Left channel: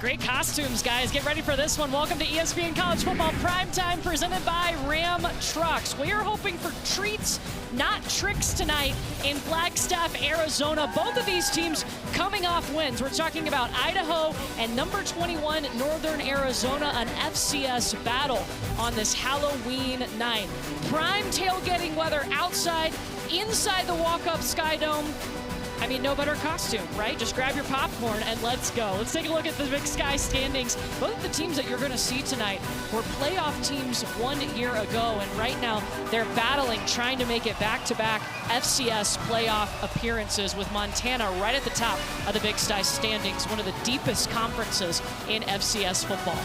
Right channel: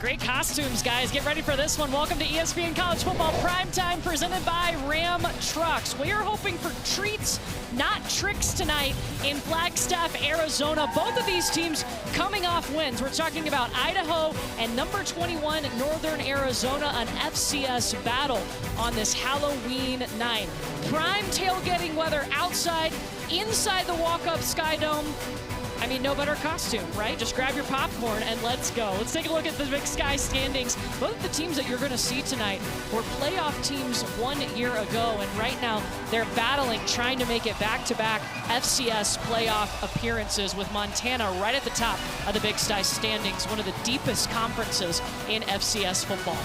Great costumes, guys. Get ready for this one. Welcome to ESPN College Football Primetime, presented by Ram Trucks. We are hoping for treats, not tricks tonight in Flagstaff, Arizona. Both of these teams coming off wins. We're talking about Idaho and number 21, Northern Arizona, an FCS battle on this Halloween night. Prime tailgating weather outside, inside the walk-up Sky Dome. I mean, no better costume, right? Just grab your popcorn and let's go. Let's take a look at the Big Sky standings. Both of the teams that you're going to see tonight were playoff teams 1 year ago, and right now they're battling, trying to make it back-to-back FCS playoff appearances, with Montana right at the top of the Big Sky standings, one of the deepest conferences in FCS football.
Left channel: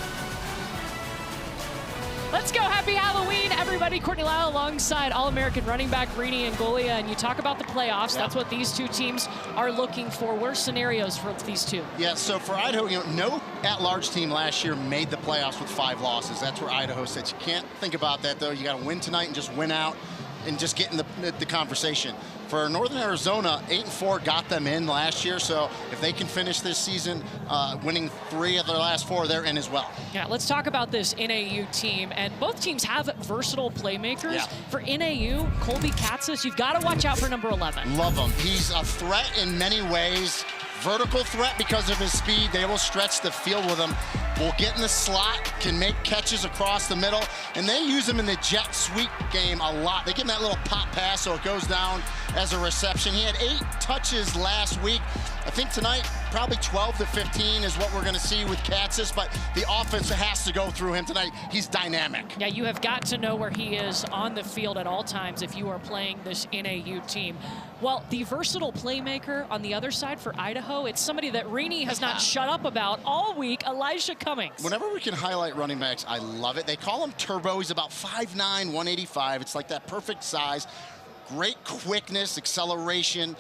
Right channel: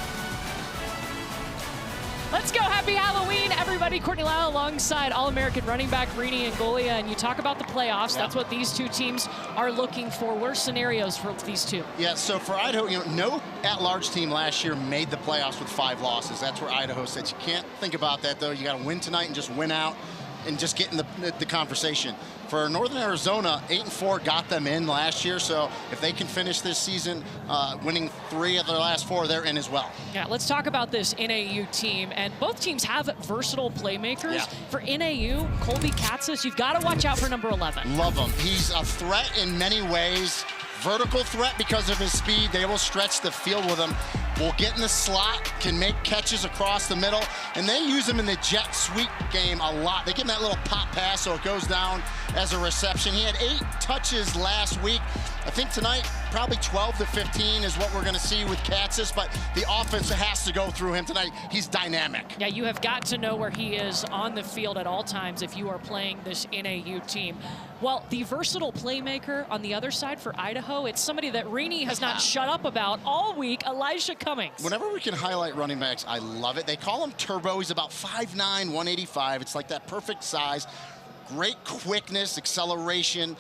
Let's go. Happy Halloween, everybody. Courtney Lau alongside All-American running back Rini Angolia. And you talk about the playoffs. That's what these two teams are looking for. What are scenarios for these two? Yeah, so for Idaho, no at-large team last year made the playoffs with 5 losses. That's where Idaho said you can't think about that, though. You got to win tonight and just win out and just get in the conversation. For Northern Arizona, 8-4 got them in last year, so if they can finish this season winning 3 of their last 4, they're in as well. Yeah, let's talk about this NAU team, and both teams have versatile playmakers. Yeah. For NAU, Colby Katzis, you've got to watch out for number 11. Love him. He's a threat in many ways. Vertical threat because of his speed. They will stretch the field with him. Will get in the slot, can make catches across the middle, and they use him in the jet sweep game a lot. They give him that little pop pass so it goes down as a reception. He had 8 touches last week. I think tonight probably 12 to 15 is what we're going to see with Katzis, but the offense has to go through him tonight. He's dynamic. Yeah, you have got to know where he is on the field at all times if you are playing this NAU team. Well, the versatile playmaker on the other side for Idaho, it's somebody that Rini has not shut up about all week, Elijah Cummings. Whenever we can highlight running backs, I love it. They call him Turbo. He's about 5'9", 185. It's like that perfect size. Great quickness, acceleration.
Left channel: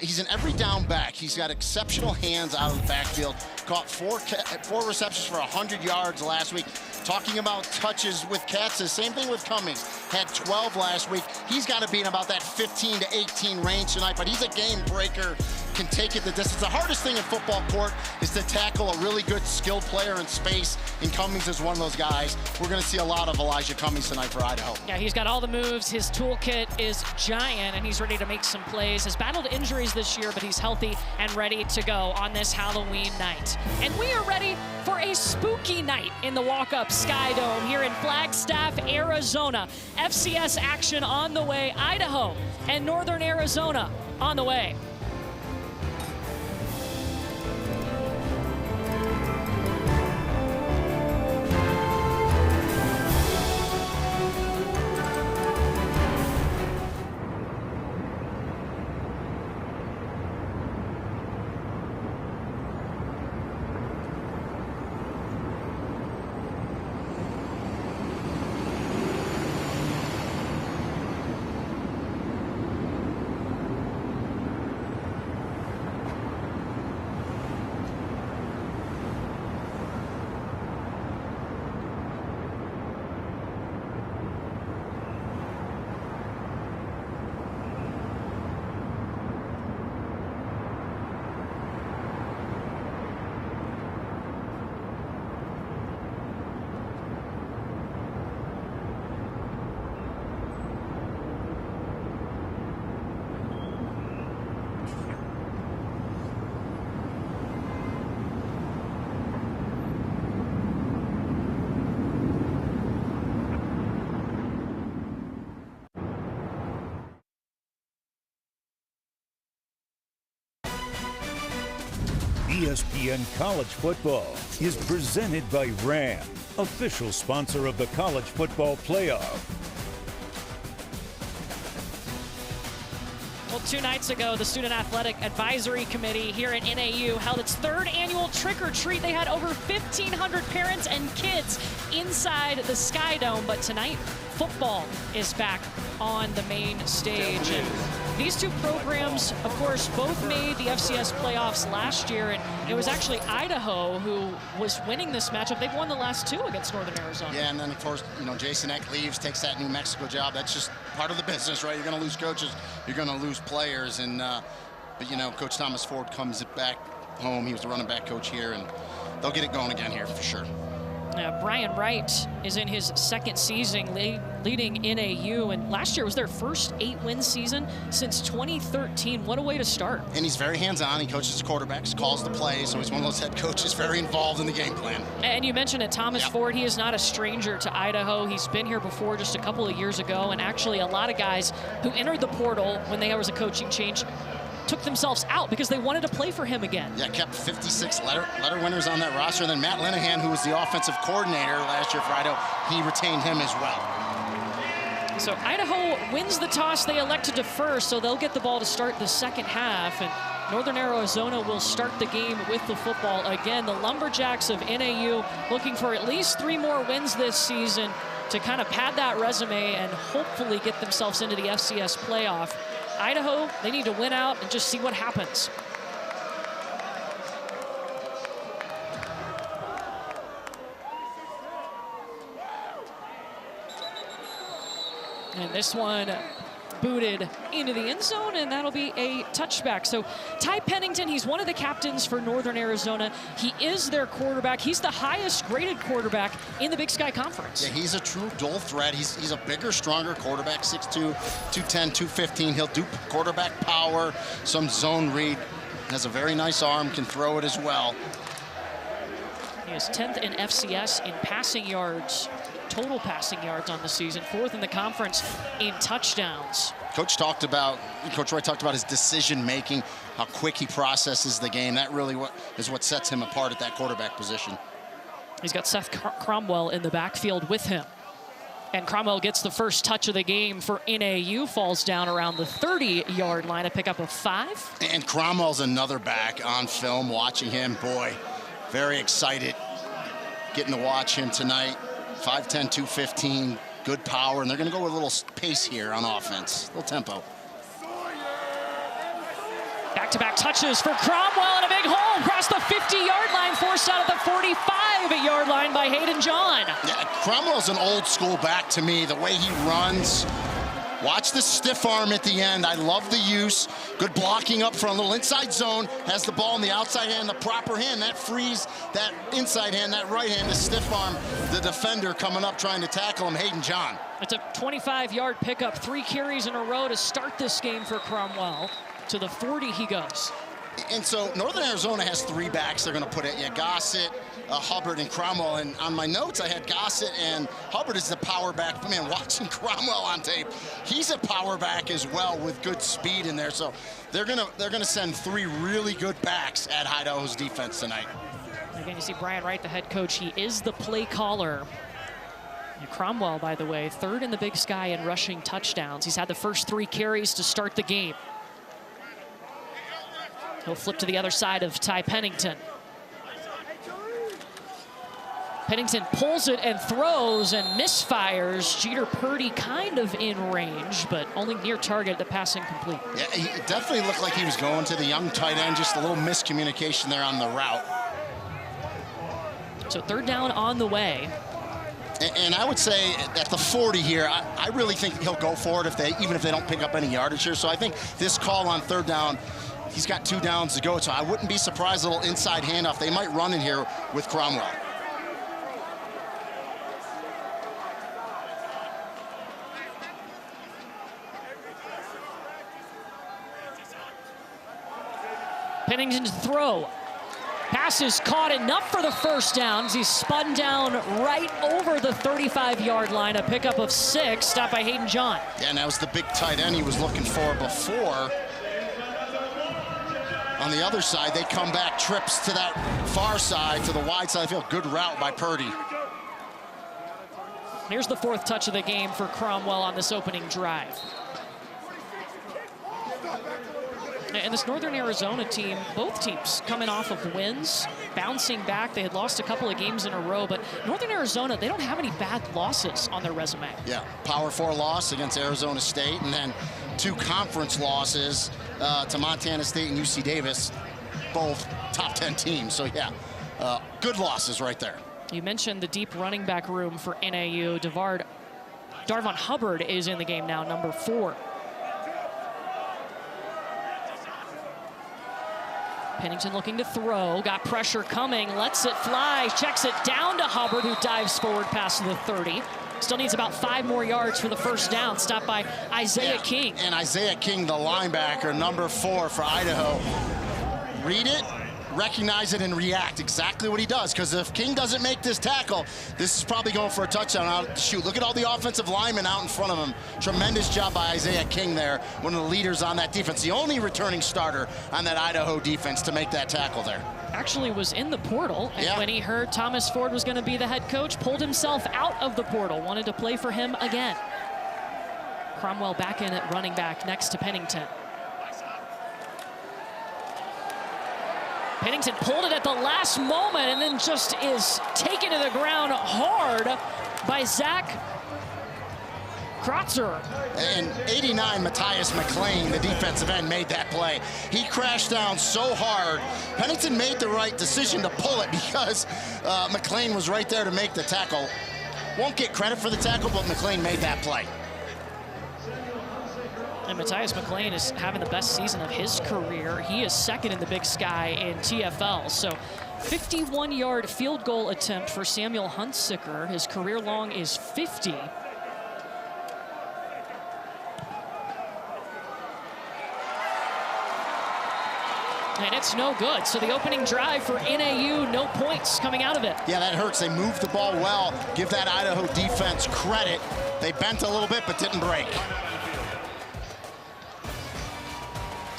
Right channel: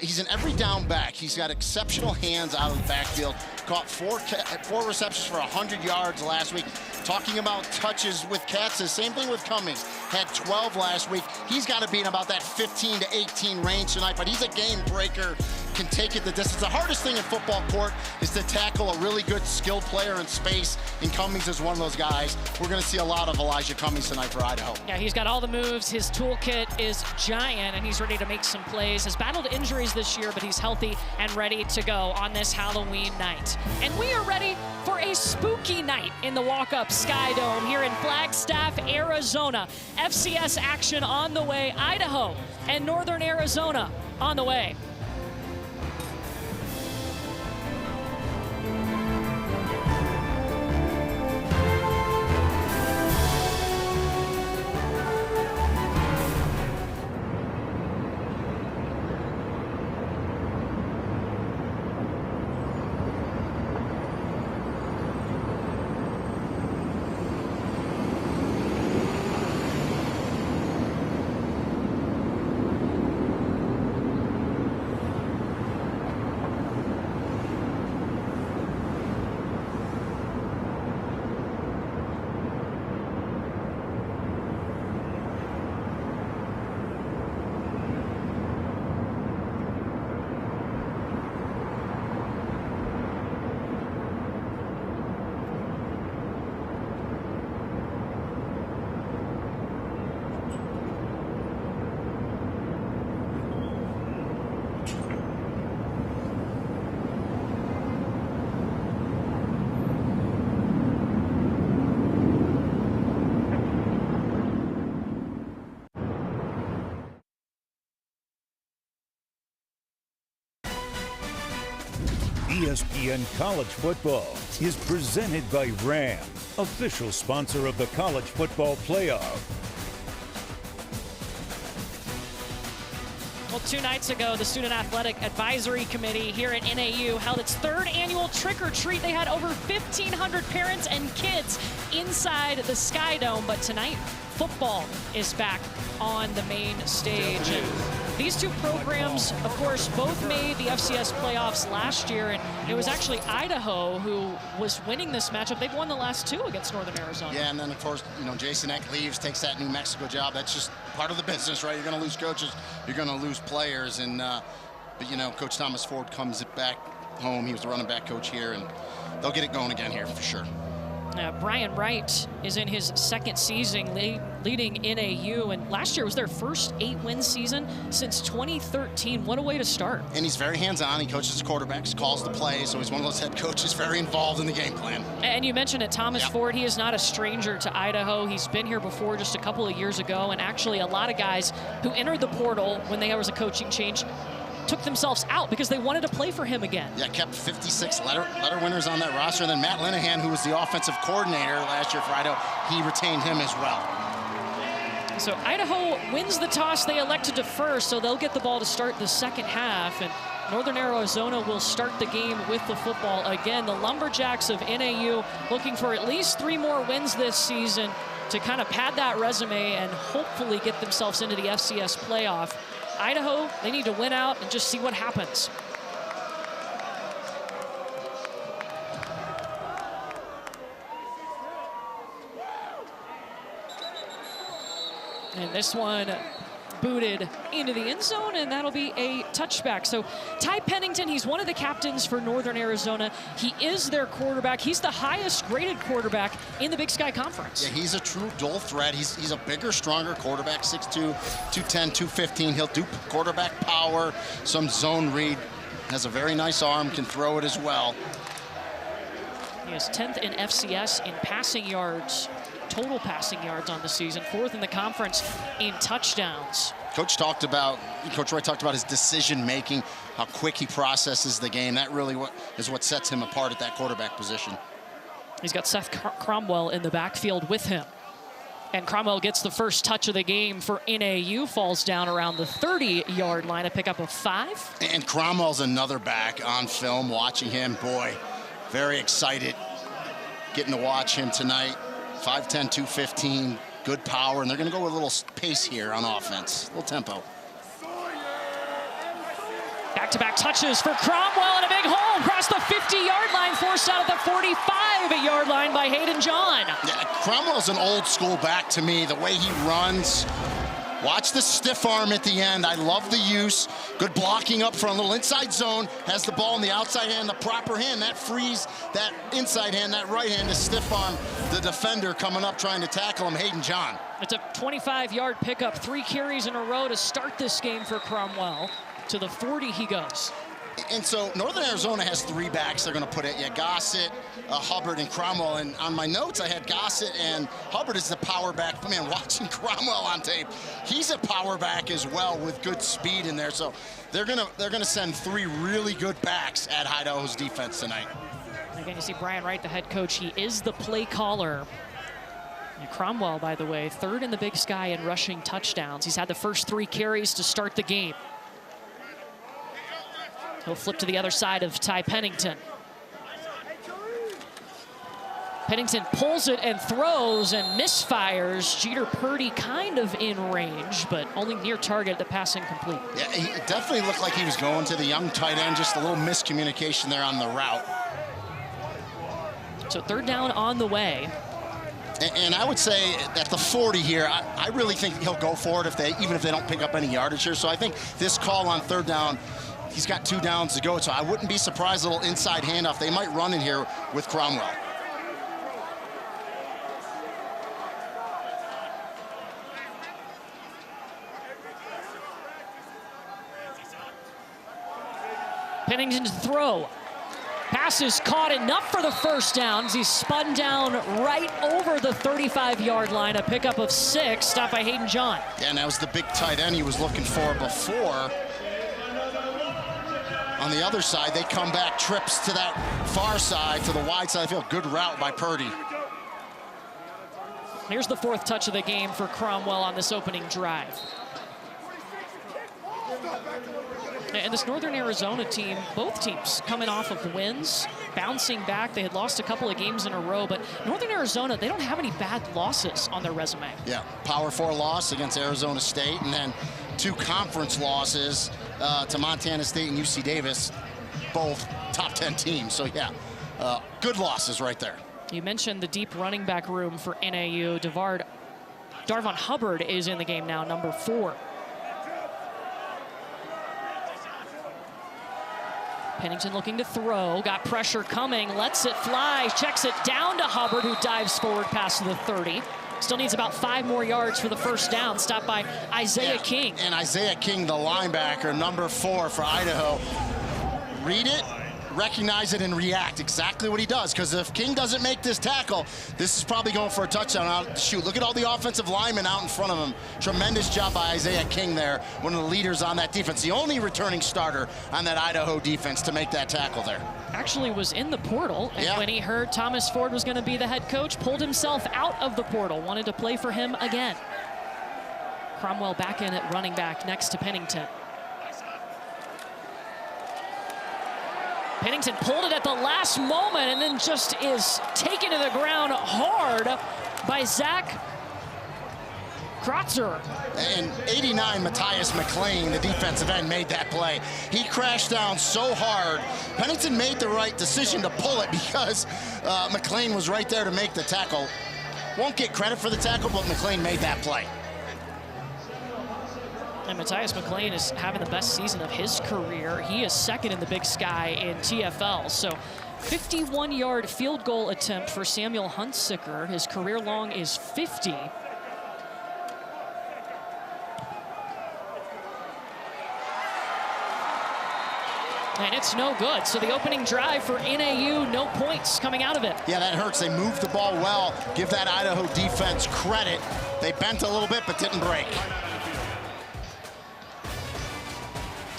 He's an every down back. He's got exceptional hands out of the backfield. Caught 4 receptions for 100 yards last week. Talking about touches with Katzis, same thing with Cummings. Had 12 last week. He's got to be in about that 15 to 18 range tonight, but he's a game breaker, can take it the distance. The hardest thing in football court is to tackle a really good skilled player in space, and Cummings is one of those guys. We're going to see a lot of Elijah Cummings tonight for Idaho. Yeah, he's got all the moves. His toolkit is giant, and he's ready to make some plays. Has battled injuries this year, but he's healthy and ready to go on this Halloween night. And we are ready for a spooky night in the walk-up Sky Dome here in Flagstaff, Arizona. FCS action on the way. Idaho and Northern Arizona on the way. ESPN College Football is presented by Ram, official sponsor of the College Football Playoff. Well, 2 nights ago, the Student Athletic Advisory Committee here at NAU held its 3rd annual trick-or-treat. They had over 1,500 parents and kids inside the Sky Dome, but tonight, football is back on the main stage. And these two programs, of course, both made the FCS playoffs last year, and it was actually Idaho who was winning this matchup. They've won the last 2 against Northern Arizona. Yeah, and then, of course, Jason Eck leaves, takes that New Mexico job. That's just part of the business, right? You're going to lose coaches, you're going to lose players, and but Coach Thomas Ford comes back home. He was the running back coach here, and they'll get it going again here for sure. Brian Wright is in his second season leading NAU, and last year was their first 8-win season since 2013. What a way to start. And he's very hands-on. He coaches his quarterbacks, calls the plays, so he's one of those head coaches very involved in the game plan. And you mentioned it, Thomas Ford. He is not a stranger to Idaho. He's been here before just a couple of years ago, and actually a lot of guys who entered the portal when there was a coaching change took themselves out because they wanted to play for him again. Yeah, kept 56 letter winners on that roster. And then Matt Linehan, who was the offensive coordinator last year for Idaho, he retained him as well. So Idaho wins the toss. They elect to defer, so they'll get the ball to start the second half. And Northern Arizona will start the game with the football again. The Lumberjacks of NAU looking for at least 3 more wins this season to kind of pad that resume and hopefully get themselves into the FCS playoff. Idaho, they need to win out and just see what happens. And this one booted into the end zone, and that'll be a touchback. So Ty Pennington, he's one of the captains for Northern Arizona. He is their quarterback. He's the highest graded quarterback in the Big Sky Conference. Yeah, he's a true dual threat. He's a bigger, stronger quarterback, 6'2", 210, 215. He'll do quarterback power, some zone read. Has a very nice arm, can throw it as well. He is 10th in FCS in passing yards, total passing yards on the season, 4th in the conference in touchdowns. Coach Roy talked about his decision making, how quick he processes the game. That really is what sets him apart at that quarterback position. He's got Seth Cromwell in the backfield with him. And Cromwell gets the first touch of the game for NAU, falls down around the 30-yard line, a pickup of 5. And Cromwell's another back on film, watching him. Boy, very excited getting to watch him tonight. 5'10", 215, good power, and they're going to go with a little pace here on offense, a little tempo. Back-to-back touches for Cromwell, and a big hole across the 50-yard line, forced out at the 45-yard line by Hayden John. Yeah, Cromwell's an old-school back to me, the way he runs. Watch the stiff arm at the end. I love the use. Good blocking up front, a little inside zone. Has the ball in the outside hand, the proper hand. That frees that inside hand, that right hand, the stiff arm. The defender coming up trying to tackle him, Hayden John. It's a 25-yard pickup, 3 carries in a row to start this game for Cromwell. To the 40 he goes. And so Northern Arizona has 3 backs they're going to put it. Yeah, Gossett, Hubbard, and Cromwell. And on my notes, I had Gossett and Hubbard as the power back. But man, watching Cromwell on tape, he's a power back as well with good speed in there. So they're gonna send 3 really good backs at Idaho's defense tonight. Again, you see Brian Wright, the head coach. He is the play caller. And Cromwell, by the way, 3rd in the Big Sky in rushing touchdowns. He's had the first 3 carries to start the game. He'll flip to the other side of Ty Pennington. Pennington pulls it and throws and misfires. Jeter Purdy kind of in range, but only near target, the pass incomplete. Yeah, he definitely looked like he was going to the young tight end, just a little miscommunication there on the route. So 3rd down on the way. And I would say at the 40 here, I really think he'll go for it even if they don't pick up any yardage here. So I think this call on 3rd down, he's got 2 downs to go, so I wouldn't be surprised, a little inside handoff. They might run in here with Cromwell. Pennington to throw. Pass is caught, enough for the first down. He's spun down right over the 35-yard line. A pickup of 6, stopped by Hayden John. Yeah, and that was the big tight end he was looking for before. On the other side, they come back, trips to that far side, to the wide side. I feel good route by Purdy. Here's the 4th touch of the game for Cromwell on this opening drive. And this Northern Arizona team, both teams coming off of wins, bouncing back. They had lost a couple of games in a row, but Northern Arizona, they don't have any bad losses on their resume. Yeah, Power 4 loss against Arizona State, and then 2 conference losses to Montana State and UC Davis, both top 10 teams. So yeah, good losses right there. You mentioned the deep running back room for NAU. Darvon Hubbard is in the game now, number 4. Pennington looking to throw, got pressure coming, lets it fly, checks it down to Hubbard, who dives forward past the 30. Still needs about 5 more yards for the first down, stopped by Isaiah King. And Isaiah King, the linebacker, number 4 for Idaho. Read it, recognize it, and react. Exactly what he does, because if King doesn't make this tackle, this is probably going for a touchdown. Shoot, look at all the offensive linemen out in front of him. Tremendous job by Isaiah King there, one of the leaders on that defense, the only returning starter on that Idaho defense to make that tackle there. Actually was in the portal, and when he heard Thomas Ford was going to be the head coach, pulled himself out of the portal, wanted to play for him again. Cromwell back in at running back next to Pennington. Pennington pulled it at the last moment and then just is taken to the ground hard by Zach Kratzer. And 89, Matthias McLean, the defensive end, made that play. He crashed down so hard. Pennington made the right decision to pull it because McLean was right there to make the tackle. Won't get credit for the tackle, but McLean made that play. And Matthias McLean is having the best season of his career. He is second in the Big Sky in TFL. So 51-yard field goal attempt for Samuel Huntsicker. His career long is 50. And it's no good. So the opening drive for NAU, no points coming out of it. Yeah, that hurts. They moved the ball well. Give that Idaho defense credit. They bent a little bit, but didn't break.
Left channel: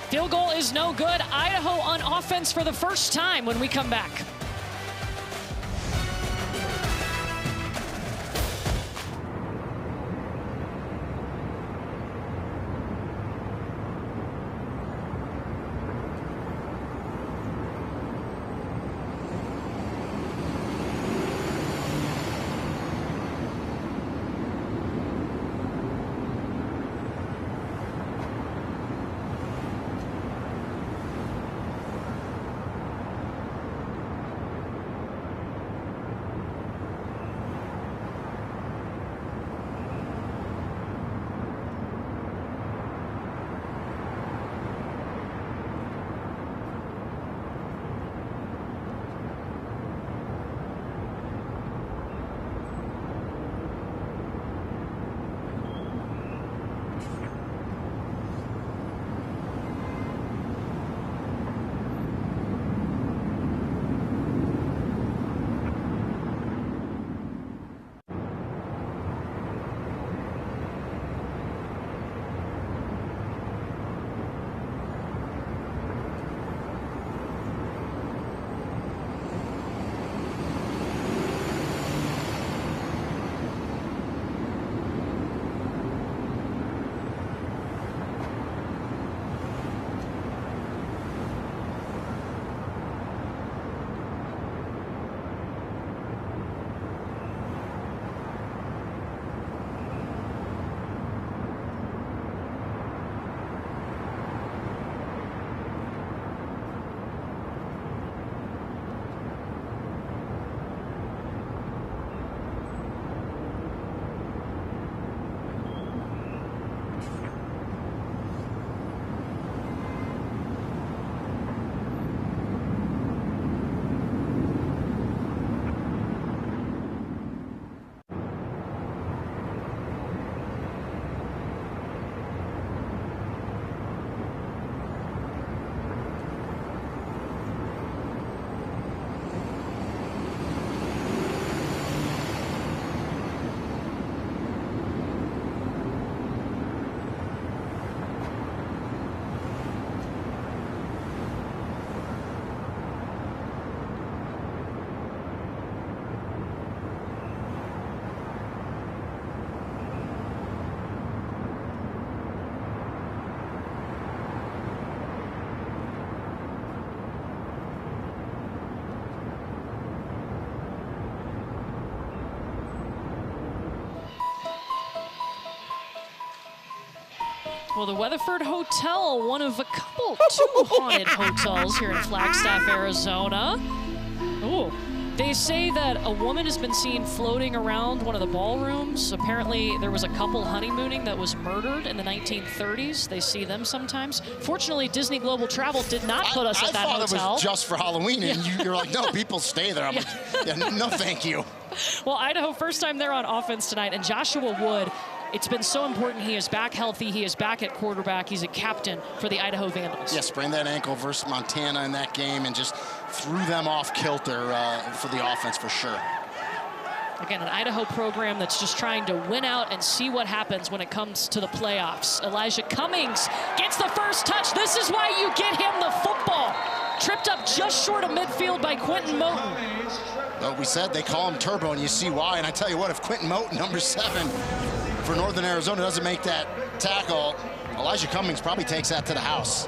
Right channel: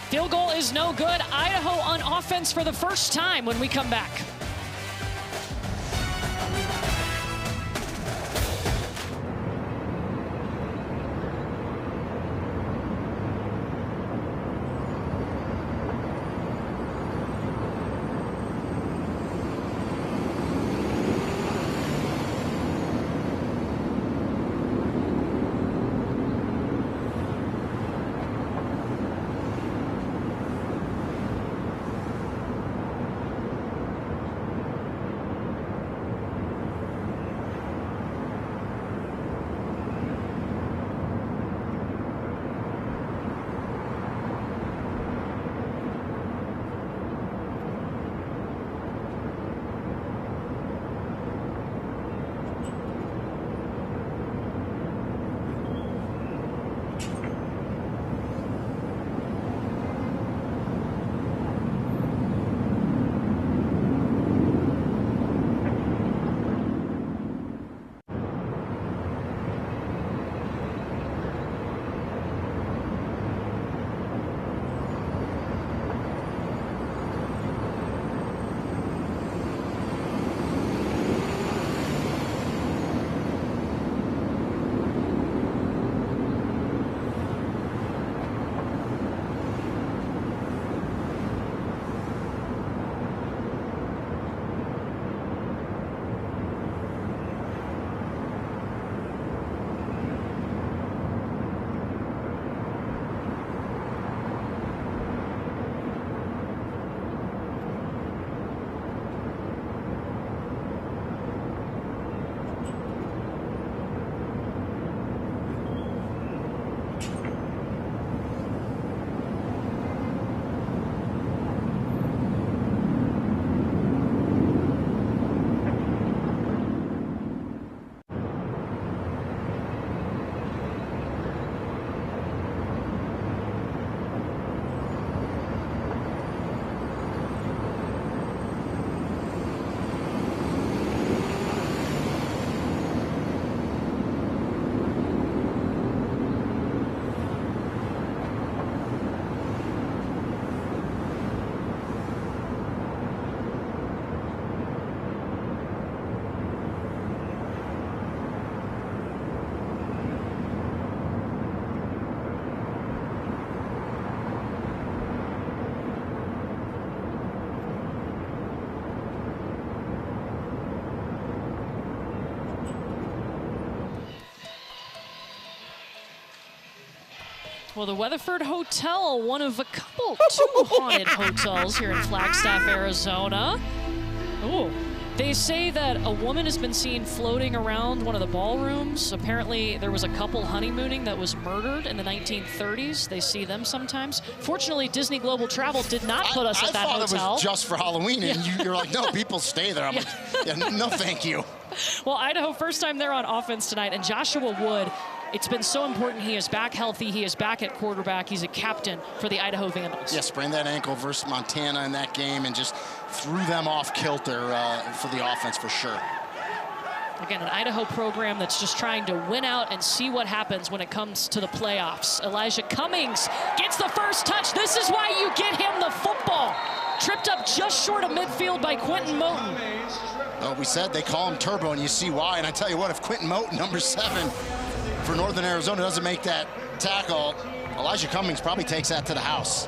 Field goal is no good. Idaho on offense for the first time when we come back. Well, the Weatherford Hotel, one of two haunted hotels here in Flagstaff, Arizona. Ooh, They say that a woman has been seen floating around one of the ballrooms. Apparently, there was a couple honeymooning that was murdered in the 1930s. They see them sometimes. Fortunately, Disney Global Travel did not put us at that hotel. I thought it was just for Halloween, and you're like, no, people stay there. I'm like, yeah, no, thank you. Well, Idaho, first time they're on offense tonight, and Joshua Wood, it's been so important. He is back healthy. He is back at quarterback. He's a captain for the Idaho Vandals. Yeah, sprained that ankle versus Montana in that game and just threw them off kilter for the offense for sure. Again, an Idaho program that's just trying to win out and see what happens when it comes to the playoffs. Elijah Cummings gets the first touch. This is why you get him the football. Tripped up just short of midfield by Quentin Moten. Well, we said they call him Turbo, and you see why. And I tell you what, if Quentin Moten, number 7 for Northern Arizona, doesn't make that tackle, Elijah Cummings probably takes that to the house.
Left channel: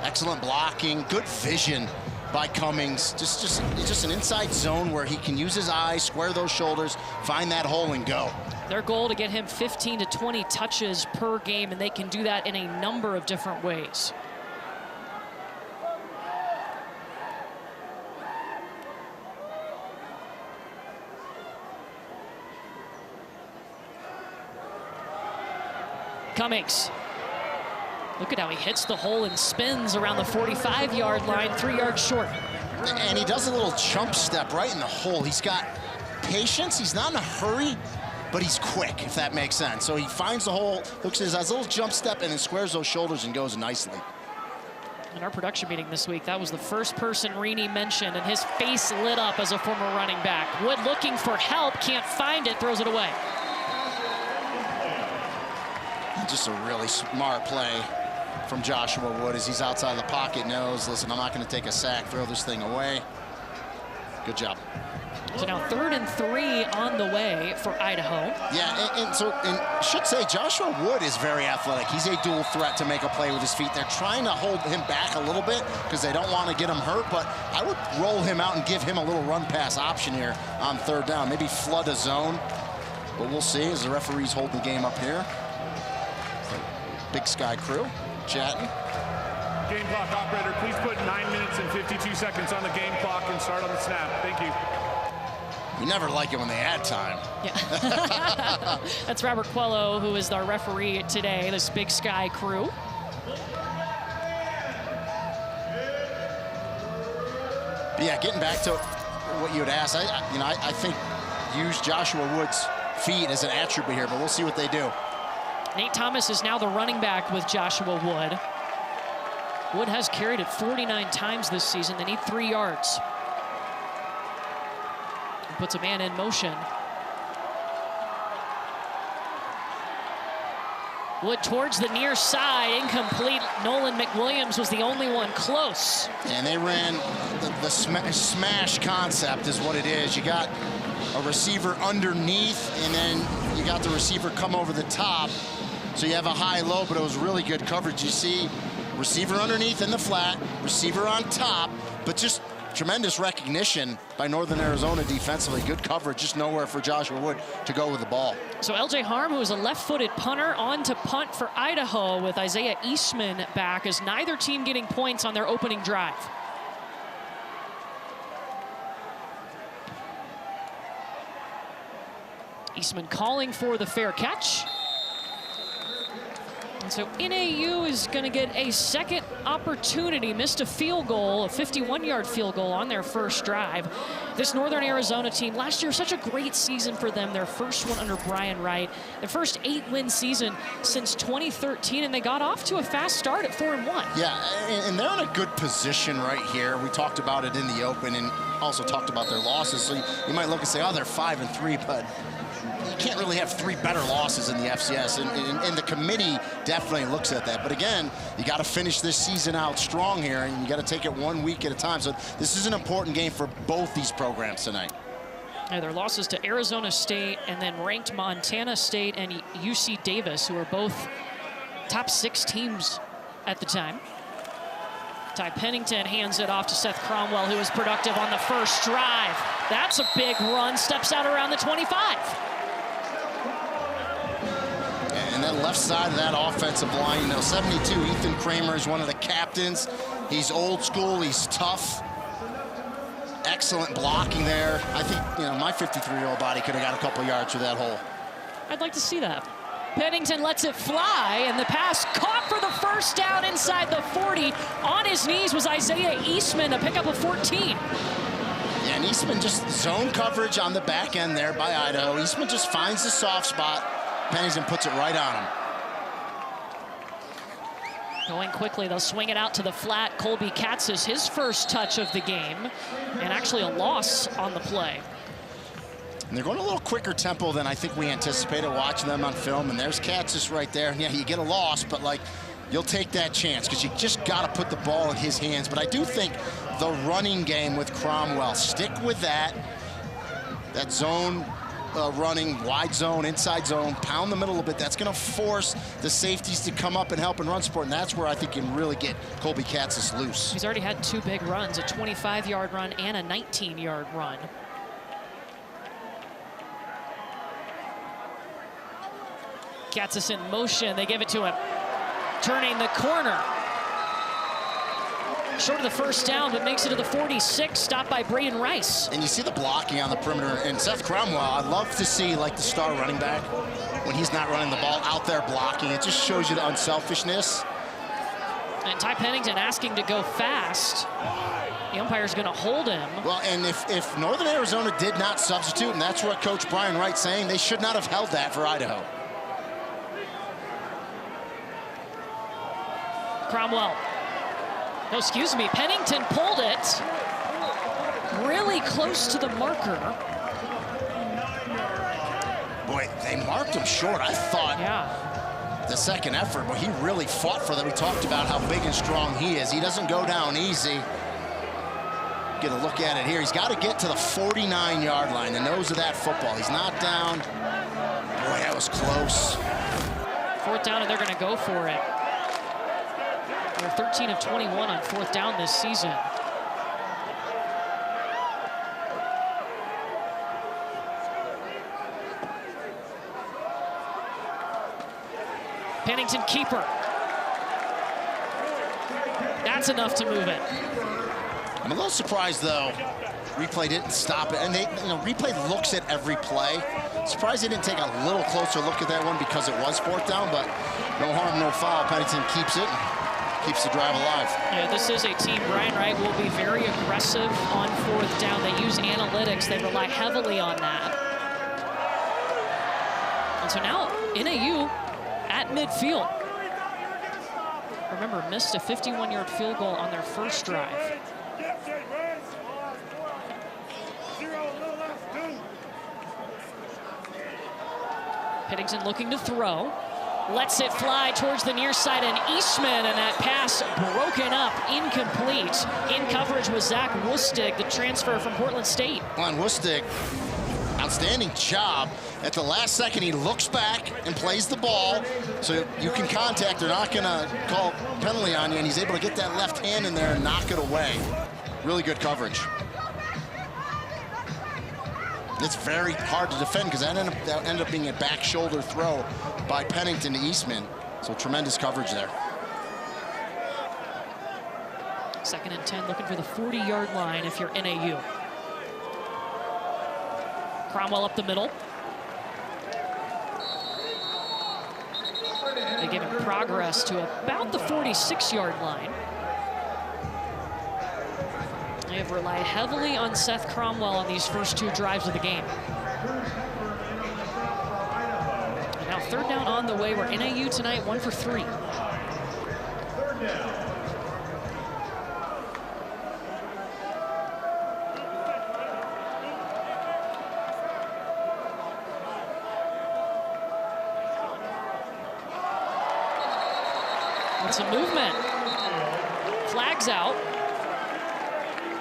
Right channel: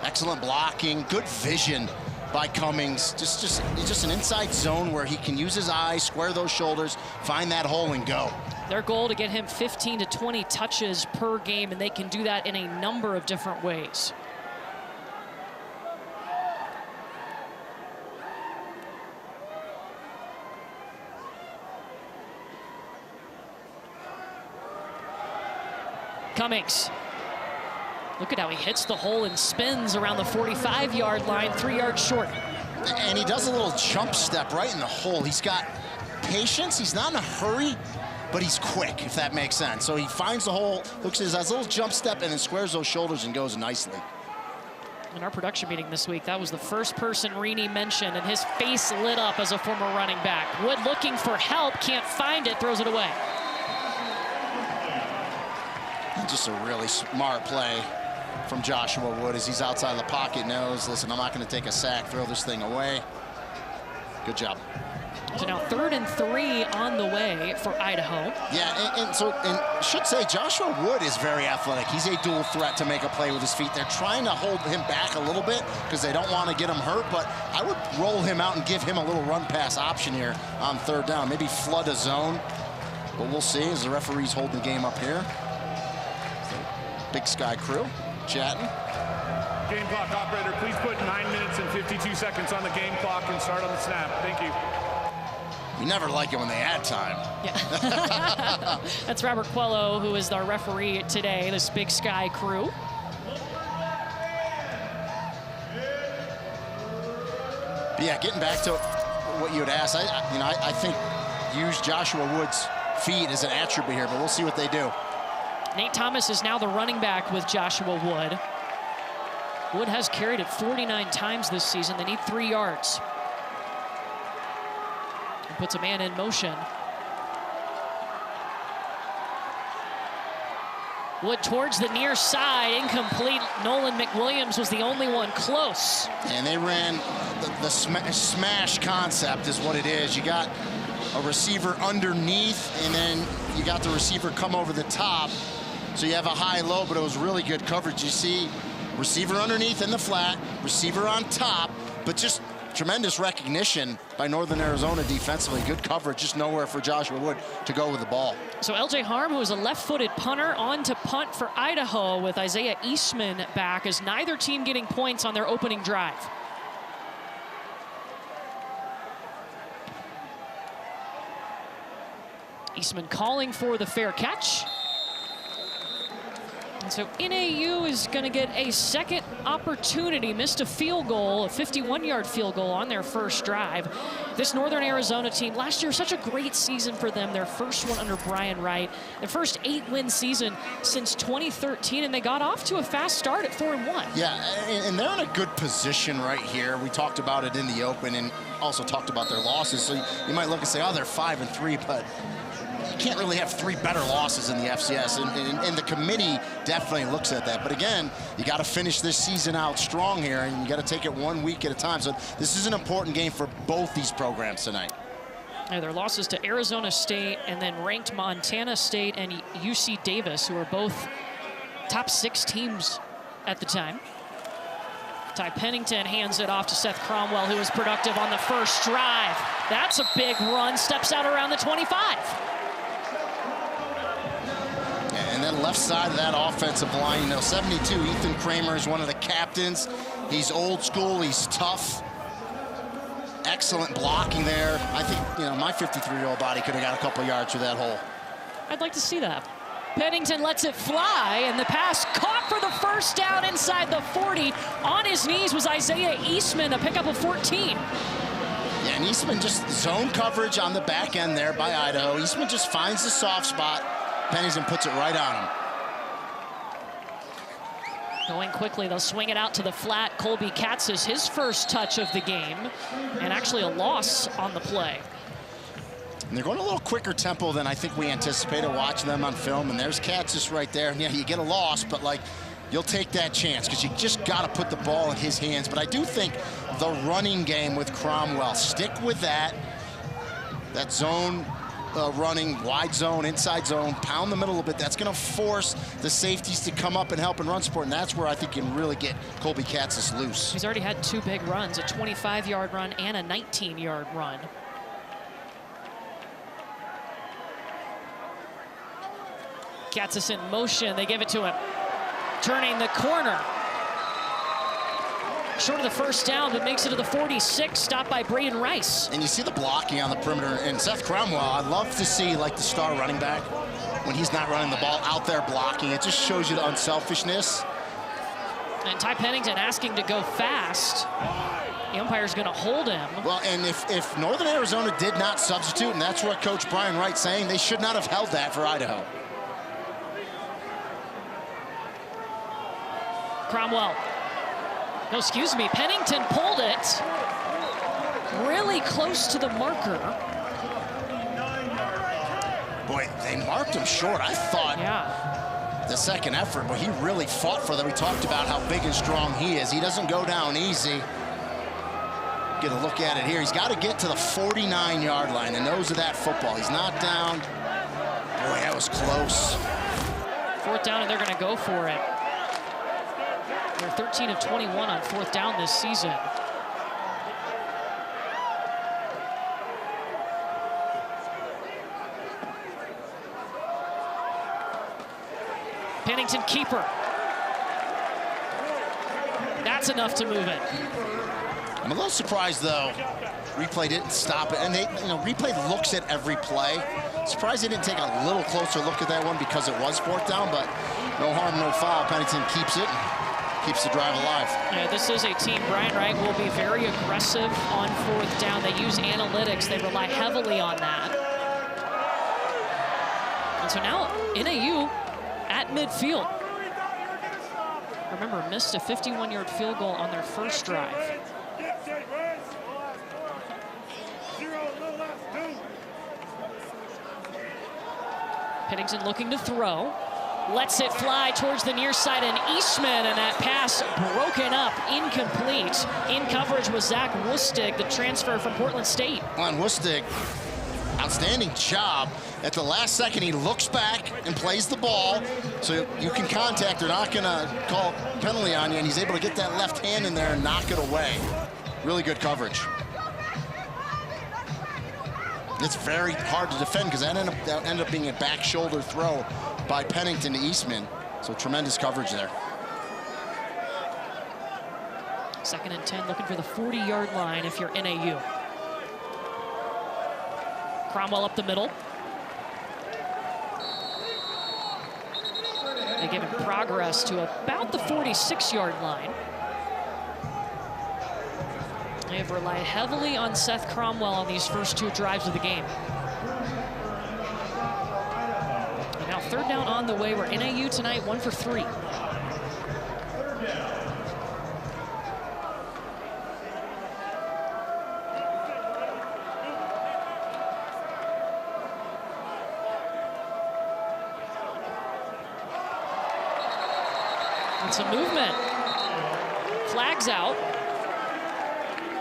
Excellent blocking, good vision by Cummings. Just an inside zone where he can use his eyes, square those shoulders, find that hole and go. Their goal to get him 15 to 20 touches per game, and they can do that in a number of different ways. Cummings. Look at how he hits the hole and spins around the 45-yard line, 3 yards short. And he does a little jump step right in the hole. He's got patience. He's not in a hurry, but he's quick, if that makes sense. So he finds the hole, looks at his little jump step, and then squares those shoulders and goes nicely. In our production meeting this week, that was the first person Rini mentioned, and his face lit up as a former running back. Wood looking for help, can't find it, throws it away. Just a really smart play from Joshua Wood as he's outside the pocket, knows, listen, I'm not going to take a sack, throw this thing away. Good job. So now 3rd and 3 on the way for Idaho. Yeah, and should say Joshua Wood is very athletic. He's a dual threat to make a play with his feet. They're trying to hold him back a little bit because they don't want to get him hurt, but I would roll him out and give him a little run pass option here on 3rd down. Maybe flood a zone, but we'll see as the referees hold the game up here. Big Sky crew chatting. Game clock operator, please put 9 minutes and 52 seconds on the game clock and start on the snap. Thank you. We never like it when they add time. Yeah. That's Robert Quello, who is our referee today, this Big Sky crew. But yeah, getting back to what you had asked, I think use Joshua Wood's feet as an attribute here, but we'll see what they do. Nate Thomas is now the running back with Joshua Wood. Wood has carried it 49 times this season. They need 3 yards. He puts a man in motion. Wood towards the near side, incomplete. Nolan McWilliams was the only one close. And they ran the smash concept is what it is. You got a receiver underneath, and then you got the receiver come over the top. So you have a high-low, but it was really good coverage. You see receiver underneath in the flat, receiver on top, but just tremendous recognition by Northern Arizona defensively. Good coverage, just nowhere for Joshua Wood to go with the ball. So LJ Harm, who is a left-footed punter, on to punt for Idaho with Isaiah Eastman back, as neither team getting points on their opening drive. Eastman calling for the fair catch. And so NAU is going to get a second opportunity. Missed a field goal, a 51-yard field goal on their first drive. This Northern Arizona team, last year, such a great season for them. Their first one under Brian Wright. Their first 8-win season since 2013, and they got off to a fast start at 4-1. Yeah, and they're in a good position right here. We talked about it in the open and also talked about their losses. So you might look and say, oh, they're 5-3, but you can't really have 3 better losses in the FCS, and the committee definitely looks at that. But again, you got to finish this season out strong here, and you got to take it 1 week at a time. So this is an important game for both these programs tonight. Yeah, their losses to Arizona State and then ranked Montana State and UC Davis, who are both top 6 teams at the time. Ty Pennington hands it off to Seth Cromwell, who was productive on the first drive. That's a big run, steps out around the 25. And then left side of that offensive line, 72, Ethan Kramer is one of the captains. He's old school, he's tough. Excellent blocking there. I think, my 53-year-old body could have got a couple yards through that hole. I'd like to see that. Pennington lets it fly, and the pass caught for the first down inside the 40. On his knees was Isaiah Eastman, a pickup of 14. Yeah, and Eastman just zone coverage on the back end there by Idaho. Eastman just finds the soft spot. Pennington puts it right on him. Going quickly, they'll swing it out to the flat. Colby Katzis, his first touch of the game, and actually a loss on the play. And they're going a little quicker tempo than I think we anticipated watching them on film. And there's Katzis right there. And yeah, you get a loss, but you'll take that chance because you just got to put the ball in his hands. But I do think the running game with Cromwell, stick with that zone running, wide zone, inside zone, pound the middle a little bit. That's going to force the safeties to come up and help in run support. And that's where I think you can really get Colby Katzis loose. He's already had 2 big runs, a 25-yard run and a 19-yard run. Katzis in motion, they give it to him. Turning the corner. Short of the first down, but makes it to the 46, stopped by Braden Rice. And you see the blocking on the perimeter. And Seth Cromwell, I'd love to see the star running back when he's not running the ball out there blocking. It just shows you the unselfishness. And Ty Pennington asking to go fast. The umpire's going to hold him. Well, and if Northern Arizona did not substitute, and that's what Coach Brian Wright's saying, they should not have held that for Idaho. Cromwell. No, excuse me. Pennington pulled it really close to the marker. Boy, they marked him short. I thought the second effort, but he really fought for them. We talked about how big and strong he is. He doesn't go down easy. Get a look at it here. He's got to get to the 49-yard line, the nose of that football. He's not down. Boy, that was close. 4th down, and they're going to go for it. They're 13 of 21 on 4th down this season. Pennington keeper. That's enough to move it. I'm a little surprised, though. Replay didn't stop it. And replay looks at every play. Surprised they didn't take a little closer look at that one because it was 4th down, but no harm, no foul. Pennington keeps it. Keeps the drive alive. Yeah, this is a team, Brian Wright will be very aggressive on 4th down. They use analytics. They rely heavily on that. And so now NAU at midfield. Remember, missed a 51-yard field goal on their first drive. Pennington looking to throw. Lets it fly towards the near side, and Eastman, and that pass broken up, incomplete. In coverage was Zach Wustig, the transfer from Portland State. On Wustig, outstanding job. At the last second, he looks back and plays the ball, so you can contact. They're not going to call penalty on you, and he's able to get that left hand in there and knock it away. Really good coverage. It's very hard to defend because that ended up being a back shoulder throw by Pennington to Eastman. So tremendous coverage there. 2nd and 10, looking for the 40-yard line if you're NAU. Cromwell up the middle. They give him progress to about the 46-yard line. They have relied heavily on Seth Cromwell on these first 2 drives of the game. And now 3rd down on the way. We're NAU tonight, 1 for 3. And some movement. Flags out.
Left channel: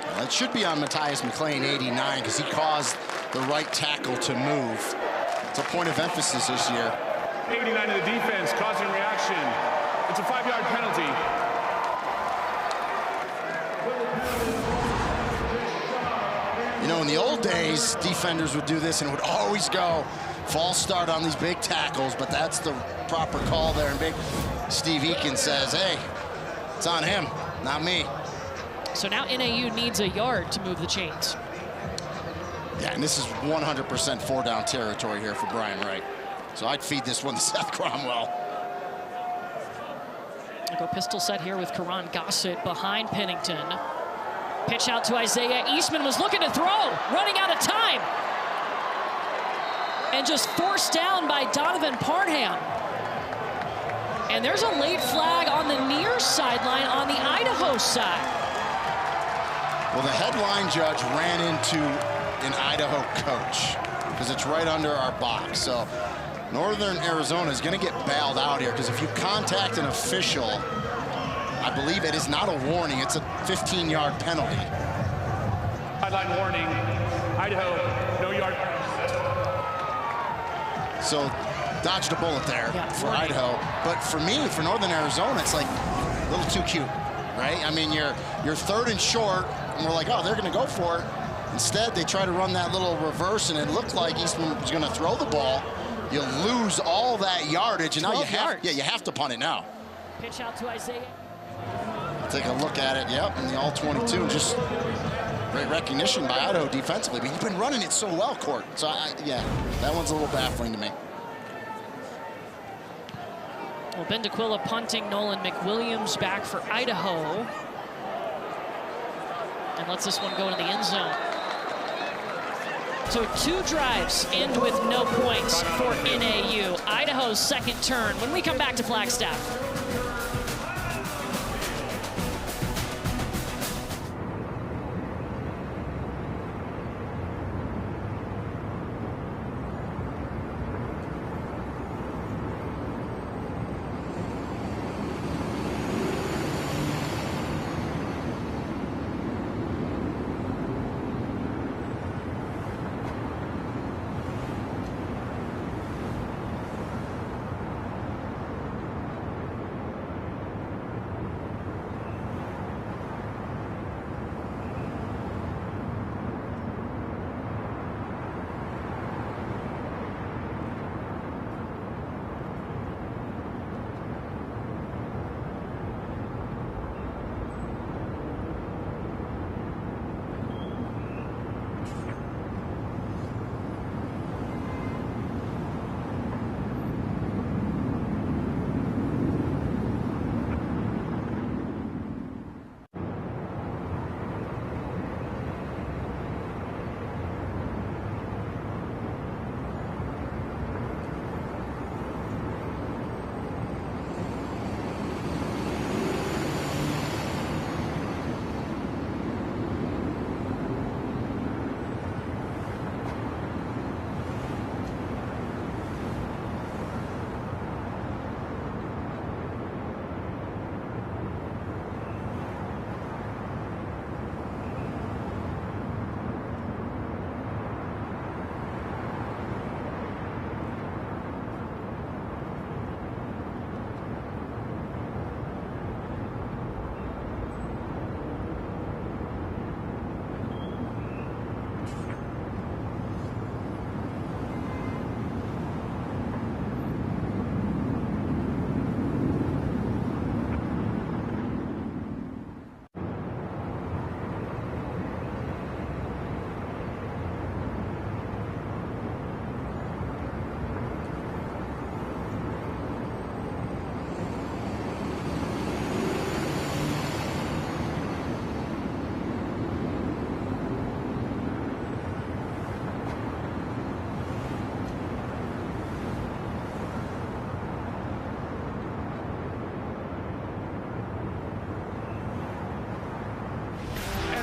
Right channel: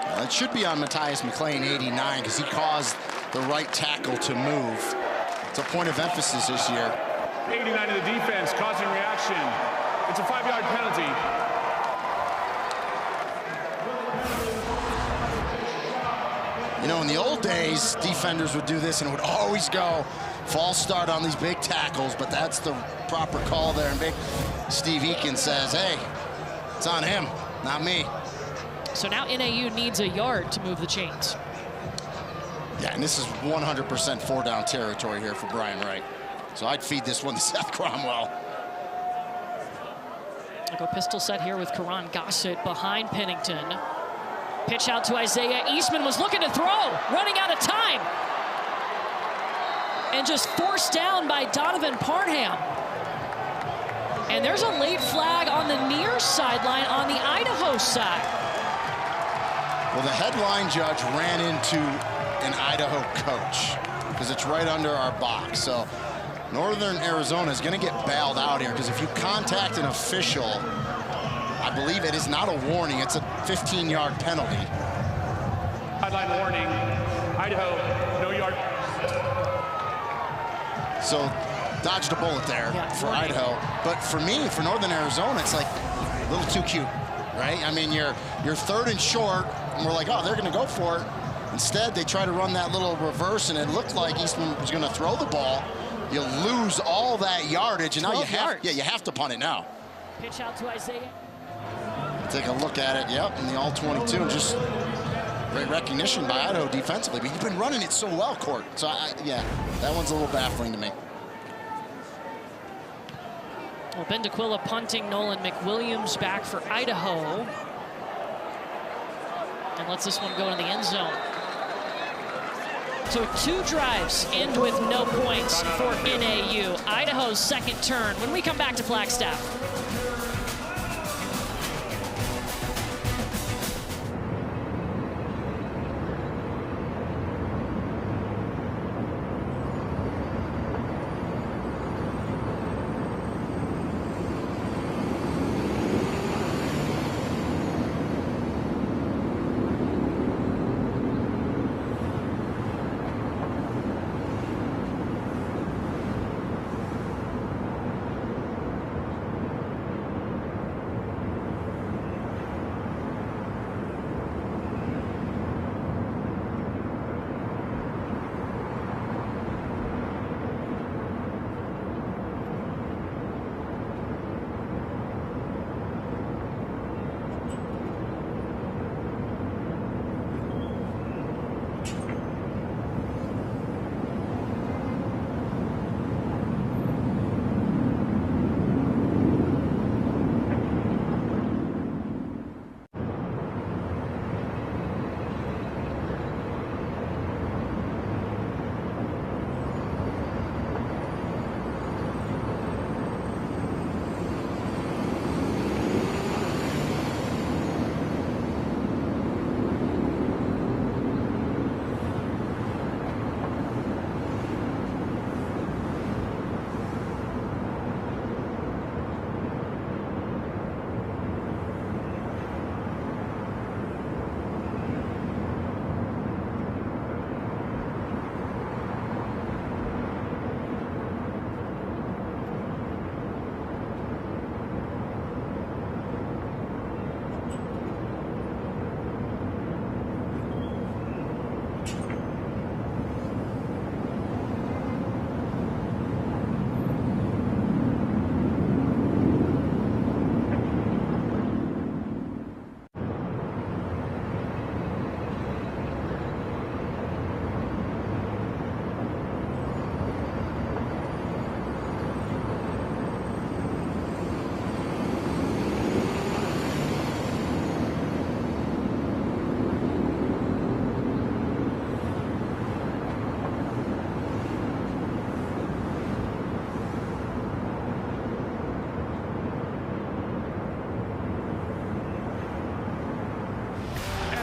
Well, it should be on Matthias McLean, 89, because he caused the right tackle to move. It's a point of emphasis this year. 89 to the defense, causing reaction. It's a 5-yard penalty. In the old days, defenders would do this and it would always go false start on these big tackles, but that's the proper call there. And big Steve Eakin says, hey, it's on him, not me. So now NAU needs a yard to move the chains. Yeah, and this is 100% four-down territory here for Brian Wright. So I'd feed this one to Seth Cromwell. I'll go pistol set here with Karan Gossett behind Pennington. Pitch out to Isaiah. Eastman was looking to throw, running out of time. And just forced down by Donovan Parham. And there's a late flag on the near sideline on the Idaho side. Well, the headline judge ran into an Idaho coach because it's right under our box. So Northern Arizona is going to get bailed out here because if you contact an official, I believe it is not a warning. It's a 15-yard penalty. Sideline warning. Idaho, no yard. So dodged a bullet there for Idaho. But for me, for Northern Arizona, it's like a little too cute, right? I mean, you're third and short, and we're like, oh, they're going to go for it. Instead, they try to run that little reverse, and it looked like Eastman was going to throw the ball. You lose all that yardage, and now you have to punt it now. Pitch out to Isaiah. Take a look at it, in the all-22, and just great recognition by Idaho defensively. But you've been running it so well, Court. So, yeah, that one's a little baffling to me. Well, Ben DeQuilla punting, Nolan McWilliams back for Idaho. And lets this one go into the end zone. So 2 drives end with no points for NAU. Idaho's second turn when we come back to Flagstaff.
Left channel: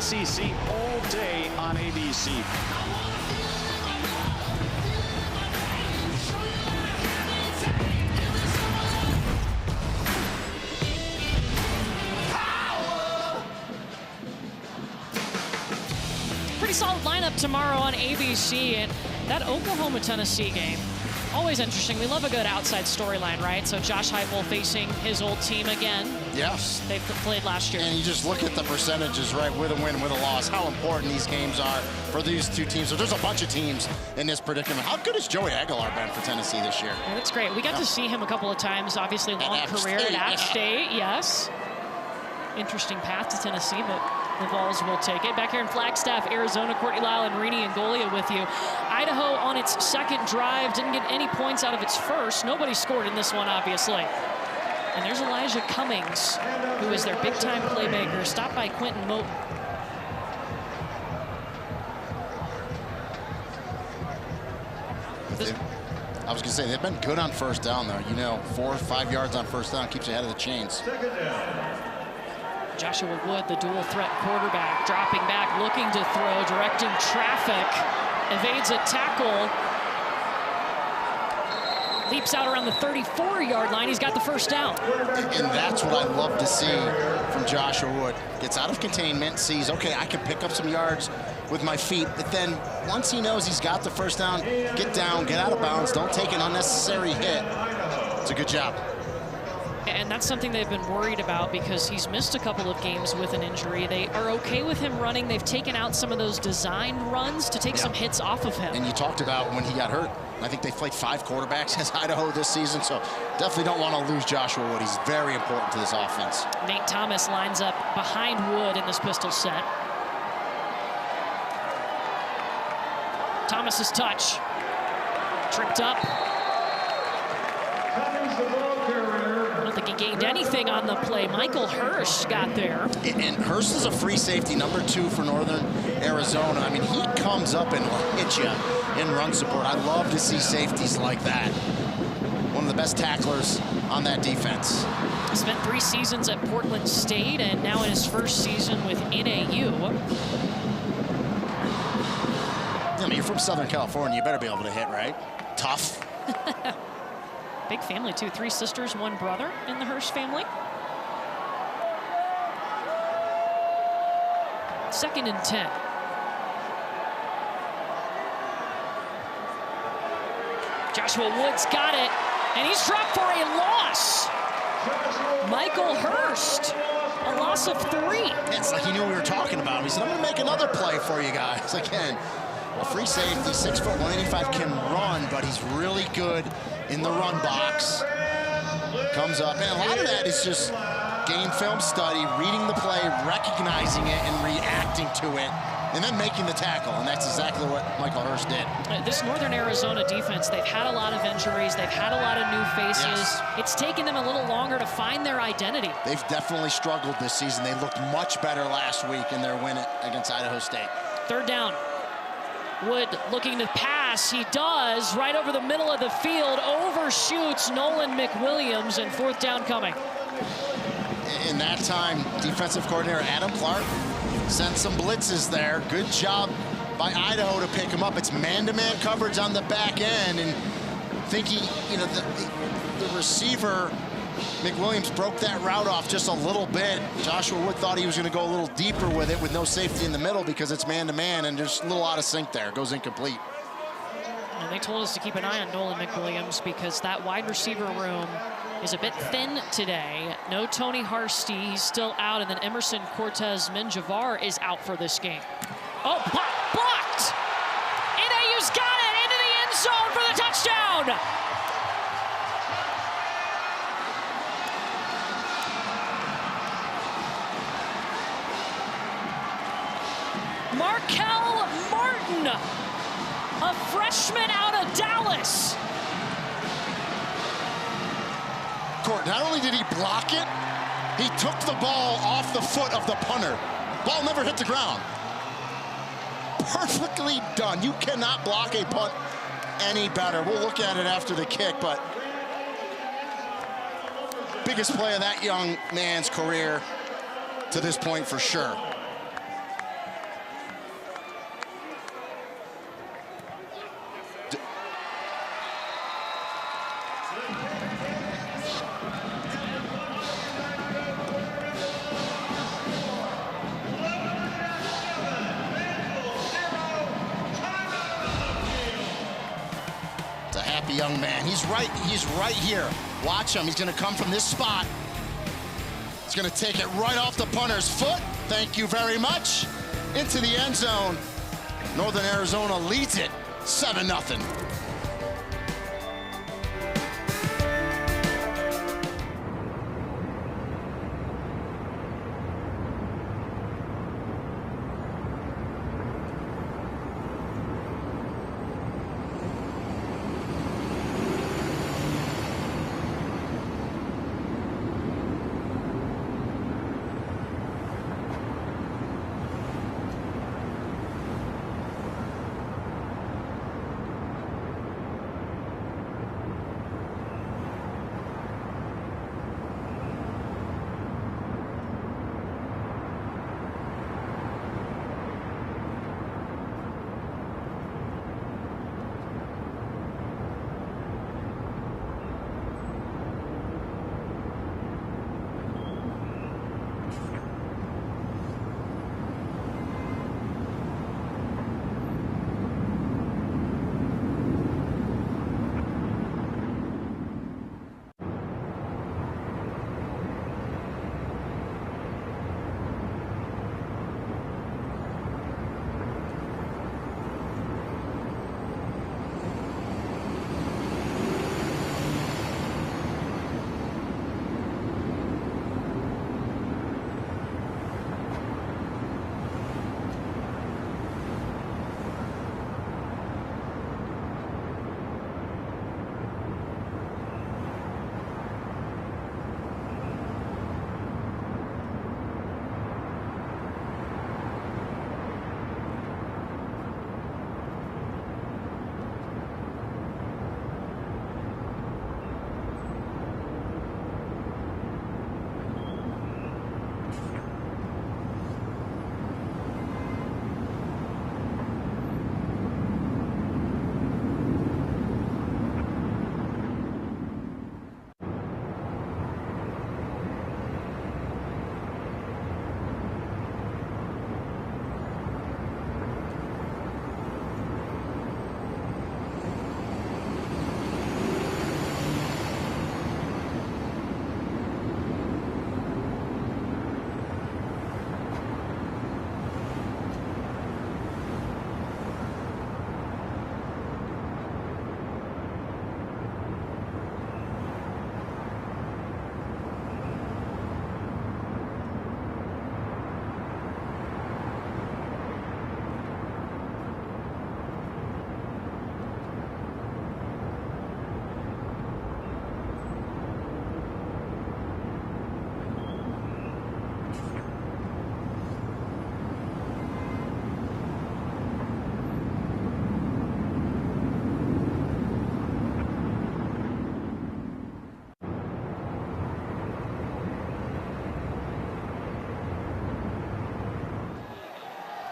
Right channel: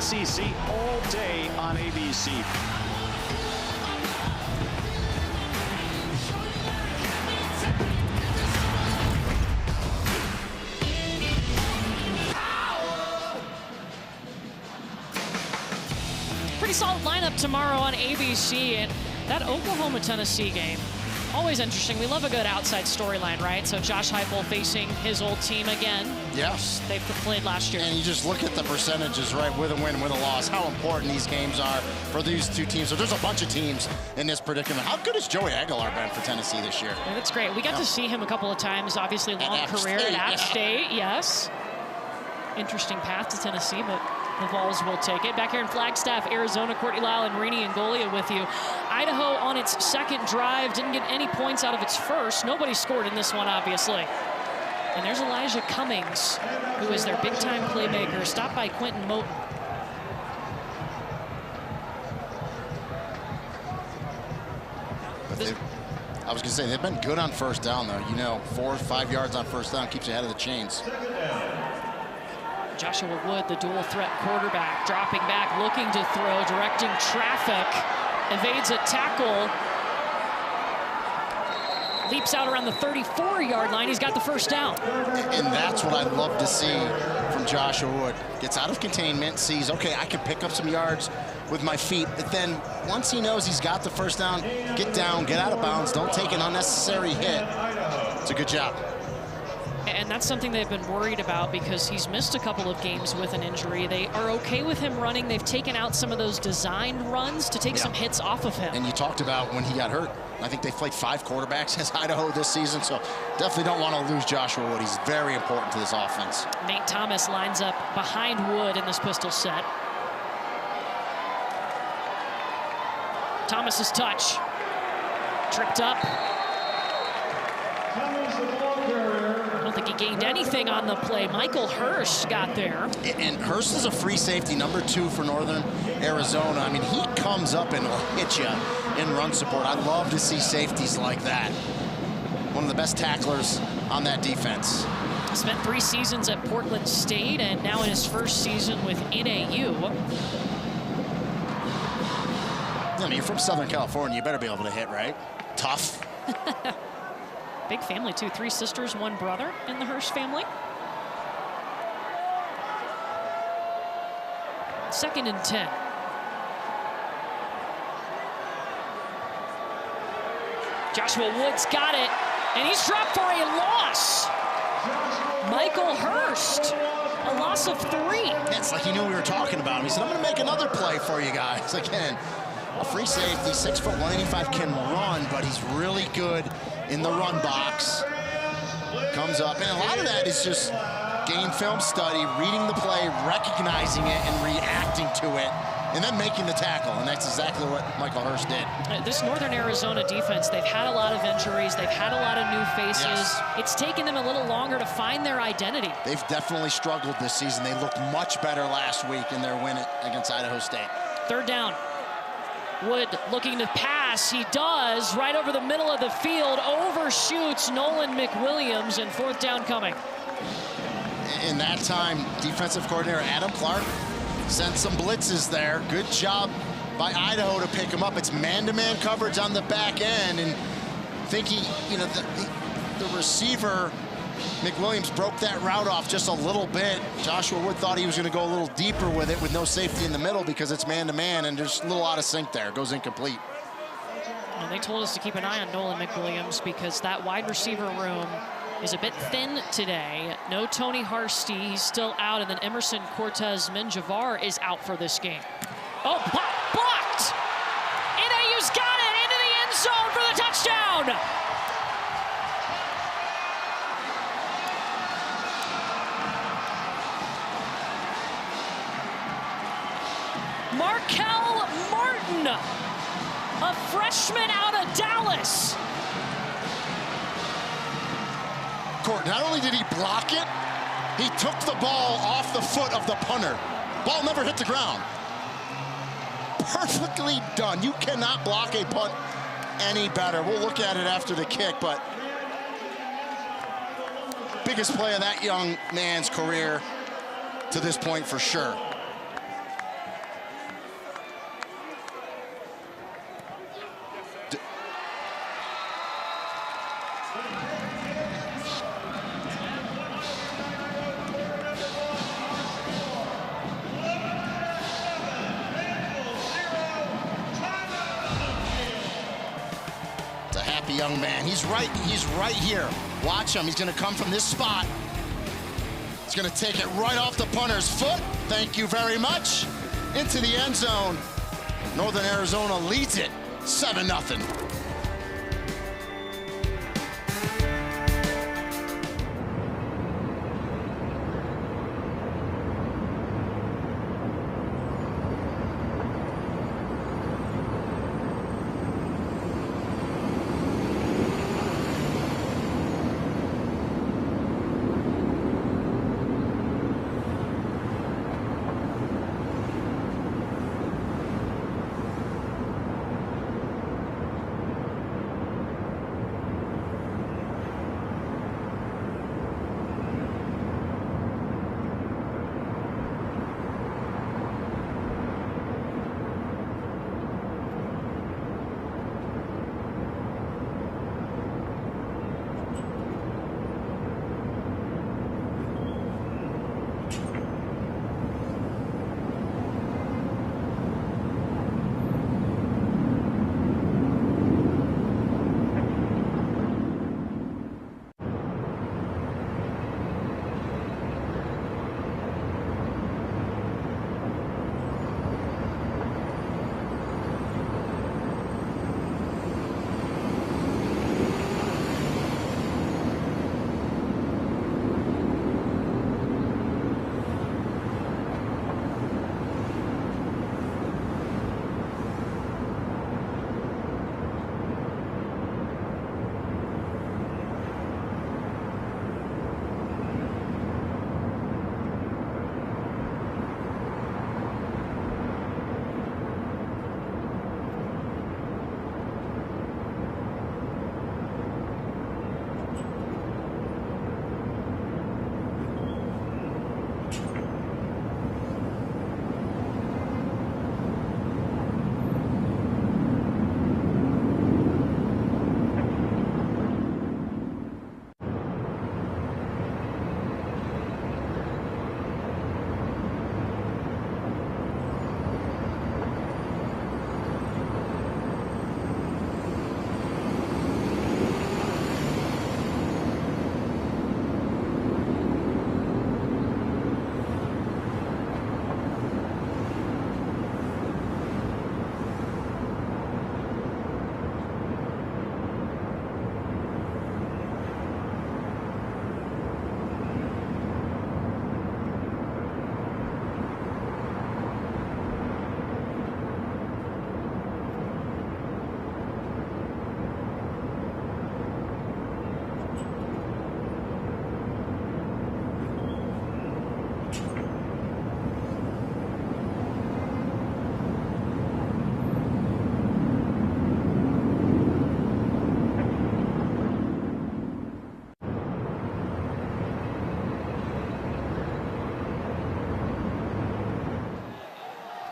SEC all day on ABC. Pretty solid lineup tomorrow on ABC, and that Oklahoma-Tennessee game, always interesting. We love a good outside storyline, right? So Josh Heupel facing his old team again. Yes. They played last year. And you just look at the percentages, right, with a win, with a loss, how important these games are for these two teams. So there's a bunch of teams in this predicament. How good has Joey Aguilar been for Tennessee this year? Yeah, that's great. We got to see him a couple of times, obviously long career at App State, yes. Interesting path to Tennessee, but The Vols will take it. Back here in Flagstaff, Arizona, Courtney Lyle and Rini and Golia with you. Idaho on its second drive didn't get any points out of its first. Nobody scored in this one, obviously. And there's Elijah Cummings, who is their big-time playmaker, stopped by Quentin Moten. I was going to say, they've been good on first down, though. You know, 4 or 5 yards on first down keeps you ahead of the chains. Joshua Wood, the dual threat quarterback, dropping back, looking to throw, directing traffic, evades a tackle, leaps out around the 34-yard line. He's got the first down. And that's what I love to see from Joshua Wood. Gets out of containment, sees, okay, I can pick up some yards with my feet, but then once he knows he's got the first down, get down, get out of bounds, don't take an unnecessary hit. It's a good job. And that's something they've been worried about because he's missed a couple of games with an injury. They are okay with him running. They've taken out some of those designed runs to take some hits off of him. And you talked about when he got hurt. I think they've played 5 quarterbacks as Idaho this season, so definitely don't want to lose Joshua Wood. He's very important to this offense. Nate Thomas lines up behind Wood in this pistol set. Thomas's touch. Tripped up. I don't think he gained anything on the play. Michael Hurst got there. And Hurst is a free safety, number 2 for Northern Arizona. I mean, he comes up and will hit you in run support. I love to see safeties like that. One of the best tacklers on that defense. Spent 3 seasons at Portland State and now in his first season with NAU. I mean, you're from Southern California, you better be able to hit, right? Tough. Big family, too. 3 sisters, 1 brother in the Hurst family. 2nd and 10. Joshua Wood's got it, and he's dropped for a loss. Michael Hurst, a loss of 3. Yeah, it's like he knew we were talking about him. He said, I'm going to make another play for you guys. Again, a free safety, 6 foot, 185, can run, but he's really good in the run box. Comes up, and a lot of that is just game film study, reading the play, recognizing it, and reacting to it, and then making the tackle, and that's exactly what Michael Hurst did. This Northern Arizona defense, they've had a lot of injuries, they've had a lot of new faces. Yes. It's taken them a little longer to find their identity. They've definitely struggled this season. They looked much better last week in their win against Idaho State. 3rd down. Wood looking to pass. He does, right over the middle of the field, overshoots Nolan McWilliams, and 4th down coming. In that time, defensive coordinator Adam Clark sent some blitzes there. Good job by Idaho to pick him up. It's man-to-man coverage on the back end, and thinking, you know, the receiver, McWilliams, broke that route off just a little bit. Joshua Wood thought he was going to go a little deeper with it with no safety in the middle because it's man-to-man, and just a little out of sync there. Goes incomplete. And they told us to keep an eye on Nolan McWilliams because that wide receiver room is a bit thin today. No Tony Harsty, he's still out, and then Emerson Cortez Menjivar is out for this game. Oh, blocked! NAU's got it into the end zone for the touchdown! Markel Martin, a freshman out of Dallas. Court, not only did he block it, he took the ball off the foot of the punter. Ball never hit the ground. Perfectly done. You cannot block a punt any better. We'll look at it after the kick, but biggest play of that young man's career to this point for sure. Young man, he's right here. Watch him, he's gonna come from this spot. He's gonna take it right off the punter's foot. Thank you very much. Into the end zone. Northern Arizona leads it 7-0.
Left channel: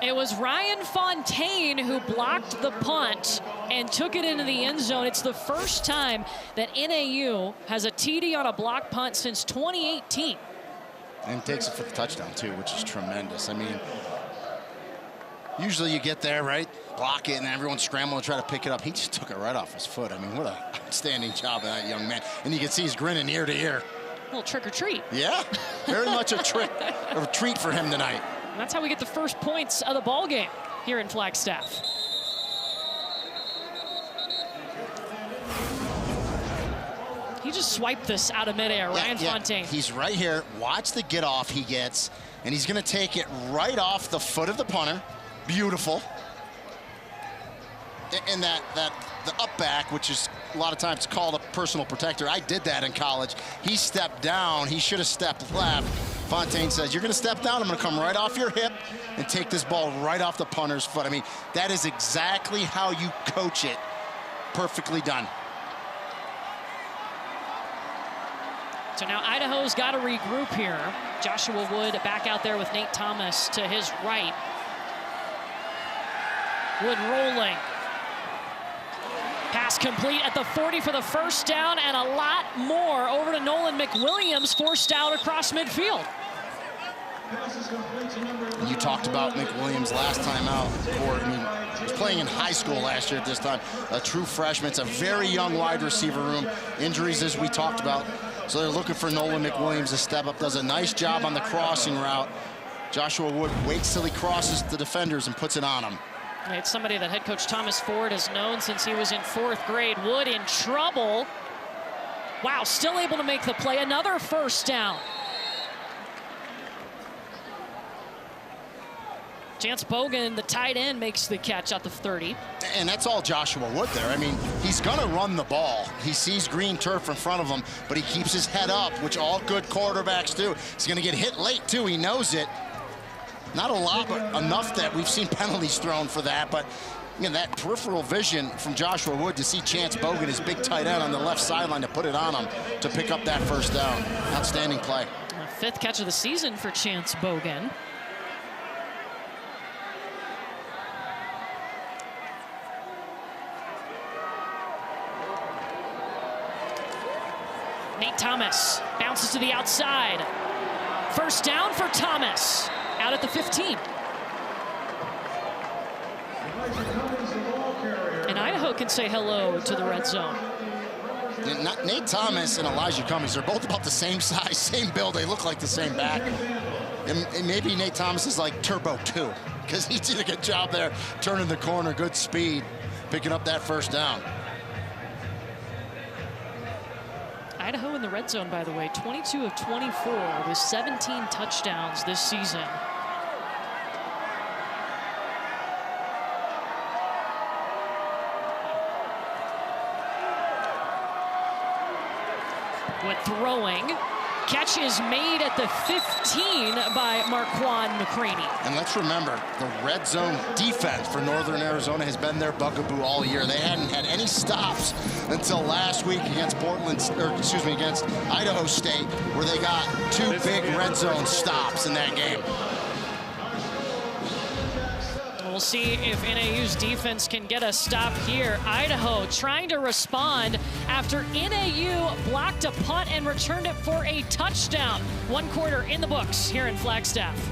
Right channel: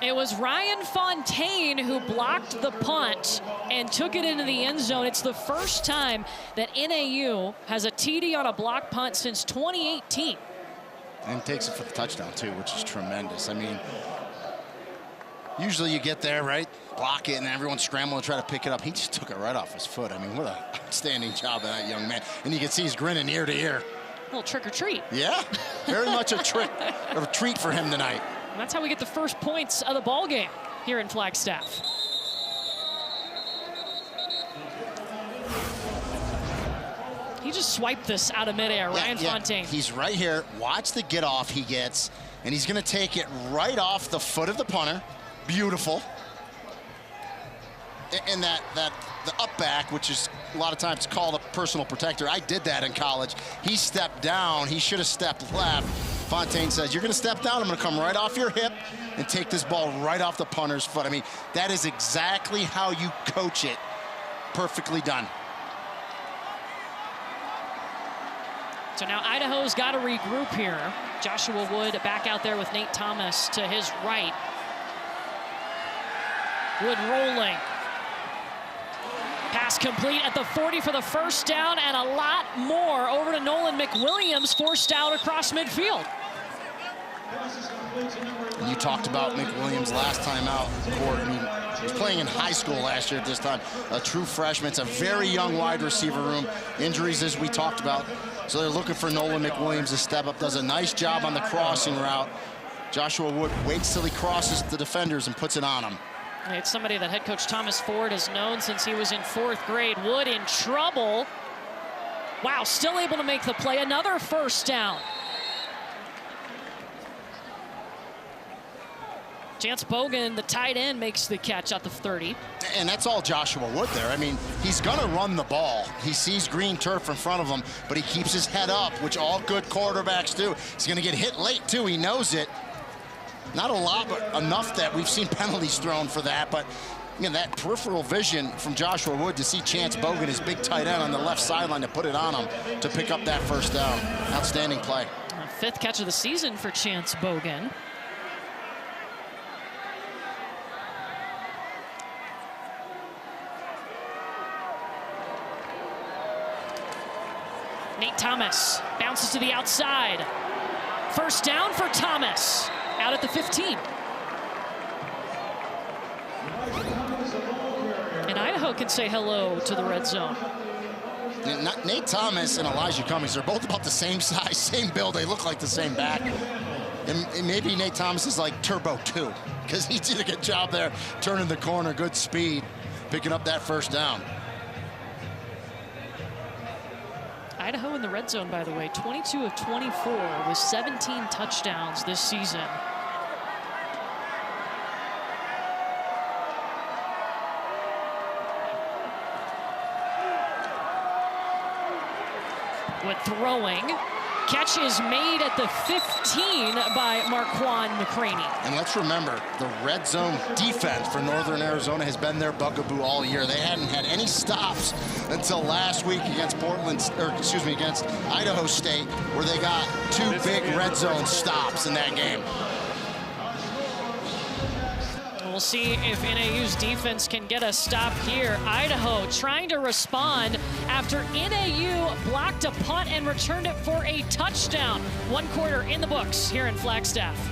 It was Ryan Fontaine who blocked the punt and took it into the end zone. It's the first time that NAU has a TD on a block punt since 2018. And takes it for the touchdown, too, which is tremendous. I mean, usually you get there, right, block it, and everyone's scrambling to try to pick it up. He just took it right off his foot. I mean, what an outstanding job of that young man. And you can see he's grinning ear to ear. A little trick or treat. Yeah, very much a treat for him tonight. And that's how we get the first points of the ball game here in Flagstaff. He just swiped this out of midair, Ryan Fontaine. He's right here. Watch the get off he gets, and he's going to take it right off the foot of the punter. Beautiful. And the up back, which is a lot of times called a personal protector. I did that in college. He stepped down. He should have stepped left. Fontaine says, you're going to step down. I'm going to come right off your hip and take this ball right off the punter's foot. I mean, that is exactly how you coach it. Perfectly done. So now Idaho's got to regroup here. Joshua Wood back out there with Nate Thomas to his right. Wood rolling. Pass complete at the 40 for the first down, and a lot more over to Nolan McWilliams, forced out across midfield. And you talked about McWilliams last time out, Court. I mean, he was playing in high school last year at this time. A true freshman. It's a very young wide receiver room. Injuries, as we talked about. So they're looking for Nolan McWilliams to step up. Does a nice job on the crossing route. Joshua Wood waits till he crosses the defenders and puts it on him. It's somebody that head coach Thomas Ford has known since he was in 4th grade. Wood in trouble. Wow, still able to make the play. Another first down. Chance Bogan, the tight end, makes the catch at the 30. And that's all Joshua Wood there. I mean, he's going to run the ball. He sees green turf in front of him, but he keeps his head up, which all good quarterbacks do. He's going to get hit late, too. He knows it. Not a lot, but enough that we've seen penalties thrown for that. But, you know, that peripheral vision from Joshua Wood to see Chance Bogan, his big tight end on the left sideline, to put it on him to pick up that first down. Outstanding play. 5th catch of the season for Chance Bogan. Nate Thomas bounces to the outside. First down for Thomas. Out at the 15. And Idaho can say hello to the red zone. Nate Thomas and Elijah Cummings are both about the same size, same build. They look like the same back. And maybe Nate Thomas is like Turbo 2, because he did a good job there, turning the corner, good speed, picking up that first down. Idaho in the red zone, by the way, 22 of 24 with 17 touchdowns this season. Wood throwing. Catch is made at the 15 by Marquand McCraney. And let's remember, the red zone defense for Northern Arizona has been their bugaboo all year. They hadn't had any stops until last week against against Idaho State, where they got 2 big red zone stops in that game. We'll see if NAU's defense can get a stop here. Idaho trying to respond after NAU blocked a punt and returned it for a touchdown. 1 quarter in the books here in Flagstaff.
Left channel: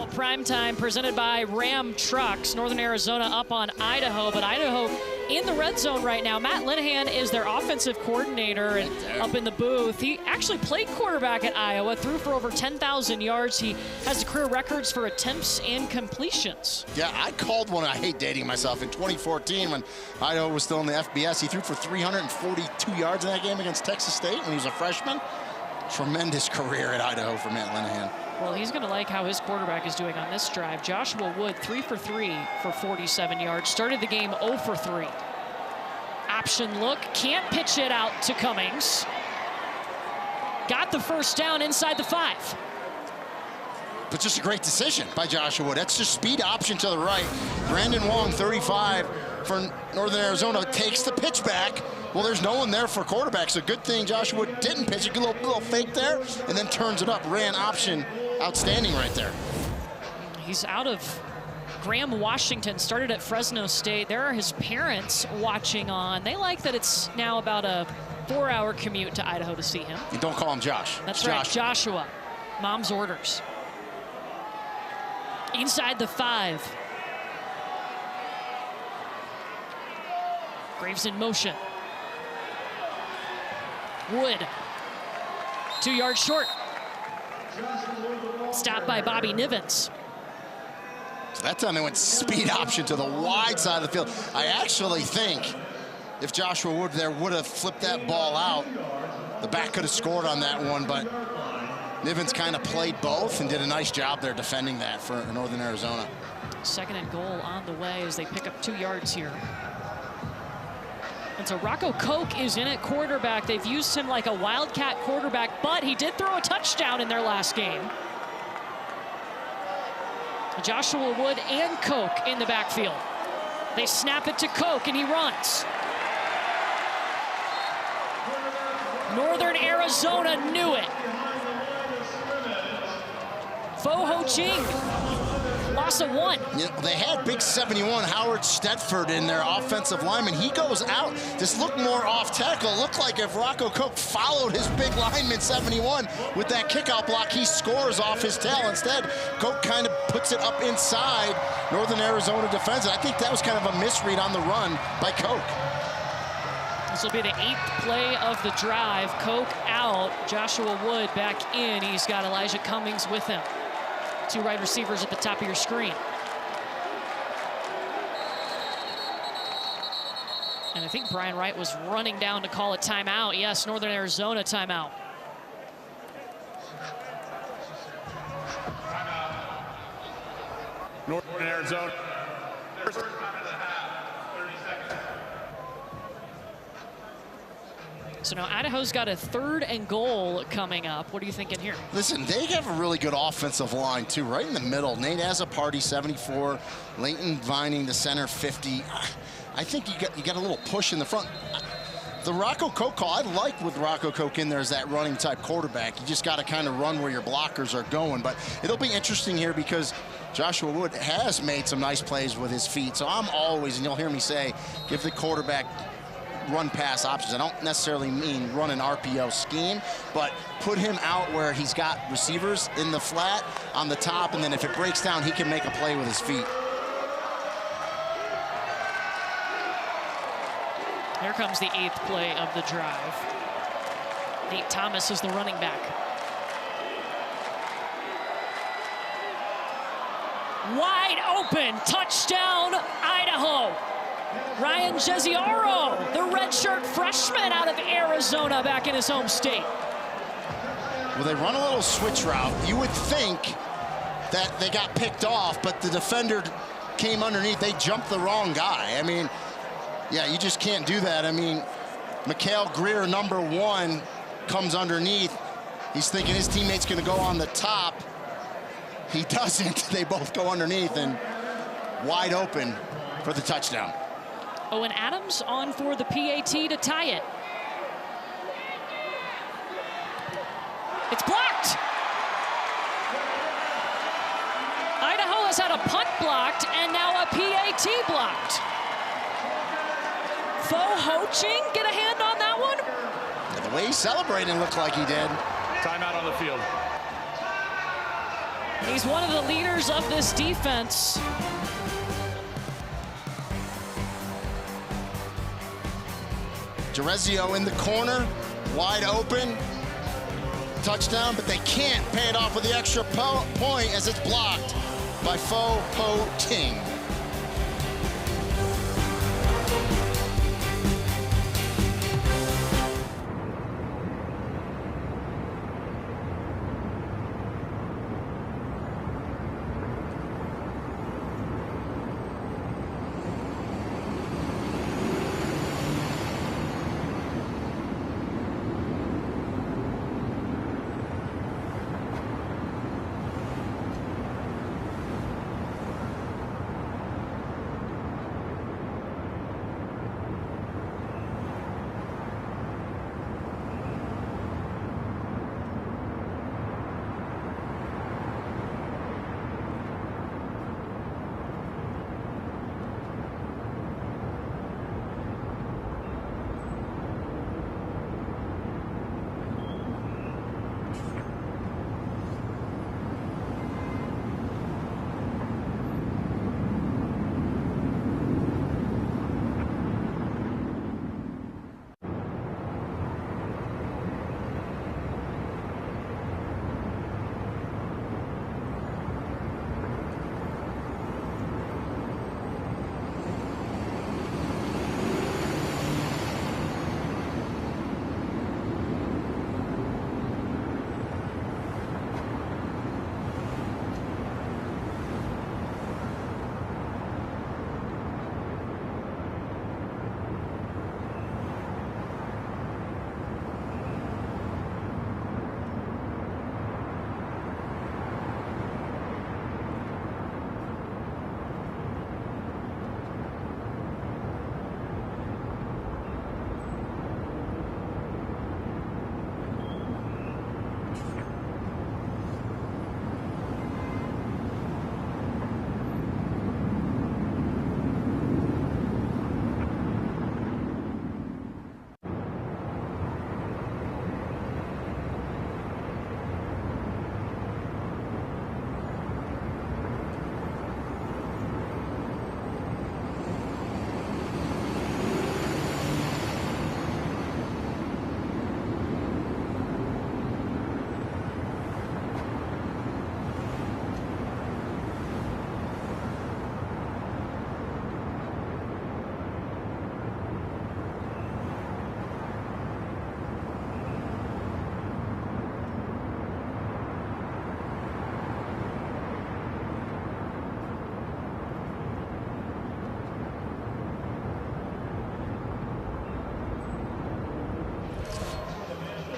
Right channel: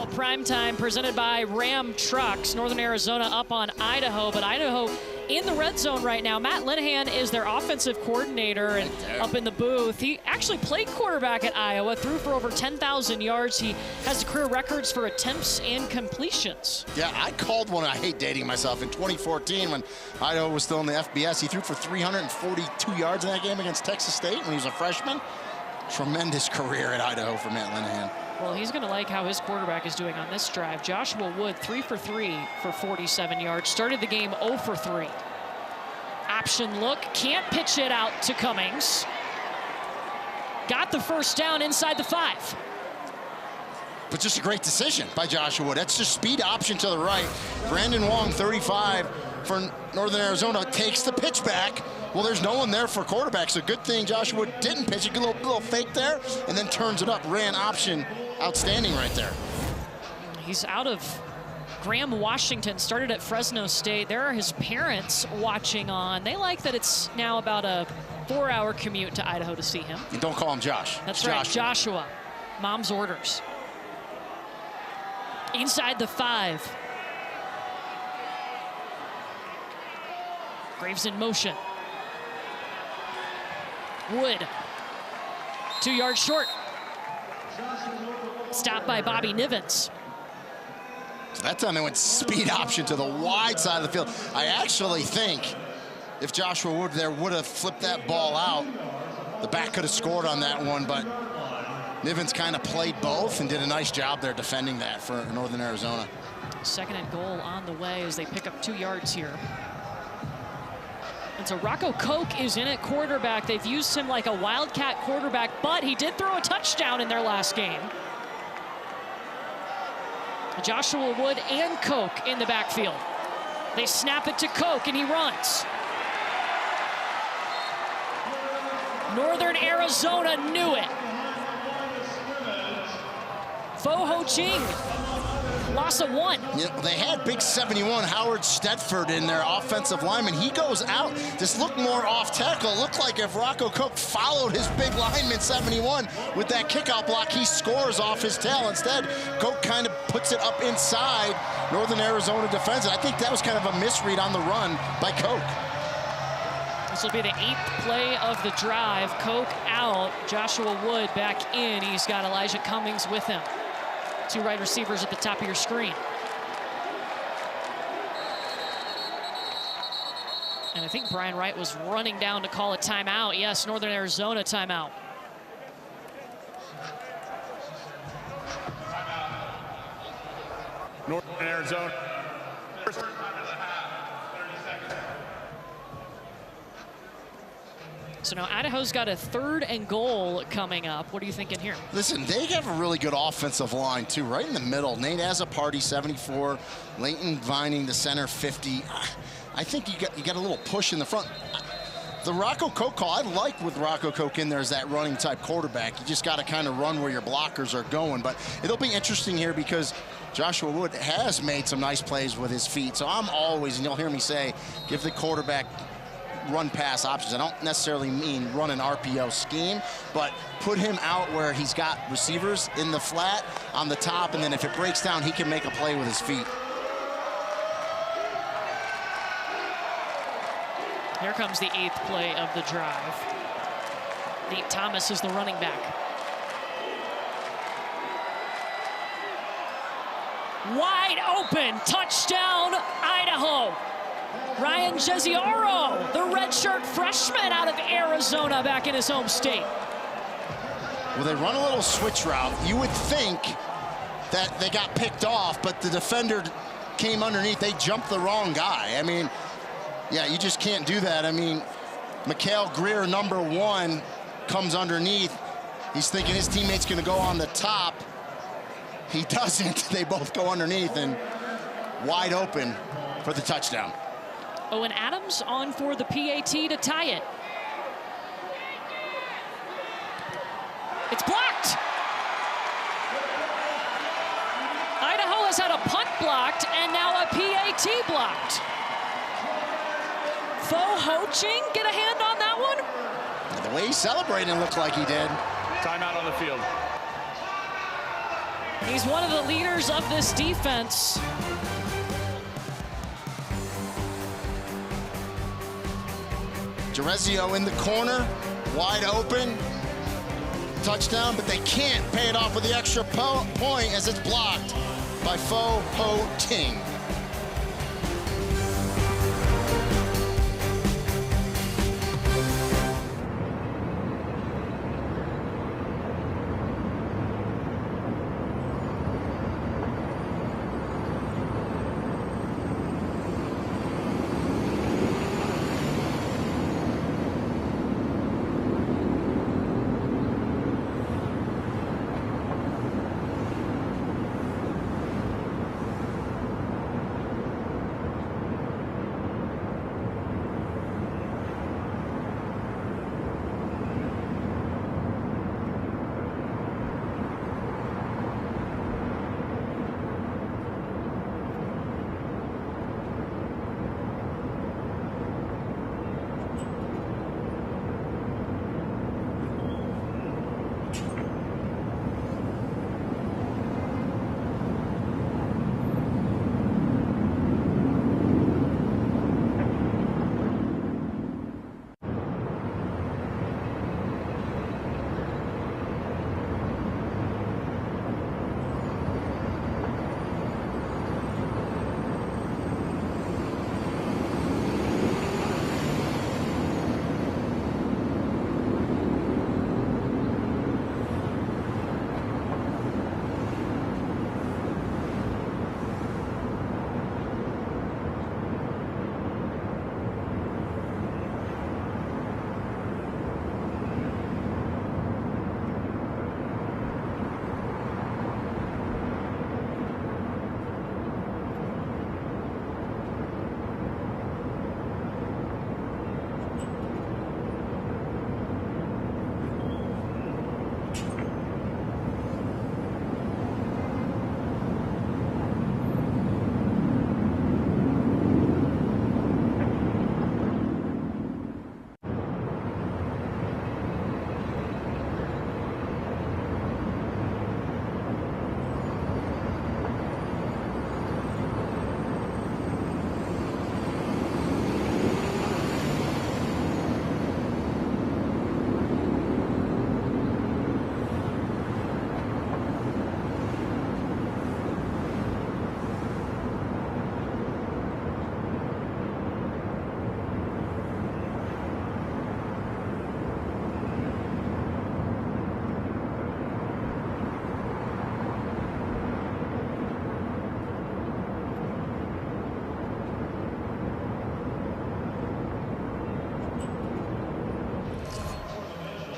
Well, primetime presented by Ram Trucks. Northern Arizona up on Idaho, but Idaho in the red zone right now. Matt Linehan is their offensive coordinator and up in the booth. He actually played quarterback at Iowa, threw for over 10,000 yards. He has the career records for attempts and completions. Yeah, I called one, I hate dating myself, in 2014 when Idaho was still in the FBS. He threw for 342 yards in that game against Texas State when he was a freshman. Tremendous career at Idaho for Matt Linehan. Well, he's going to like how his quarterback is doing on this drive. Joshua Wood, 3 for 3 for 47 yards. Started the game 0 for 3. Option look, can't pitch it out to Cummings. Got the first down inside the 5. But just a great decision by Joshua Wood. That's just speed option to the right. Brandon Wong, 35 for Northern Arizona, takes the pitch back. Well, there's no one there for quarterback, so good thing Joshua Wood didn't pitch it. Good little fake there, and then turns it up. Ran option. Outstanding right there. He's out of Graham, Washington, started at Fresno State. There are his parents watching on. They like that it's now about a 4-hour commute to Idaho to see him. And don't call him Josh. That's right, Joshua. Mom's orders. Inside the 5. Graves in motion. Wood. 2 yards short. Stopped by Bobby Nivens. So that time they went speed option to the wide side of the field. I actually think if Joshua Wood there would have flipped that ball out, the back could have scored on that one, but Nivens kind of played both and did a nice job there defending that for Northern Arizona. 2nd and goal on the way as they pick up 2 yards here. And so Rocco Koch is in at quarterback. They've used him like a wildcat quarterback, but he did throw a touchdown in their last game. Joshua Wood and Koch in the backfield. They snap it to Koch and he runs. Northern Arizona knew it. Fo Ho Ching, loss of 1. You know, they had big 71 Howard Stedford in their offensive lineman. He goes out. This looked more off tackle. It looked like if Rocco Koch followed his big lineman 71 with that kickout block, he scores off his tail. Instead, Koch kind of puts it up inside. Northern Arizona defends it. I think that was kind of a misread on the run by Koch. This will be the 8th play of the drive. Koch out, Joshua Wood back in. He's got Elijah Cummings with him. 2 wide receivers at the top of your screen. And I think Brian Wright was running down to call a timeout. Yes, Northern Arizona timeout. Northern Arizona. So now Idaho's got a 3rd and goal coming up. What are you thinking here? Listen, they have a really good offensive line, too, right in the middle. Nate Azzopardi, 74. Leighton Vining, the center, 50. I think you got a little push in the front. The Rocco Koch call, I like with Rocco Koch in there as that running type quarterback. You just got to kind of run where your blockers are going. But it'll be interesting here because Joshua Wood has made some nice plays with his feet. So I'm always, and you'll hear me say, give the quarterback run pass options. I don't necessarily mean run an RPO scheme, but put him out where he's got receivers in the flat on the top, and then if it breaks down, he can make a play with his feet. Here comes the 8th play of the drive. Nate Thomas is the running back. Wide open, touchdown, Idaho. Ryan Jesiaro, the redshirt freshman out of Arizona, back in his home state. Well, they run a little switch route. You would think that they got picked off, but the defender came underneath. They jumped the wrong guy. I mean, yeah, you just can't do that. I mean, Mikhail Greer, number 1, comes underneath. He's thinking his teammate's going to go on the top. He doesn't. They both go underneath and wide open for the touchdown. Owen Adams on for the PAT to tie it. It's blocked. Idaho has had a punt blocked and now a PAT blocked. Fo Ho Ching get a hand on that one? Yeah, the way he's celebrating looked like he did. Timeout on the field. He's one of the leaders of this defense. Jerezio in the corner, wide open. Touchdown, but they can't pay it off with the extra point as it's blocked by Fo Ho Ting.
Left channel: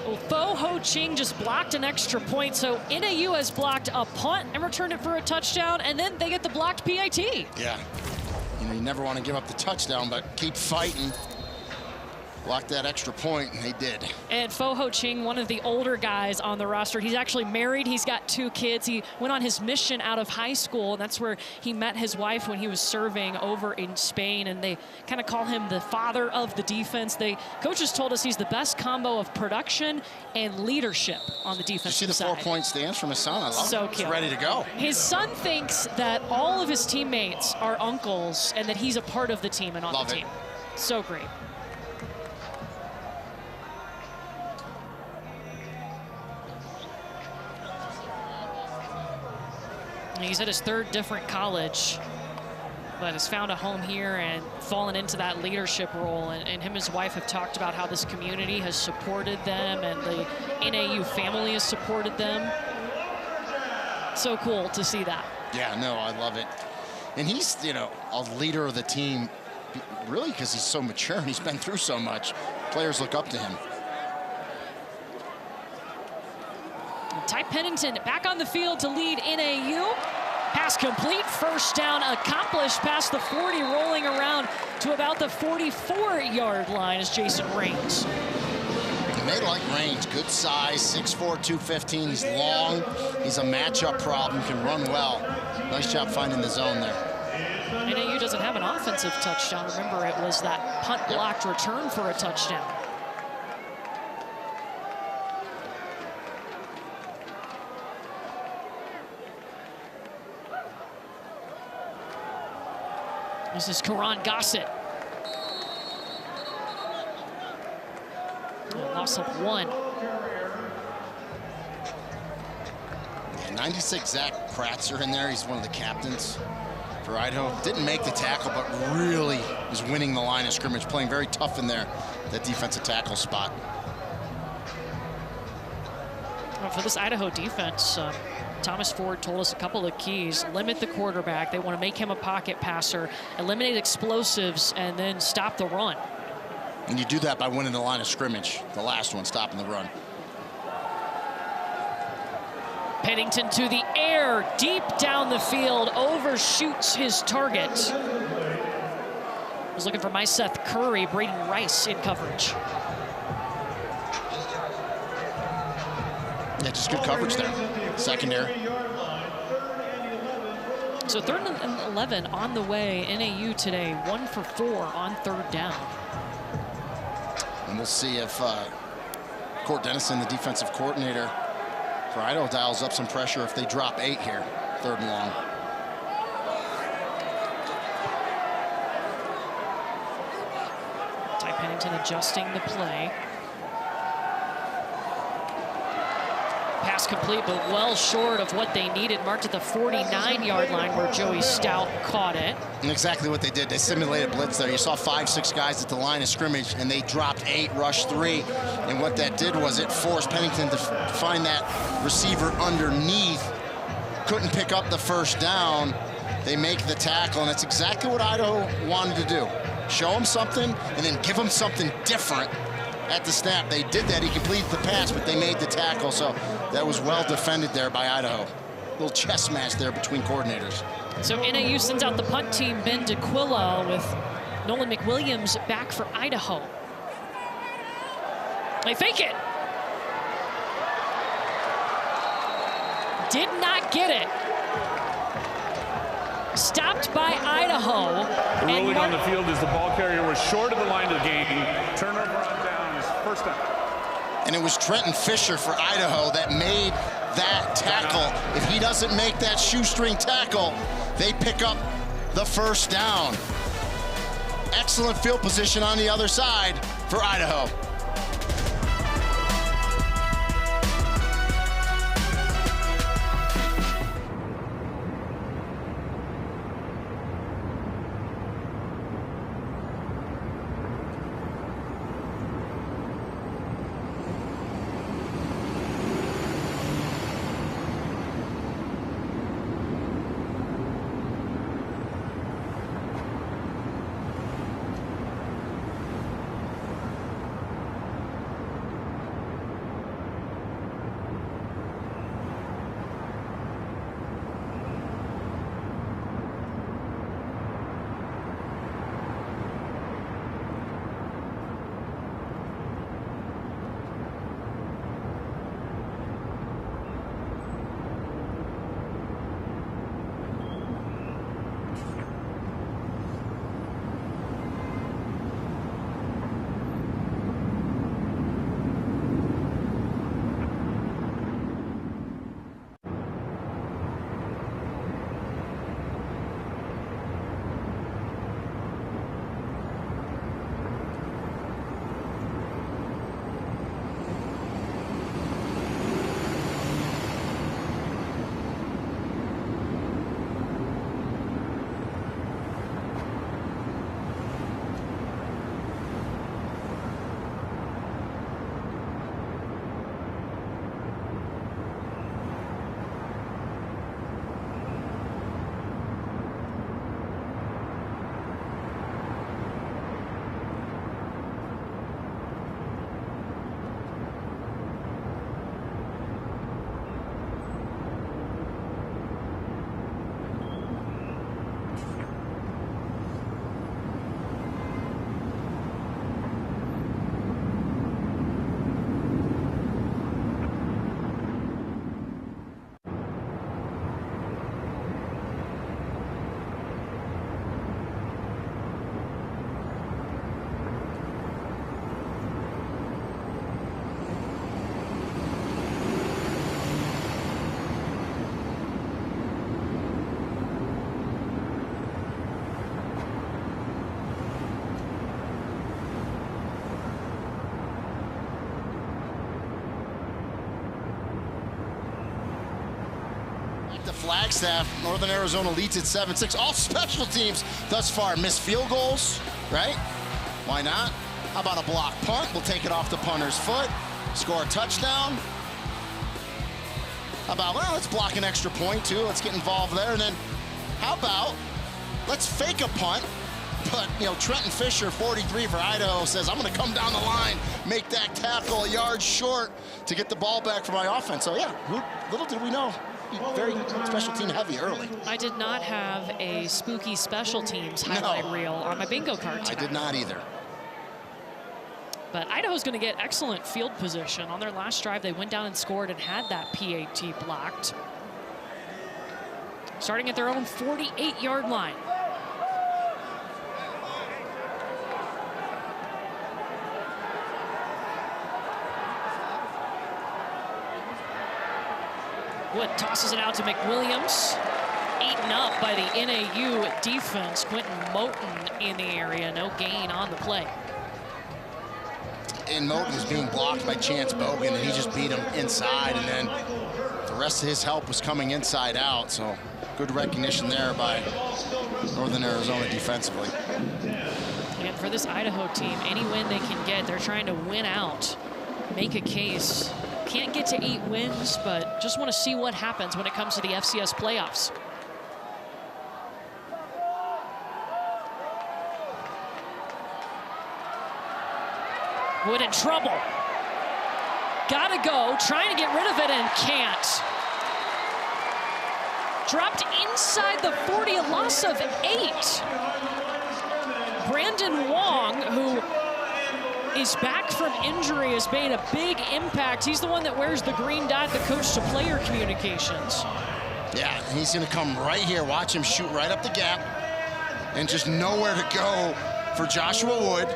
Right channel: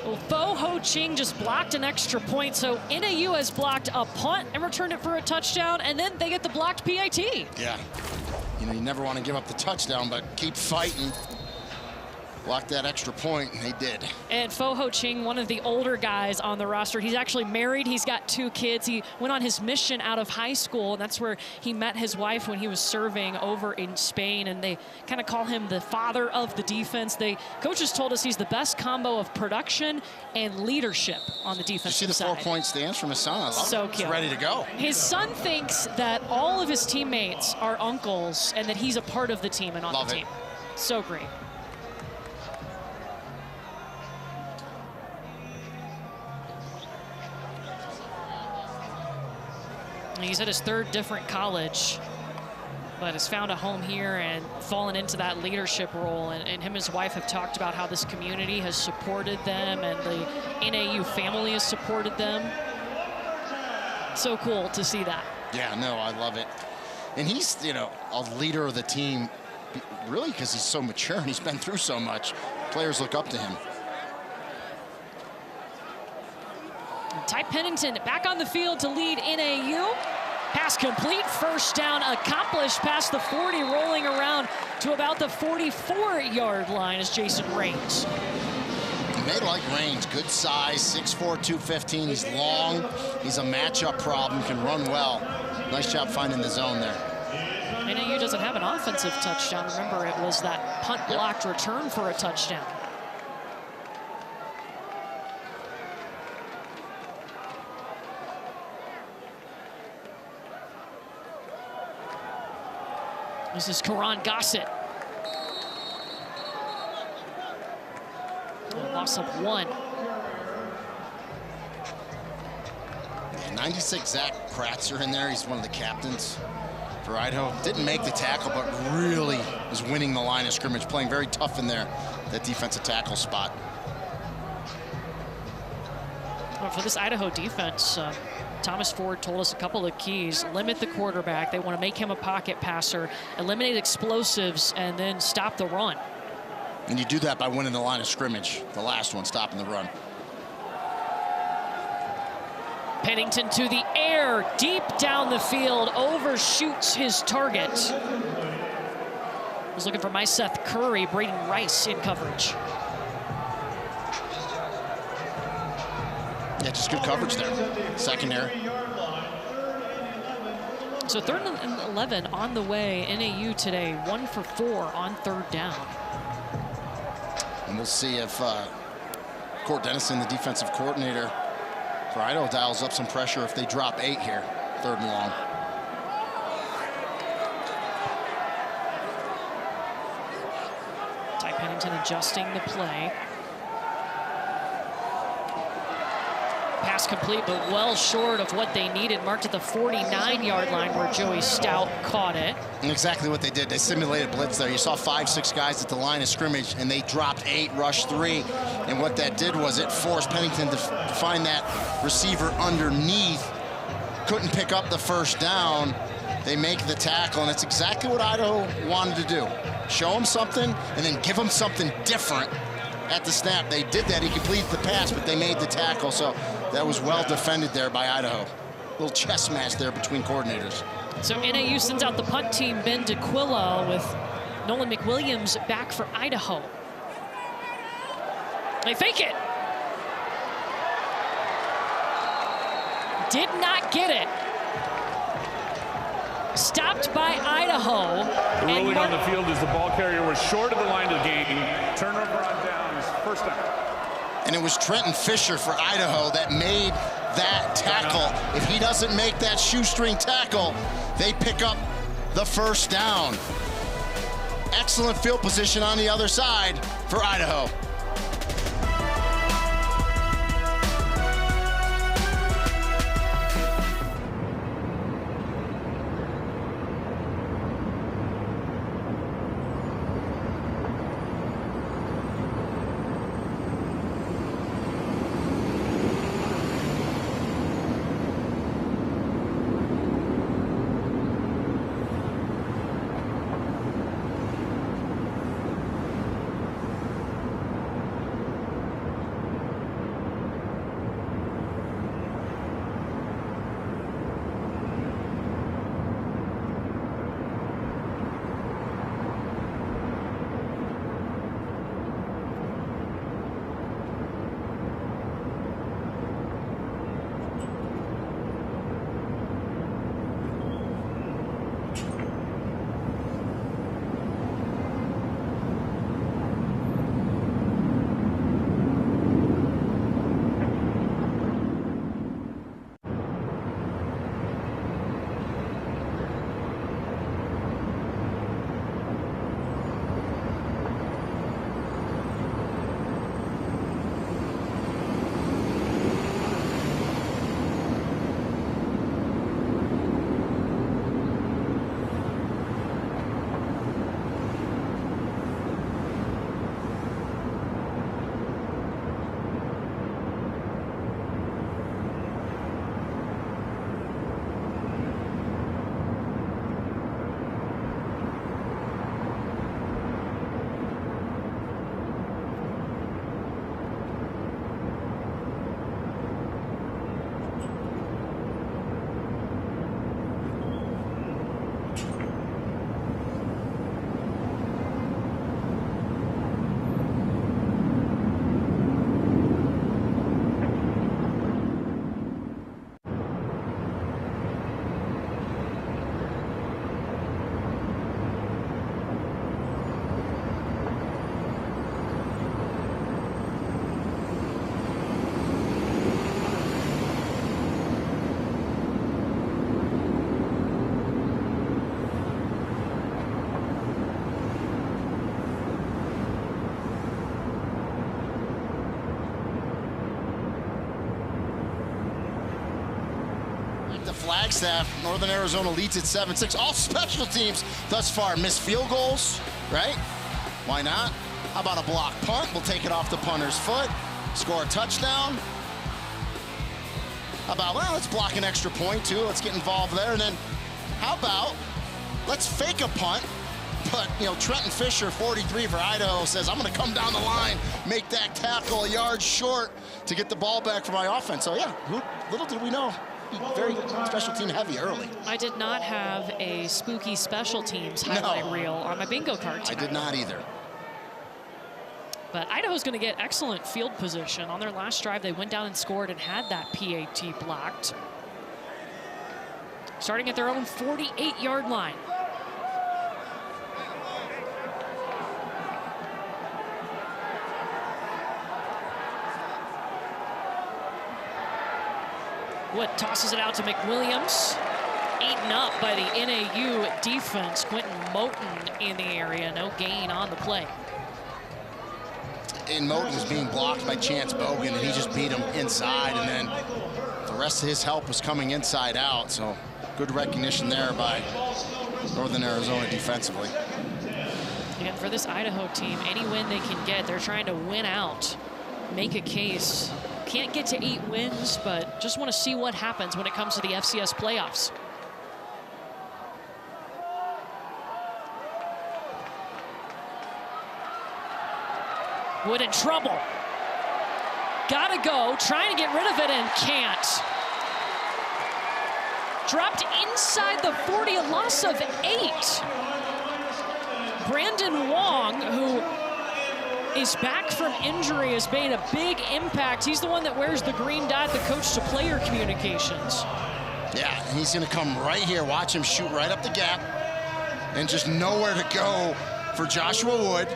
Well, Fo Ho Ching just blocked an extra point, so NAU has blocked a punt and returned it for a touchdown, and then they get the blocked PAT. Yeah, you know, you never want to give up the touchdown, but keep fighting. Blocked that extra point, and they did. And Fo Ho Ching, one of the older guys on the roster, he's actually married. He's got 2 kids. He went on his mission out of high school, and that's where he met his wife when he was serving over in Spain, and they kind of call him the father of the defense. Coaches told us he's the best combo of production and leadership on the defensive side. You see the 4-point stance from his son? I love it. So cute. He's ready to go. His son thinks that all of his teammates are uncles and that he's a part of the team and on the team. So great. He's at his 3rd different college, but has found a home here and fallen into that leadership role. And him and his wife have talked about how this community has supported them and the NAU family has supported them. So cool to see that. Yeah, no, I love it. And he's, you know, a leader of the team, really, because he's so mature and he's been through so much. Players look up to him. Ty Pennington back on the field to lead NAU. Pass complete, first down accomplished past the 40, rolling around to about the 44-yard line as Jason Raines. And they like Raines, good size, 6'4", 215. He's long, he's a matchup problem, can run well. Nice job finding the zone there. NAU doesn't have an offensive touchdown. Remember, it was that punt blocked return for a touchdown. This is Karan Gossett. Loss of 1. Yeah, 96 Zach Kratzer in there. He's one of the captains for Idaho. Didn't make the tackle, but really is winning the line of scrimmage, playing very tough in there, that defensive tackle spot. Well, for this Idaho defense, Thomas Ford told us a couple of keys. Limit the quarterback. They want to make him a pocket passer, eliminate explosives, and then stop the run. And you do that by winning the line of scrimmage. The last one, stopping the run. Pennington to the air, deep down the field, overshoots his target. Was looking for Seth Curry, Braden Rice in coverage. Yeah, just good coverage there. Secondary. So 3rd and 11 on the way. NAU today, 1 for 4 on 3rd down. And we'll see if Court Dennison, the defensive coordinator for Idaho, dials up some pressure if they drop 8 here, 3rd and long. Ty Pennington adjusting the play. Pass complete, but well short of what they needed. Marked at the 49-yard line where Joey Stout caught it. And exactly what they did. They simulated blitz there. You saw 5, 6 guys at the line of scrimmage, and they dropped 8, rushed 3. And what that did was it forced Pennington to find that receiver underneath. Couldn't pick up the 1st down. They make the tackle, and it's exactly what Idaho wanted to do. Show him something, and then give him something different at the snap. They did that. He completed the pass, but they made the tackle. So that was well defended there by Idaho. Little chess match there between coordinators. So NAU sends out the punt team, Ben DeQuilla, with Nolan McWilliams back for Idaho. They fake it. Did not get it. Stopped by Idaho. The ruling on the field is the ball carrier was short of the line of the game. Turnover on down is 1st down. And it was Trenton Fisher for Idaho that made that tackle. If he doesn't make that shoestring tackle, they pick up the 1st down. Excellent field position on the other side for Idaho. The Flagstaff, Northern Arizona leads at 7-6. All special teams thus far miss field goals, right? Why not? How about a block punt? We'll take it off the punter's foot, score a touchdown. How about, well, let's block an extra point too. Let's get involved there. And then how about, let's fake a punt. But, you know, Trenton Fisher, 43 for Idaho, says, I'm going to come down the line, make that tackle a yard short to get the ball back for my offense. So, yeah, little did we know. Very special team heavy early. I did not have a spooky special teams highlight reel on my bingo card tonight. I did not either. But Idaho's going to get excellent field position. On their last drive, they went down and scored and had that PAT blocked. Starting at their own 48-yard line. Wood tosses it out to McWilliams. Eaten up by the NAU defense. Quentin Moten in the area. No gain on the play. And Moten was being blocked by Chance Bogan, and he just beat him inside, and then the rest of his help was coming inside out. So good recognition there by Northern Arizona defensively. Again, for this Idaho team, any win they can get, they're trying to win out, make a case. Can't get to 8 wins, but just want to see what happens when it comes to the FCS playoffs. Wood in trouble. Gotta go, trying to get rid of it and can't. Dropped inside the 40, a loss of 8. Brandon Wong, who is back from injury, has made a big impact. He's the one that wears the green dot, the coach to player communications. Yeah, and he's gonna come right here. Watch him shoot right up the gap and just nowhere to go for Joshua Wood.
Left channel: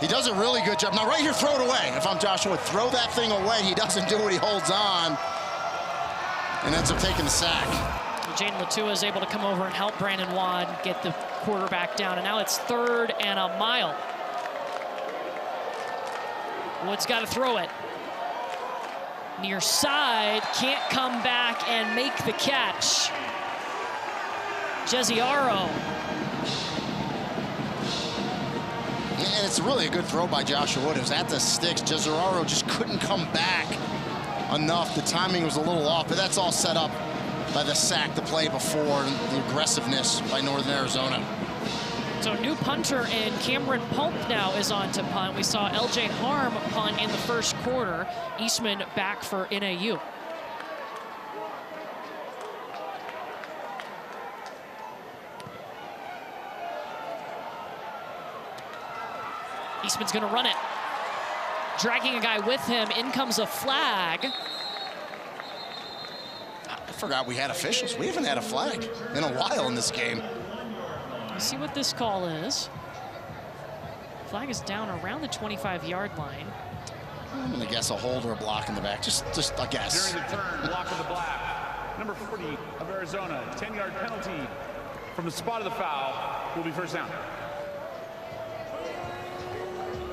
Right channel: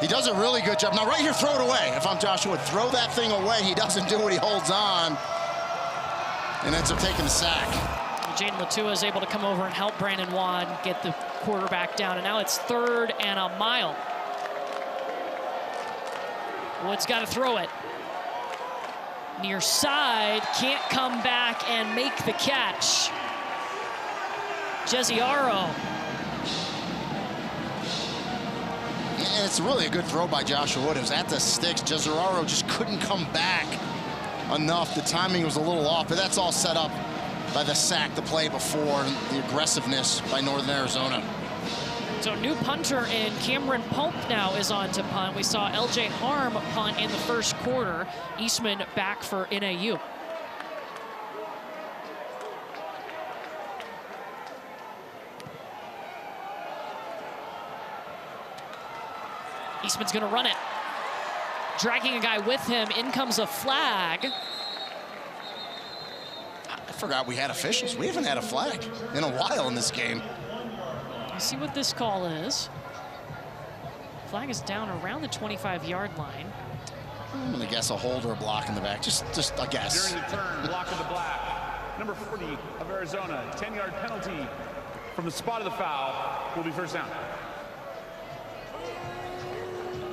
He does a really good job. Now right here, throw it away. If I'm Joshua Wood, throw that thing away. He doesn't do it, he holds on and ends up taking the sack. Jaden Latua is able to come over and help Brandon Wong get the quarterback down, and now it's 3rd and a mile. Wood's got to throw it. Near side, can't come back and make the catch. Jeziaro. Yeah, and it's really a good throw by Joshua Wood. It was at the sticks. Jeziaro just couldn't come back enough. The timing was a little off, but that's all set up by the sack the play before and the aggressiveness by Northern Arizona. So new punter in Cameron Pope now is on to punt. We saw LJ Harm punt in the first quarter. Eastman back for NAU. Eastman's gonna run it. Dragging a guy with him, in comes a flag. I forgot we had officials. We haven't had a flag in a while in this game. Let's see what this call is. Flag is down around the 25-yard line. I'm gonna guess a hold or a block in the back. Just a guess. During the turn, block of the black. Number 40 of Arizona, 10-yard penalty from the spot of the foul will be first down.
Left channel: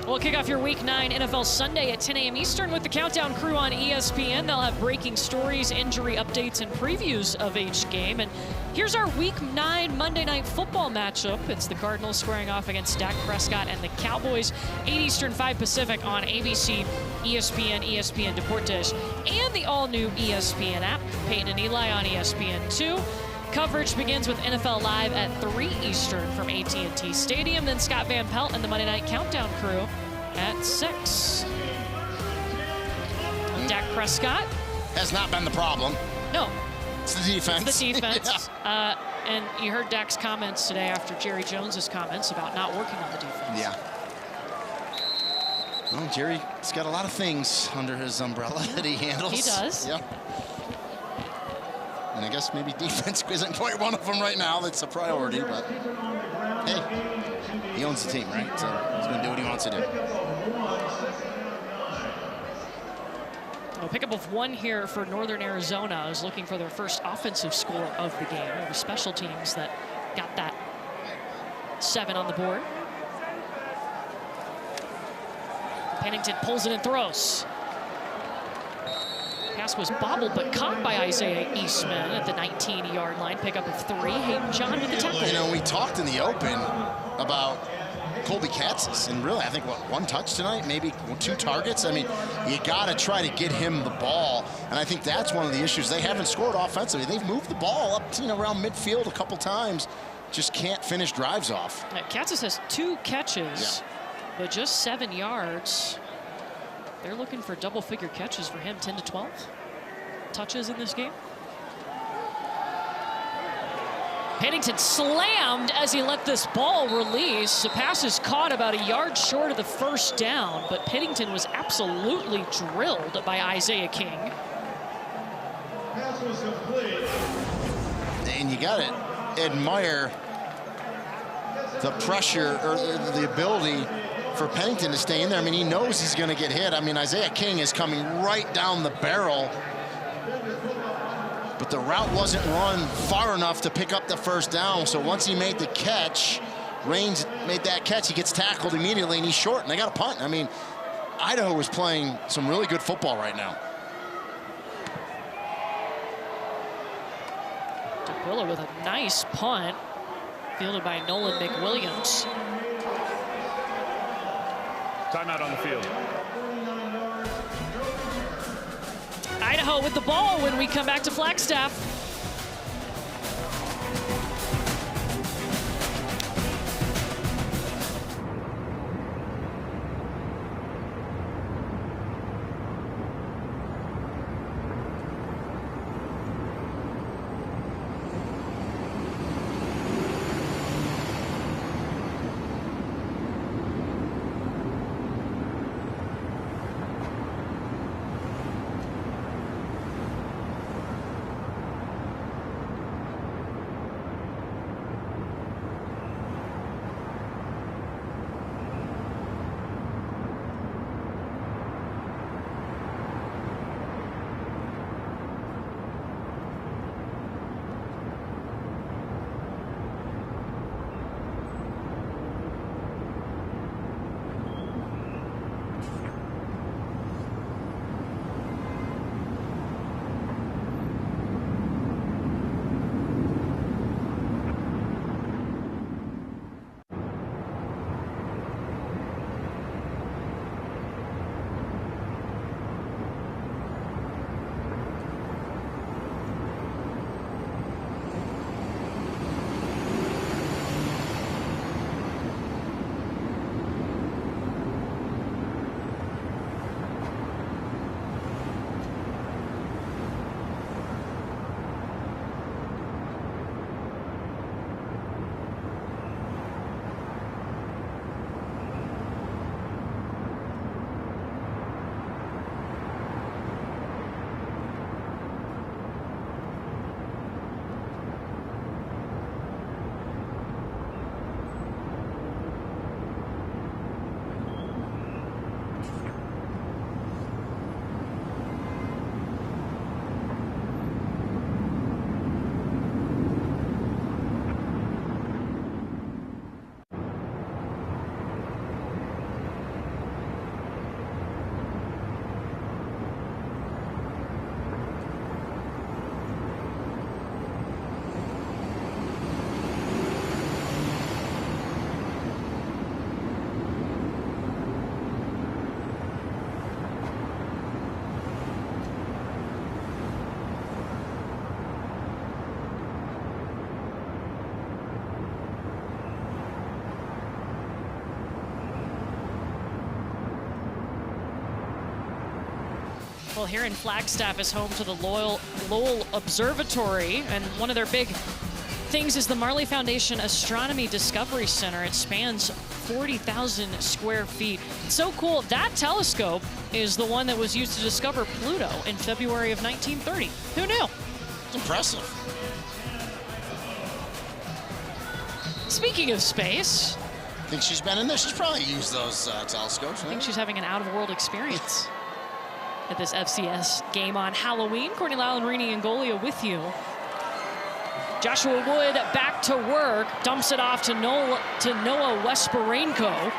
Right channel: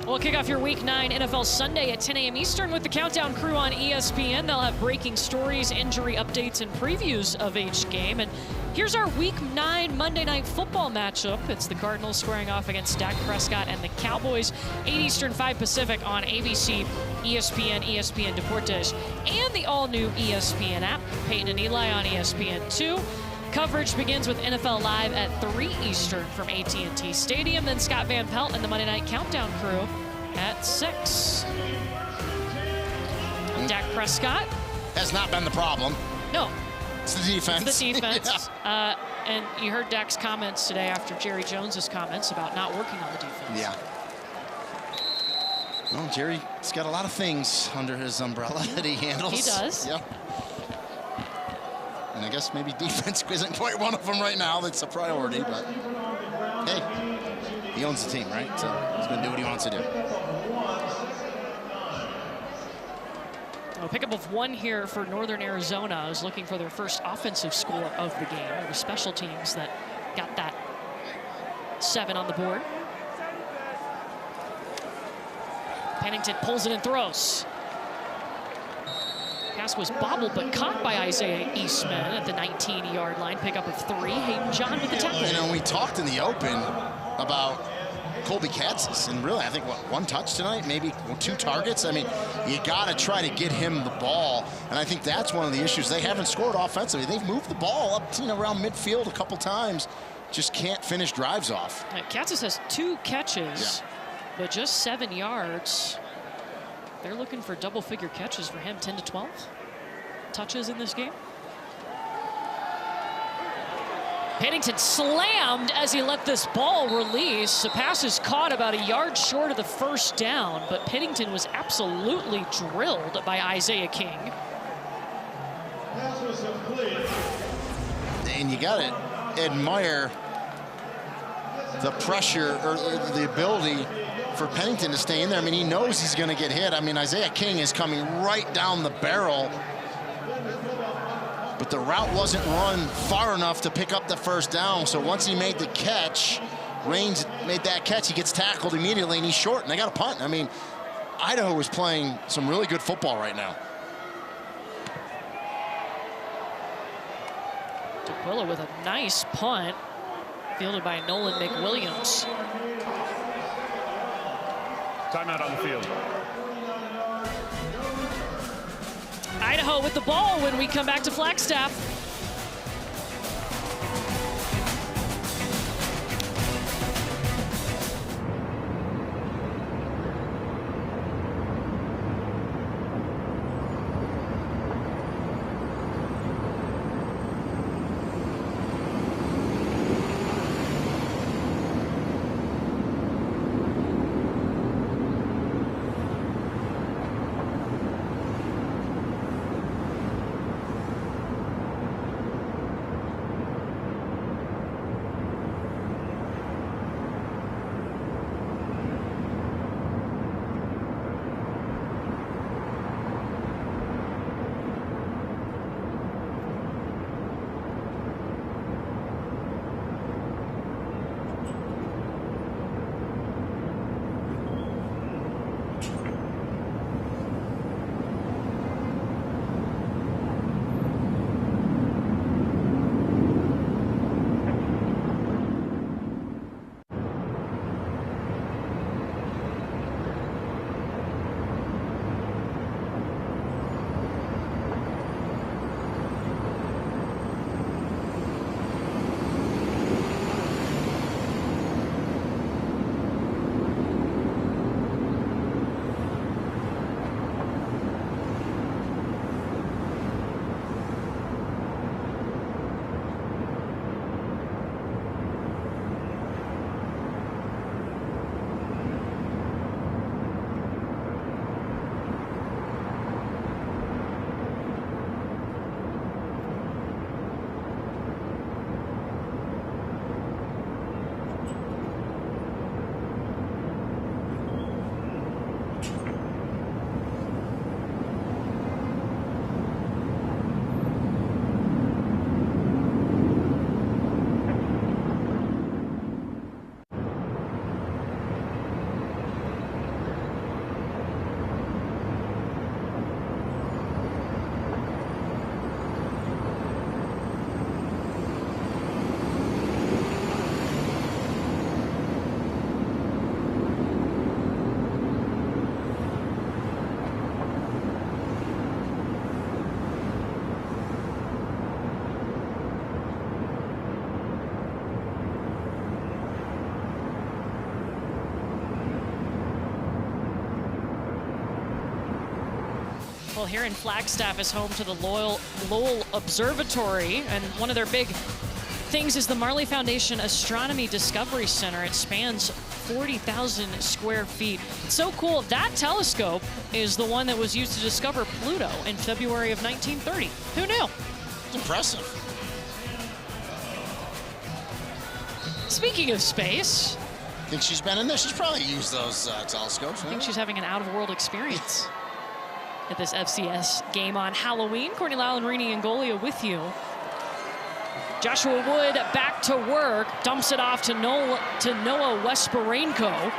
We'll kick off your Week 9 NFL Sunday at 10 a.m. Eastern with the Countdown crew on ESPN. They'll have breaking stories, injury updates, and previews of each game. And here's our Week 9 Monday Night Football matchup. It's the Cardinals squaring off against Dak Prescott and the Cowboys. 8 Eastern, 5 Pacific on ABC, ESPN, ESPN Deportes, and the all-new ESPN app. Peyton and Eli on ESPN2. Coverage begins with NFL Live at 3 Eastern from AT&T Stadium. Then Scott Van Pelt and the Monday Night Countdown crew at 6. Dak Prescott has not been the problem. No. It's the defense. It's the defense. Yeah. And you heard Dak's comments today after Jerry Jones's comments about not working on the defense. Yeah. Well, Jerry's got a lot of things under his umbrella that he handles. He does. Yeah. And I guess maybe defense isn't quite one of them right now. That's a priority, but hey, he owns the team, right? So he's going to do what he wants to do. A pickup of 1 here for Northern Arizona. Is looking for their first offensive score of the game. It was special teams that got that 7 on the board. Pennington pulls it and throws. Pass was bobbled, but caught by Isaiah Eastman at the 19-yard line. Pickup of 3. Hayden John with the tackle. You know, we talked in the open about Colby Katzis, and really, I think, what, 1 touch tonight, maybe 2 targets. I mean, you got to try to get him the ball, and I think that's one of the issues. They haven't scored offensively. They've moved the ball up, you know, around midfield a couple times, just can't finish drives off. Katzis has 2 catches, but just 7 yards. They're looking for double-figure catches for him, 10 to 12 touches in this game. Pennington slammed as he let this ball release. The pass is caught about a yard short of the first down, but Pennington was absolutely drilled by Isaiah King. And you got to admire the pressure or the ability for Pennington to stay in there. I mean, he knows he's going to get hit. I mean, Isaiah King is coming right down the barrel, but the route wasn't run far enough to pick up the first down. So once he made the catch, Raines made that catch, he gets tackled immediately, and he's short, and they got a punt. I mean, Idaho is playing some really good football right now. D'Aquila with a nice punt, fielded by Nolan McWilliams. Timeout on the field. Idaho with the ball when we come back to Flagstaff. Well, here in Flagstaff is home to the Lowell Observatory, and one of their big things is the Marley Foundation Astronomy Discovery Center. It spans 40,000 square feet. It's so cool. That telescope is the one that was used to discover Pluto in February of 1930. Who knew? It's impressive. Speaking of space. Think she's been in there? She's probably used those telescopes. I think she's having an out-of-world experience at this FCS game on Halloween. Courtney Lallen-Rini and Golia with you. Joshua Wood back to work, dumps it off to Noah Wesperenko.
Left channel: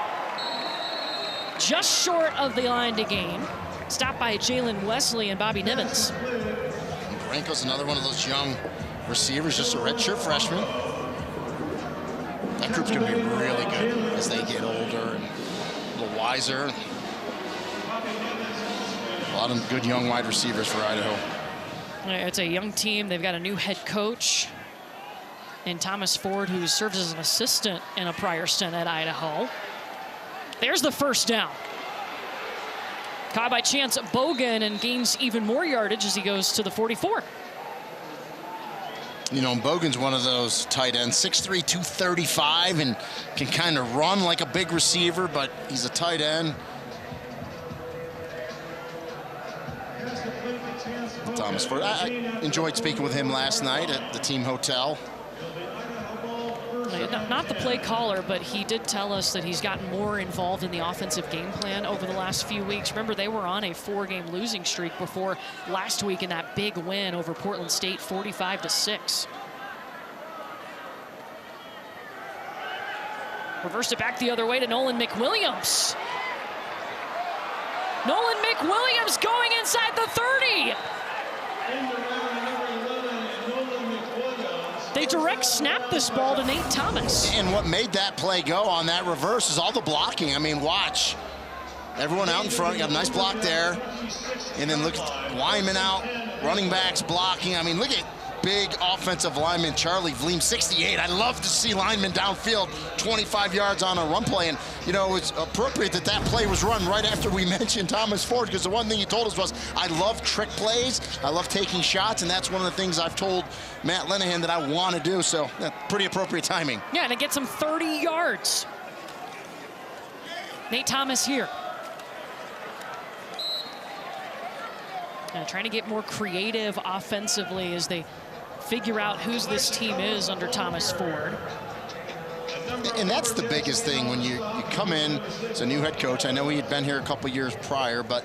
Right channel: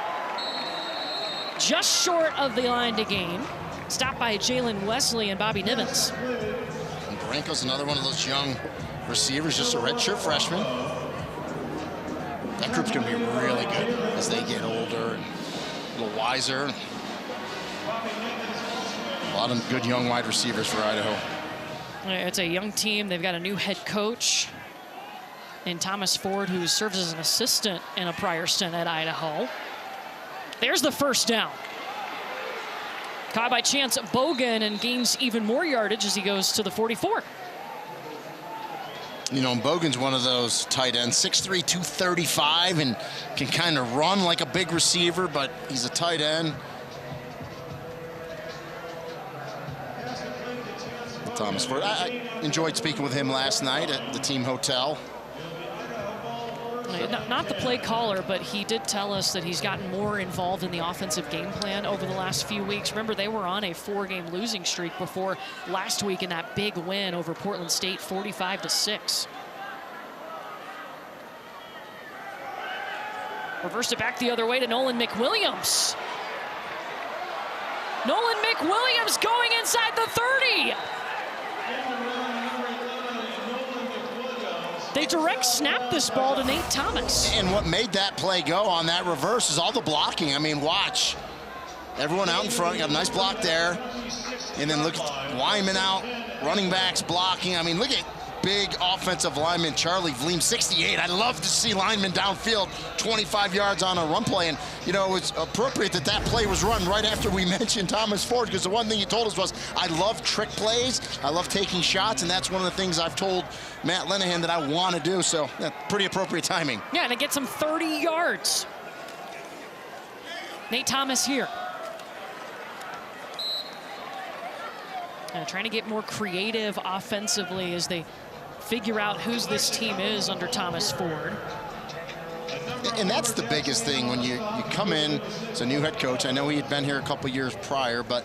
Just short of the line to gain. Stopped by Jalen Wesley and Bobby Nivens. And Granko's another one of those young receivers, just a redshirt freshman. That group's going to be really good as they get older and a little wiser. A lot of good young wide receivers for Idaho. It's a young team. They've got a new head coach in Thomas Ford, who serves as an assistant in a prior stint at Idaho. There's the first down. Caught by chance Bogan and gains even more yardage as he goes to the 44. You know, Bogan's one of those tight ends, 6'3", 235, and can kind of run like a big receiver, but he's a tight end. Thomas Ford. I enjoyed speaking with him last night at the team hotel. Not the play caller, but he did tell us that he's gotten more involved in the offensive game plan over the last few weeks. Remember, they were on a 4-game losing streak before last week in that big win over Portland State, 45-6. Reversed it back the other way to Nolan McWilliams. Nolan McWilliams going inside the 30. They direct snap this ball to Nate Thomas. And what made that play go on that reverse is all the blocking. I mean, watch. Everyone out in front, got a nice block there. And then look at linemen out, running backs blocking. I mean, look at big offensive lineman Charlie Vleem, 68. I love to see linemen downfield, 25 yards on a run play. And, you know, it's appropriate that that play was run right after we mentioned Thomas Ford, because the one thing he told us was, I love trick plays, I love taking shots, and that's one of the things I've told Matt Linehan that I want to do. So, pretty appropriate timing. Yeah, and it gets him 30 yards. Nate Thomas here. Trying to get more creative offensively as they figure out whose this team is under Thomas Ford. And that's the biggest thing when you come in as a new head coach. I know he had been here a couple years prior, but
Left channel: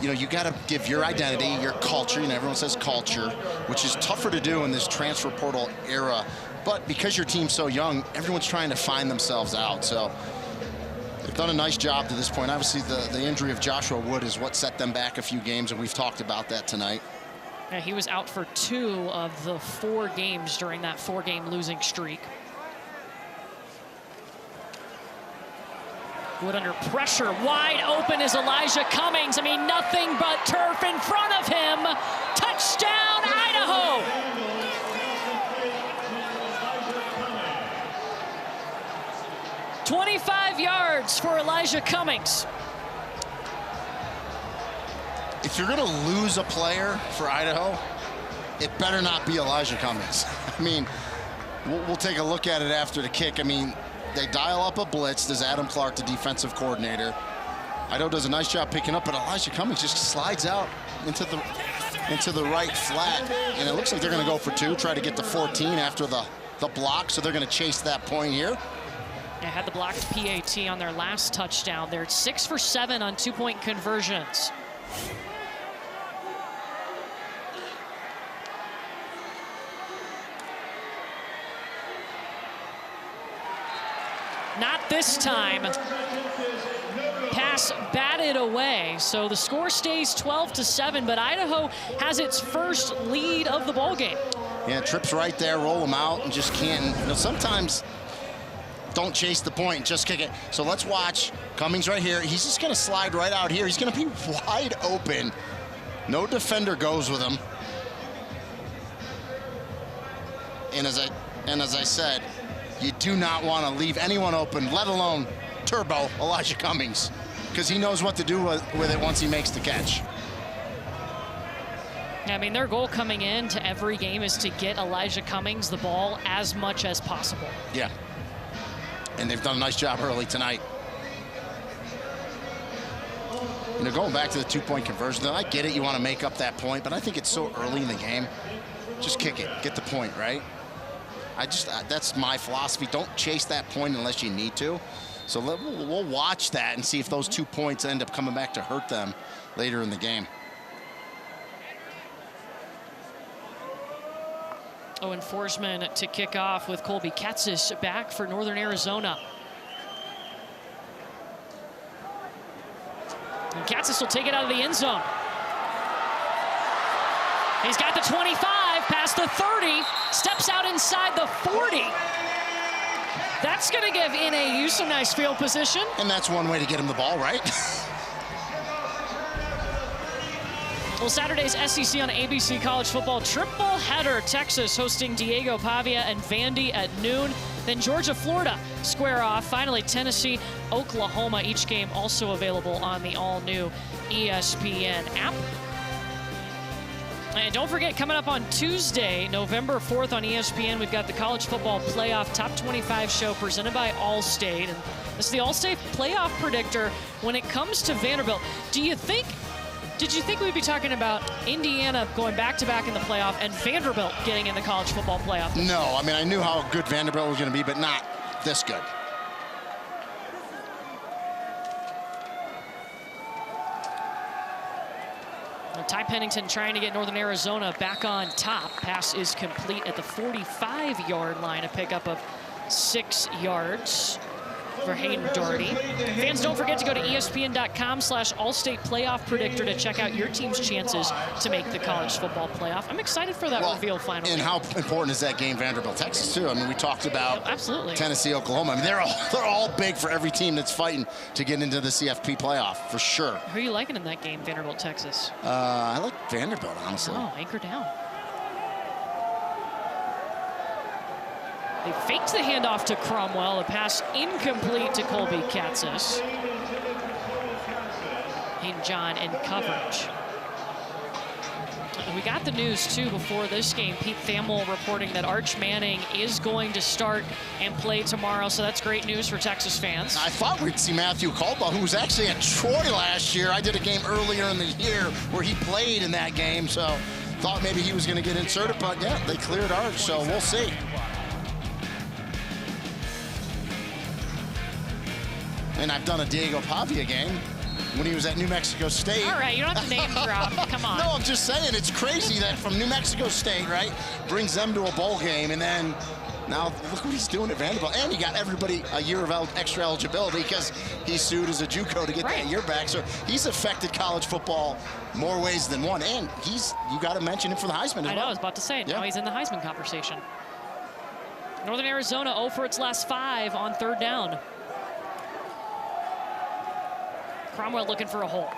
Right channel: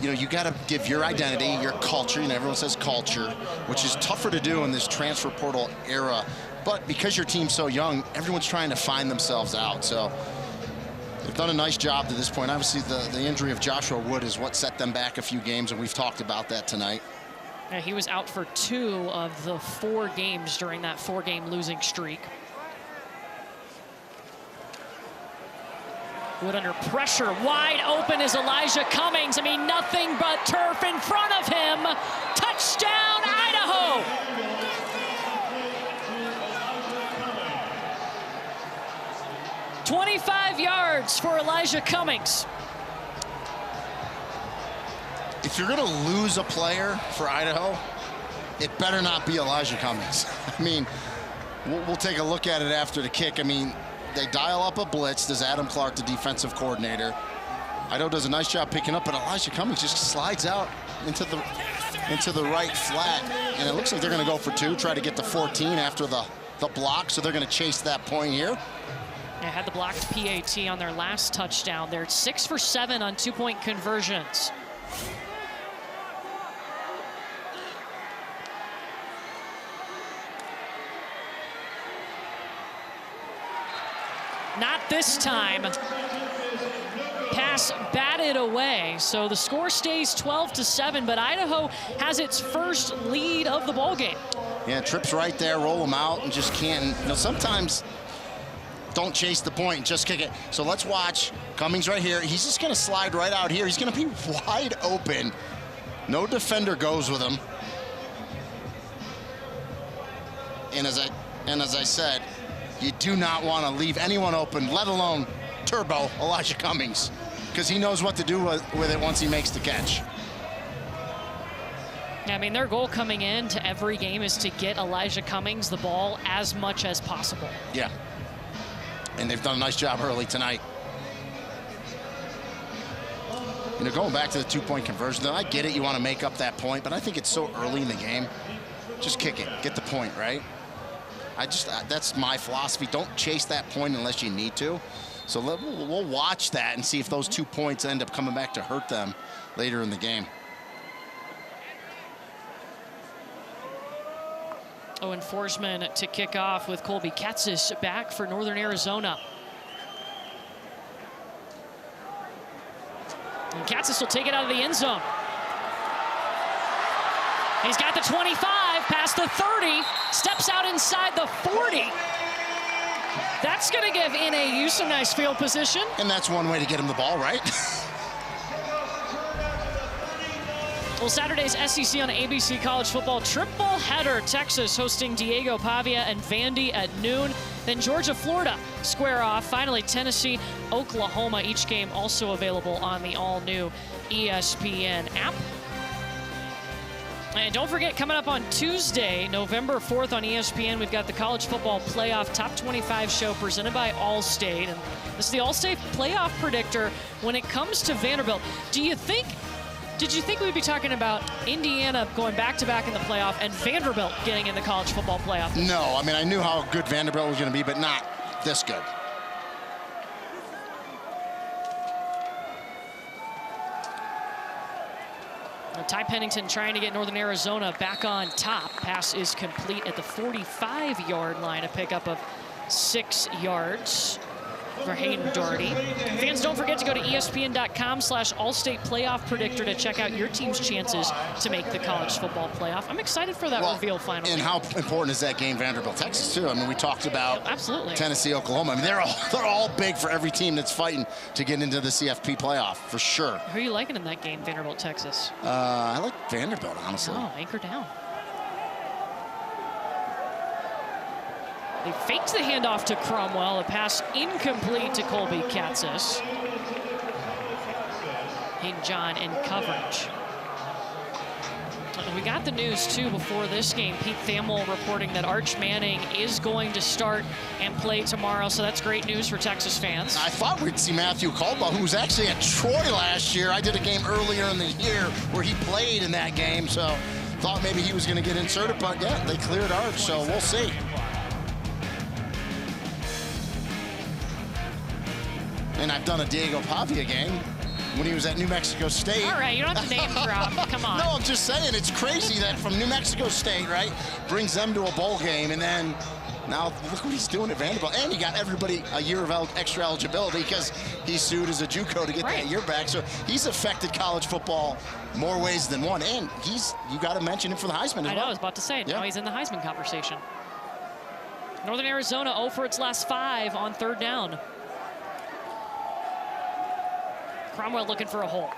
you know, you got to give your identity, your culture. You know, everyone says culture, which is tougher to do in this transfer portal era. But because your team's so young, everyone's trying to find themselves out. So they've done a nice job to this point. Obviously, the injury of Joshua Wood is what set them back a few games, and we've talked about that tonight. Yeah, he was out for 2 of the 4 games during that 4-game losing streak. Wood under pressure, wide open is Elijah Cummings. I mean, nothing but turf in front of him. Touchdown, Idaho! "25 yards for Elijah Cummings." If you're going to lose a player for Idaho, it better not be Elijah Cummings. I mean, we'll take a look at it after the kick. I mean, they dial up a blitz. There's Adam Clark, the defensive coordinator. Idaho does a nice job picking up, but Elijah Cummings just slides out into the right flat. And it looks like they're going to go for 2, try to get to 14 after the block. So they're going to chase that point here. They had the blocked PAT on their last touchdown. They're 6 for 7 on 2-point conversions. Not this time. Pass batted away. So the score stays 12-7, but Idaho has its first lead of the ball game. Yeah, trips right there, roll them out, and just can't. You know, sometimes don't chase the point, just kick it. So let's watch Cummings right here. He's just going to slide right out here. He's going to be wide open. No defender goes with him. And as I said, you do not want to leave anyone open, let alone Turbo Elijah Cummings, because he knows what to do with it once he makes the catch. I mean, their goal coming into every game is to get Elijah Cummings the ball as much as possible. Yeah. And they've done a nice job early tonight. You know, going back to the 2-point conversion, I get it, you want to make up that point, but I think it's so early in the game. Just kick it, get the point, right? That's my philosophy. Don't chase that point unless you need to. So we'll watch that and see if those 2 points end up coming back to hurt them later in the game. Owen Forsman to kick off with Colby Katzis back for Northern Arizona. And Katzis will take it out of the end zone. He's got the 25, past the 30, steps out inside the 40. That's going to give NAU some nice field position. And that's one way to get him the ball, right? Well, Saturday's SEC on ABC College Football triple header. Texas hosting Diego Pavia and Vandy at noon. Then Georgia, Florida square off. Finally, Tennessee, Oklahoma. Each game also available on the all-new ESPN app. And don't forget, coming up on Tuesday, November 4th on ESPN, we've got the College Football Playoff Top 25 show presented by Allstate. And this is the Allstate Playoff Predictor when it comes to Vanderbilt. Did you think we'd be talking about Indiana going back-to-back in the playoff and Vanderbilt getting in the College Football Playoff? No, I mean, I knew how good Vanderbilt was going to be, but not this good. Ty Pennington trying to get Northern Arizona back on top. Pass is complete at the 45-yard line, a pickup of 6 yards for Hayden Doherty. Fans, don't forget to go to ESPN.com/Allstate Playoff Predictor to check out your team's chances to make the college football playoff. I'm excited for that reveal finally. And how important is that game, Vanderbilt, Texas, too? I mean, we talked about absolutely Tennessee, Oklahoma. I mean, they're all big for every team that's fighting to get into the CFP playoff, for sure. Who are you liking in that game, Vanderbilt, Texas? I like Vanderbilt, honestly. Oh, anchor down. They faked the handoff to Cromwell. A pass incomplete to Colby Katzis. Hayden John in coverage. We got the news, too, before this game. Pete Thamel reporting that Arch Manning is going to start and play tomorrow, so that's great news for Texas fans. I thought we'd see Matthew Caldwell, who was actually at Troy last year. I did a game earlier in the year where he played in that game, so thought maybe he was going to get inserted, but, yeah, they cleared Arch, so we'll see. And I've done a Diego Pavia game when he was at New Mexico State. All right, you don't have to name drop. Come on. No, I'm just saying, it's crazy that from New Mexico State, right, brings them to a bowl game, and then now look what he's doing at Vanderbilt. And he got everybody a year of extra eligibility because he sued as a JUCO to get that year back. So he's affected college football more ways than one. And you got to mention him for the Heisman as well. I know, I was about to say, now he's in the Heisman conversation. Northern Arizona 0 for its last 5 on 3rd down. Cromwell looking for a hole.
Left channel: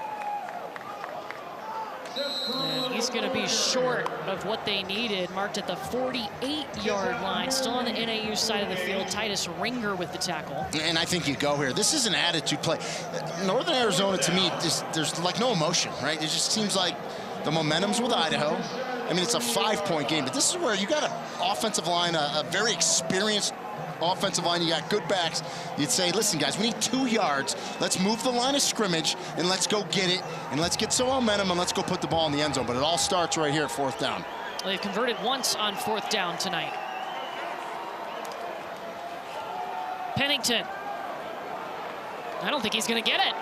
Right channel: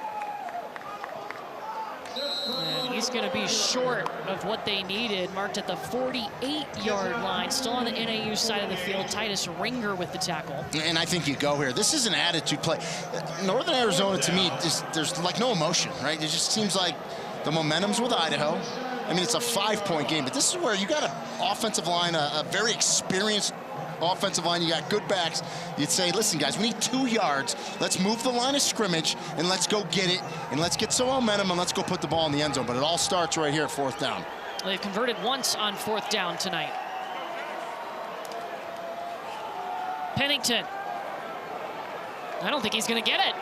And he's going to be short of what they needed, marked at the 48-yard line. Still on the NAU side of the field. Titus Ringer with the tackle. And I think you go here. This is an attitude play. Northern Arizona, to me, there's like no emotion, right? It just seems like the momentum's with Idaho. I mean, it's a 5-point game, but this is where you got an offensive line, a very experienced offensive line. You got good backs. You'd say, listen, guys, we need 2 yards. Let's move the line of scrimmage, and let's go get it, and let's get some momentum, and let's go put the ball in the end zone. But it all starts right here at 4th down. Well, they've converted once on 4th down tonight. Pennington. I don't think he's going to get it.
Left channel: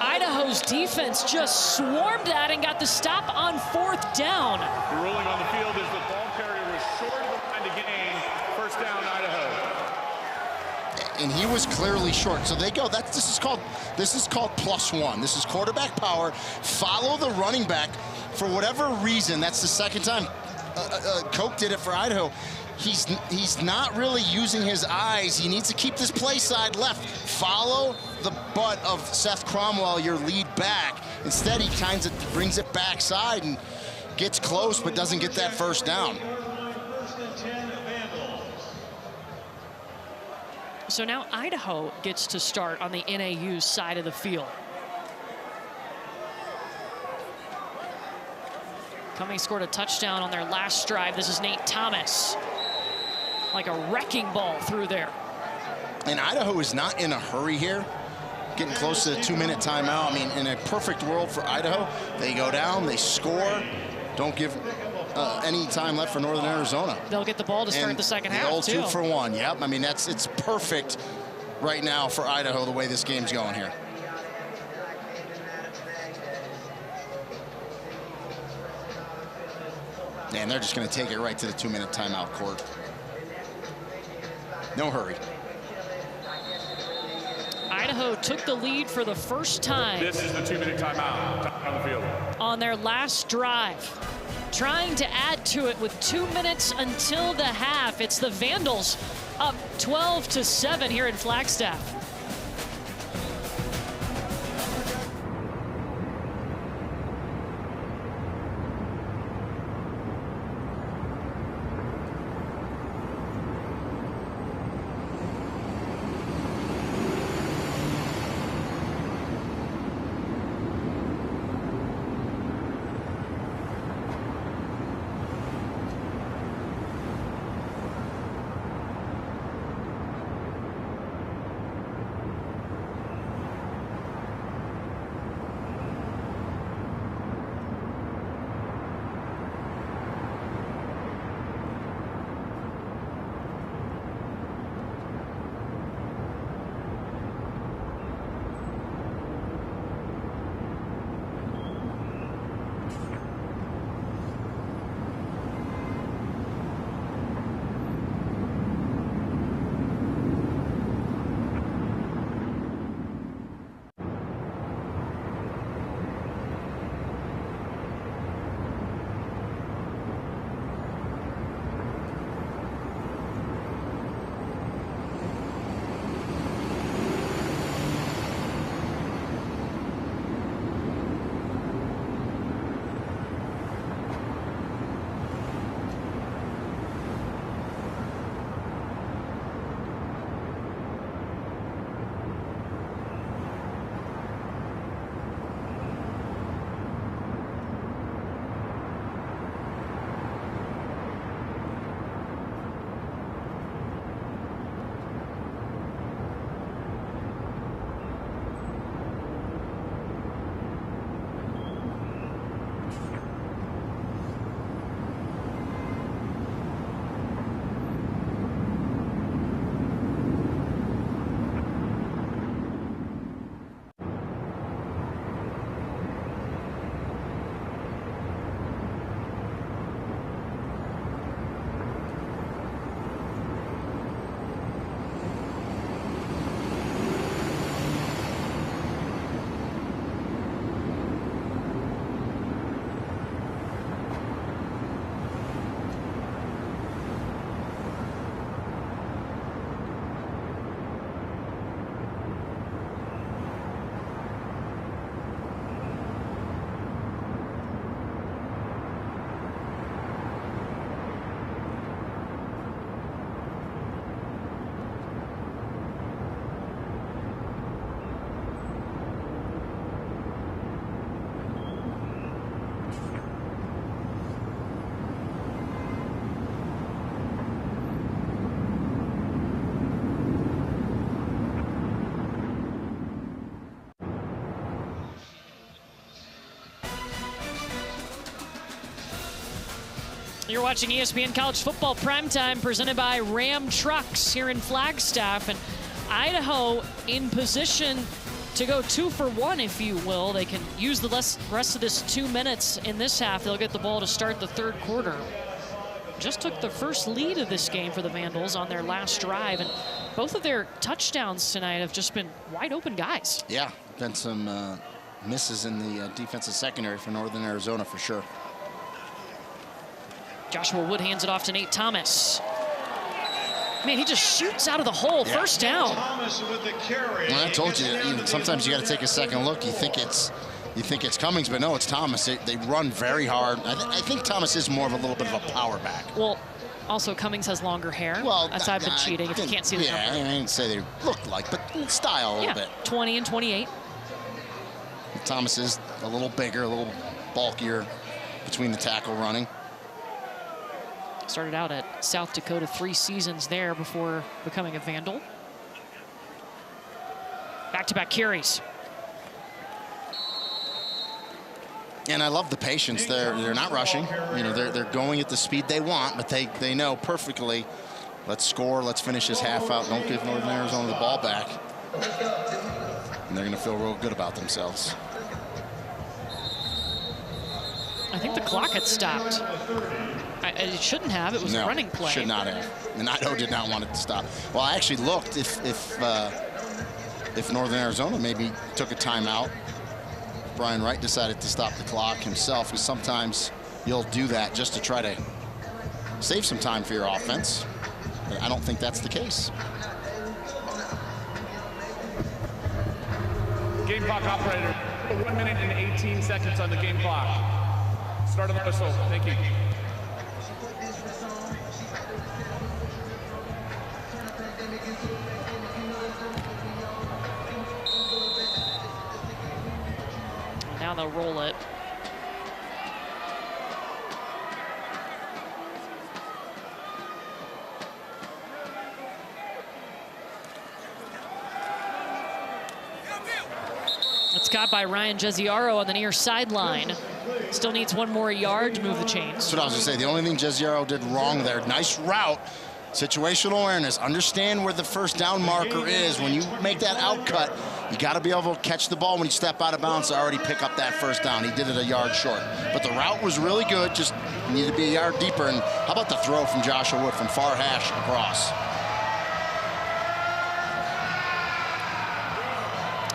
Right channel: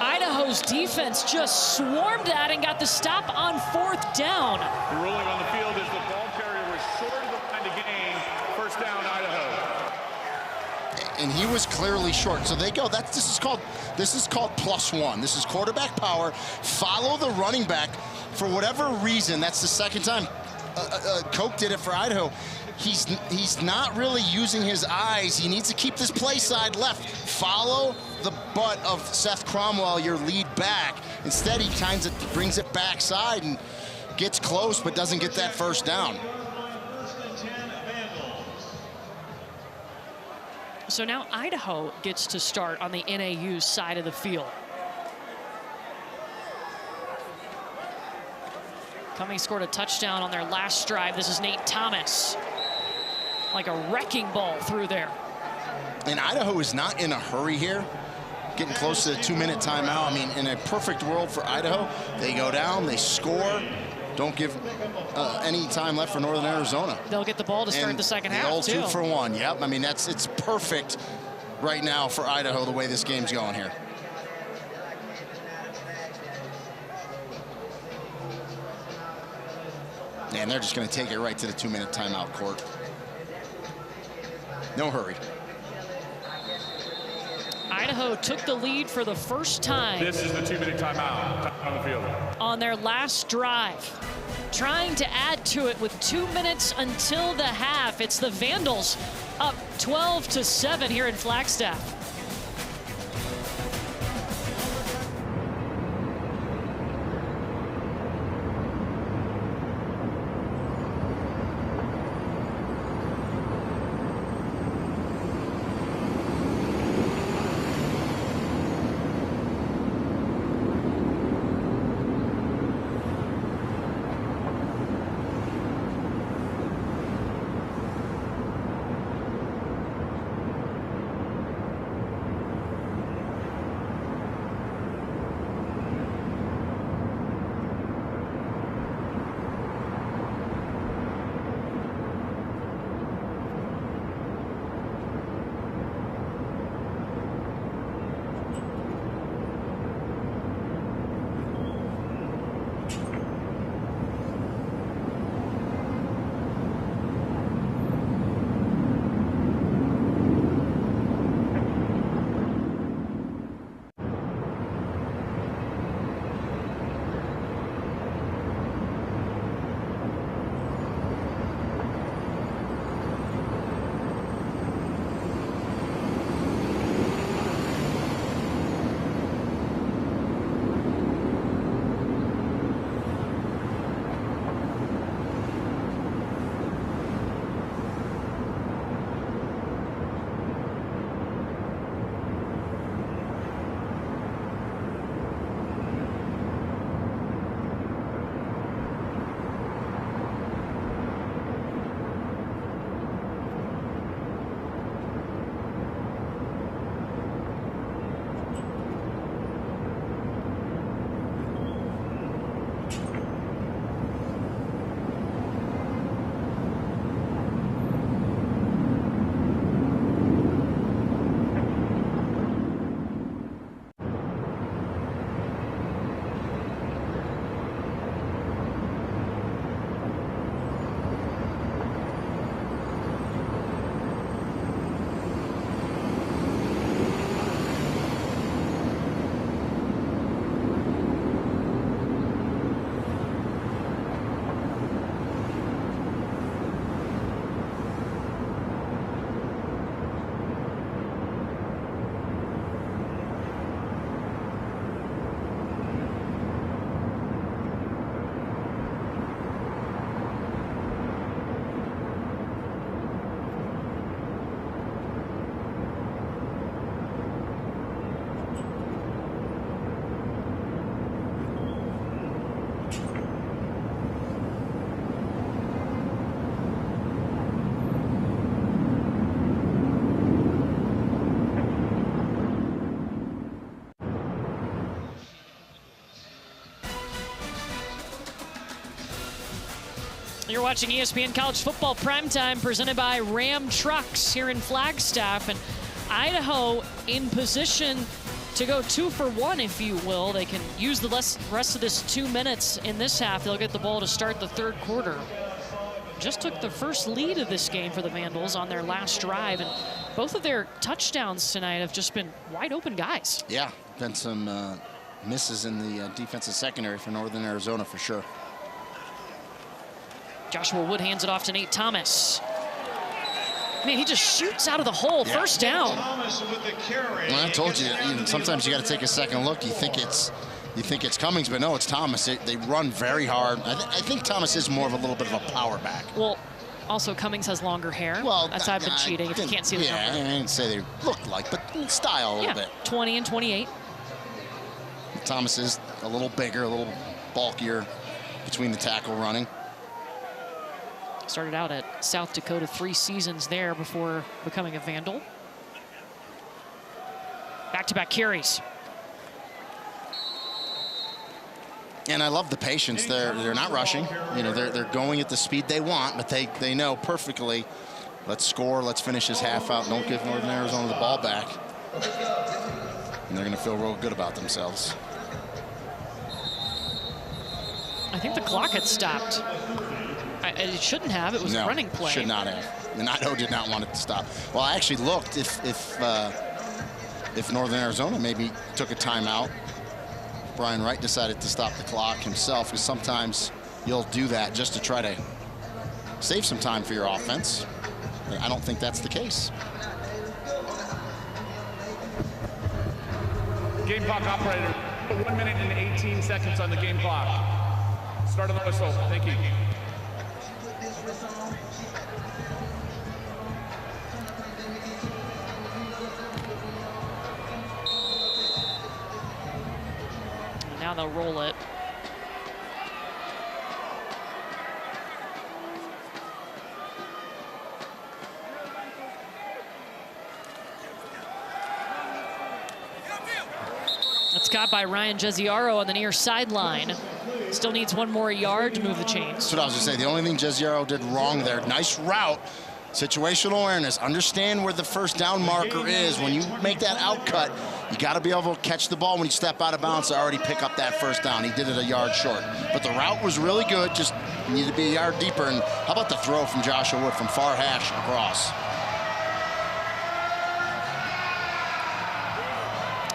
Idaho's defense just swarmed at and got the stop on 4th down. The ruling on the field is the ball carrier was short of the line to gain. 1st down, Idaho. And he was clearly short. So they go. This is called +1. This is quarterback power. Follow the running back. For whatever reason, that's the second time Koch did it for Idaho. He's not really using his eyes. He needs to keep this play side left. Follow the butt of Seth Cromwell, your lead back. Instead, he brings it backside and gets close, but doesn't get that 1st down. So now Idaho gets to start on the NAU side of the field. Cummings scored a touchdown on their last drive. This is Nate Thomas. Like a wrecking ball through there. And Idaho is not in a hurry here. Getting close to the 2-minute timeout. I mean, in a perfect world for Idaho, they go down, they score. Don't give any time left for Northern Arizona. They'll get the ball to start the second half, the old too. 2 for 1, yep. I mean, it's perfect right now for Idaho, the way this game's going here. And they're just going to take it right to the 2-minute timeout court. No hurry. Idaho took the lead for the first time. This is the 2-minute timeout on the field. On their last drive. Trying to add to it with 2 minutes until the half. It's the Vandals up 12-7 here in Flagstaff. You're watching ESPN College Football Primetime presented by Ram Trucks here in Flagstaff. And Idaho in position to go 2 for 1, if you will. They can use the rest of this 2 minutes in this half. They'll get the ball to start the third quarter. Just took the first lead of this game for the Vandals on their last drive. And both of their touchdowns tonight have just been wide open guys. Yeah, been some misses in the defensive secondary for Northern Arizona for sure. Joshua Wood hands it off to Nate Thomas. Man, he just shoots out of the hole. Yeah. First down. Well, I told you, sometimes you got to take a second look. You think it's Cummings, but no, it's Thomas. They run very hard. I think Thomas is more of a little bit of a power back. Well, also Cummings has longer hair. Well, that's I've been cheating if you can't see the number. Yeah, I didn't say they look like, but style a little bit. 20 and 28. Thomas is a little bigger, a little bulkier between the tackle running. Started out at South Dakota 3 seasons there before becoming a Vandal. Back-to-back carries. And I love the patience. They're not rushing. They're going at the speed they want, but they know perfectly. Let's score. Let's finish this half out. Don't give Northern Arizona the ball back. And they're going to feel real good about themselves. I think the clock had stopped. It shouldn't have. It was a running play. Should not have. And Idaho did not want it to stop. Well, I actually looked if if Northern Arizona maybe took a timeout. Brian Wright decided to stop the clock himself, because sometimes you'll do that just to try to save some time for your offense. But I don't think that's the case. Game clock operator, 1 minute and 18 seconds on the game clock. Start of the whistle. Thank you. Now they'll roll it. It's caught by Ryan Jesiaro on the near sideline. Still needs one more yard to move the chains. That's what I was going to say. The only thing Jesiaro did wrong there, nice route, situational awareness, understand where the first down marker is. When you make that out cut, you got to be able to catch the ball when you step out of bounds to already pick up that first down. He did it a yard short. But the route was really good, just needed to be a yard deeper. And how about the throw from Joshua Wood from far hash across?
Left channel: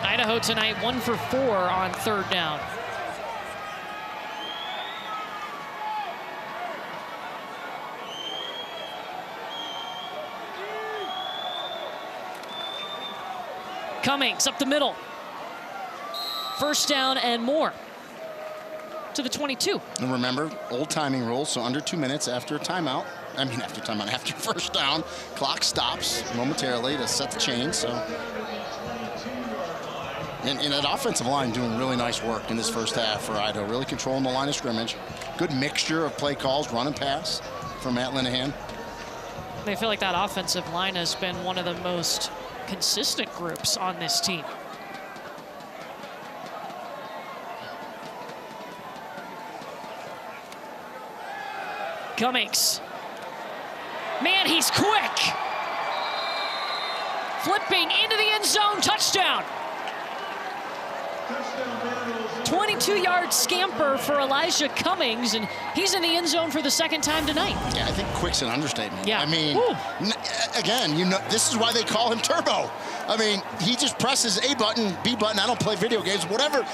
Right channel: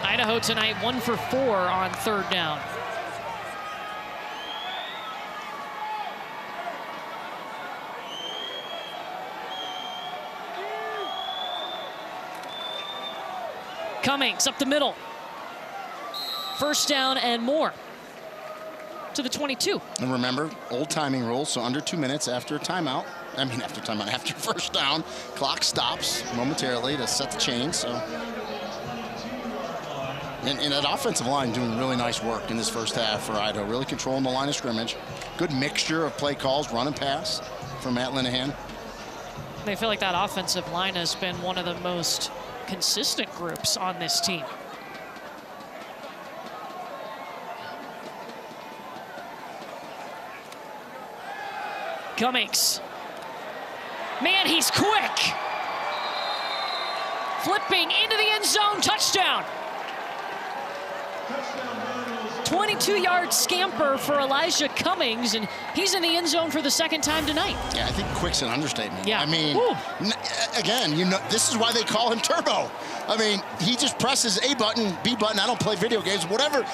Idaho tonight 1 for 4 on third down. Cummings up the middle. First down and more to the 22. And remember, old timing rules, so under 2 minutes after a timeout. After first down, clock stops momentarily to set the chain. So, and that offensive line doing really nice work in this first half for Idaho, really controlling the line of scrimmage. Good mixture of play calls, run and pass from Matt Linehan. They feel like that offensive line has been one of the most consistent groups on this team. Cummings. Man, he's quick. Flipping into the end zone, touchdown. 22-yard scamper for Elijah Cummings, and he's in the end zone for the second time tonight. Yeah, I think quick's an understatement. Yeah. I mean, again, you know, this is why they call him Turbo. I mean, he just presses A button, B button. I don't play video games. Whatever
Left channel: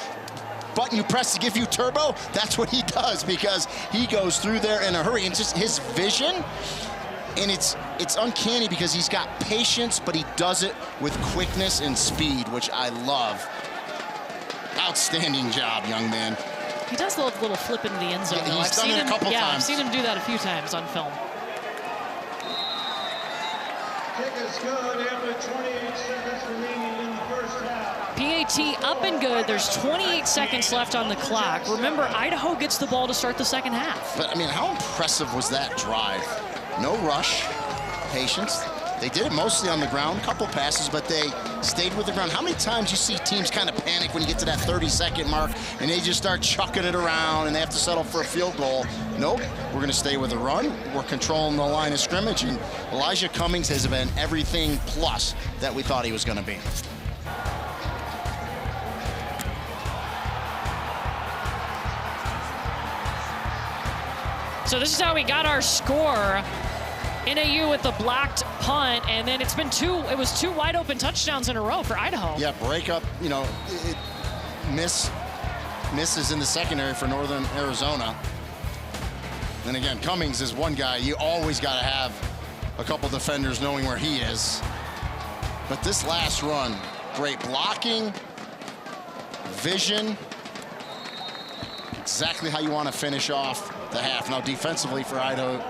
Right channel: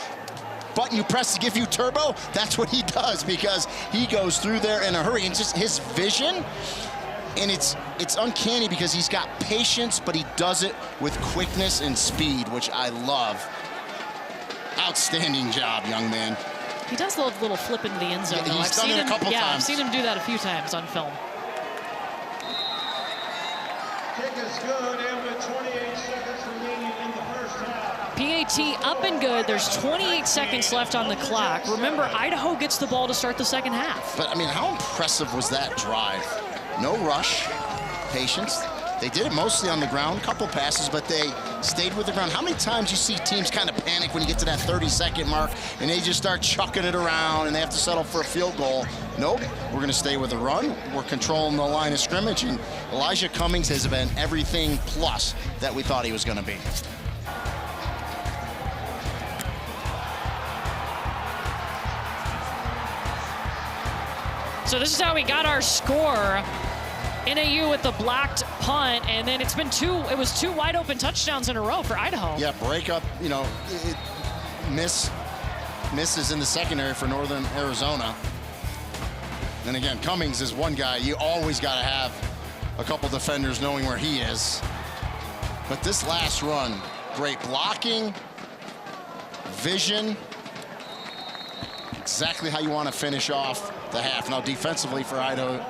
button you press to give you turbo, that's what he does, because he goes through there in a hurry. And just his vision, and it's uncanny because he's got patience, but he does it with quickness and speed, which I love. Outstanding job, young man. He does the little flip into the end zone. Yeah, he's done it a couple times. Yeah, I've seen him do that a few times on film. PAT up and good. There's 28 seconds left on the clock. Remember, Idaho gets the ball to start the second half. But, I mean, how impressive was that drive? No rush, patience. They did it mostly on the ground, a couple passes, but they stayed with the ground. How many times you see teams kind of panic when you get to that 30-second mark and they just start chucking it around and they have to settle for a field goal? Nope, we're going to stay with the run. We're controlling the line of scrimmage, and Elijah Cummings has been everything plus that we thought he was going to be. So this is how we got our score. NAU with the blocked punt, and then it was two wide open touchdowns in a row for Idaho. Yeah, breakup, you know, misses in the secondary for Northern Arizona. And again, Cummings is one guy you always got to have a couple defenders knowing where he is. But this last run, great blocking, vision, exactly how you want to finish off the half. Now defensively for Idaho,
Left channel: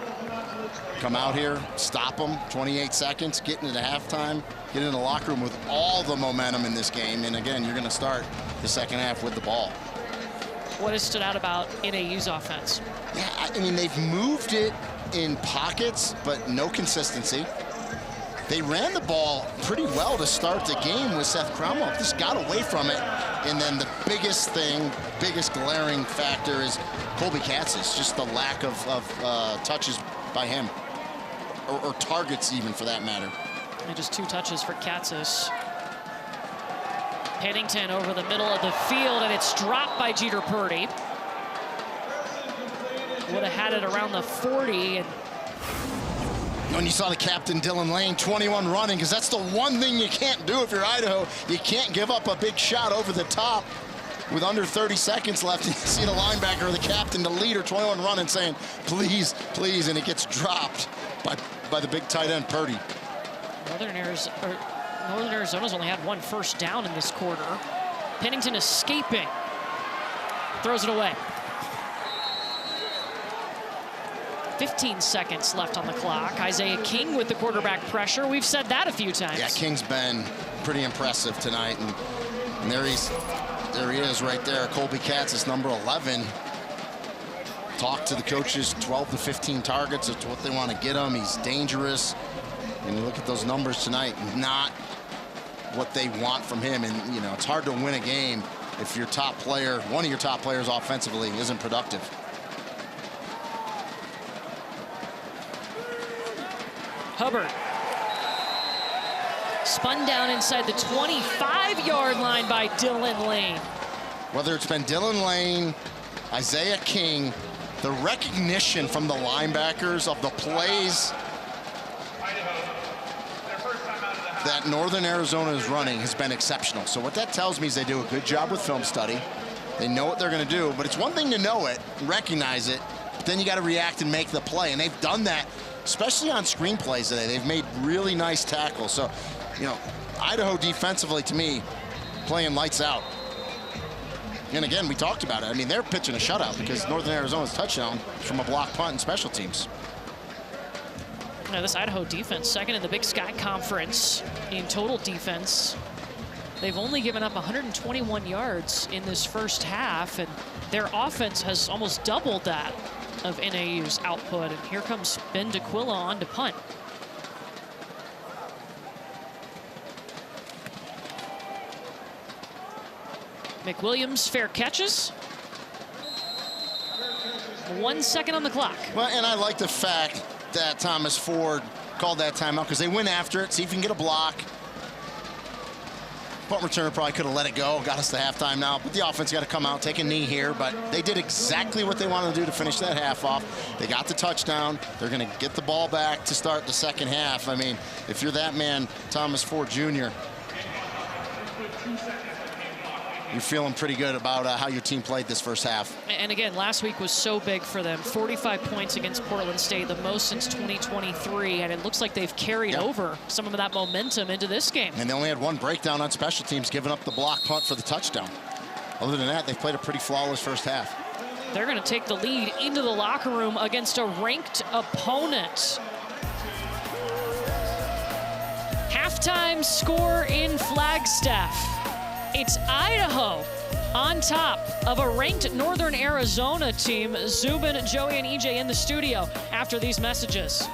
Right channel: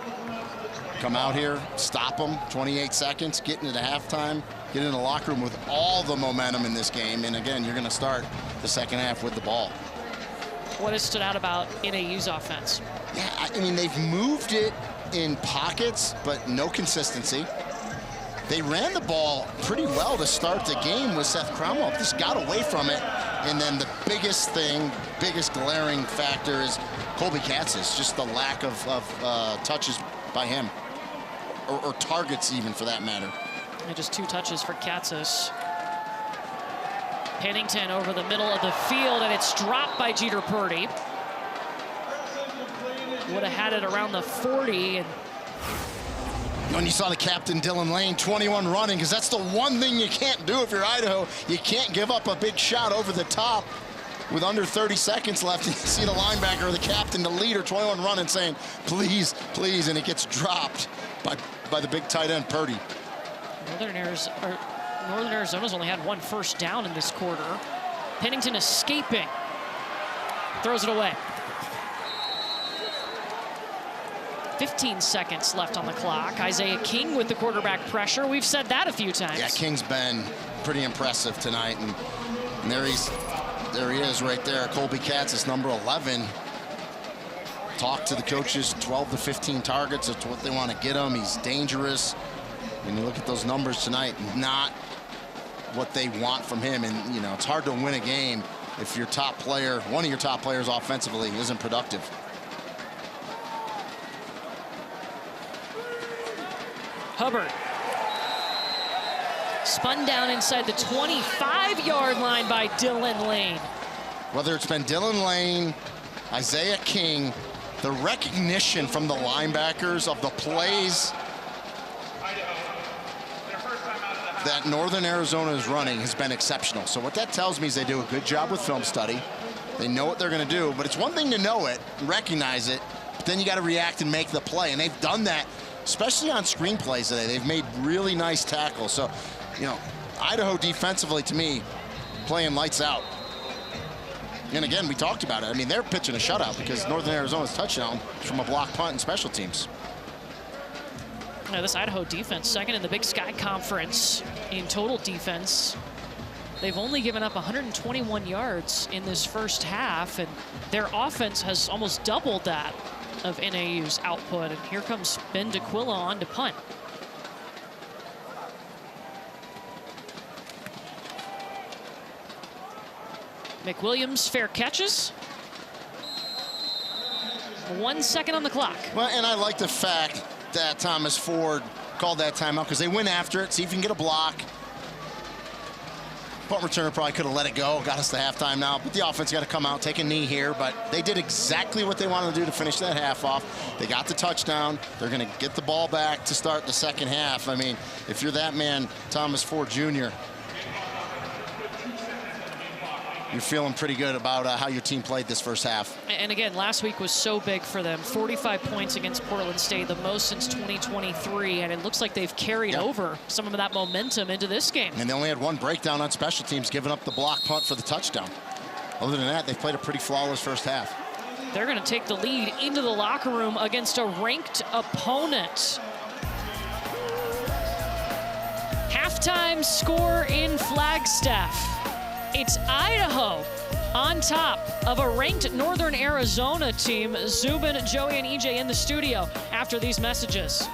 come out here, stop them, 28 seconds, get into halftime, get in the locker room with all the momentum in this game. And again, you're going to start the second half with the ball. What has stood out about NAU's offense? Yeah, I mean, they've moved it in pockets, but no consistency. They ran the ball pretty well to start the game with Seth Cromwell. Just got away from it. And then the biggest glaring factor is Colby Katz's, just the lack of touches by him. Or targets even, for that matter. And just 2 touches for Katzis. Pennington over the middle of the field, and it's dropped by Jeter Purdy. Would have had it around the 40. And When you saw the captain, Dylan Lane, 21 running, because that's the one thing you can't do if you're Idaho. You can't give up a big shot over the top with under 30 seconds left. You see the linebacker or the captain, the leader, 21 running, saying, please, please, and it gets dropped by the big tight end, Purdy. Northern Arizona's only had one first down in this quarter. Pennington escaping. Throws it away. 15 seconds left on the clock. Isaiah King with the quarterback pressure. We've said that a few times. Yeah, King's been pretty impressive tonight. And there he is right there. Colby Katz is number 11. Talk to the coaches, 12 to 15 targets. That's what they want to get him. He's dangerous. When you look at those numbers tonight, not what they want from him. And, you know, it's hard to win a game if your top player, one of your top players offensively, isn't productive. Hubbard. Spun down inside the 25-yard line by Dylan Lane. Whether it's been Dylan Lane, Isaiah King, the recognition from the linebackers of the plays that Northern Arizona is running has been exceptional. So what that tells me is they do a good job with film study. They know what they're going to do, but it's one thing to know it, recognize it, but then you got to react and make the play. And they've done that, especially on screen plays today. They've made really nice tackles. So, you know, Idaho defensively, to me, playing lights out. And again, we talked about it. I mean, they're pitching a shutout because Northern Arizona's touchdown from a block punt and special teams. Now, this Idaho defense, second in the Big Sky Conference in total defense. They've only given up 121 yards in this first half, and their offense has almost doubled that of NAU's output. And here comes Ben DeQuilla on to punt. McWilliams fair catches. 1 second on the clock. Well, and I like the fact that Thomas Ford called that timeout because they went after it, see if you can get a block. Punt returner probably could have let it go, got us to halftime now, but the offense got to come out, take a knee here, but they did exactly what they wanted to do to finish that half off. They got the touchdown. They're going to get the ball back to start the second half. I mean, if you're that man, Thomas Ford Jr., you're feeling pretty good about how your team played this first half. And again, last week was so big for them. 45 points against Portland State, the most since 2023. And it looks like they've carried over some of that momentum into this game. And they only had one breakdown on special teams, giving up the block punt for the touchdown. Other than that, they've played a pretty flawless first half. They're going to take the lead into the locker room against a ranked opponent. Halftime score in Flagstaff. It's Idaho on top of a ranked Northern Arizona team. Zubin, Joey, and EJ in the studio after these messages.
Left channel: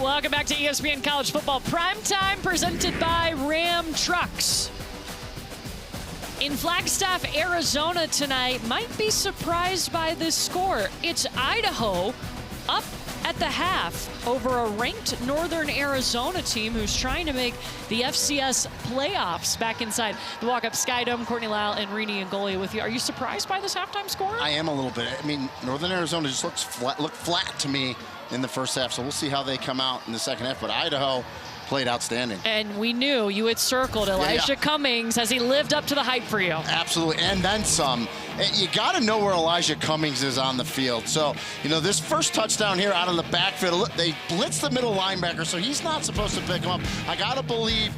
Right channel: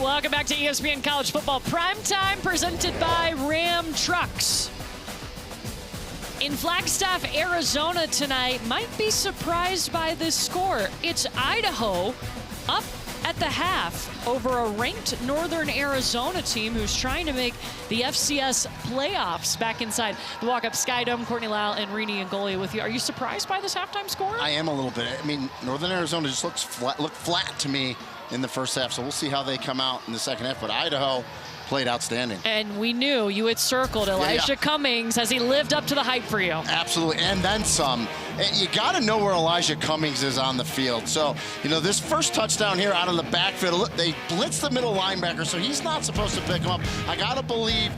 Welcome back to ESPN College Football Primetime, presented by Ram Trucks. In Flagstaff, Arizona tonight, might be surprised by this score. It's Idaho up at the half over a ranked Northern Arizona team who's trying to make the FCS playoffs. Back inside the walk-up Sky Dome, Courtney Lau and Rini Angolia with you. Are you surprised by this halftime score? I am a little bit. I mean, Northern Arizona just looked flat to me in the first half, so we'll see how they come out in the second half. But Idaho played outstanding. And we knew you had circled Elijah Cummings. Has he lived up to the hype for you? Absolutely, and then some. You got to know where Elijah Cummings is on the field. So, you know, this first touchdown here out of the backfield, they blitz the middle linebacker, so he's not supposed to pick him up. I got to believe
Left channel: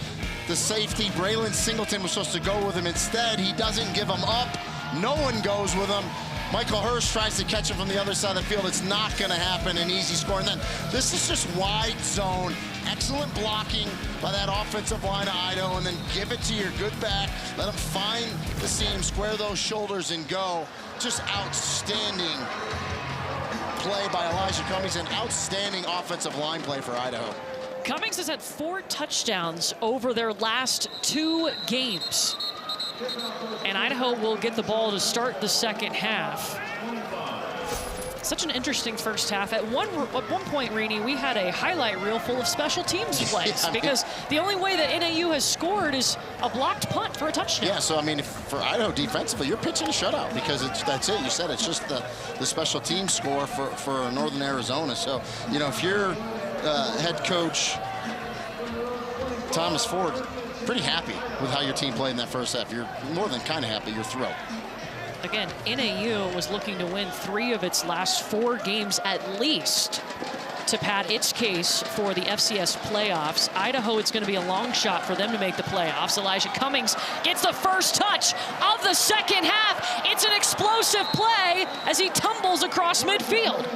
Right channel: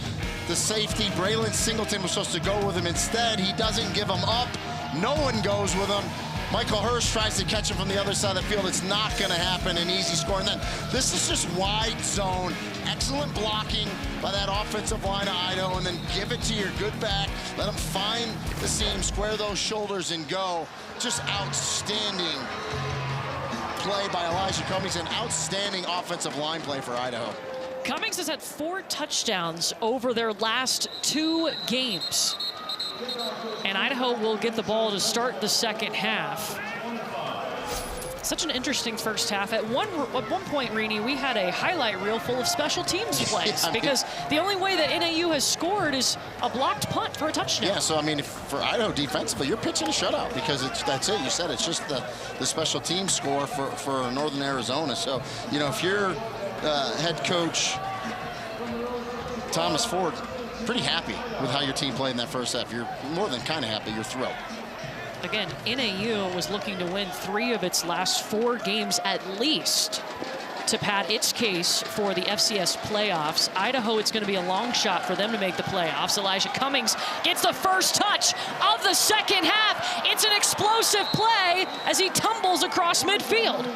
the safety, Braylon Singleton, was supposed to go with him. Instead, he doesn't give him up. No one goes with him. Michael Hurst tries to catch him from the other side of the field. It's not going to happen. An easy score. And then this is just wide zone. Excellent blocking by that offensive line of Idaho. And then give it to your good back. Let him find the seam, square those shoulders, and go. Just outstanding play by Elijah Cummings. An outstanding offensive line play for Idaho. Cummings has had 4 touchdowns over their last 2 games. And Idaho will get the ball to start the second half. Such an interesting first half. At one point, Rini, we had a highlight reel full of special teams plays because the only way that NAU has scored is a blocked punt for a touchdown. Yeah, so I mean, for Idaho defensively, you're pitching a shutout because that's it. You said it's just the special team score for Northern Arizona. So, you know, if you're head coach Thomas Ford, pretty happy with how your team played in that first half. You're more than kind of happy. You're thrilled. Again, NAU was looking to win 3 of its last 4 games at least to pad its case for the FCS playoffs. Idaho, it's going to be a long shot for them to make the playoffs. Elijah Cummings gets the first touch of the second half. It's an explosive play as he tumbles across midfield.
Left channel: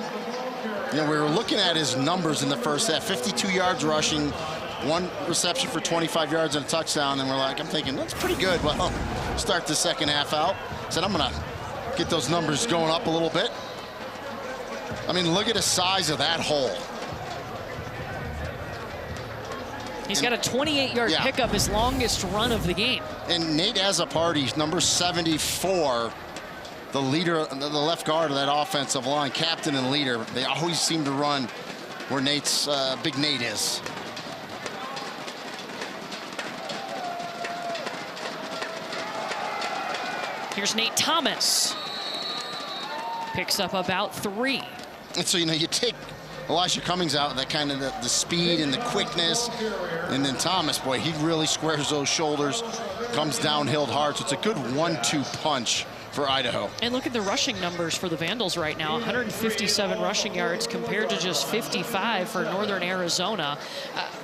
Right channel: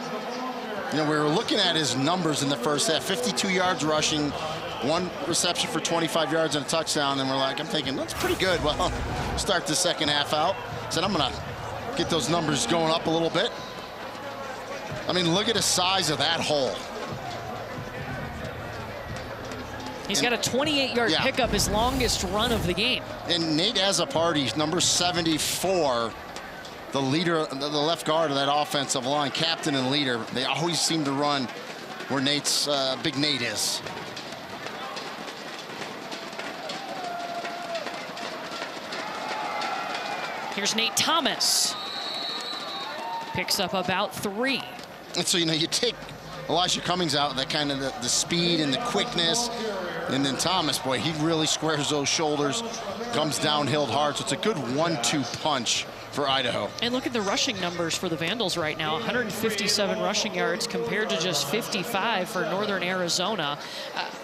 You know, we were looking at his numbers in the first half. 52 yards rushing, 1 reception for 25 yards and a touchdown, and I'm thinking, that's pretty good. Well, start the second half out. Said, I'm going to get those numbers going up a little bit. I mean, look at the size of that hole. He's got a 28-yard pickup, his longest run of the game. And Nate Azzopardi, number 74, the leader, the left guard of that offensive line, captain and leader. They always seem to run where Big Nate is. Here's Nate Thomas. Picks up about 3. And so, you know, you take Elijah Cummings out, that kind of the speed and the quickness. And then Thomas, boy, he really squares those shoulders, comes downhill hard. So it's a good 1-2 punch for Idaho. And look at the rushing numbers for the Vandals right now. 157 rushing yards compared to just 55 for Northern Arizona.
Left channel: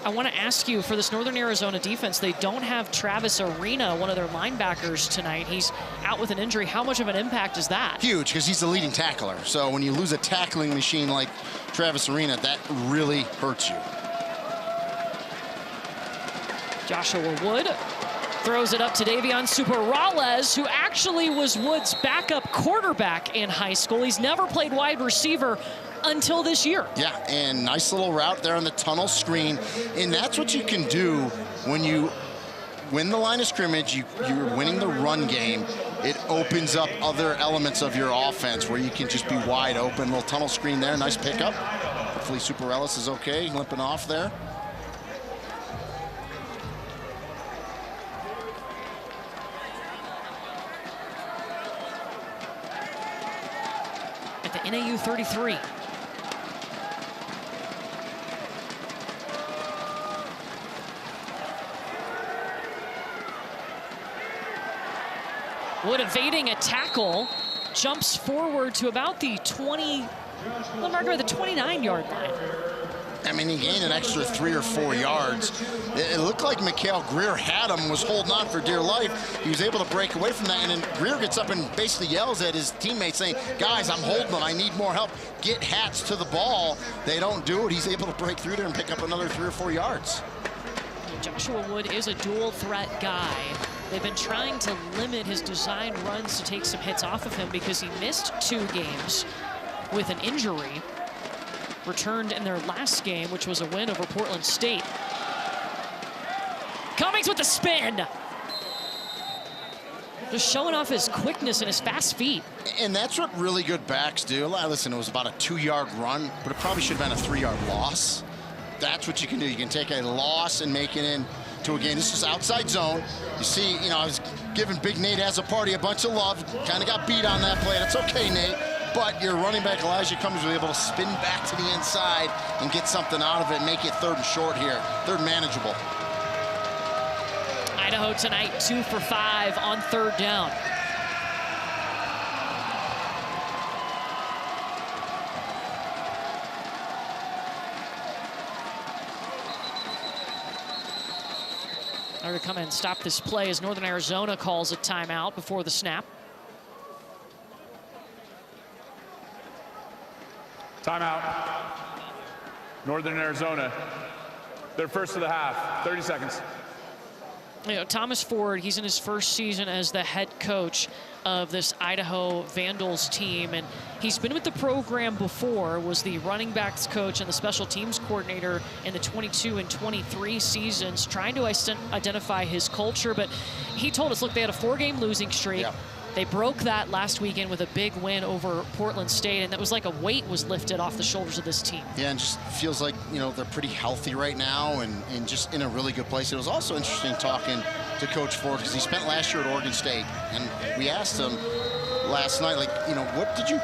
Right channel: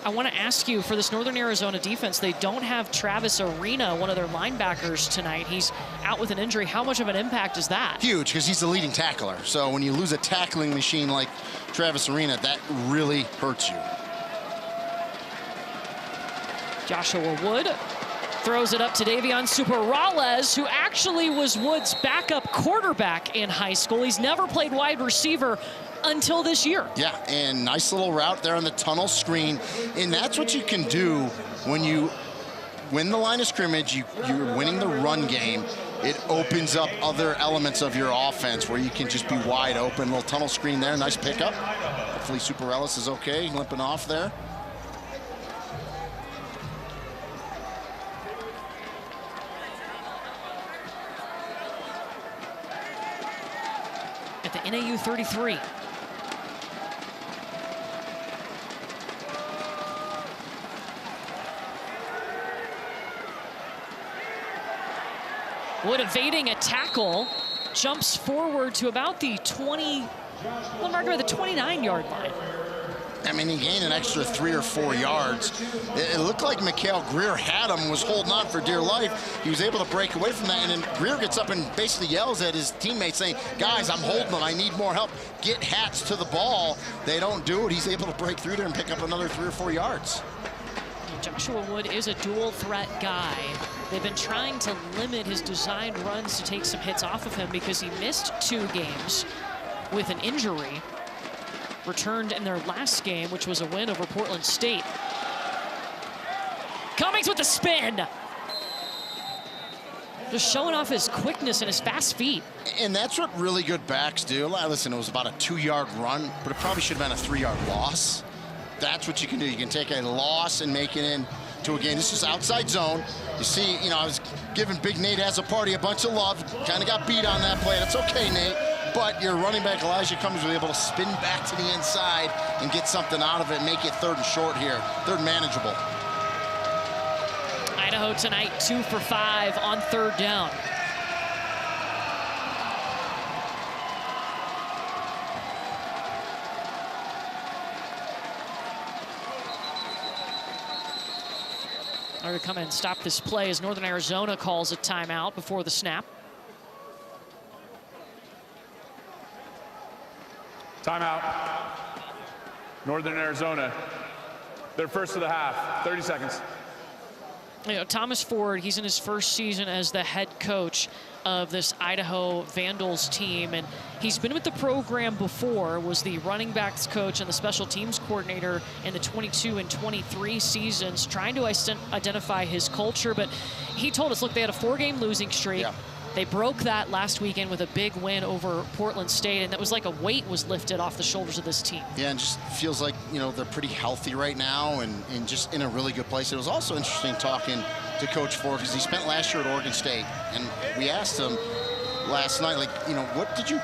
I want to ask you, for this Northern Arizona defense, they don't have Travis Arena, one of their linebackers, tonight. He's out with an injury. How much of an impact is that? Huge, because he's the leading tackler. So when you lose a tackling machine like Travis Arena, that really hurts you. Joshua Wood throws it up to Davion Superales, who actually was Wood's backup quarterback in high school. He's never played wide receiver until this year. Yeah, and nice little route there on the tunnel screen. And that's what you can do when you win the line of scrimmage. You're winning the run game. It opens up other elements of your offense where you can just be wide open. Little tunnel screen there, nice pickup. Hopefully Superales is okay, limping off there. At the NAU 33. Wood evading a tackle, jumps forward to about the 29-yard line. I mean, he gained an extra 3 or 4 yards. It looked like Mikhail Greer had him, was holding on for dear life. He was able to break away from that, and then Greer gets up and basically yells at his teammates saying, guys, I'm holding him. I need more help. Get Hats to the ball. They don't do it. He's able to break through there and pick up another 3 or 4 yards. Joshua Wood is a dual threat guy. They've been trying to limit his designed runs to take some hits off of him because he missed 2 games with an injury. returned in their last game, which was a win over Portland State. Cummings with the spin. Just showing off his quickness and his fast feet. And that's what really good backs do. Listen, it was about a 2-yard run, but it probably should have been a 3-yard loss. That's what you can do. You can take a loss and make it into a game. This is outside zone. You see, I was giving Big Nate Has a Party a bunch of love. Kind of got beat on that play. That's okay, Nate. But your running back, Elijah Cummings, will be able to spin back to the inside and get something out of it and make it 3rd and short here. 3rd manageable. Idaho tonight 2 for 5 on 3rd down. They're to come in and stop this play as Northern Arizona calls a timeout before the snap. Timeout. Northern Arizona. Their first of the half. 30 seconds. Thomas Ford, he's in his first season as the head coach of this Idaho Vandals team, and he's been with the program before, was the running backs coach and the special teams coordinator in the 22 and 23 seasons, trying to identify his culture. But he told us, look, they had a 4-game losing streak. Yeah. They broke that last weekend with a big win over Portland State, and that was like a weight was lifted off the shoulders of this team. Yeah, and just feels like, they're pretty healthy right now and just in a really good place. It was also interesting talking to Coach Ford because he spent last year at Oregon State, and we asked him last night, what did you,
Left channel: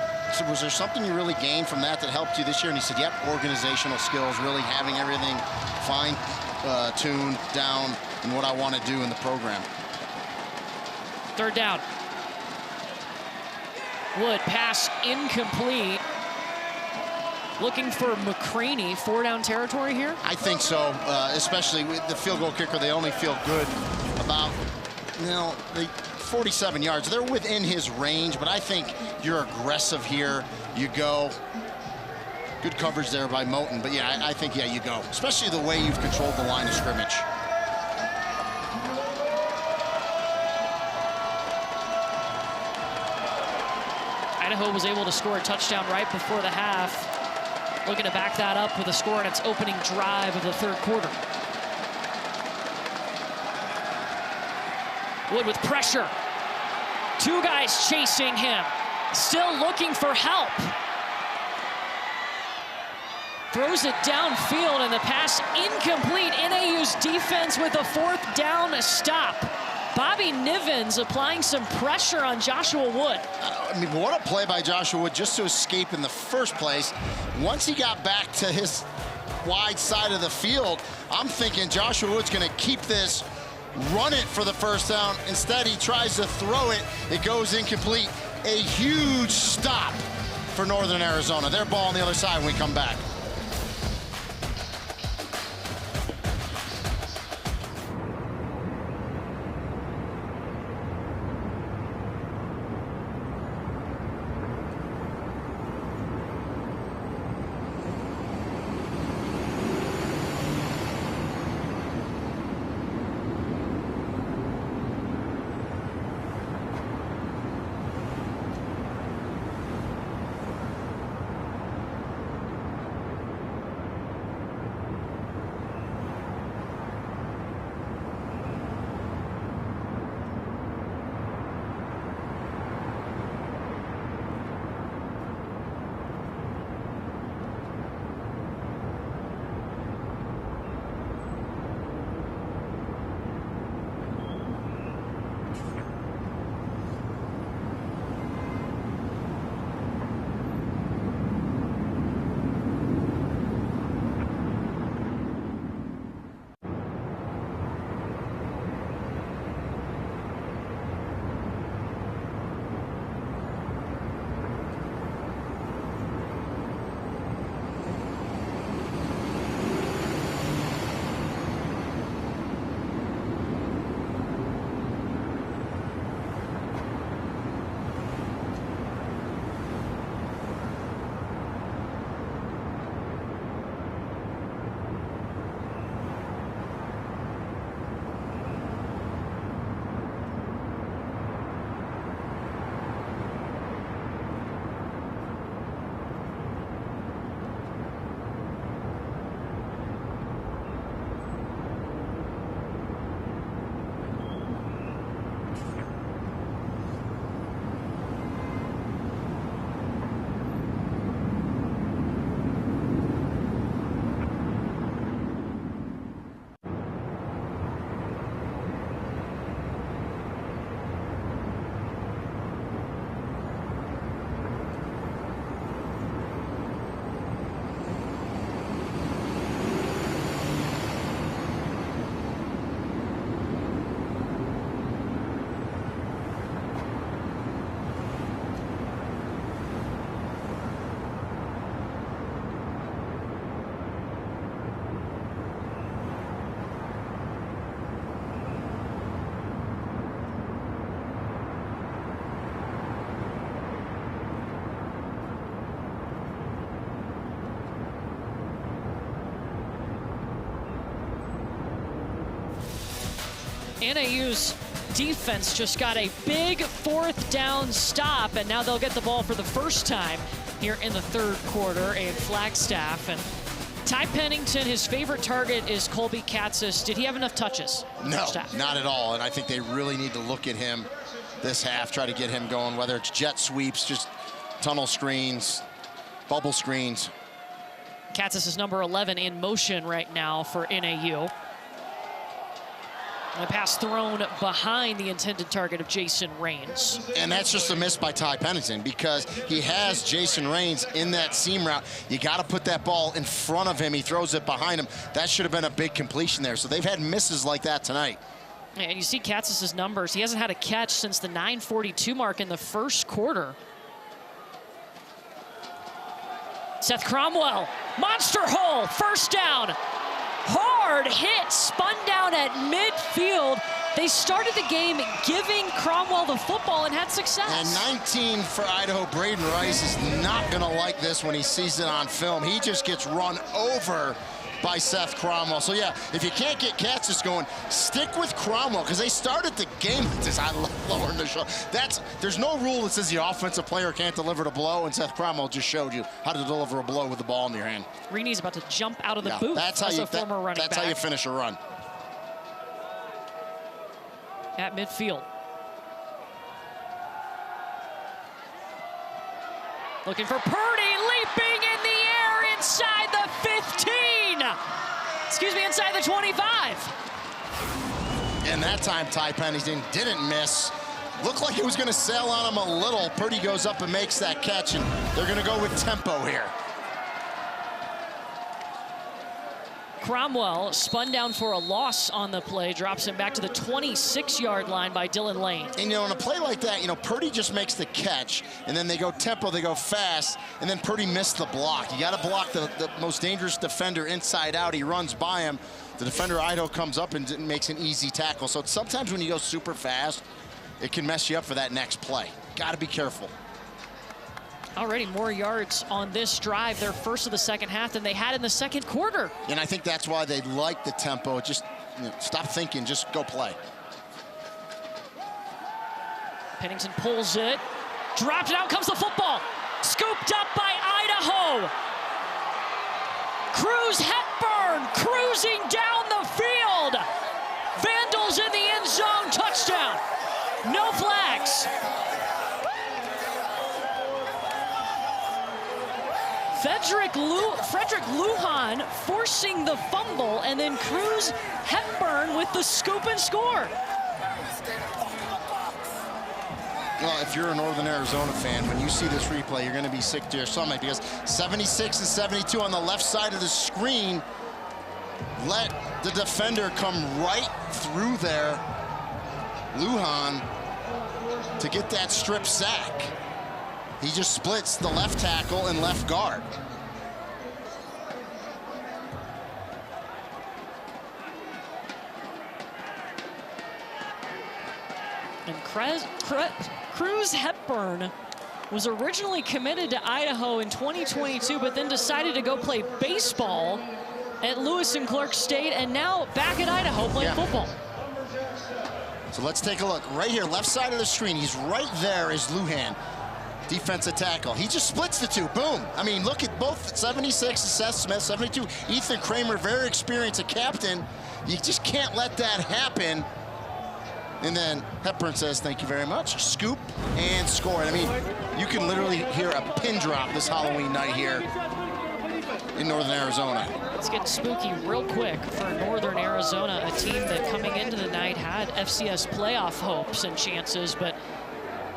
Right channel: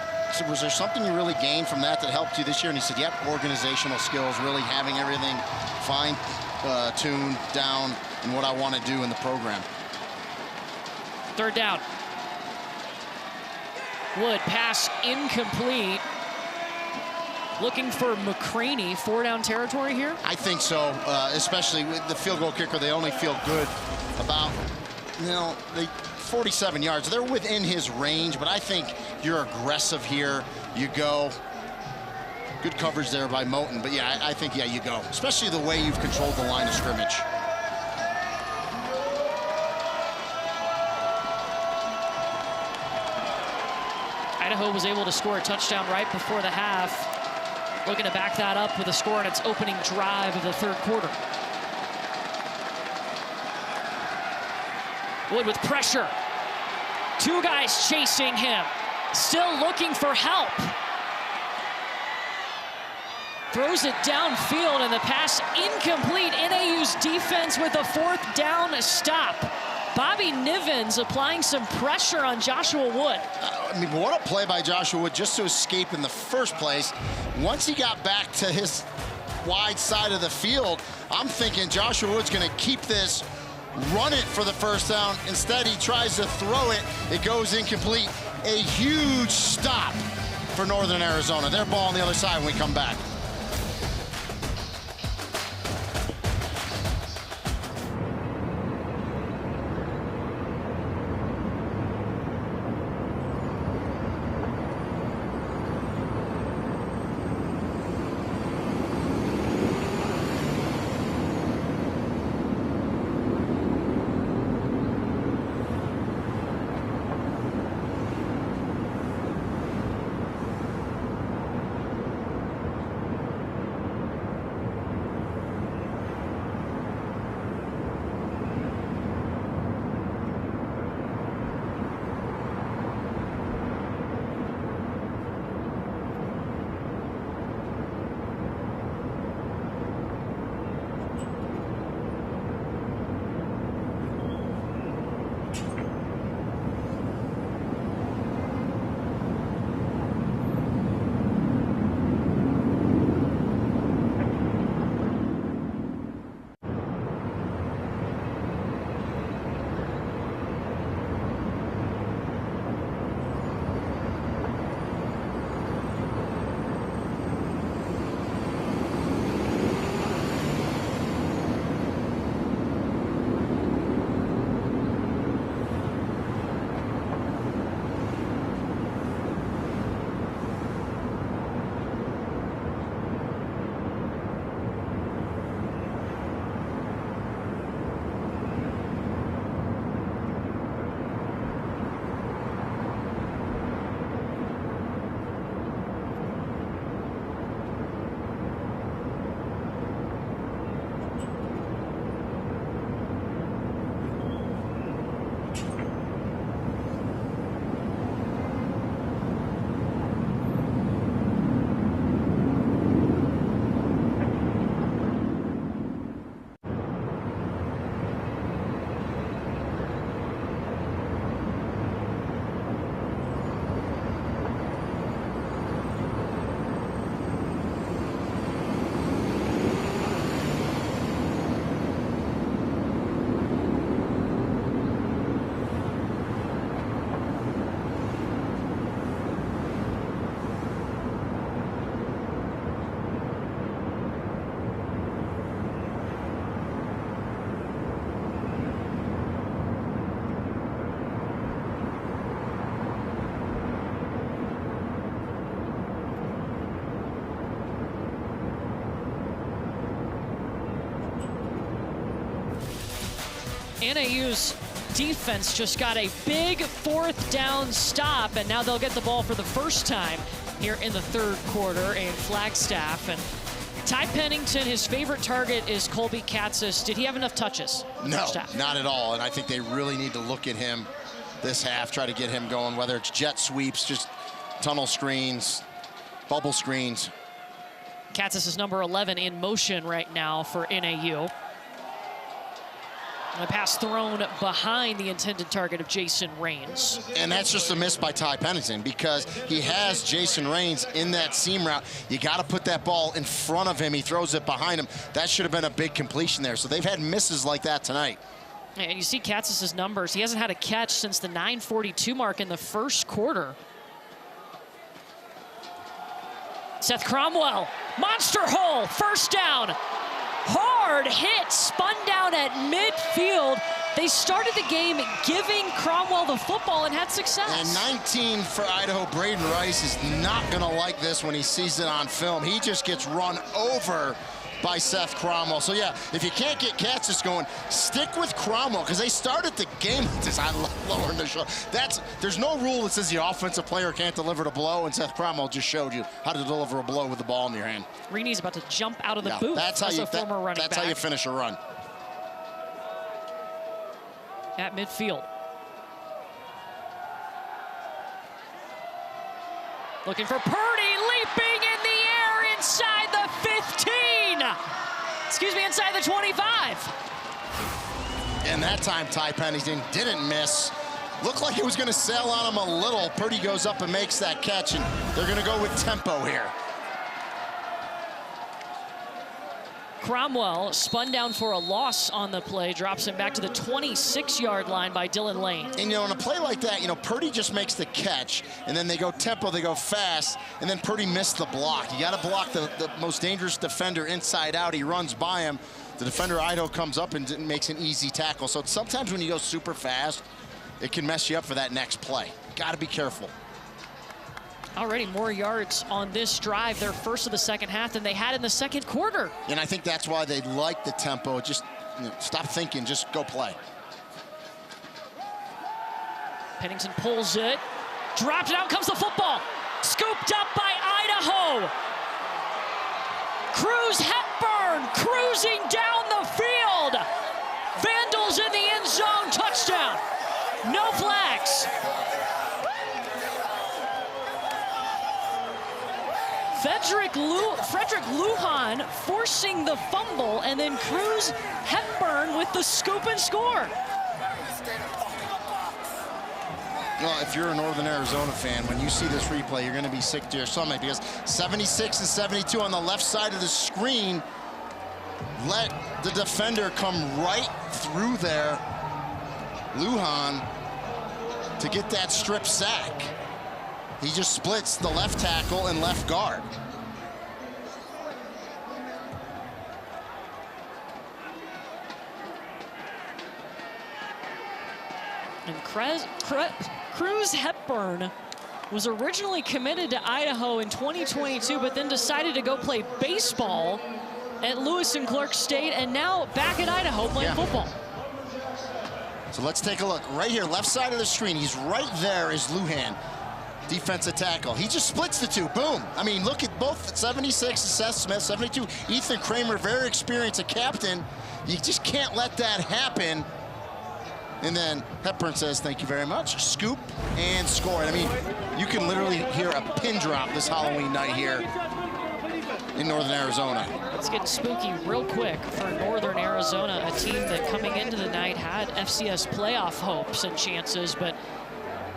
was there something you really gained from that helped you this year? And he said, yep, organizational skills, really having everything fine-tuned down and what I want to do in the program. 3rd down. Wood, pass incomplete. Looking for McCraney, 4-down territory here? I think so, especially with the field goal kicker. They only feel good about, the 47 yards. They're within his range, but I think you're aggressive here. You go. Good coverage there by Moten, but yeah, I think, you go. Especially the way you've controlled the line of scrimmage. Idaho was able to score a touchdown right before the half. Looking to back that up with a score on its opening drive of the 3rd quarter. Wood with pressure. 2 guys chasing him. Still looking for help. Throws it downfield and the pass incomplete. NAU's defense with a 4th down stop. Bobby Nivens applying some pressure on Joshua Wood. What a play by Joshua Wood just to escape in the first place. Once he got back to his wide side of the field, I'm thinking Joshua Wood's going to keep this, run it for the 1st down. Instead, he tries to throw it. It goes incomplete. A huge stop for Northern Arizona. Their ball on the other side when we come back. NAU's defense just got a big 4th down stop, and now they'll get the ball for the first time here in the 3rd quarter in Flagstaff. And Ty Pennington, his favorite target is Colby Katzis. Did he have enough touches? No, not at all. And I think they really need to look at him this half, try to get him going, whether it's jet sweeps, just tunnel screens, bubble screens. Katzis is number 11 in motion right now for NAU. A pass thrown behind the intended target of Jason Rains. And that's just a miss by Ty Pennington because he has Jason Rains in that seam route. You got to put that ball in front of him. He throws it behind him. That should have been a big completion there. So they've had misses like that tonight. And you see Katzis' numbers. He hasn't had a catch since the 9:42 mark in the 1st quarter. Seth Cromwell, monster hole, 1st down. Hard hit, spun down at midfield. They started the game giving Cromwell the football and had success. And 19 for Idaho. Braden Rice is not going to like this when he sees it on film. He just gets run over by Seth Cromwell. So yeah, if you can't get Katzis going, stick with Cromwell because they started the game with this. I love lowering the shoulder. There's no rule that says the offensive player can't deliver the blow, and Seth Cromwell just showed you how to deliver a blow with the ball in your hand. Reeney's about to jump out of the booth. That's how you former running that's back. how you finish a run. At midfield. Looking for Purdy, leaping in the air inside the 15. Excuse me, inside the 25. And that time, Ty Pennington didn't miss. Looked like it was going to sail on him a little. Purdy goes up and makes that catch, and they're going to go with tempo here. Cromwell spun down for a loss on the play, drops him back to the 26-yard line by Dylan Lane. And, in a play like that, Purdy just makes the catch, and then they go tempo, they go fast, and then Purdy missed the block. You got to block the most dangerous defender inside out. He runs by him. The defender, Idaho, comes up and makes an easy tackle. So sometimes when you go super fast, it can mess you up for that next play. Got to be careful. Already more yards on this drive, their first of the 2nd half, than they had in the 2nd quarter. And I think that's why they like the tempo. Just stop thinking, just go play. Pennington pulls it, dropped it, out comes the football. Scooped up by Idaho. Cruz Hepburn cruising down the field. Vandals in the end zone, touchdown. No flags. Frederick Lujan forcing the fumble, and then Cruz Hepburn with the scoop and score. Well, if you're a Northern Arizona fan, when you see this replay, you're going to be sick to your stomach because 76 and 72 on the left side of the screen let the defender come right through there, Lujan, to get that strip sack. He just splits the left tackle and left guard. And Cruz Hepburn was originally committed to Idaho in 2022, but then decided to go play baseball at Lewis and Clark State, and now back at Idaho playing football. So let's take a look. Right here, left side of the screen, he's right there is Lujan. Defensive tackle. He just splits the two. Boom. I mean, look at both 76 and Seth Smith, 72. Ethan Kramer, very experienced, a captain. You just can't let that happen. And then Hepburn says, thank you very much. Scoop and score. I mean, you can literally hear a pin drop this Halloween night here in Northern Arizona. It's getting spooky real quick for Northern Arizona, a team that coming into the night had FCS playoff hopes and chances, but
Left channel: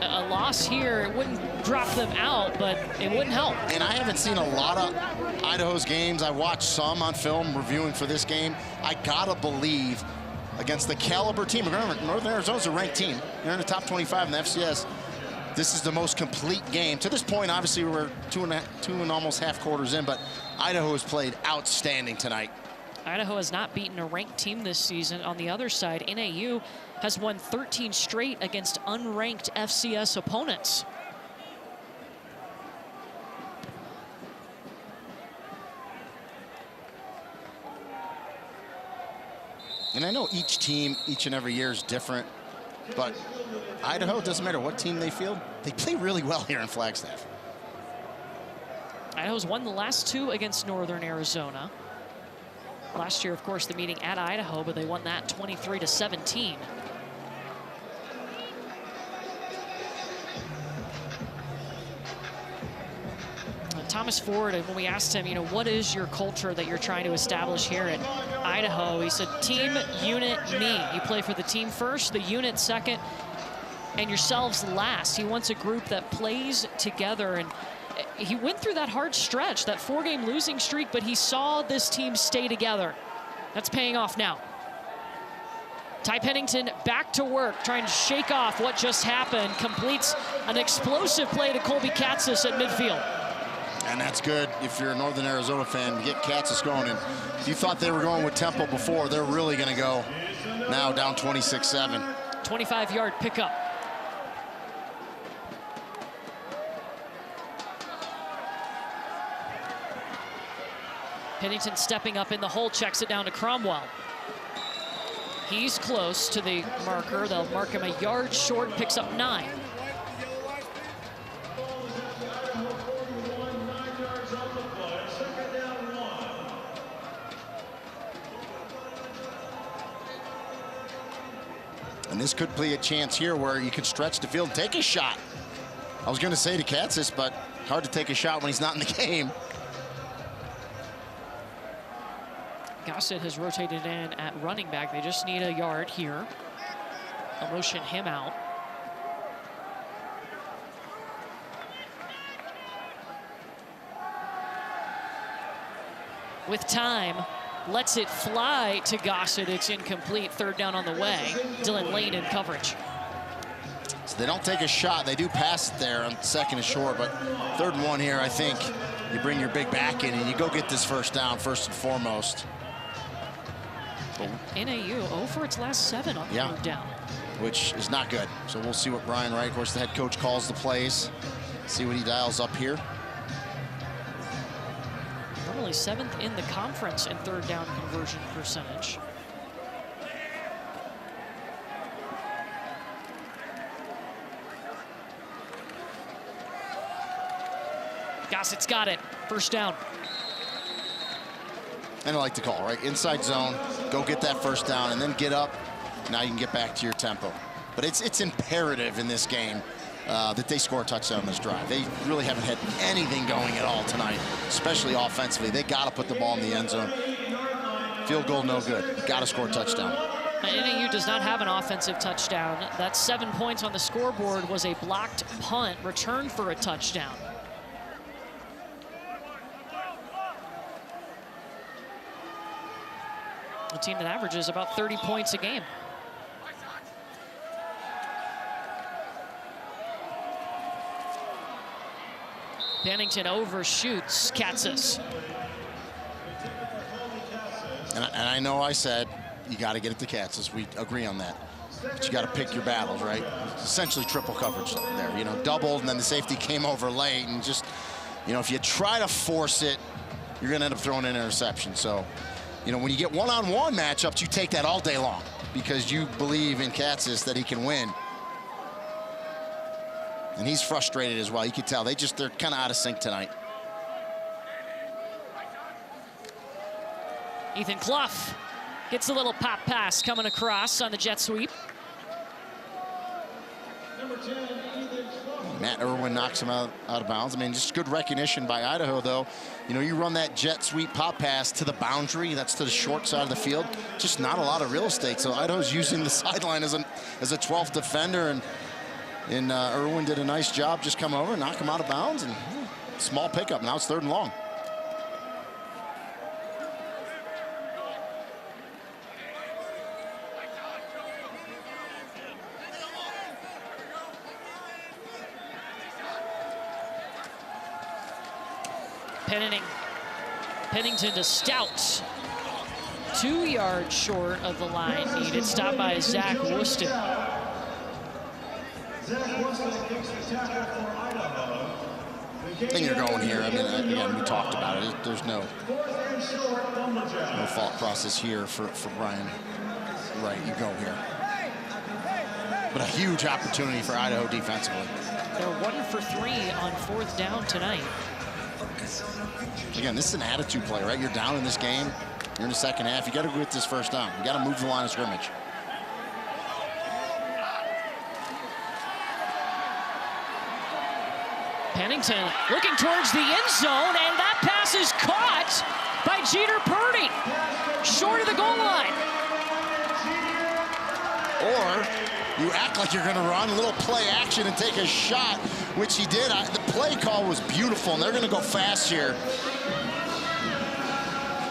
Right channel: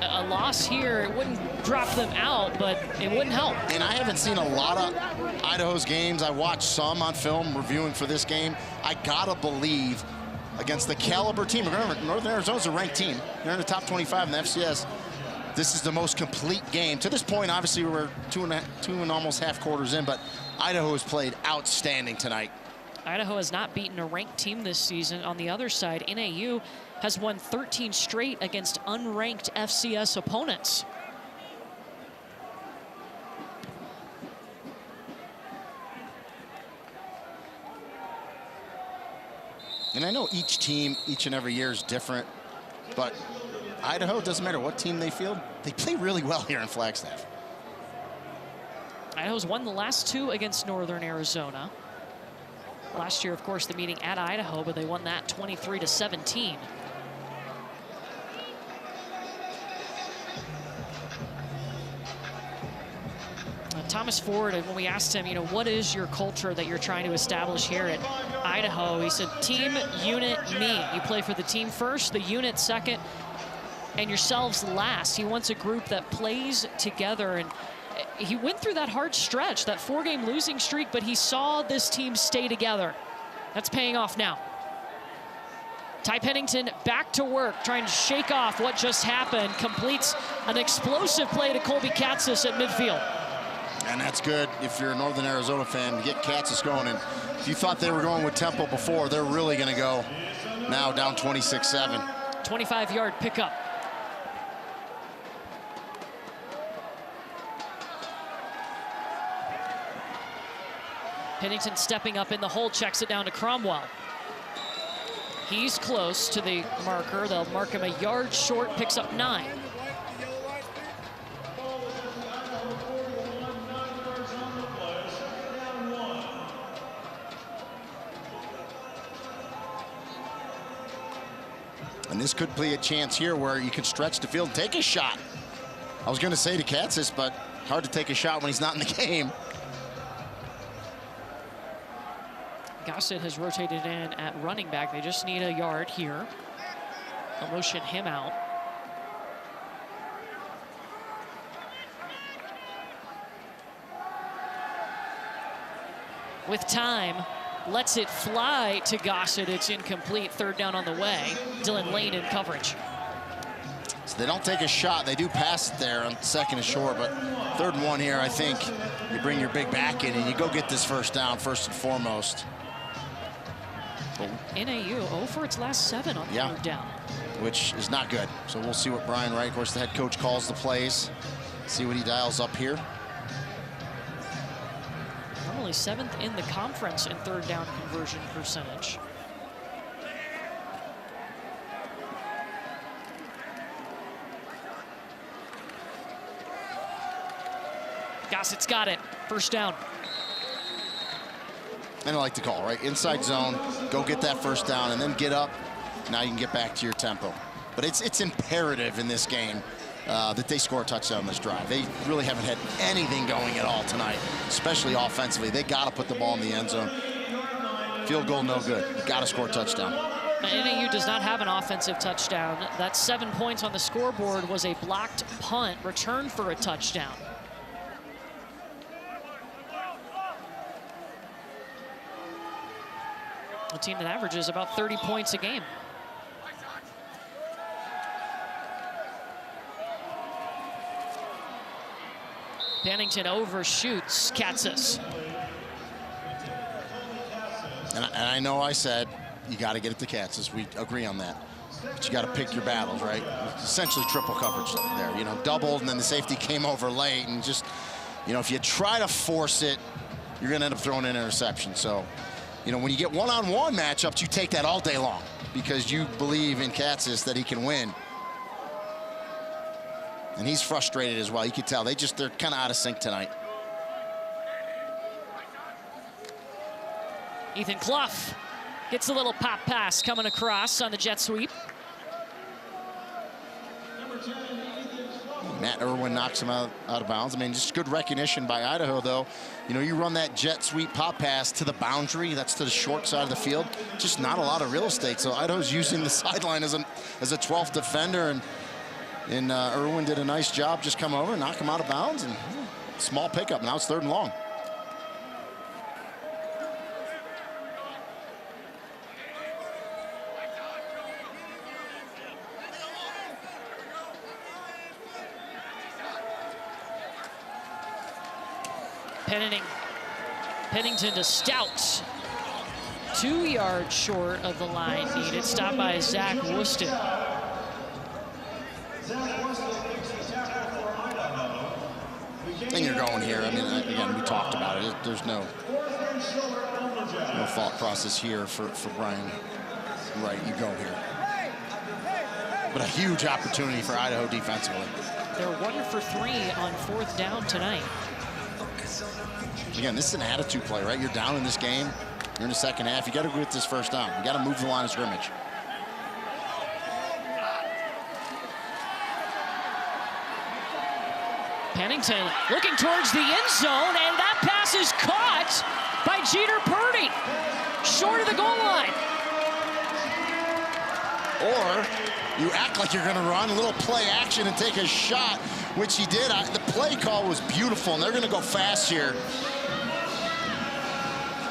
a loss here, it wouldn't drop them out, but it wouldn't help. And I haven't seen a lot of Idaho's games. I watched some on film reviewing for this game. I gotta believe against the caliber team. Remember, Northern Arizona's a ranked team. They're in the top 25 in the FCS. This is the most complete game. To this point, obviously, we're two and almost half quarters in, but Idaho has played outstanding tonight. Idaho has not beaten a ranked team this season. On the other side, NAU has won 13 straight against unranked FCS opponents. And I know each team, each and every year is different, but Idaho, doesn't matter what team they field, they play really well here in Flagstaff. Idaho's won the last 2 against Northern Arizona. Last year, of course, the meeting at Idaho, but they won that 23-17. Thomas Ford, when we asked him, what is your culture that you're trying to establish here at Idaho? He said, team, unit, me. You play for the team first, the unit second, and yourselves last. He wants a group that plays together, and he went through that hard stretch, that 4-game losing streak, but he saw this team stay together. That's paying off now. Ty Pennington back to work, trying to shake off what just happened, completes an explosive play to Colby Katzis at midfield. And that's good if you're a Northern Arizona fan to get Katzis going. And if you thought they were going with tempo before, they're really going to go now down 26-7. 25-yard pickup. Pennington stepping up in the hole, checks it down to Cromwell. He's close to the marker. They'll mark him a yard short, picks up 9. And this could be a chance here where you can stretch the field and take a shot. I was going to say to Katzis, but hard to take a shot when he's not in the game. Gossett has rotated in at running back. They just need a yard here. They'll motion him out. With time, lets it fly to Gossett. It's incomplete. 3rd down on the way. Dylan Lane in coverage. So they don't take a shot. They do pass it there on 2nd and short, but 3rd and 1 here, I think you bring your big back in and you go get this first down first and foremost. NAU 0 for its last 7 on 3rd down. Which is not good. So we'll see what Brian Wright, of course, the head coach, calls the plays. See what he dials up here. Normally 7th in the conference in 3rd down conversion percentage. Gossett's got it. 1st down. And I like the call, right? Inside zone, go get that 1st down, and then get up. Now you can get back to your tempo. But it's imperative in this game that they score a touchdown on this drive. They really haven't had anything going at all tonight, especially offensively. They got to put the ball in the end zone. Field goal, no good. You got to score a touchdown. NAU does not have an offensive touchdown. That 7 points on the scoreboard was a blocked punt, returned for a touchdown. A team that averages about 30 points a game. Pennington overshoots Katzis. And I know I said you got to get it to Katzis. We agree on that. But you got to pick your battles, right? Essentially triple coverage there. Doubled, and then the safety came over late. And just, if you try to force it, you're going to end up throwing an interception. So, when you get one-on-one matchups, you take that all day long because you believe in Katzis that he can win. And he's frustrated as well. You can tell they're kind of out of sync tonight. Ethan Clough gets a little pop pass coming across on the jet sweep. Matt Irwin knocks him out of bounds. I mean, just good recognition by Idaho, though. You run that jet sweep pop pass to the boundary. That's to the short side of the field. Just not a lot of real estate. So Idaho's using the sideline as a 12th defender. And Irwin did a nice job. Just come over, knock him out of bounds, and small pickup. Now it's 3rd and long. Pennington to Stout. 2 yards short of the line needed. Stopped by Zach Wooston. And you're going here. I mean, again, we talked about it. There's no thought process here for Brian right, you go here. But a huge opportunity for Idaho defensively. They're 1 for 3 on 4th down tonight. Again, this is an attitude play, right? You're down in this game. You're in the second half. You got to get this first down. You got to move the line of scrimmage. Pennington looking towards the end zone, and that pass is caught by Jeter Purdy, short of the goal line. Or you act like you're going to run a little play action and take a shot, which he did. The play call was beautiful, and they're going to go fast here.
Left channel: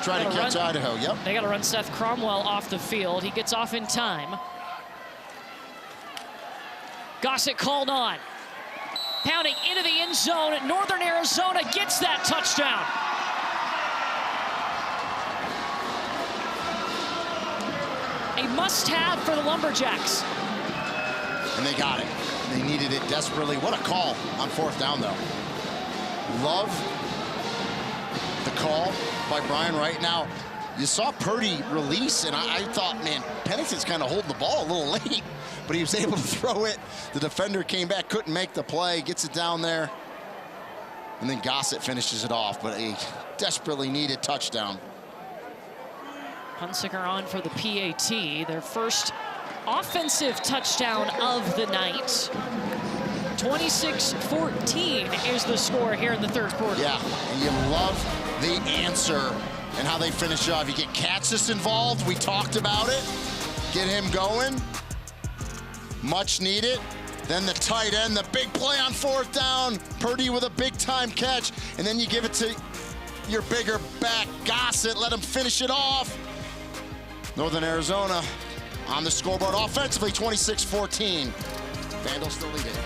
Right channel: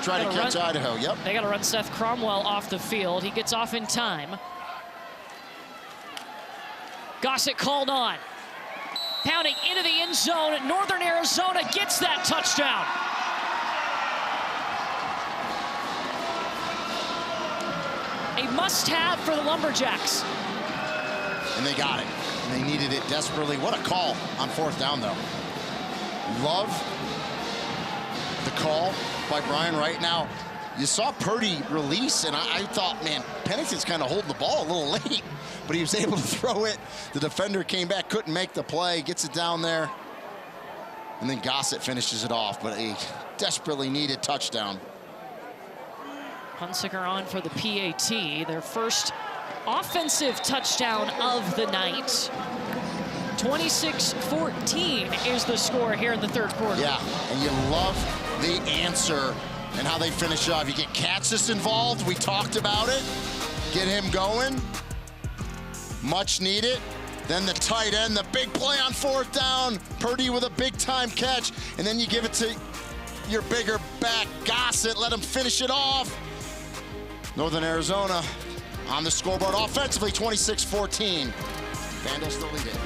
Try to catch Idaho, yep. They got to run Seth Cromwell off the field. He gets off in time. Gossett called on. Pounding into the end zone. Northern Arizona gets that touchdown. A must-have for the Lumberjacks. And they got it. And they needed it desperately. What a call on 4th down, though. Love the call by Brian Wright. Now, you saw Purdy release, and I thought, man, Pennington's kind of holding the ball a little late, but he was able to throw it. The defender came back, couldn't make the play, gets it down there, and then Gossett finishes it off, but a desperately needed touchdown. Hunsicker on for the PAT, their first offensive touchdown of the night. 26-14 is the score here in the 3rd quarter. Yeah, and you love the answer and how they finish off. You get Katzis involved. We talked about it. Get him going. Much needed. Then the tight end, the big play on 4th down. Purdy with a big-time catch. And then you give it to your bigger back, Gossett. Let him finish it off. Northern Arizona on the scoreboard offensively, 26-14. Vandals still lead it.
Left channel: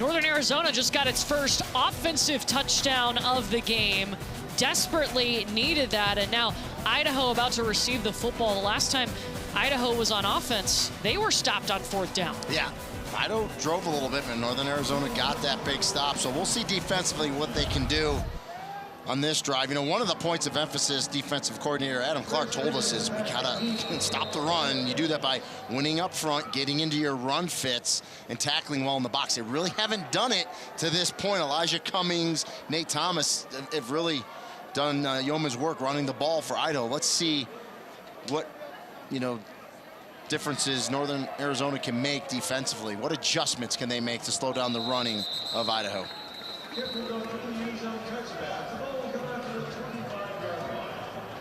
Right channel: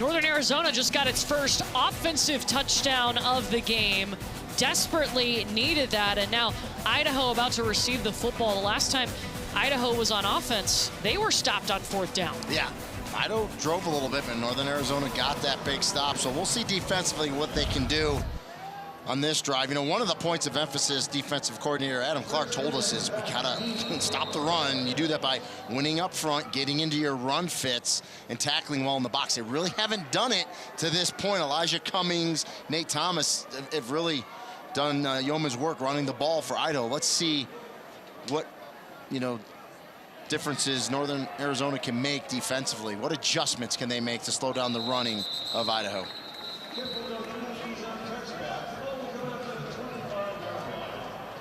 Northern Arizona just got its first offensive touchdown of the game. Desperately needed that, and now Idaho about to receive the football. The last time Idaho was on offense, they were stopped on 4th down. Yeah, Idaho drove a little bit, but Northern Arizona got that big stop. So we'll see defensively what they can do on this drive. You know, one of the points of emphasis defensive coordinator Adam Clark told us is we gotta stop the run. You do that by winning up front, getting into your run fits, and tackling well in the box. They really haven't done it to this point. Elijah Cummings, Nate Thomas have really done yeoman's work running the ball for Idaho. Let's see what, you know, differences Northern Arizona can make defensively. What adjustments can they make to slow down the running of Idaho?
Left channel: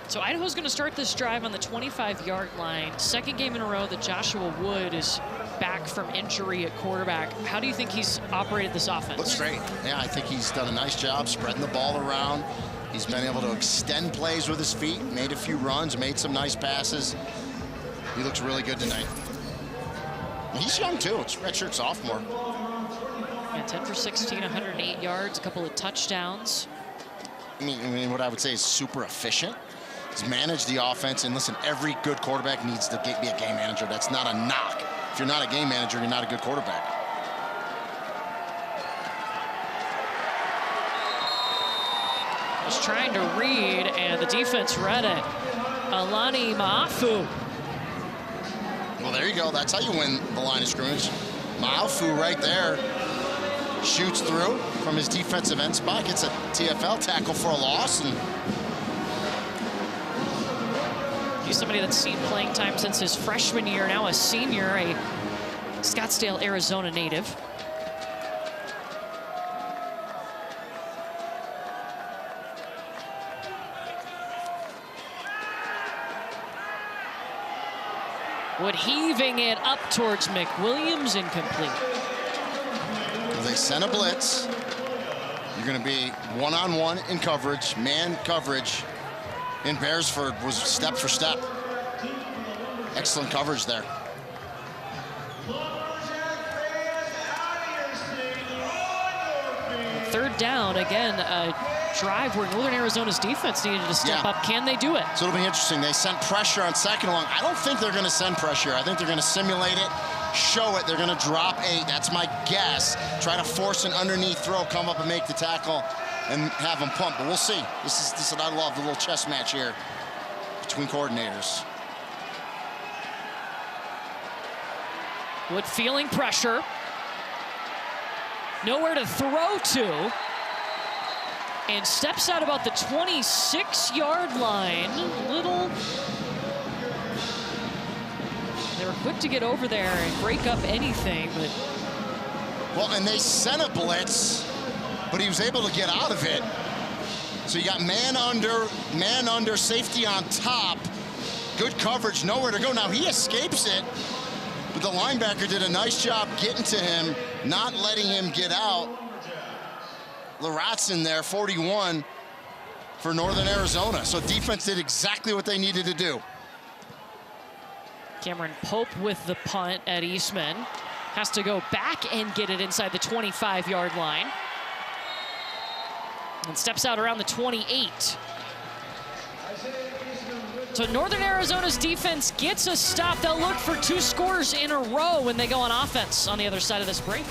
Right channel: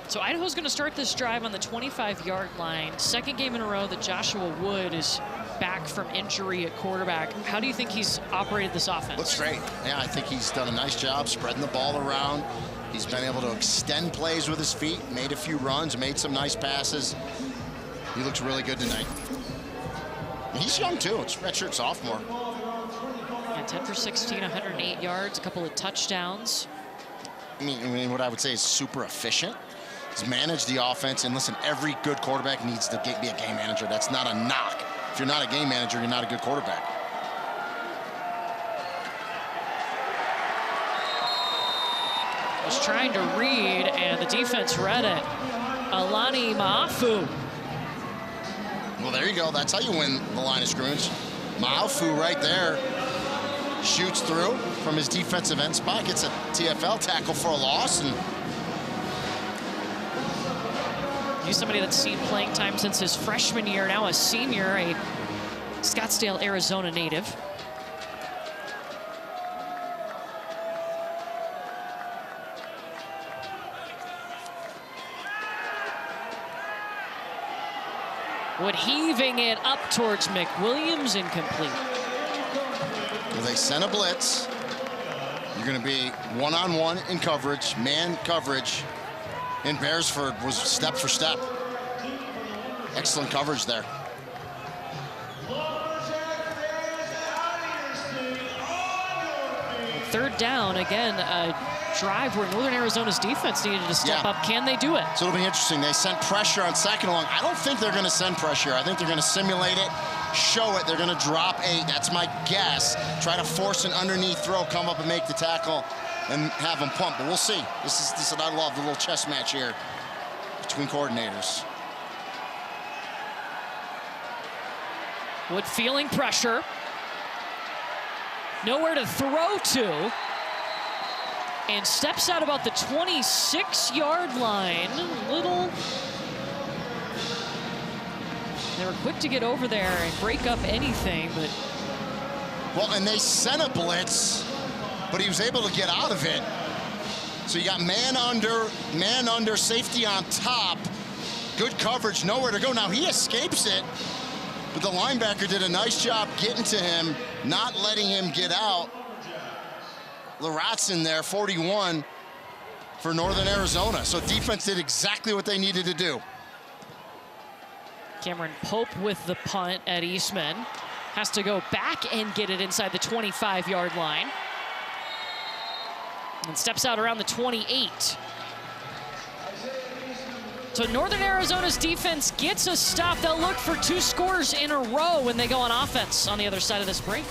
So Idaho's going to start this drive on the 25-yard line. Second game in a row that Joshua Wood is back from injury at quarterback. How do you think he's operated this offense? Looks great. Yeah, I think he's done a nice job spreading the ball around. He's been able to extend plays with his feet, made a few runs, made some nice passes. He looks really good tonight. And he's young too. It's redshirt sophomore. Yeah, 10 for 16, 108 yards, a couple of touchdowns. I mean, what I would say is super efficient. He's managed the offense, and listen, every good quarterback needs to be a game manager. That's not a knock. If you're not a game manager, you're not a good quarterback. Was trying to read, and the defense read it. Alani Maafu. Well, there you go. That's how you win the line of scrimmage. Maafu right there shoots through from his defensive end spot, gets a TFL tackle for a loss, and he's somebody that's seen playing time since his freshman year, now a senior, a Scottsdale, Arizona native. Wood heaving it up towards McWilliams, incomplete. Well, they sent a blitz. You're going to be one-on-one in coverage, man coverage. And Beresford was step for step. Excellent coverage there. Third down, again, a drive where Northern Arizona's defense needed to step up. Can they do it? So it'll be interesting. They sent pressure on second and long. I don't think they're going to send pressure. I think they're going to simulate it, show it. They're going to drop 8. That's my guess. Try to force an underneath throw, come up and make the tackle, and have them pump. But we'll see. This is what I love, the little chess match here between coordinators. Wood feeling pressure. Nowhere to throw to. And steps out about the 26-yard line. They were quick to get over there and break up anything, but. Well, and they sent a blitz, but he was able to get out of it. So you got man under, safety on top. Good coverage, nowhere to go. Now he escapes it, but the linebacker did a nice job getting to him, not letting him get out. Laratson there, 41 for Northern Arizona. So defense did exactly what they needed to do. Cameron Pope with the punt at Eastman. Has to go back and get it inside the 25-yard line. And steps out around the 28. So Northern Arizona's defense gets a stop. They'll look for 2 scores in a row when they go on offense on the other side of this break.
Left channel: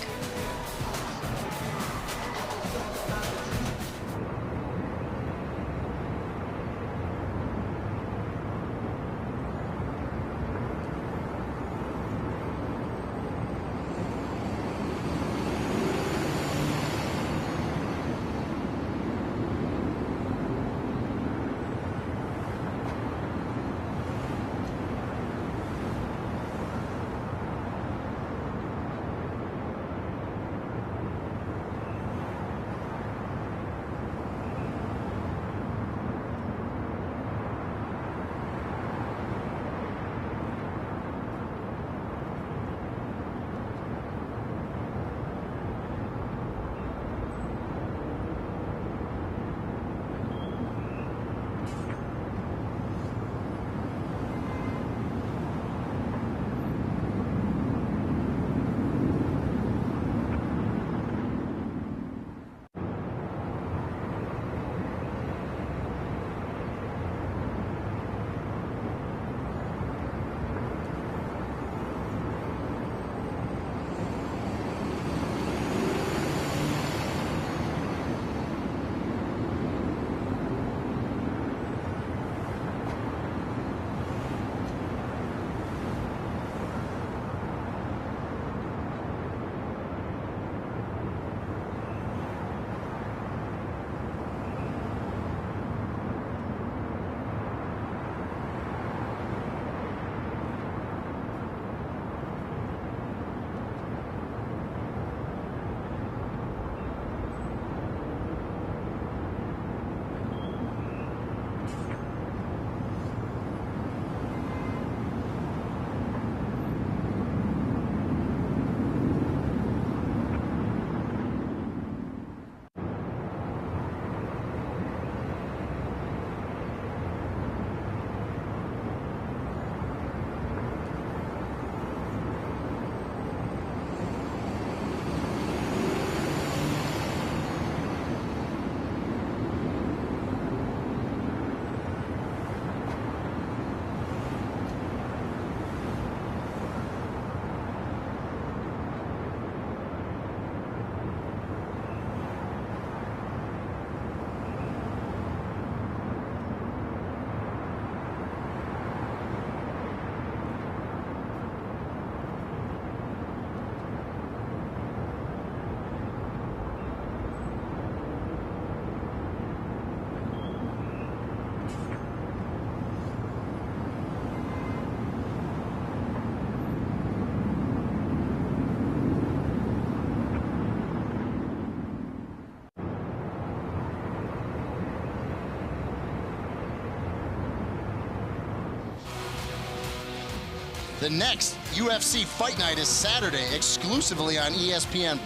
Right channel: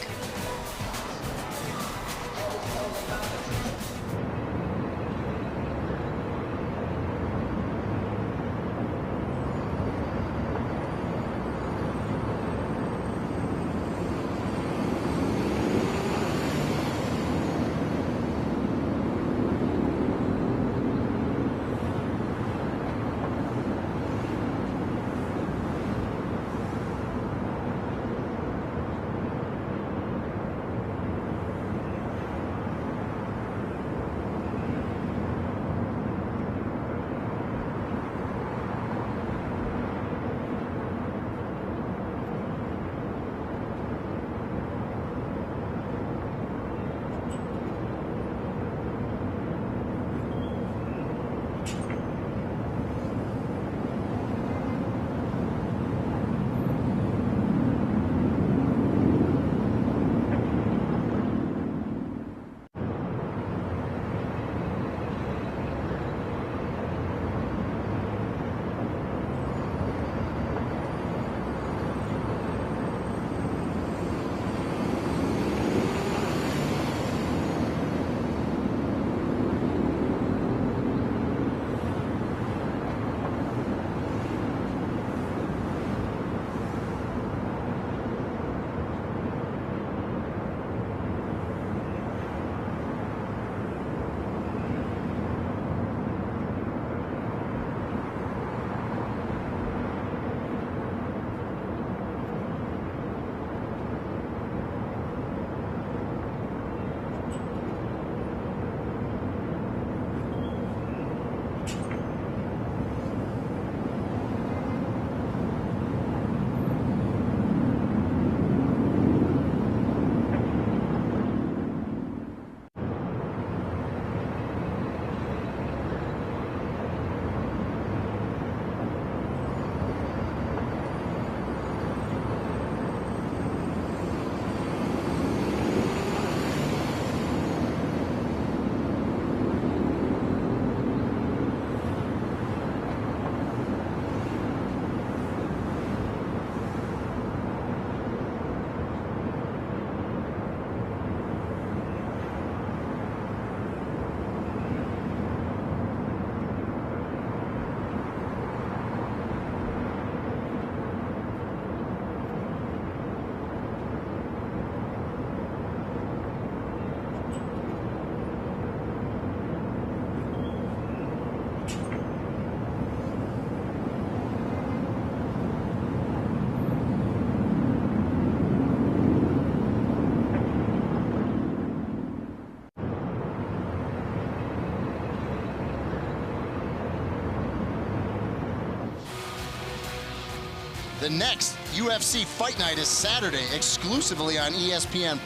The next UFC Fight Night is Saturday, exclusively on ESPN+.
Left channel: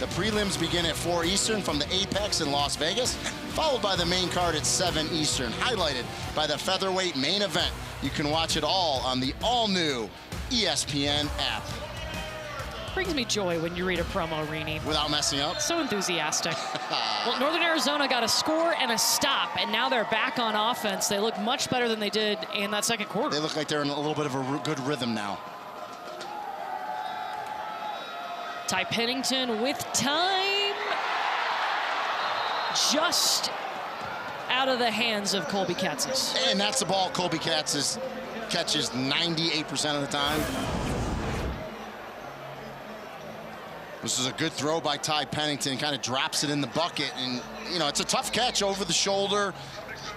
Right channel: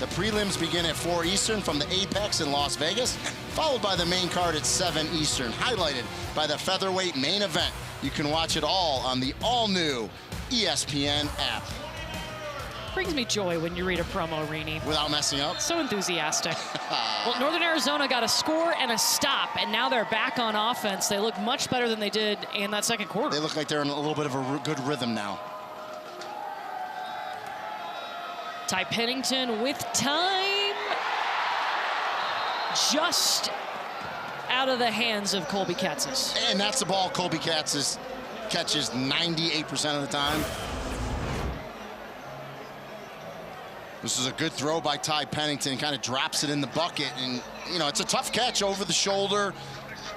The prelims begin at 4 Eastern from the Apex in Las Vegas, followed by the main card at 7 Eastern, highlighted by the featherweight main event. You can watch it all on the all-new ESPN app. Brings me joy when you read a promo, Rini. Without messing up? So enthusiastic. Well, Northern Arizona got a score and a stop, and now they're back on offense. They look much better than they did in that second quarter. They look like they're in a little bit of a good rhythm now. Ty Pennington with time. Just out of the hands of Colby Katzis. And that's the ball Colby Katzis catches 98% of the time. This is a good throw by Ty Pennington, kind of drops it in the bucket. And, you know, it's a tough catch over the shoulder,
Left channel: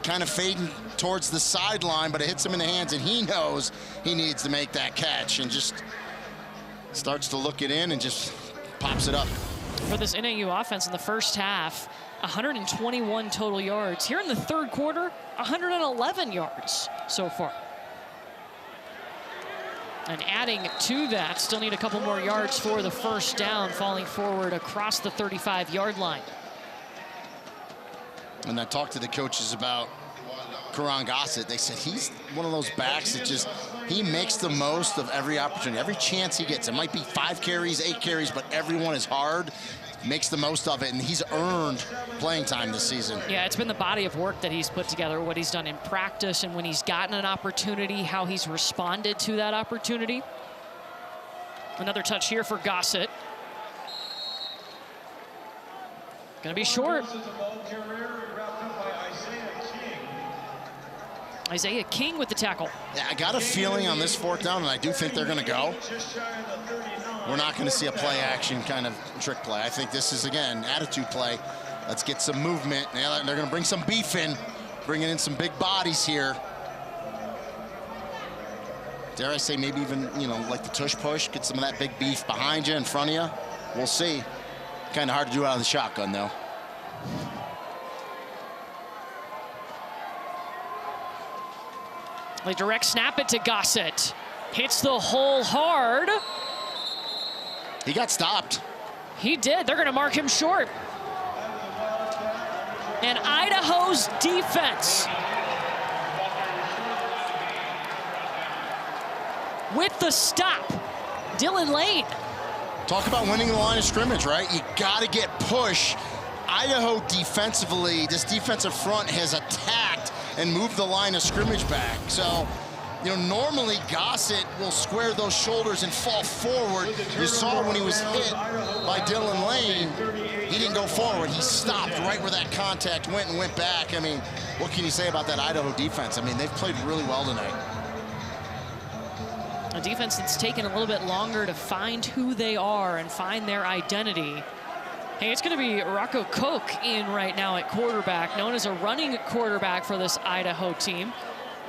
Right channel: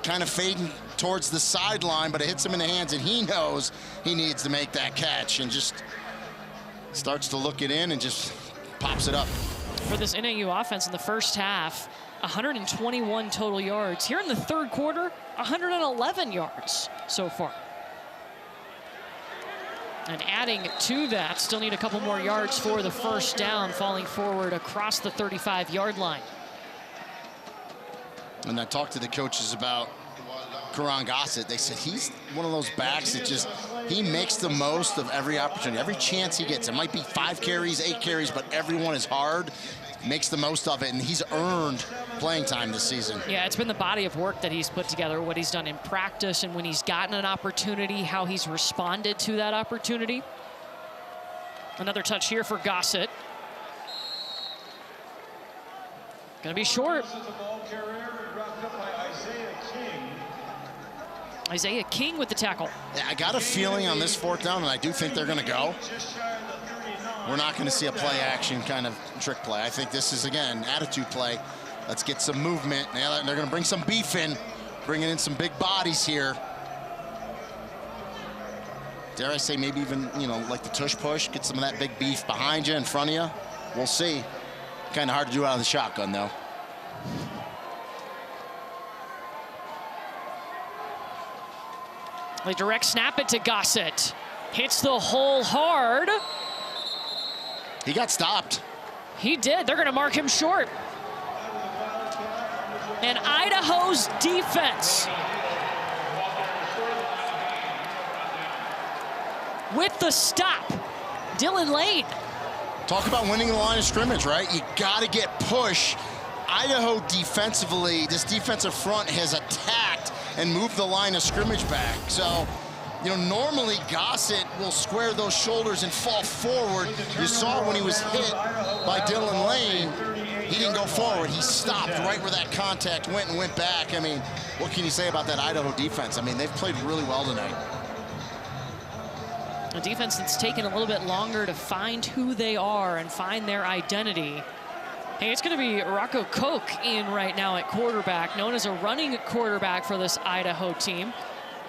kind of fading towards the sideline, but it hits him in the hands, and he knows he needs to make that catch and just starts to look it in and just pops it up. For this NAU offense in the first half, 121 total yards. Here in the third quarter, 111 yards so far. And adding to that, still need a couple more yards for the first down, falling forward across the 35-yard line. And I talked to the coaches about Karan Gossett. They said he's one of those backs that just, he makes the most of every opportunity, every chance he gets. It might be 5 carries, 8 carries, but everyone is hard, makes the most of it, and he's earned playing time this season. Yeah, it's been the body of work that he's put together, what he's done in practice, and when he's gotten an opportunity, how he's responded to that opportunity. Another touch here for Gossett. Gonna be short. Isaiah King with the tackle. Yeah, I got a feeling on this 4th down, and I do think they're gonna go. We're not gonna see a play action kind of trick play. I think this is, again, attitude play. Let's get some movement. Now they're gonna bring some beef in, bringing in some big bodies here. Dare I say maybe even, you know, like the tush push, get some of that big beef behind you, in front of you. We'll see. Kind of hard to do out of the shotgun, though. They direct snap it to Gossett. Hits the hole hard. He got stopped. He did. They're going to mark him short. And Idaho's defense with the stop. Dylan Lane. Talk about winning the line of scrimmage, right? You got to get push. Idaho defensively, this defensive front has attacked and moved the line of scrimmage back. So, you know, normally Gossett will square those shoulders and fall forward. You saw when he was hit by Dylan Lane, he didn't go forward. He stopped right where that contact went and went back. I mean, what can you say about that Idaho defense? I mean, they've played really well tonight. A defense that's taken a little bit longer to find who they are and find their identity. Hey, it's going to be Rocco Koch in right now at quarterback, known as a running quarterback for this Idaho team.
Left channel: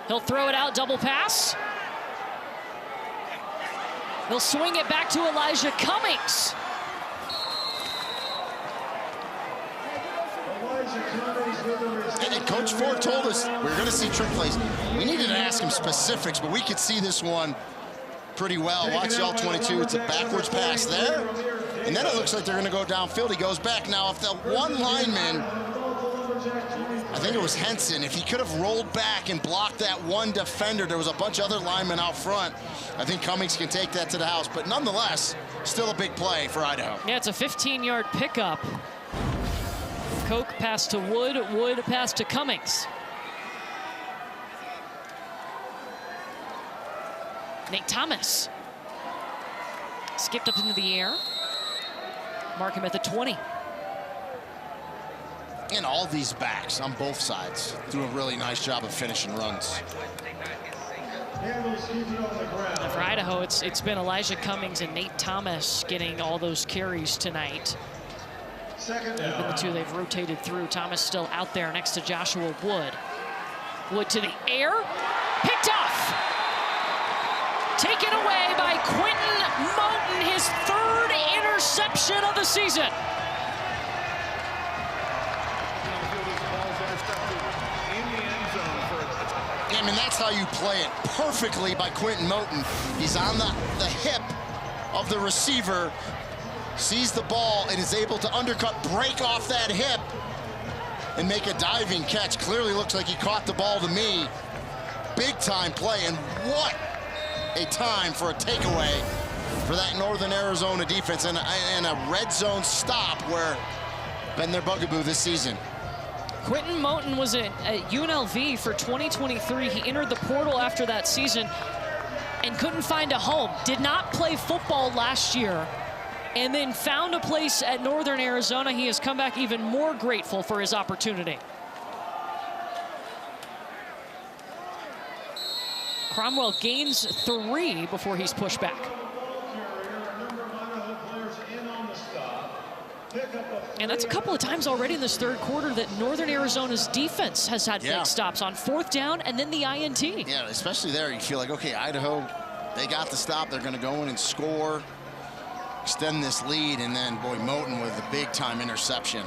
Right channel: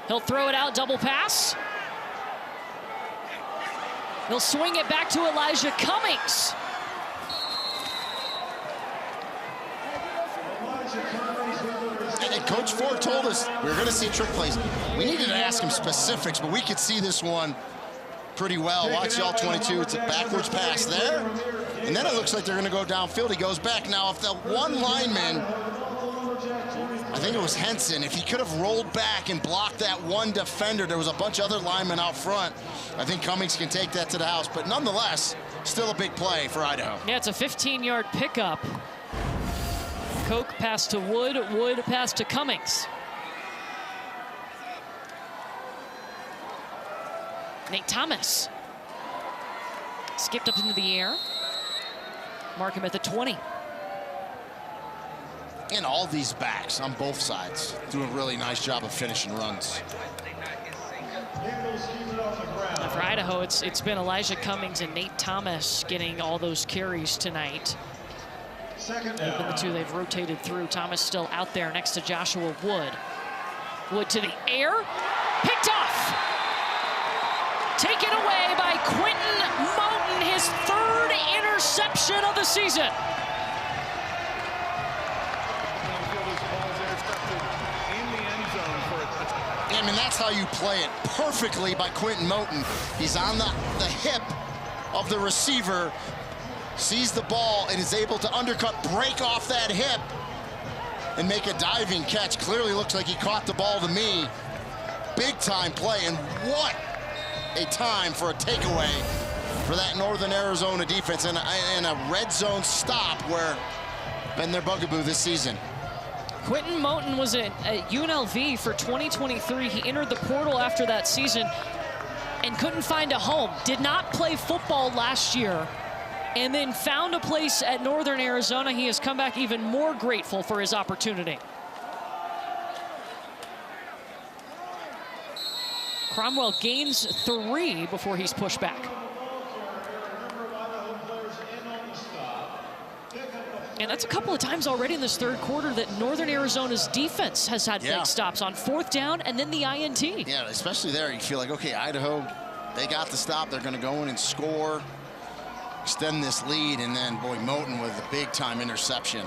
He'll throw it out, double pass. He'll swing it back to Elijah Cummings. And Coach Ford told us we're going to see trick plays. We needed to ask him specifics, but we could see this one pretty well. Watch the all-22. It's a backwards pass there. And then it looks like they're going to go downfield. He goes back. Now, if the one lineman, I think it was Henson, if he could have rolled back and blocked that one defender, there was a bunch of other linemen out front. I think Cummings can take that to the house. But nonetheless, still a big play for Idaho. Yeah, it's a 15-yard pickup. Koch pass to Wood, Wood pass to Cummings. Nate Thomas skipped up into the air. Mark him at the 20. And all these backs on both sides do a really nice job of finishing runs. And for Idaho, it's been Elijah Cummings and Nate Thomas getting all those carries tonight. They've been the two they've rotated through. Thomas still out there next to Joshua Wood. Wood to the air, picked off. Taken away by Quentin Moten, his 3rd interception of the season. I mean, that's how you play it perfectly by Quentin Moten. He's on the hip of the receiver, sees the ball, and is able to undercut, break off that hip, and make a diving catch. Clearly looks like he caught the ball to me. Big time play, and what a time for a takeaway for that Northern Arizona defense, and a red zone stop where been their bugaboo this season. Quentin Moten was at UNLV for 2023. He entered the portal after that season and couldn't find a home. Did not play football last year, and then found a place at Northern Arizona. He has come back even more grateful for his opportunity. Cromwell gains 3 before he's pushed back. And that's a couple of times already in this third quarter that Northern Arizona's defense has had big stops on 4th down and then the INT. Yeah, especially there, you feel like, okay, Idaho, they got the stop. They're going to go in and score, extend this lead, and then, boy, Moten with a big-time interception.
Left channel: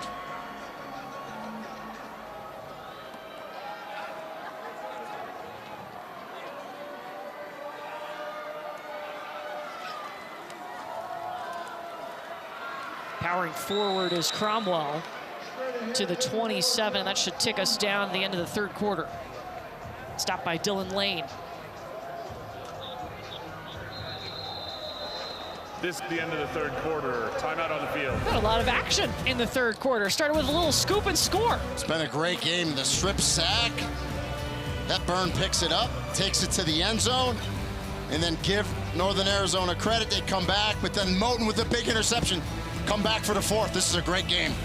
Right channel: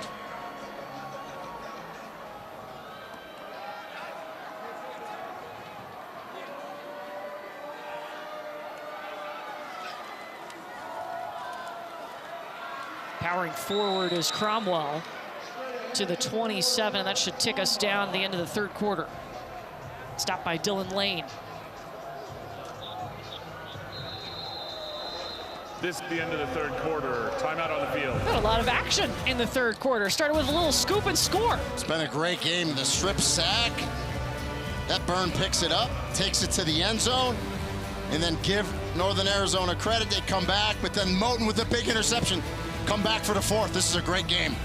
Powering forward is Cromwell to the 27, and that should tick us down the end of the third quarter. Stopped by Dylan Lane. This is the end of the third quarter. Timeout on the field. Got a lot of action in the third quarter. Started with a little scoop and score. It's been a great game. The strip sack. That Byrne picks it up, takes it to the end zone, and then give Northern Arizona credit. They come back, but then Moten with the big interception. Come back for the 4th. This is a great game.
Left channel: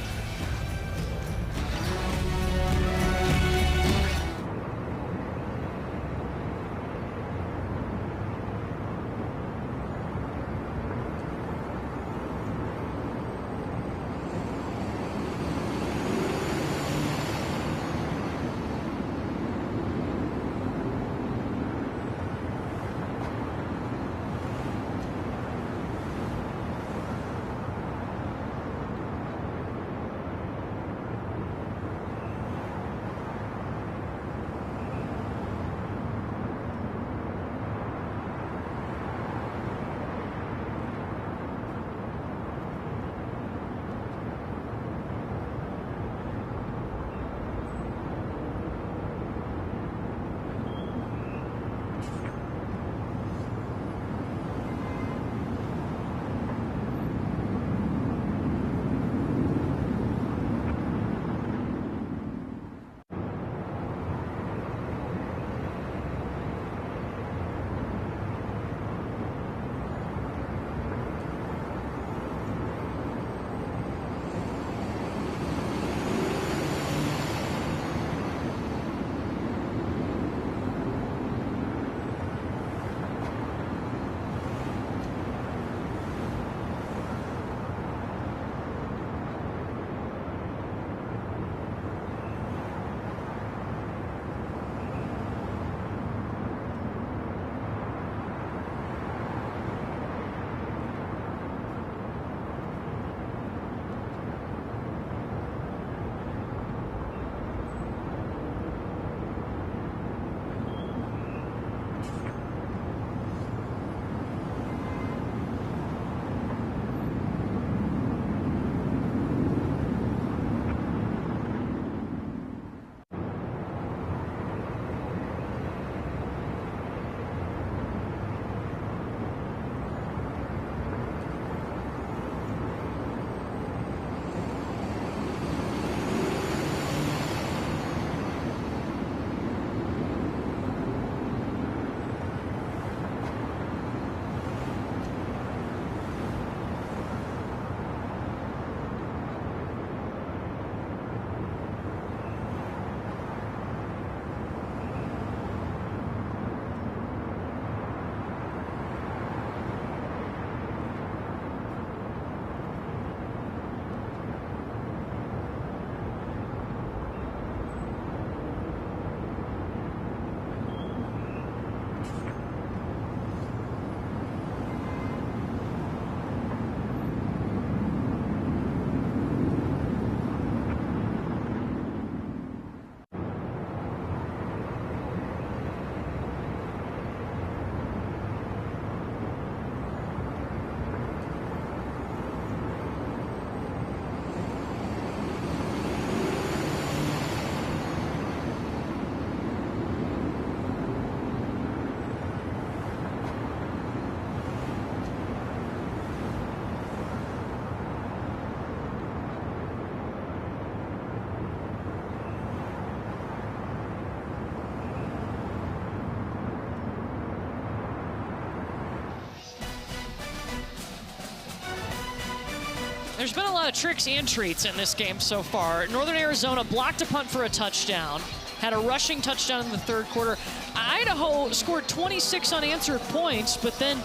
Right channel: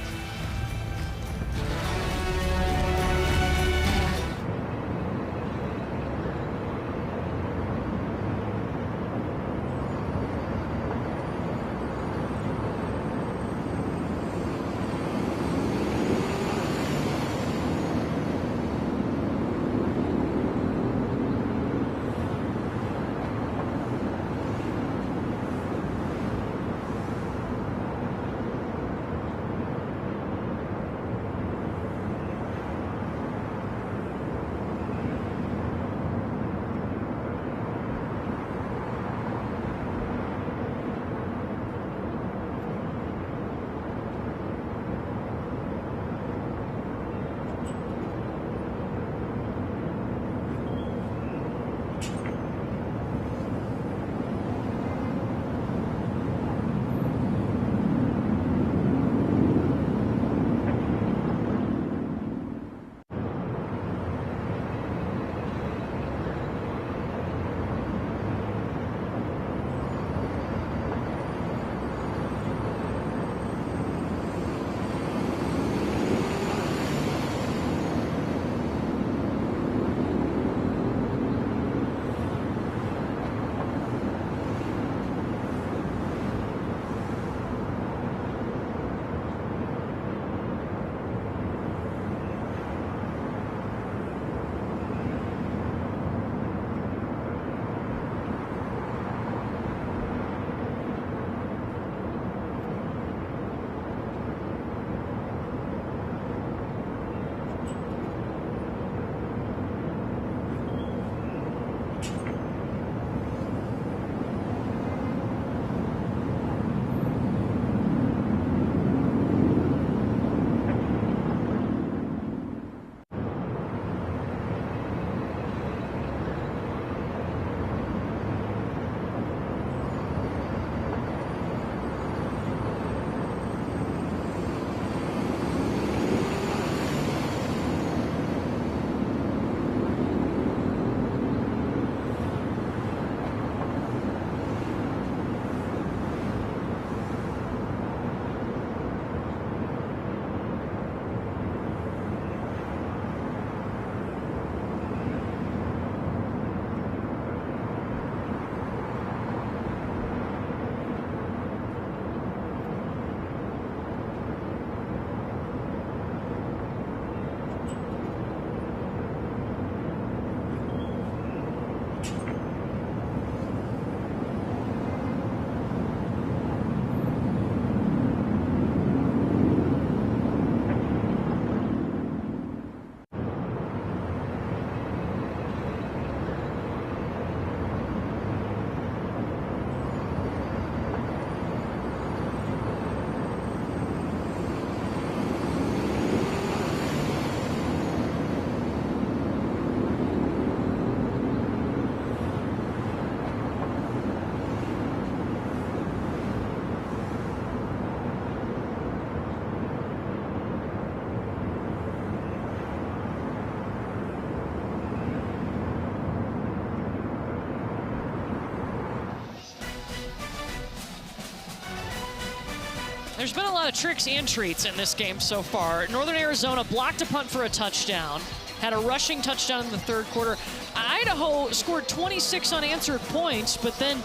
There's been a lot of tricks and treats in this game so far. Northern Arizona blocked a punt for a touchdown, had a rushing touchdown in the third quarter. Idaho scored 26 unanswered points, but then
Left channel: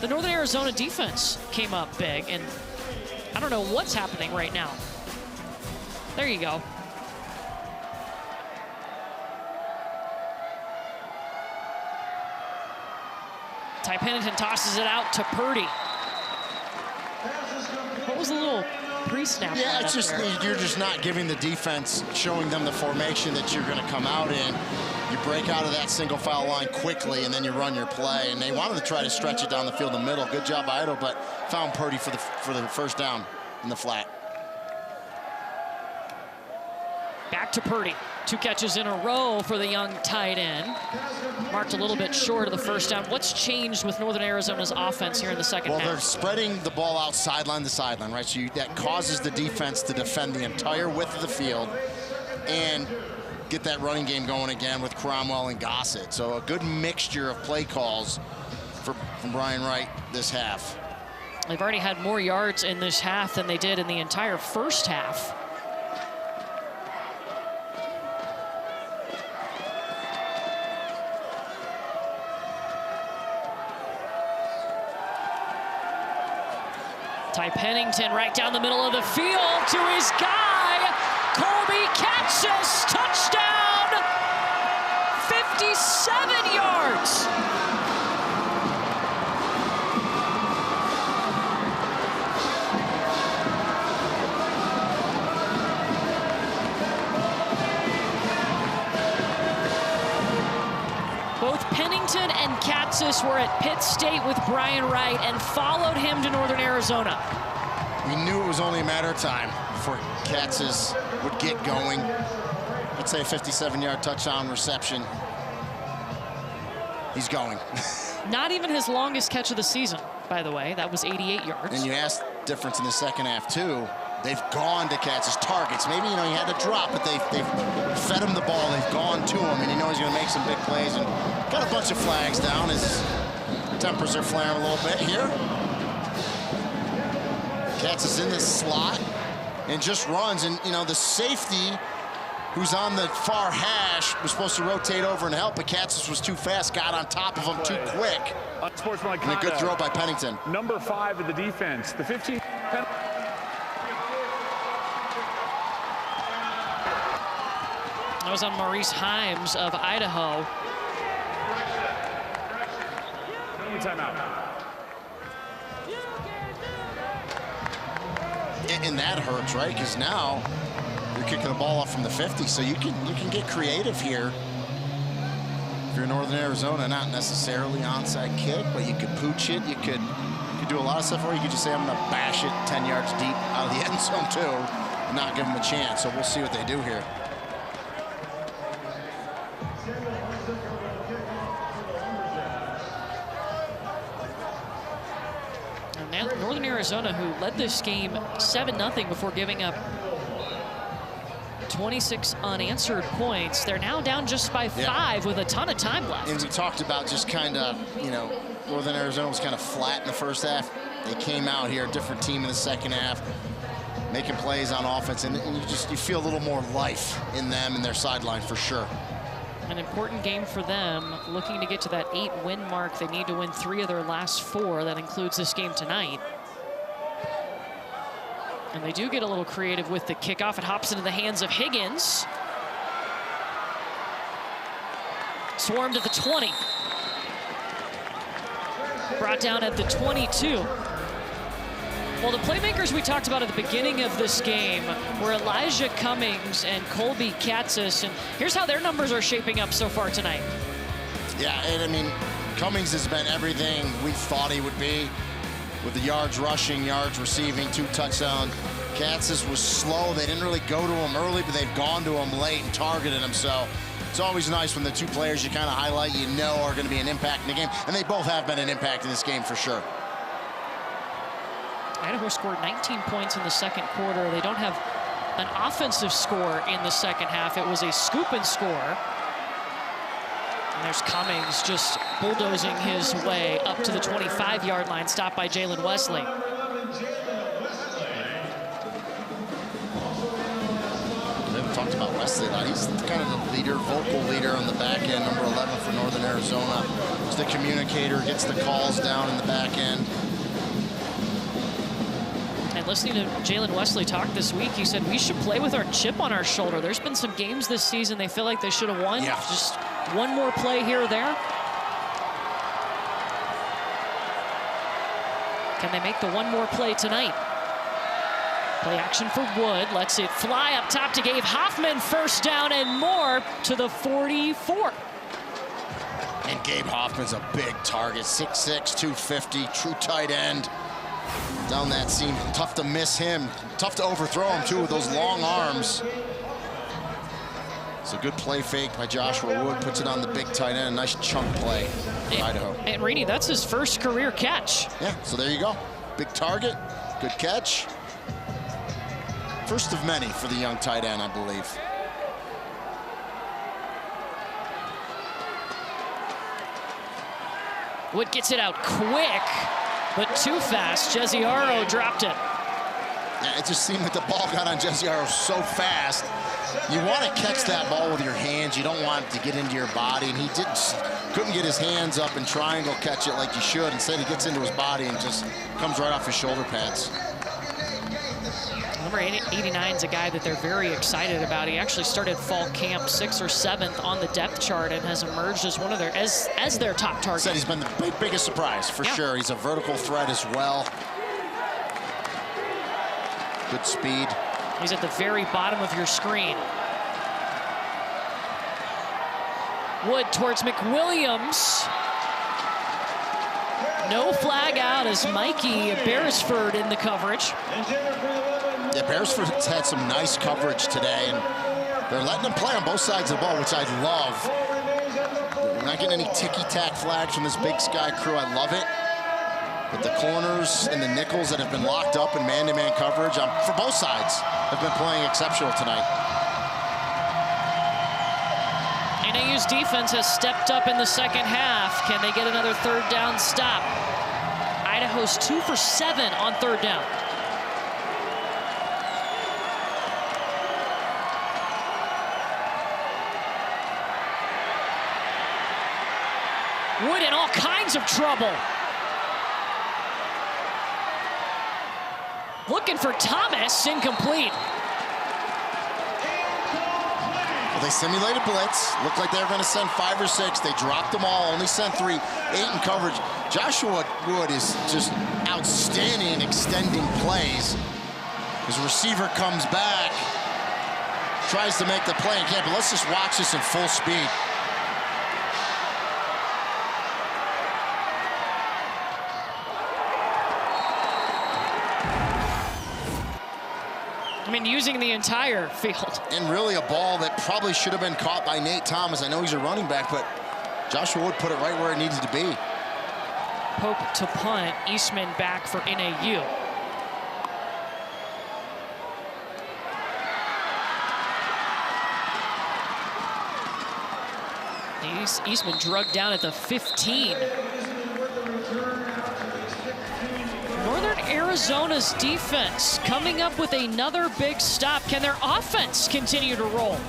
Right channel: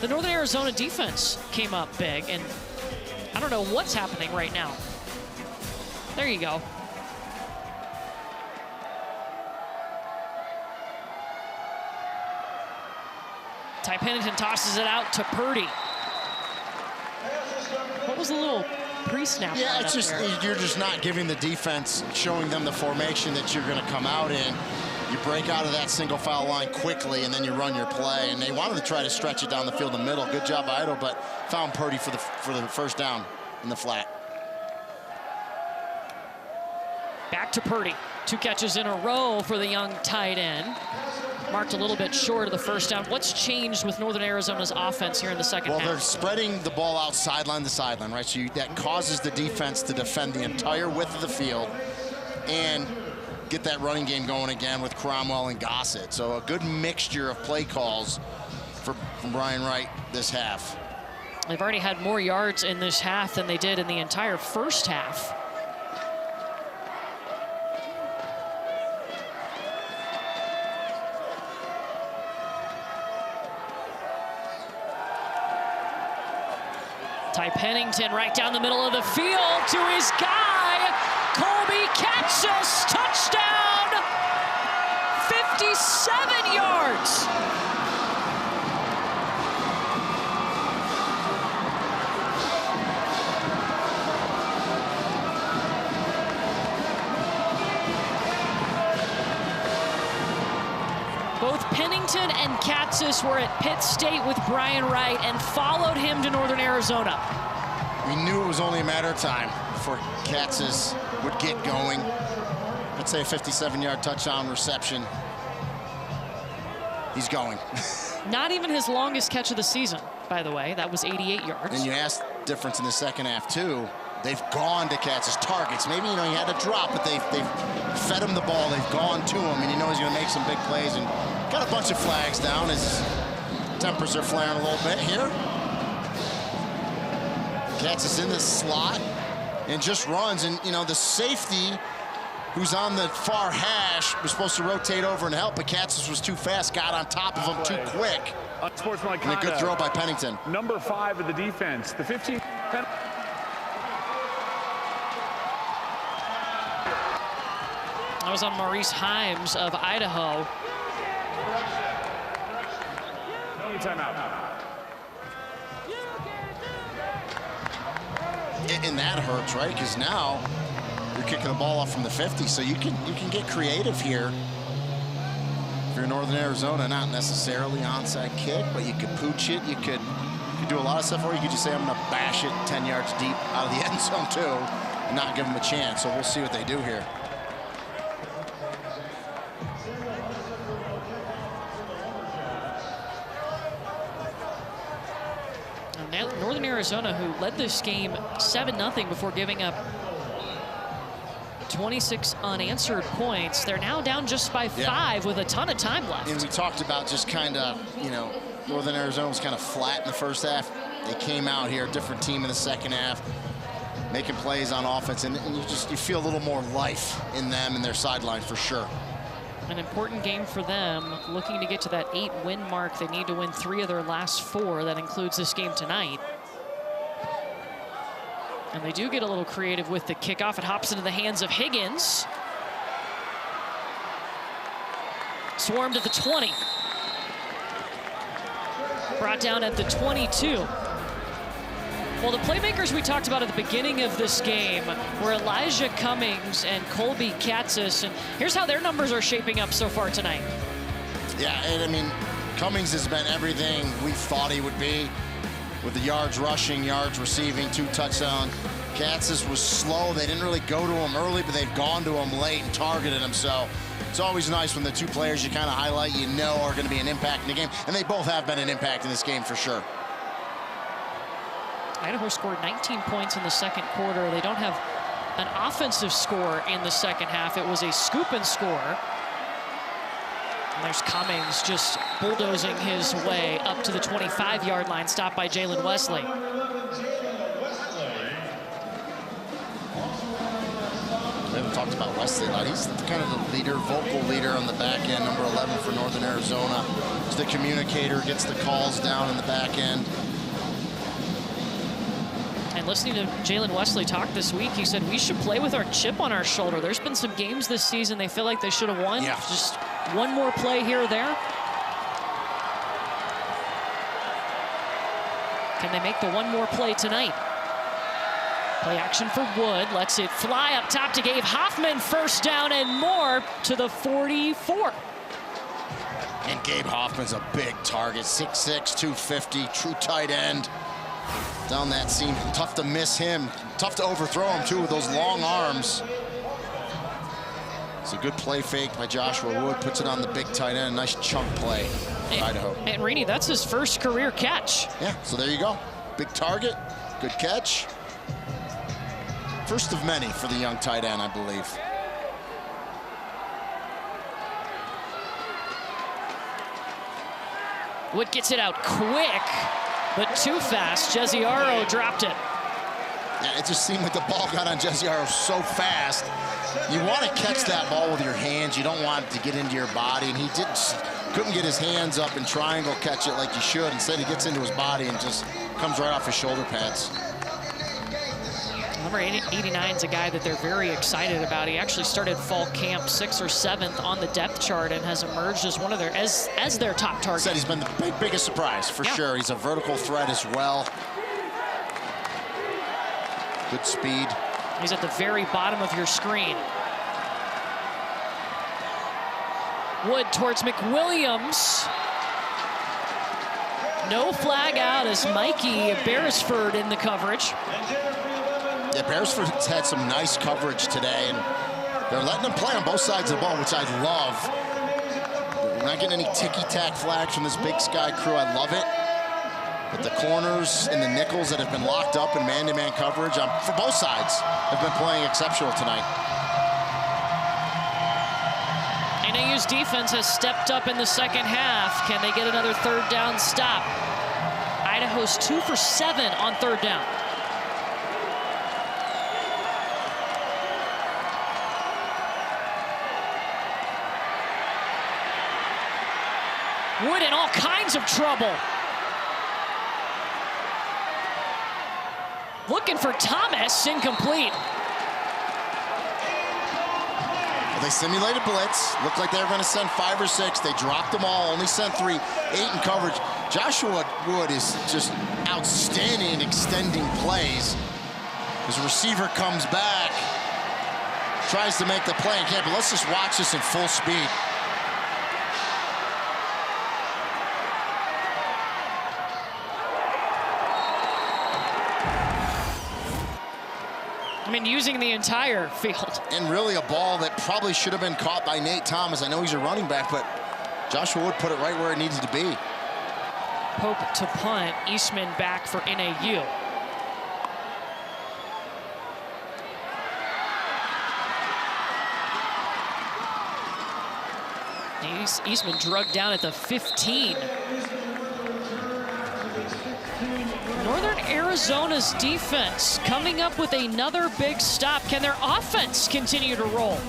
the Northern Arizona defense came up big, and I don't know what's happening right now. There you go. Ty Pennington tosses it out to Purdy. What was a little pre-snap? Yeah, it's just you're just not giving the defense, showing them the formation that you're going to come out in. You break out of that single foul line quickly, and then you run your play. And they wanted to try to stretch it down the field in the middle. Good job by Idaho, but found Purdy for the first down in the flat. Back to Purdy. 2 catches in a row for the young tight end. Marked a little bit short of the first down. What's changed with Northern Arizona's offense here in the second half? Well, they're spreading the ball out sideline to sideline, right? So that causes the defense to defend the entire width of the field and get that running game going again with Cromwell and Gossett. So a good mixture of play calls from Brian Wright this half. They've already had more yards in this half than they did in the entire first half. Ty Pennington right down the middle of the field to his guy, Colby Katzis, touchdown, 57 yards. Both Pennington and Katzis were at Pitt State with Brian Wright and followed him to Northern Arizona. We knew it was only a matter of time before Katzis would get going. Let's say a 57-yard touchdown reception. He's going. Not even his longest catch of the season, by the way. That was 88 yards. And you asked difference in the second half, too. They've gone to Katzis targets. Maybe, he had to drop, but they've fed him the ball. They've gone to him, and he's going to make some big plays. And got a bunch of flags down. His tempers are flaring a little bit here. Katzis in the slot and just runs. And, the safety who's on the far hash was supposed to rotate over and help, but Katzis was too fast, got on top of him too quick. And a good throw by Pennington. Number 5 of the defense, the 15th penalty. That was on Maurice Himes of Idaho. Timeout. And that hurts, right? Because now you're kicking the ball off from the 50, so you can get creative here. If you're Northern Arizona, not necessarily onside kick, but you could pooch it. You could do a lot of stuff, or you could just say, I'm going to bash it 10 yards deep out of the end zone too, and not give them a chance. So we'll see what they do here. Northern Arizona, who led this game 7-0 before giving up 26 unanswered points. They're now down just by 5 with a ton of time left. And we talked about just kind of, Northern Arizona was kind of flat in the first half. They came out here, a different team in the second half, making plays on offense, and you feel a little more life in them and their sideline for sure. An important game for them, looking to get to that 8-win mark. They need to win 3 of their last 4. That includes this game tonight. And they do get a little creative with the kickoff. It hops into the hands of Higgins. Swarmed at the 20. Brought down at the 22. Well, the playmakers we talked about at the beginning of this game were Elijah Cummings and Colby Katzis, and here's how their numbers are shaping up so far tonight. Yeah, and Cummings has been everything we thought he would be, with the yards rushing, yards receiving, 2 touchdowns. Katzis was slow. They didn't really go to him early, but they've gone to him late and targeted him. So it's always nice when the 2 players you kind of highlight, are going to be an impact in the game, and they both have been an impact in this game for sure. Idaho scored 19 points in the second quarter. They don't have an offensive score in the second half. It was a scoop and score. And there's Cummings just bulldozing his way up to the 25-yard line, stopped by Jalen Wesley. We haven't talked about Wesley a lot. He's kind of the leader, vocal leader on the back end, number 11 for Northern Arizona. He's the communicator, gets the calls down in the back end. And listening to Jalen Wesley talk this week, he said, we should play with our chip on our shoulder. There's been some games this season they feel like they should have won. Yeah. Just one more play here or there. Can they make the one more play tonight? Play action for Wood. Lets it fly up top to Gabe Hoffman. First down and more to the 44. And Gabe Hoffman's a big target. 6'6", 250, true tight end. Down that seam, tough to miss him. Tough to overthrow him, too, with those long arms. It's a good play fake by Joshua Wood. Puts it on the big tight end. Nice chunk play for Idaho. And Rini, that's his first career catch. Yeah, so there you go. Big target, good catch. First of many for the young tight end, I believe. Wood gets it out quick, but too fast. Jesiaro dropped it. Yeah, it just seemed like the ball got on Jesiaro so fast. You want to catch that ball with your hands. You don't want it to get into your body, and he couldn't get his hands up and triangle catch it like you should. Instead, he gets into his body and just comes right off his shoulder pads. Number 89 is a guy that they're very excited about. He actually started fall camp 6th or 7th on the depth chart and has emerged as one of their as their top target. Said he's been the biggest surprise for sure. He's a vertical threat as well. Good speed. He's at the very bottom of your screen. Wood towards McWilliams. No flag out as Mikey Beresford in the coverage. Yeah, Beresford's had some nice coverage today, and they're letting him play on both sides of the ball, which I love. We're not getting any ticky-tack flags from this Big Sky crew. I love it. But the corners and the nickels that have been locked up in man-to-man coverage for both sides have been playing exceptional tonight. NAU's defense has stepped up in the second half. Can they get another third down stop? Idaho's 2 for 7 on third down. Wood in all kinds of trouble. Looking for Thomas, incomplete. Well, they simulated blitz. Looked like they were going to send 5 or 6. They dropped them all, only sent 3, 8 in coverage. Joshua Wood is just outstanding in extending plays. His receiver comes back, tries to make the play and can't, but let's just watch this in full speed. I mean, using the entire field. And really a ball that probably should have been caught by Nate Thomas. I know he's a running back, but Joshua Wood put it right where it needed to be. Pope to punt, Eastman back for NAU. Eastman drugged down at the 15. Northern Arizona's defense coming up with another big stop. Can their offense continue to roll?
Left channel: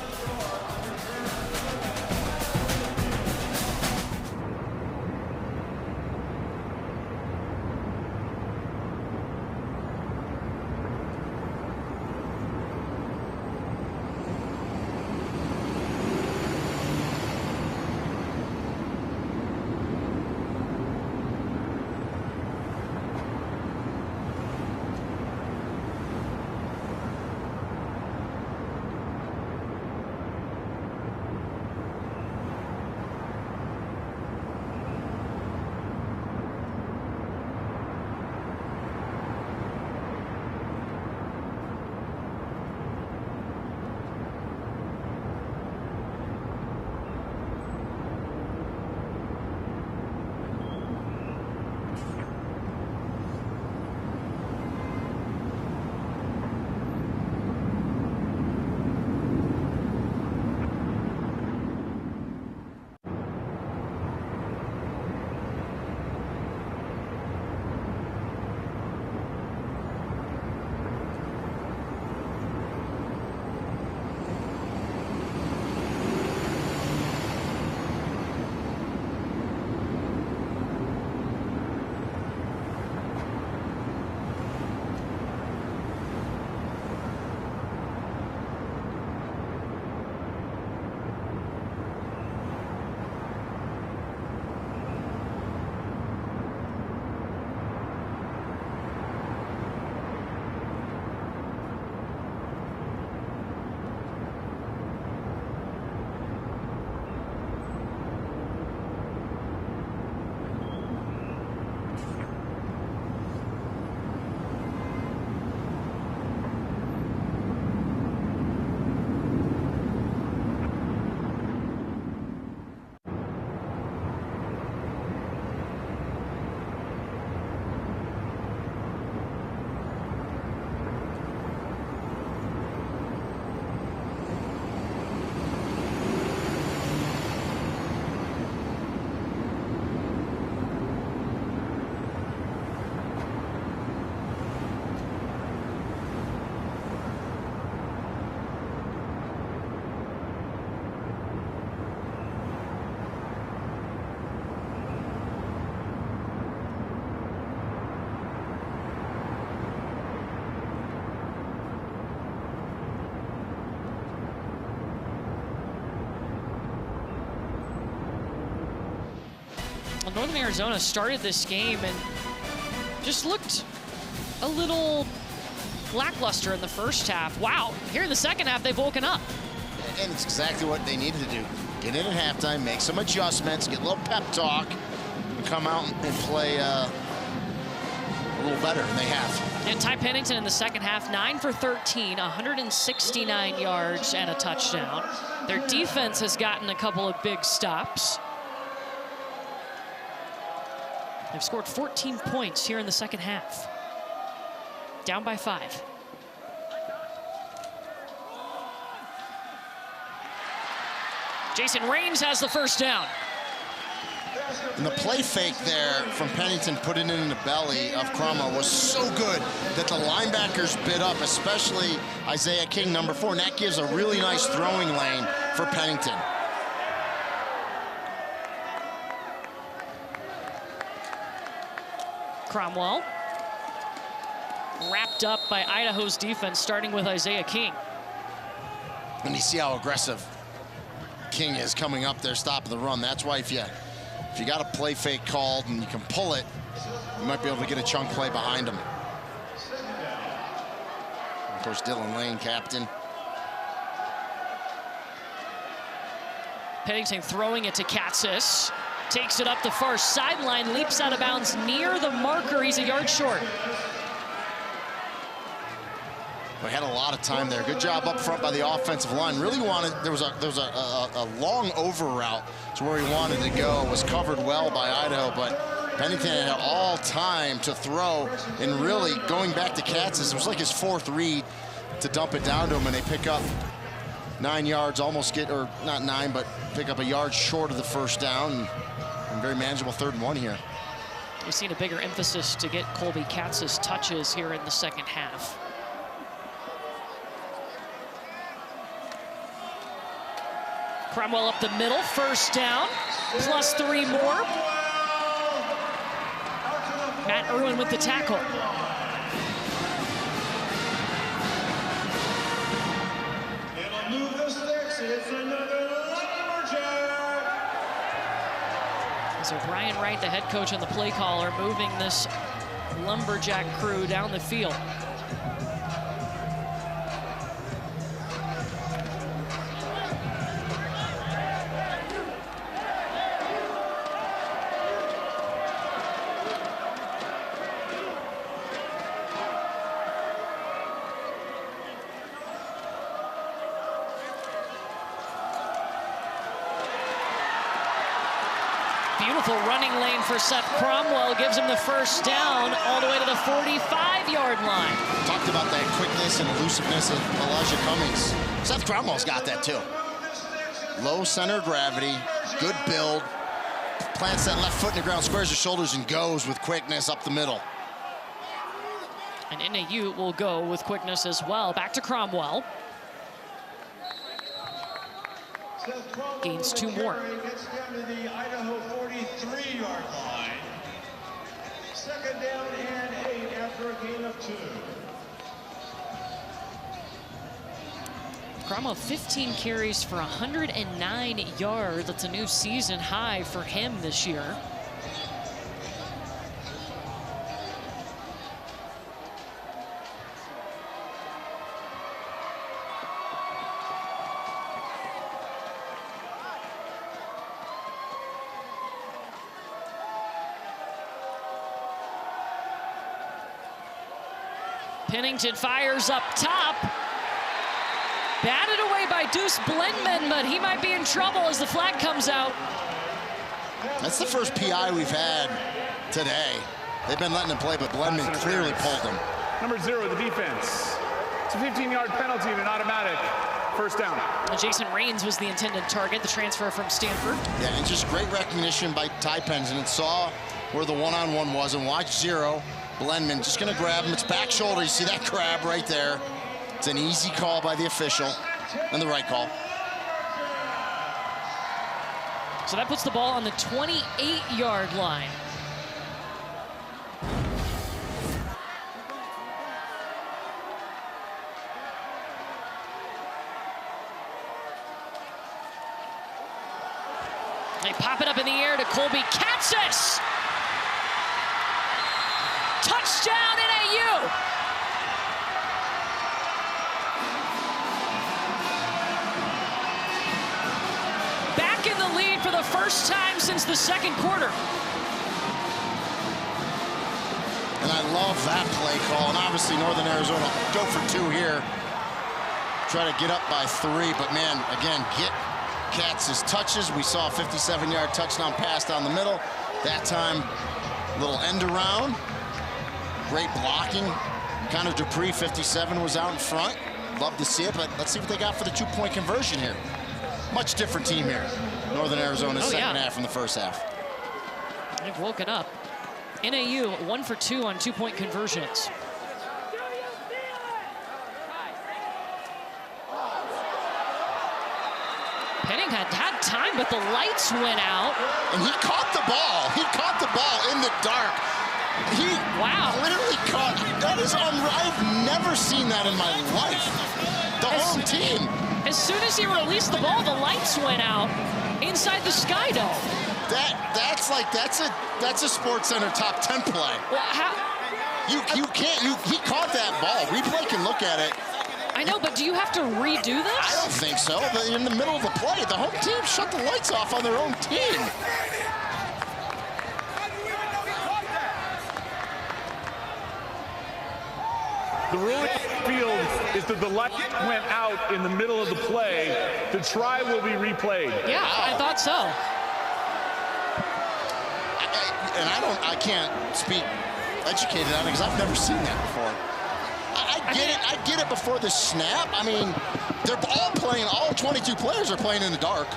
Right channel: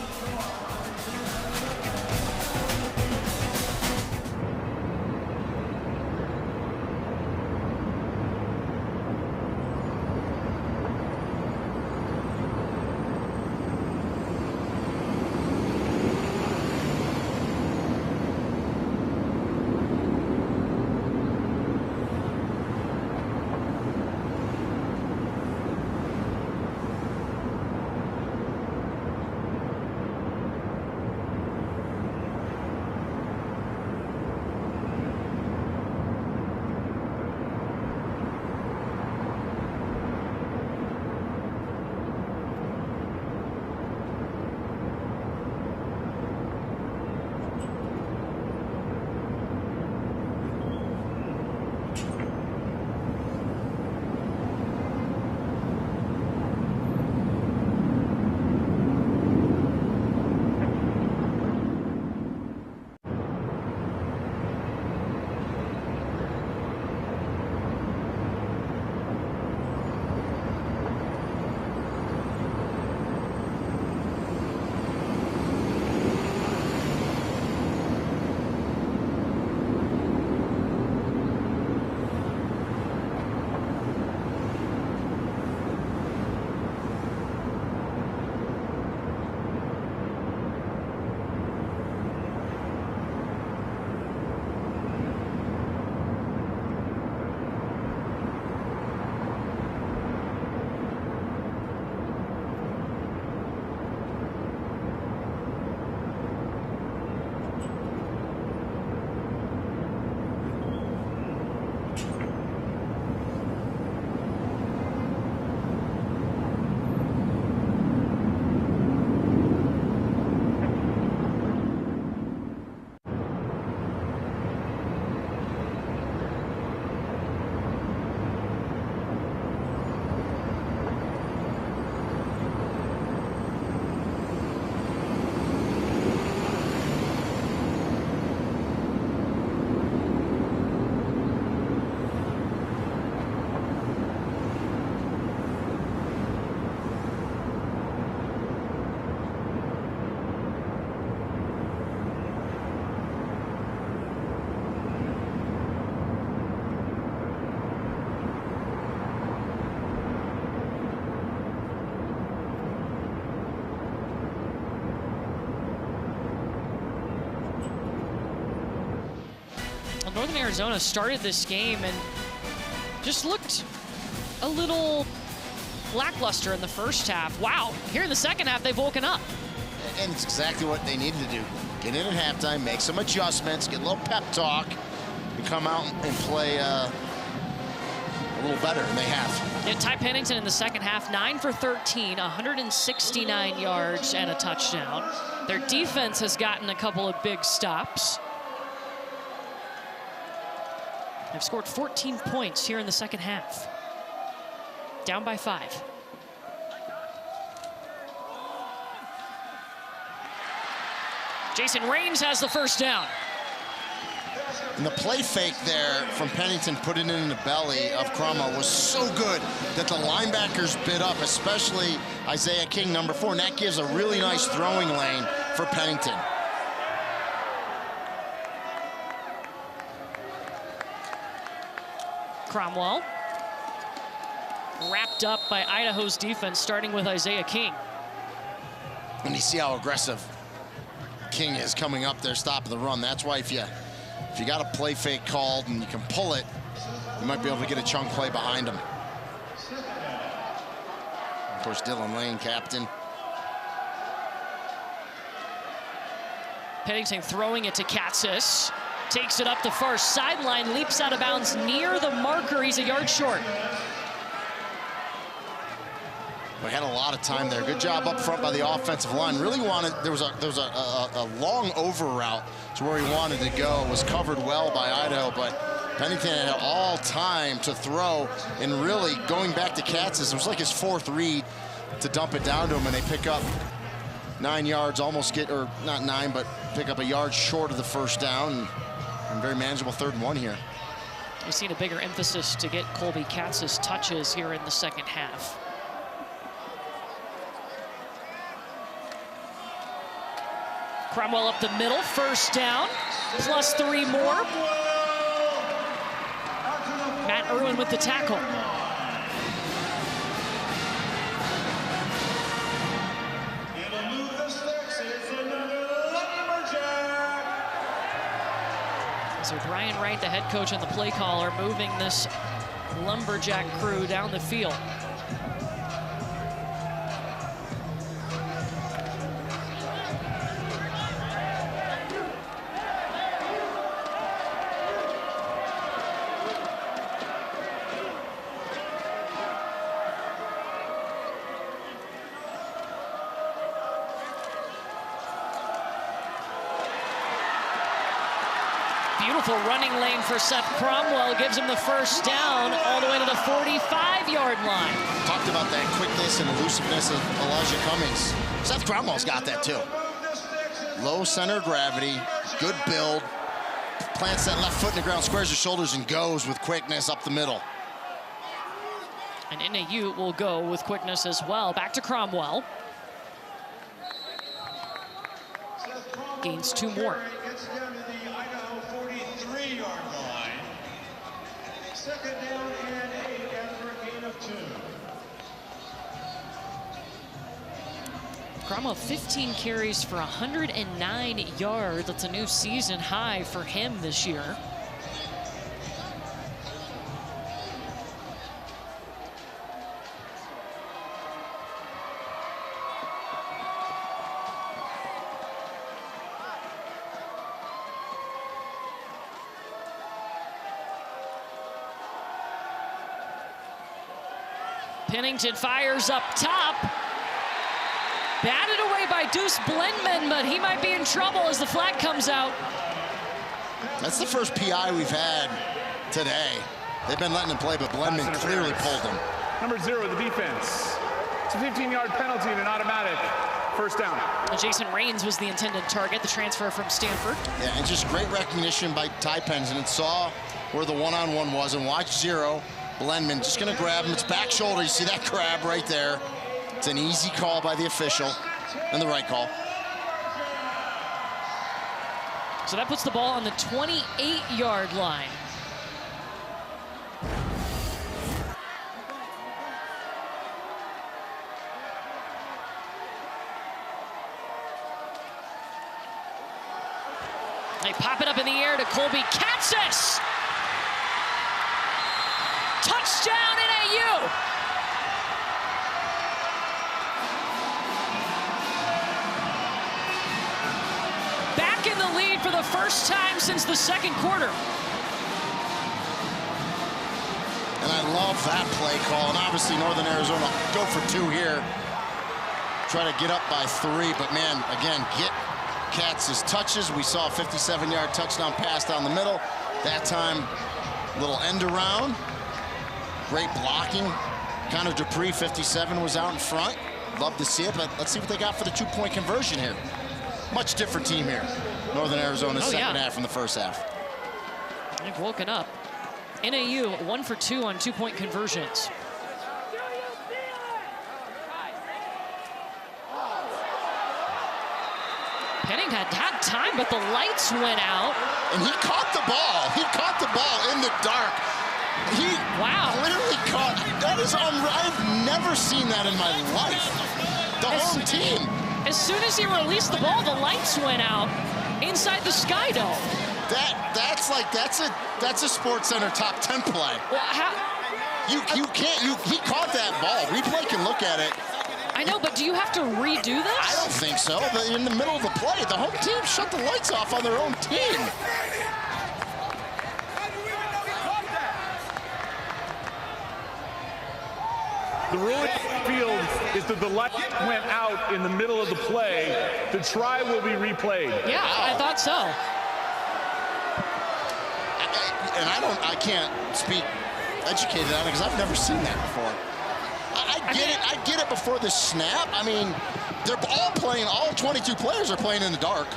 Well, Northern Arizona started this game and just looked a little lackluster in the first half. Wow, here in the second half, they've woken up. And it's exactly what they needed to do. Get in at halftime, make some adjustments, get a little pep talk, and come out and play a little better, and they have. Yeah, Ty Pennington in the second half, 9 for 13, 169 yards and a touchdown. Their defense has gotten a couple of big stops. They've scored 14 points here in the second half. Down by 5. Jason Raines has the first down. And the play fake there from Pennington, putting it in the belly of Cromwell, was so good that the linebackers bit up, especially Isaiah King, number 4, and that gives a really nice throwing lane for Pennington. Cromwell wrapped up by Idaho's defense, starting with Isaiah King. And you see how aggressive King is coming up there, stopping the run. That's why if you got a play fake called and you can pull it, you might be able to get a chunk play behind him. Of course, Dylan Lane, captain. Pennington throwing it to Katzis. Takes it up the far sideline, leaps out of bounds near the marker. He's a yard short. We had a lot of time there. Good job up front by the offensive line. Really wanted, there was a long over route to where he wanted to go. Was covered well by Idaho, but Pennington had all time to throw, and really going back to Katzis, it was like his 4th read to dump it down to him, and they pick up 9 yards, almost get, or not 9, but pick up a yard short of the first down, and very manageable 3rd and 1 here. We've seen a bigger emphasis to get Colby Katzis touches here in the second half. Cromwell up the middle, first down, plus 3 more. Matt Irwin with the tackle. So Brian Wright, the head coach and the play caller, moving this Lumberjack crew down the field. Beautiful running lane for Seth Cromwell, gives him the first down all the way to the 45-yard line. Talked about that quickness and elusiveness of Elijah Cummings. Seth Cromwell's got that too. Low center of gravity, good build, plants that left foot in the ground, squares his shoulders, and goes with quickness up the middle. And NAU will go with quickness as well. Back to Cromwell. Gains 2 more. Gets down to the Idaho 43-yard line. 2nd down and 8 after a gain of 2. Cromwell 15 carries for 109 yards. That's a new season high for him this year. Pennington fires up top. Batted away by Deuce Blendman, but he might be in trouble as the flag comes out. That's the first PI we've had today. They've been letting him play, but Blendman clearly pulled him. Number 0, the defense. It's a 15-yard penalty and an automatic first down. And Jason Raines was the intended target, the transfer from Stanford. Yeah, and just great recognition by Ty Pennington. And saw where the one-on-one was, and watch 0. Blendman just gonna grab him. It's back shoulder. You see that grab right there. It's an easy call by the official, and the right call. So that puts the ball on the 28-yard line. They pop it up in the air to Colby Katzis. Touchdown NAU. Back in the lead for the first time since the second quarter. And I love that play call. And obviously Northern Arizona go for 2 here. Try to get up by 3, but man, again, get Katz's touches. We saw a 57-yard touchdown pass down the middle. That time, little end around. Great blocking. Connor Dupree, 57, was out in front. Love to see it, but let's see what they got for the 2-point conversion here. Much different team here. Northern Arizona's second half from the first half. They've woken up. NAU 1 for 2 on 2-point conversions. Penning had time, but the lights went out. And he caught the ball. He caught the ball in the dark. He literally caught. That is I've never seen that in my life. The home team. As soon as he released the ball, the lights went out inside the Sky Dome. That's a Sports Center top 10 play. Well, he caught that ball. Replay can look at it. I know, but do you have to redo this? I don't think so. In the middle of the play, the home team shut the lights off on their own team. The ruling field is that the light went out in the middle of the play. The try will be replayed. Yeah, I thought so. I can't speak educated on it because I've never seen that before. I get it before the snap. I mean, they're all playing, all 22 players are playing in the dark.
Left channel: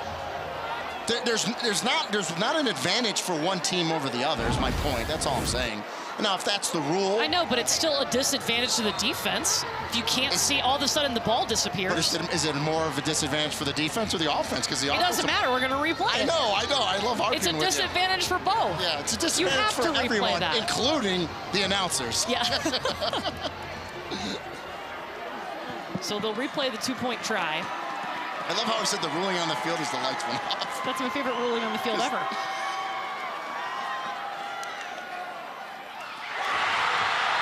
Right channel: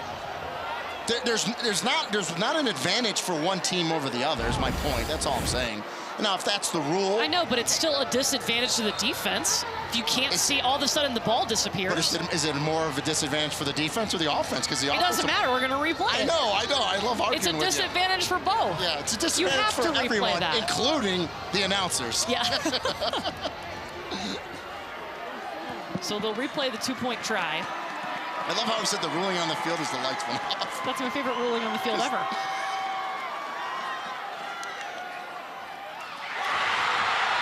There's not an advantage for one team over the other, is my point. That's all I'm saying. Now, if that's the rule. I know, but it's still a disadvantage to the defense. If you can't see, all of a sudden the ball disappears. But is it more of a disadvantage for the defense or the offense? Because the offense. It doesn't matter. We're going to replay it. I know. I love arguing with you. It's a disadvantage for both. Yeah, it's a disadvantage for everyone, including the announcers. Yeah. So they'll replay the 2-point try. I love how he said the ruling on the field is the lights went off. That's my favorite ruling on the field ever.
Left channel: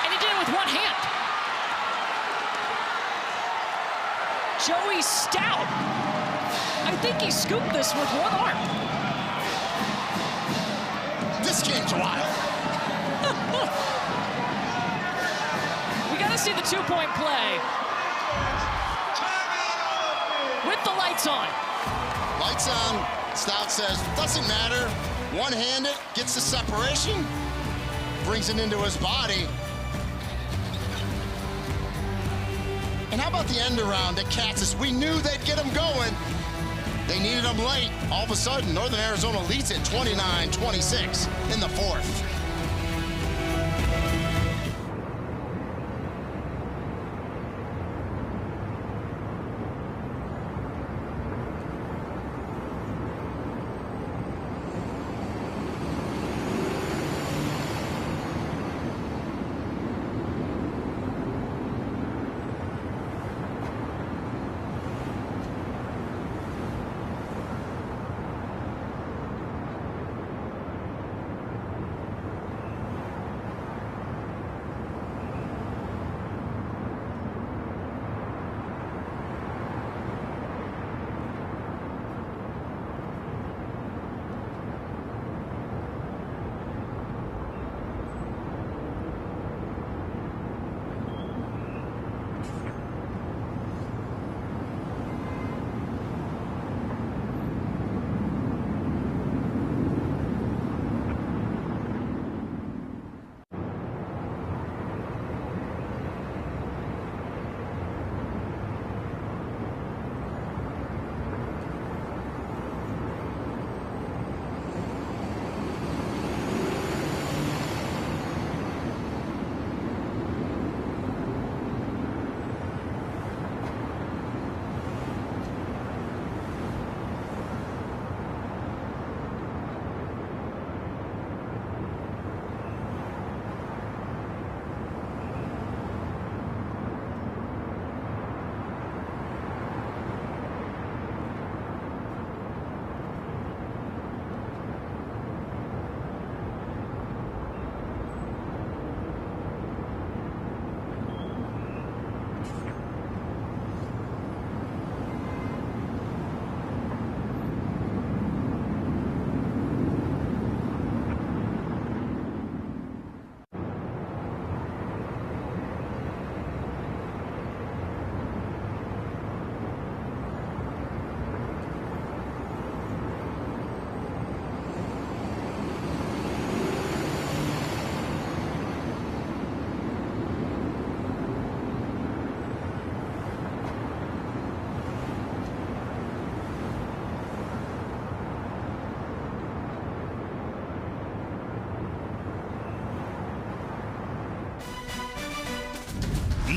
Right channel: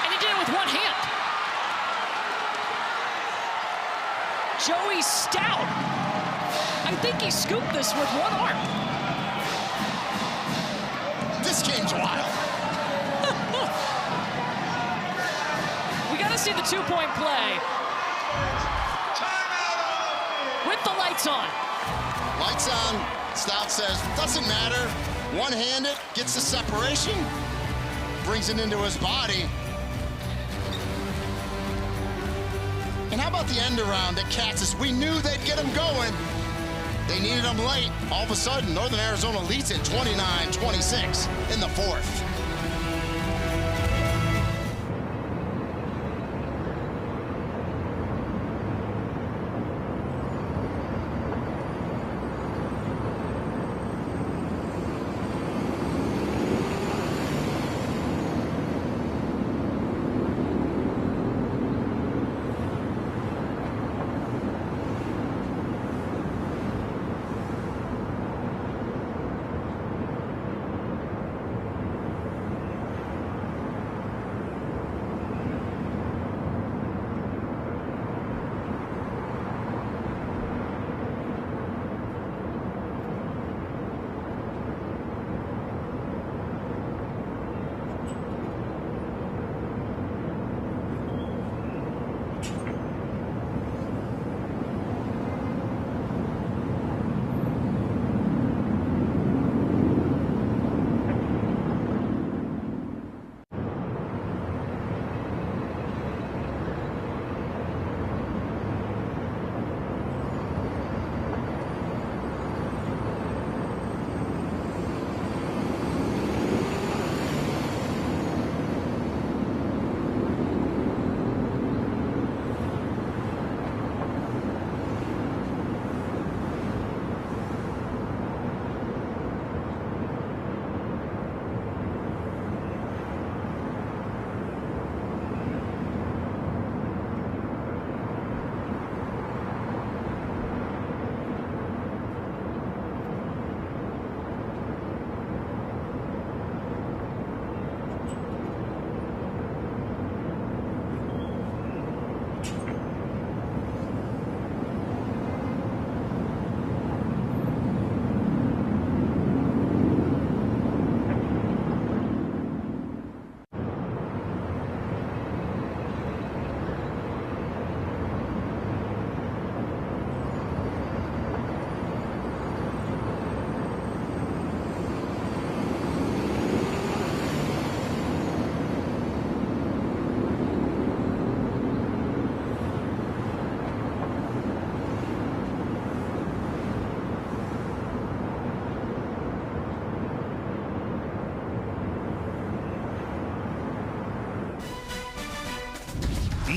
And he did it with one hand. Joey Stout. I think he scooped this with one arm. This game's wild. We got to see the 2-point play. With the lights on. Lights on. Stout says, doesn't matter. One-handed, gets the separation, brings it into his body. And how about the end around at Katzis? We knew they'd get him going. They needed him late. All of a sudden, Northern Arizona leads it 29-26 in the fourth.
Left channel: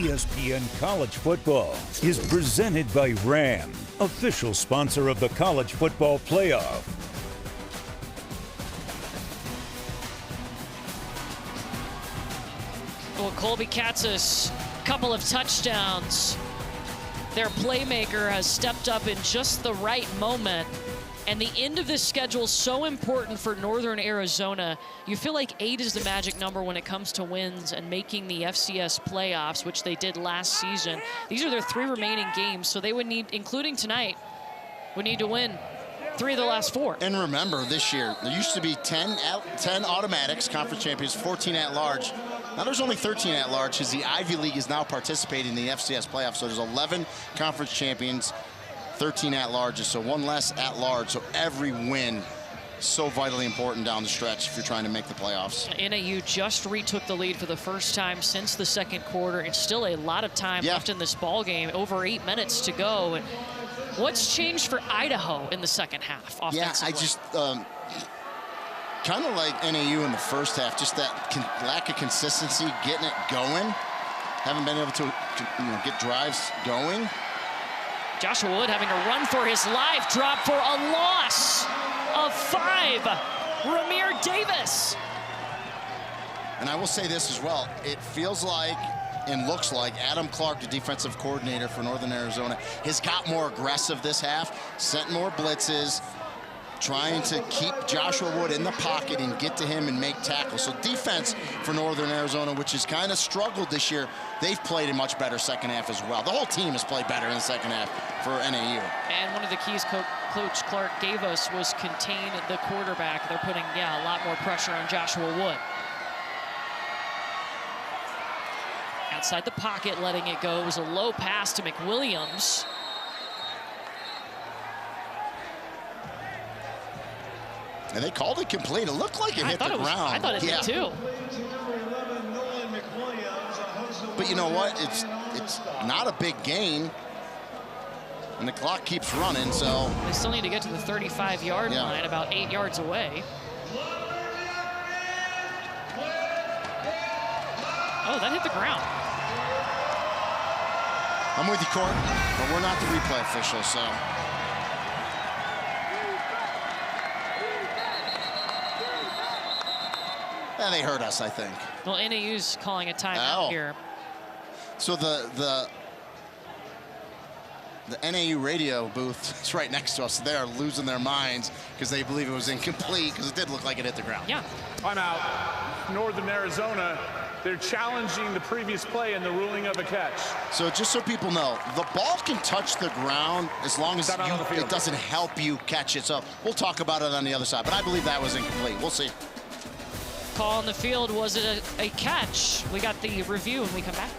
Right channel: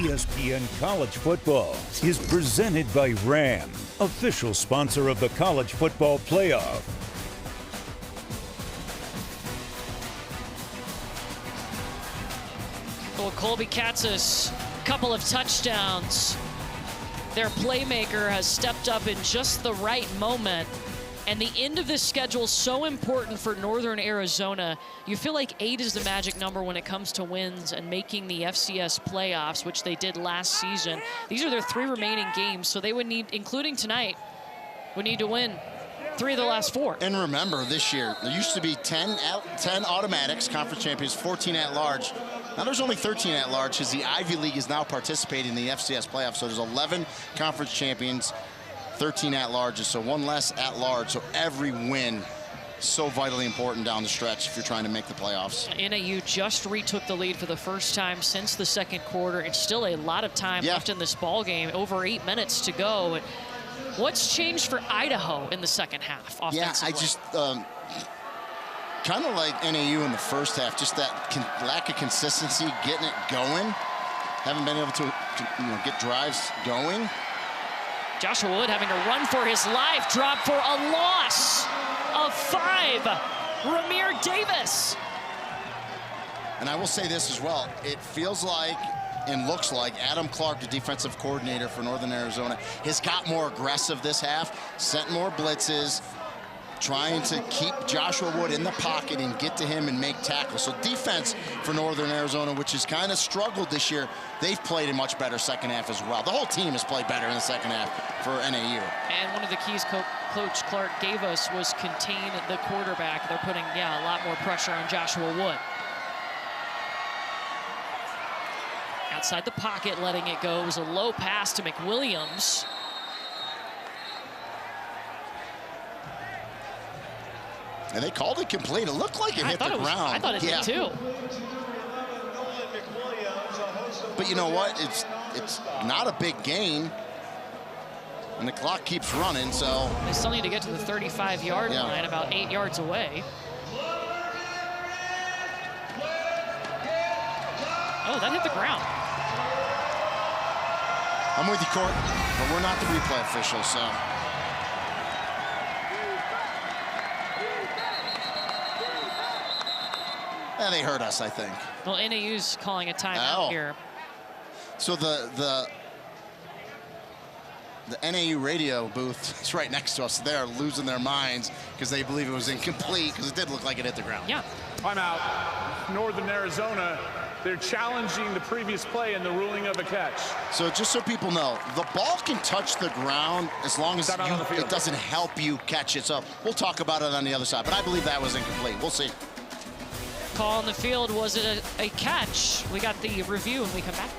ESPN College Football is presented by Ram, official sponsor of the College Football Playoff. Well, Colby Katz's couple of touchdowns. Their playmaker has stepped up in just the right moment. And the end of this schedule is so important for Northern Arizona. You feel like 8 is the magic number when it comes to wins and making the FCS playoffs, which they did last season. These are their 3 remaining games, so they would need, including tonight, would need to win 3 of the last 4. And remember, this year, there used to be 10 automatics, conference champions, 14 at-large. Now there's only 13 at-large because the Ivy League is now participating in the FCS playoffs, so there's 11 conference champions, 13 at-larges, so 1 less at-large. So every win so vitally important down the stretch if you're trying to make the playoffs. NAU just retook the lead for the first time since the second quarter. It's still a lot of time left in this ball game, over 8 minutes to go. What's changed for Idaho in the second half offensively? Yeah, I just kind of like NAU in the first half, just that lack of consistency, getting it going. Haven't been able to get drives going. Joshua Wood having to run for his life, drop for a loss of 5. Ramir Davis. And I will say this as well. It feels like and looks like Adam Clark, the defensive coordinator for Northern Arizona, has got more aggressive this half, sent more blitzes, trying to keep Joshua Wood in the pocket and get to him and make tackles. So defense for Northern Arizona, which has kind of struggled this year, they've played a much better second half as well. The whole team has played better in the second half for NAU. And one of the keys Coach Clark gave us was contain the quarterback. They're putting, a lot more pressure on Joshua Wood. Outside the pocket, letting it go. It was a low pass to McWilliams. And they called it complete. It looked like it hit the ground. I thought it did too. But you know what? It's not a big gain. And the clock keeps running, so. They still need to get to the 35-yard line, about 8 yards away. Oh, that hit the ground. I'm with you, Court, but we're not the replay officials, so. They hurt us, I think. Well, NAU's calling a timeout here. So the NAU radio booth is right next to us. They're losing their minds because they believe it was incomplete because it did look like it hit the ground. Yeah. Timeout. Northern Arizona. They're challenging the previous play and the ruling of a catch. So just so people know, the ball can touch the ground as long as it doesn't help you catch it. So we'll talk about it on the other side. But I believe that was incomplete. We'll see. Call on the field. Was it a catch? We got the review when we come back.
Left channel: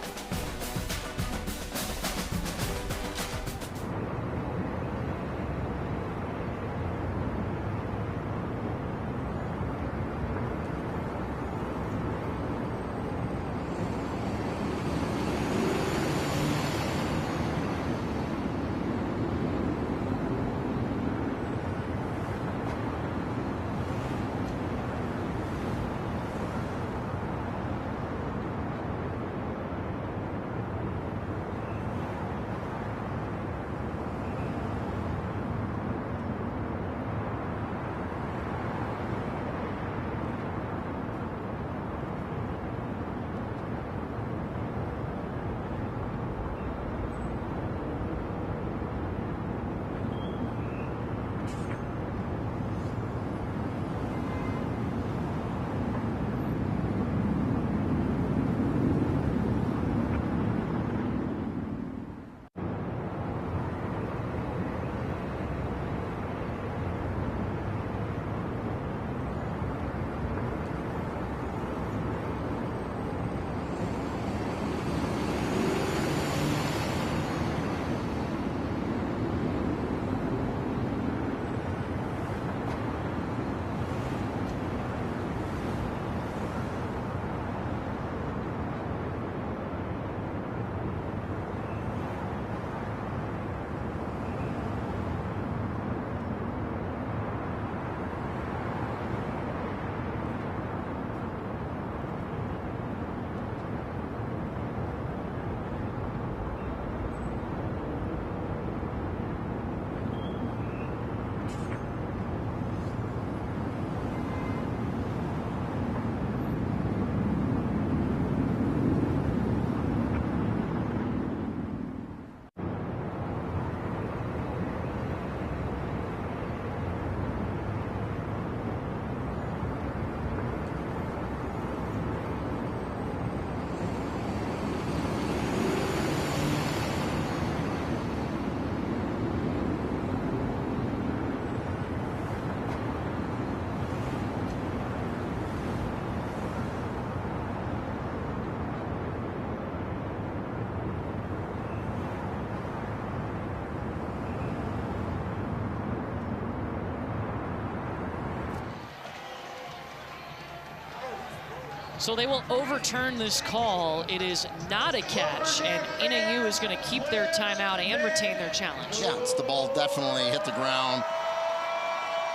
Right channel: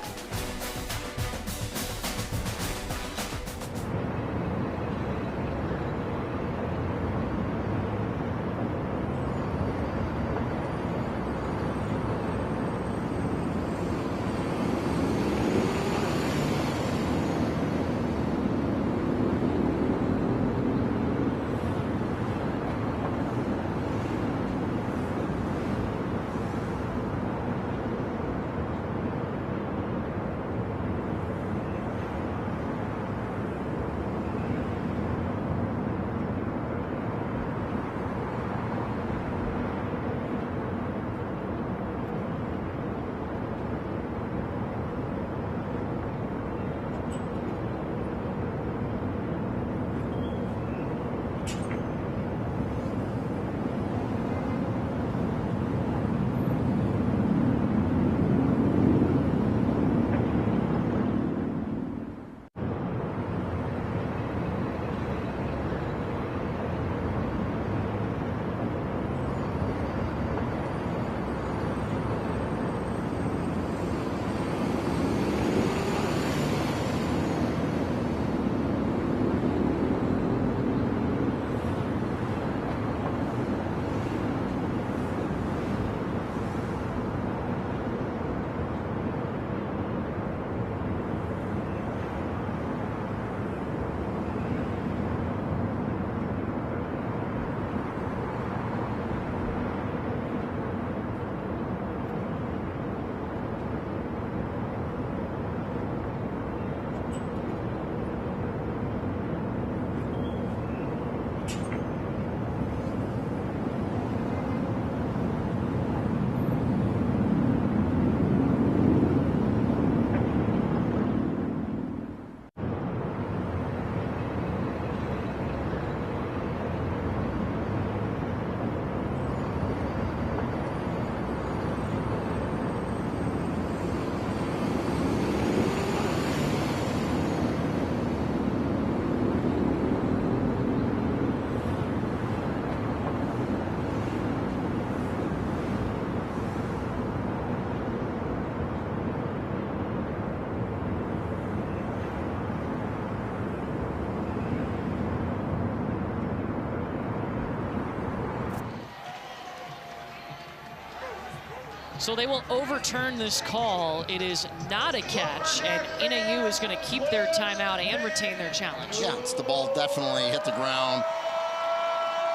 So they will overturn this call. It is not a catch, and NAU is going to keep their timeout and retain their challenge. Yeah, it's the ball definitely hit the ground,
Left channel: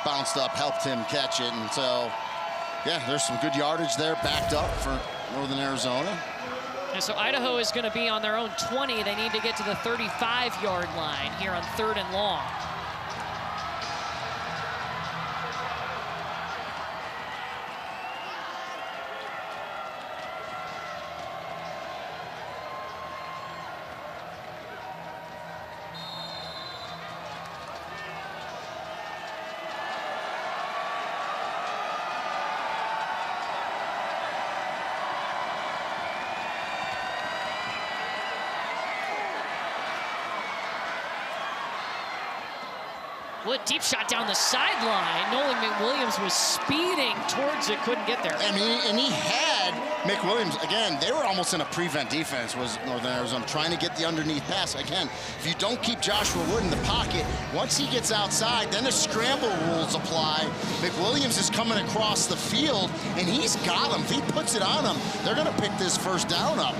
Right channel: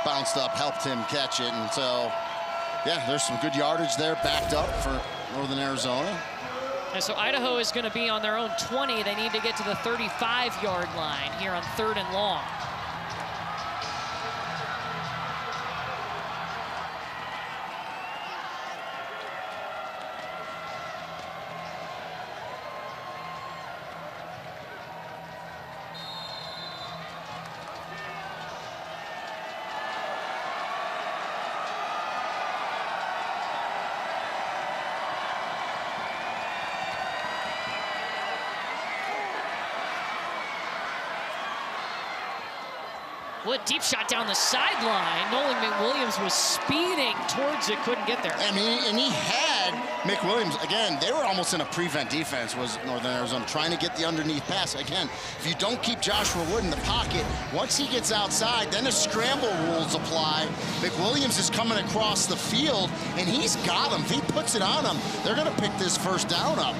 bounced up, helped him catch it, and so, yeah, there's some good yardage there, backed up for Northern Arizona. And so Idaho is going to be on their own 20. They need to get to the 35-yard line here on 3rd and long. What deep shot down the sideline. Nolan McWilliams was speeding towards it, couldn't get there. I mean, and he had McWilliams, again, they were almost in a prevent defense, was Northern Arizona, trying to get the underneath pass. Again, if you don't keep Joshua Wood in the pocket, once he gets outside, then the scramble rules apply. McWilliams is coming across the field, and he's got him. If he puts it on him, they're going to pick this first down up.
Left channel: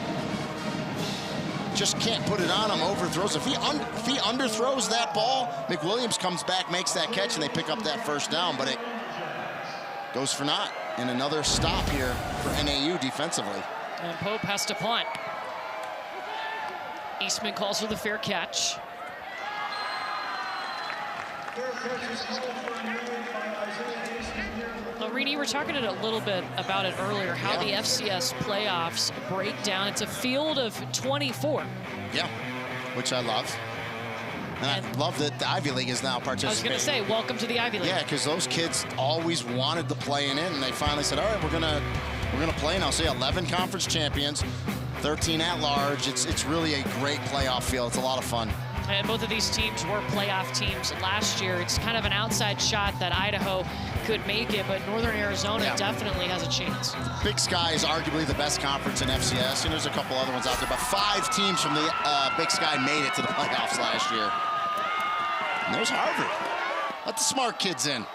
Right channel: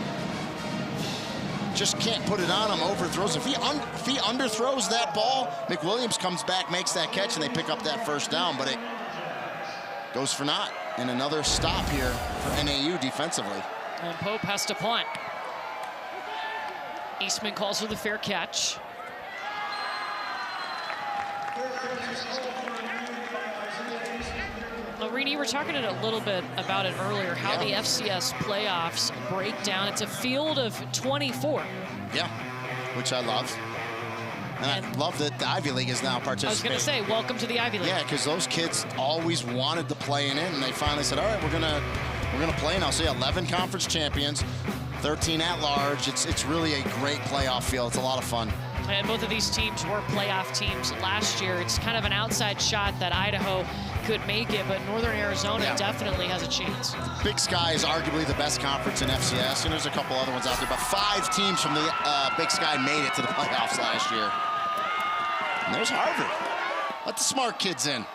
Just can't put it on him, overthrows. If he underthrows that ball, McWilliams comes back, makes that catch, and they pick up that first down, but it goes for naught. And another stop here for NAU defensively. And Pope has to punt. Eastman calls for the fair catch. Well, Rini, we were talking a little bit about it earlier, how the FCS playoffs break down. It's a field of 24. Yeah, which I love. And I love that the Ivy League is now participating. I was going to say, welcome to the Ivy League. Yeah, because those kids always wanted to play in it, and they finally said, all right, we're gonna play now. So yeah, 11 conference champions, 13 at large. It's really a great playoff field. It's a lot of fun. And both of these teams were playoff teams last year. It's kind of an outside shot that Idaho could make it, but Northern Arizona definitely has a chance. Big Sky is arguably the best conference in FCS, and there's a couple other ones out there, but 5 teams from the Big Sky made it to the playoffs last year. And there's Harvard. Let the smart kids in.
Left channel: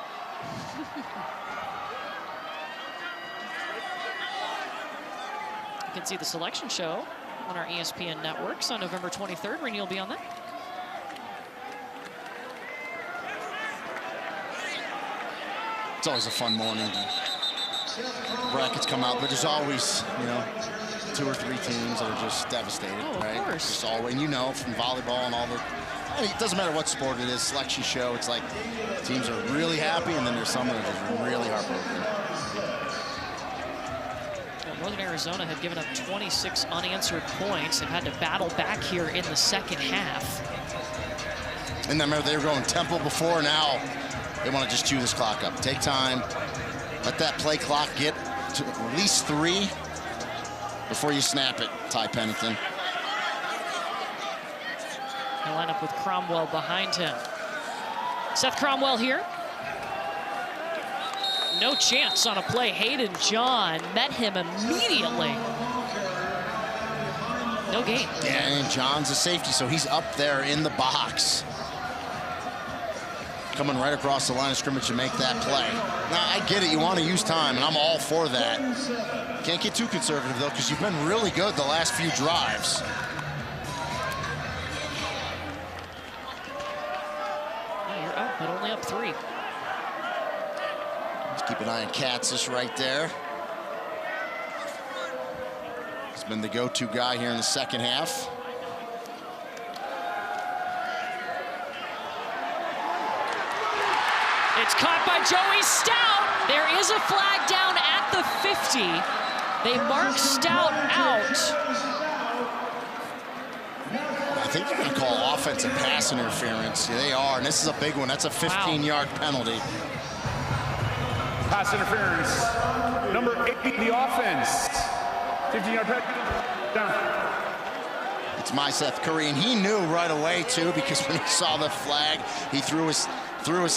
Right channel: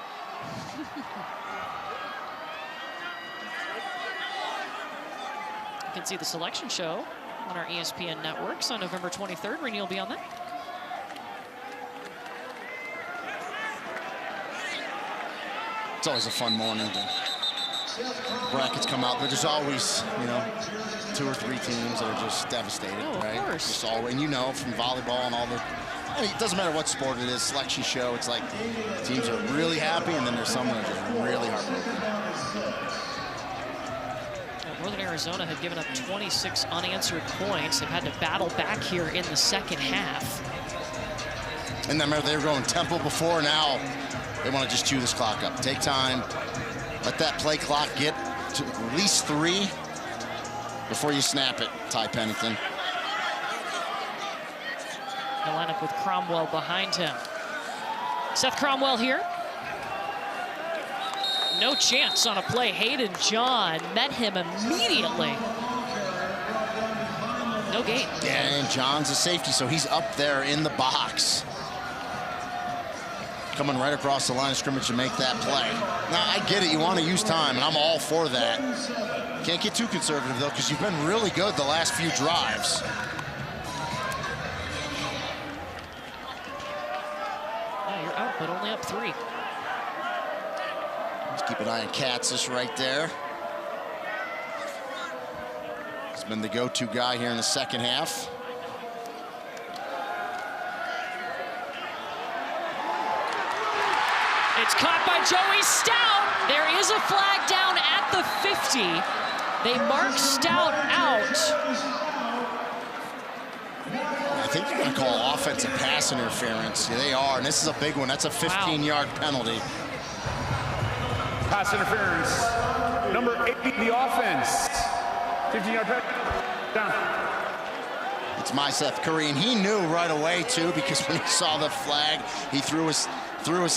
You can see the selection show on our ESPN networks on November 23rd. Rini will be on that. It's always a fun morning. Brackets come out, but there's always, 2 or 3 teams that are just devastated, right? Of course. Just always, and from volleyball and all the, it doesn't matter what sport it is, selection show, it's like teams are really happy, and then there's some that are just really heartbroken. Well, Northern Arizona had given up 26 unanswered points. They've had to battle back here in the second half. And then remember, they were going tempo before, now they want to just chew this clock up. Take time, let that play clock get to at least 3 before you snap it, Ty Pennington. He'll line up with Cromwell behind him. Seth Cromwell here. No chance on a play. Hayden John met him immediately. No gain. Yeah, and John's a safety, so he's up there in the box. Coming right across the line of scrimmage to make that play. Now, I get it, you want to use time, and I'm all for that. Can't get too conservative, though, because you've been really good the last few drives. Yeah, you're up, but only up 3. Let's keep an eye on Katzis right there. He's been the go-to guy here in the second half. It's caught by Joey Stout. There is a flag down at the 50. They mark Stout out. I think you're going to call offensive pass interference. Yeah, they are, and this is a big one. That's a 15-yard penalty. Pass interference. Number 8, the offense. 15-yard penalty. Down. It's my Seth Curry, and he knew right away, too, because when he saw the flag, he threw his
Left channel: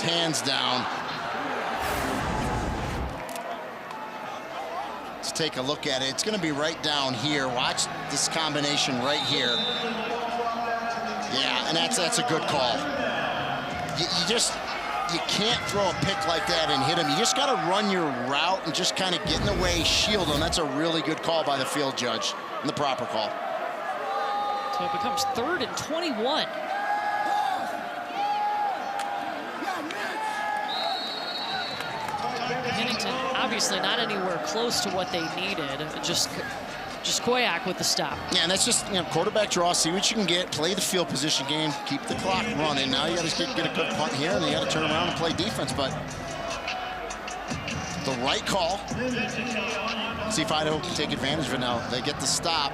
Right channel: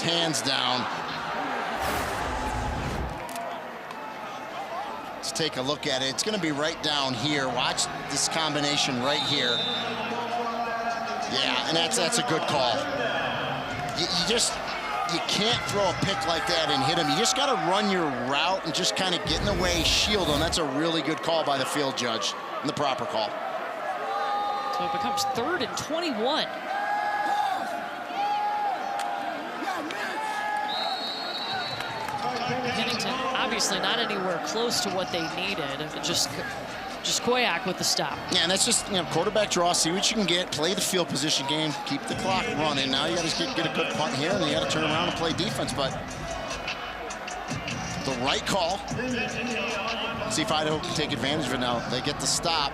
hands down. Let's take a look at it. It's going to be right down here. Watch this combination right here. Yeah, and that's a good call. You just, you can't throw a pick like that and hit him. You just got to run your route and just kind of get in the way, shield him. That's a really good call by the field judge, and the proper call. So it becomes 3rd and 21. Pennington obviously not anywhere close to what they needed. Just Koyak with the stop. Yeah, and that's just, quarterback draw, see what you can get, play the field position game, keep the clock running. Now you got to get a good punt here, and then you got to turn around and play defense. But the right call. See if Idaho can take advantage of it now. They get the stop.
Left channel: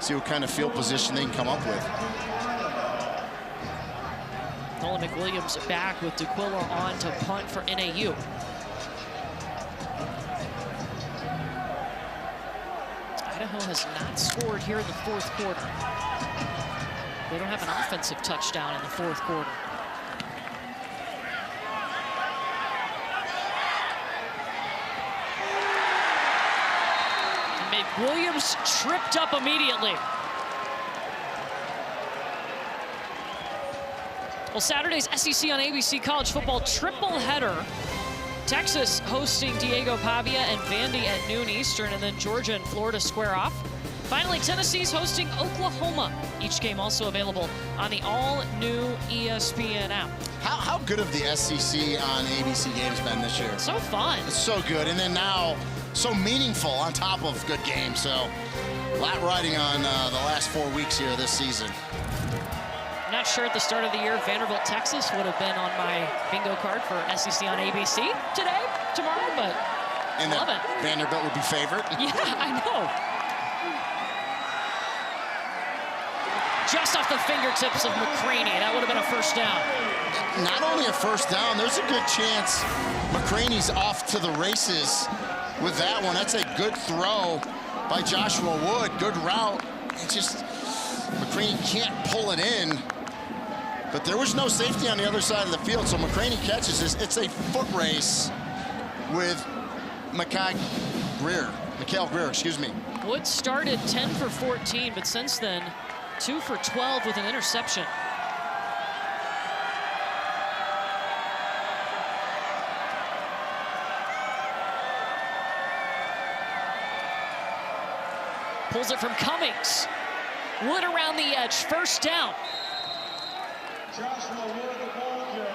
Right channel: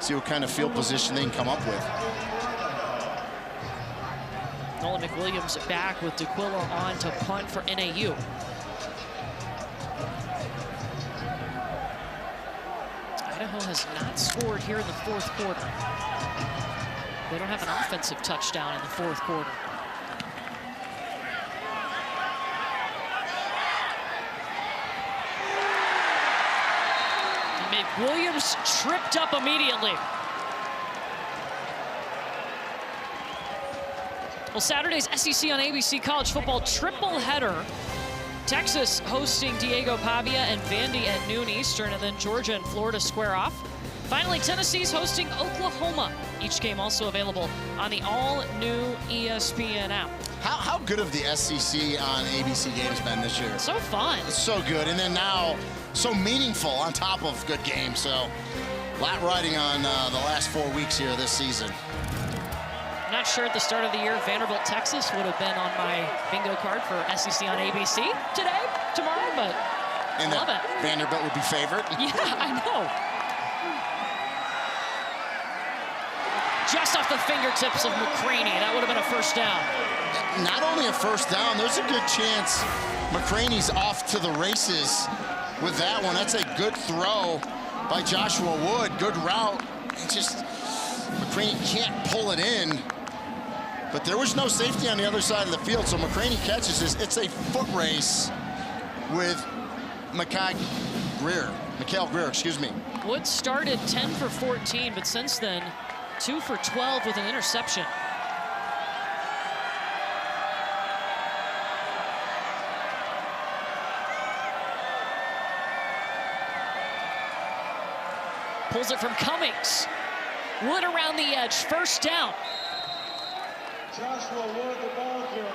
See what kind of field position they can come up with. Nolan McWilliams back with DeQuilla on to punt for NAU. Idaho has not scored here in the 4th quarter. They don't have an offensive touchdown in the 4th quarter. And McWilliams tripped up immediately. Well, Saturday's SEC on ABC College Football triple header. Texas hosting Diego Pavia and Vandy at noon Eastern, and then Georgia and Florida square off. Finally, Tennessee's hosting Oklahoma. Each game also available on the all-new ESPN app. How good have the SEC on ABC games been this year? So fun. It's so good, and then now so meaningful on top of good games. So a lot riding on the last 4 weeks here this season. I'm not sure at the start of the year Vanderbilt, Texas would have been on my bingo card for SEC on ABC tomorrow, but and love it. Vanderbilt would be favorite. Yeah, I know. Just off the fingertips of McCraney, that would have been a first down. Not only a first down, there's a good chance McCraney's off to the races with that one. That's a good throw by Joshua Wood. Good route. It's just McCraney can't pull it in. But there was no safety on the other side of the field, so McCraney catches this. It's a foot race with Mikhail Greer, excuse me. Wood started 10 for 14, but since then, 2 for 12 with an interception. Pulls it from Cummings. Wood around the edge, first down.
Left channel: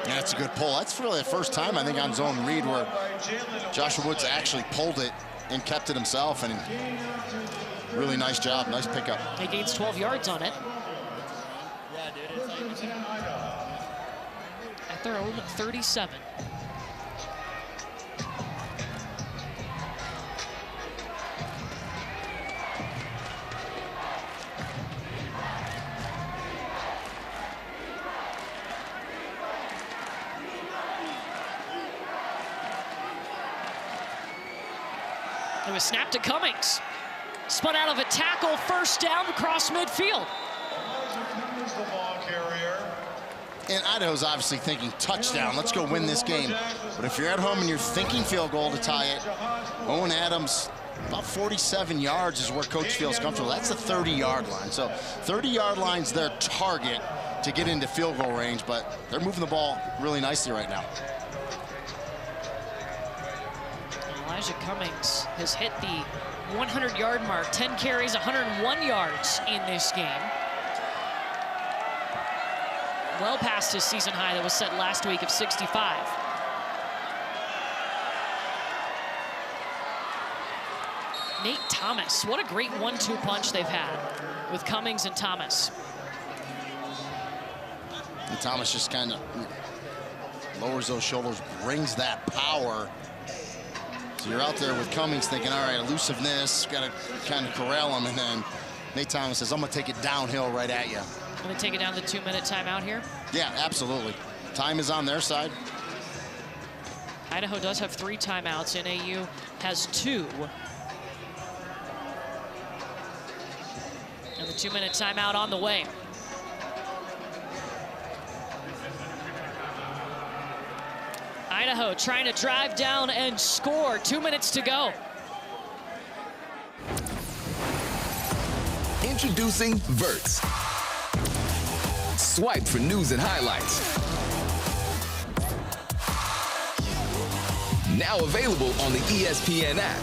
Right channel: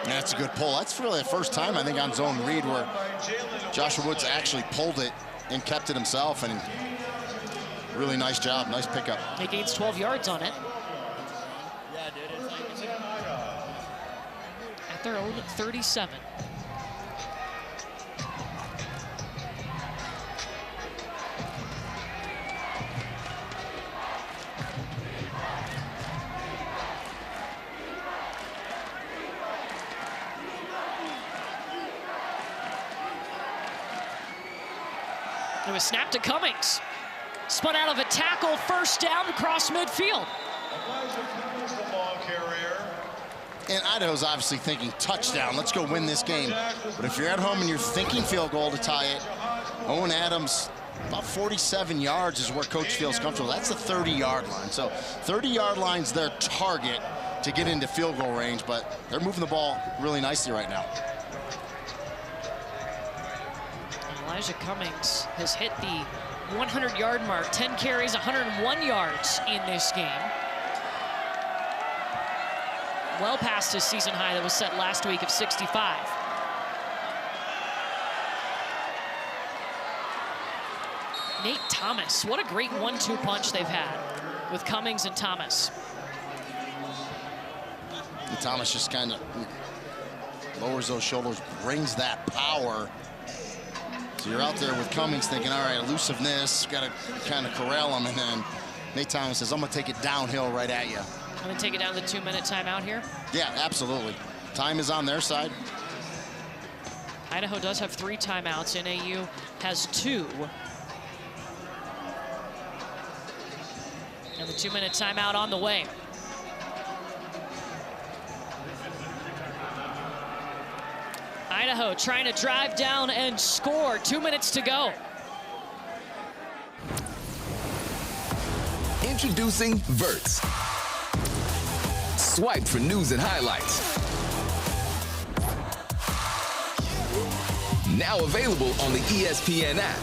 That's a good pull. That's really the first time, I think, on zone read where Joshua Woods actually pulled it and kept it himself, and really nice job, nice pickup. He gains 12 yards on it. At their own 37. It was snapped to Cummings. Spun out of a tackle, first down across midfield. And Idaho's obviously thinking touchdown. Let's go win this game. But if you're at home and you're thinking field goal to tie it, Owen Adams, about 47 yards is where coach feels comfortable. That's the 30-yard line. So 30-yard line's their target to get into field goal range, but they're moving the ball really nicely right now. Elijah Cummings has hit the 100-yard mark, 10 carries, 101 yards in this game. Well past his season high that was set last week of 65. Nate Thomas, what a great 1-2 punch they've had with Cummings and Thomas. And Thomas just kind of lowers those shoulders, brings that power. So you're out there with Cummings thinking, all right, elusiveness, got to kind of corral him, and then Nate Thomas says, I'm going to take it downhill right at you. I'm going to take it down to the 2-minute timeout here. Yeah, absolutely. Time is on their side. Idaho does have 3 timeouts. NAU has 2. And the 2-minute timeout on the way. Idaho trying to drive down and score. 2 minutes to go. Introducing Verts. Swipe for news and highlights. Now available on the ESPN app.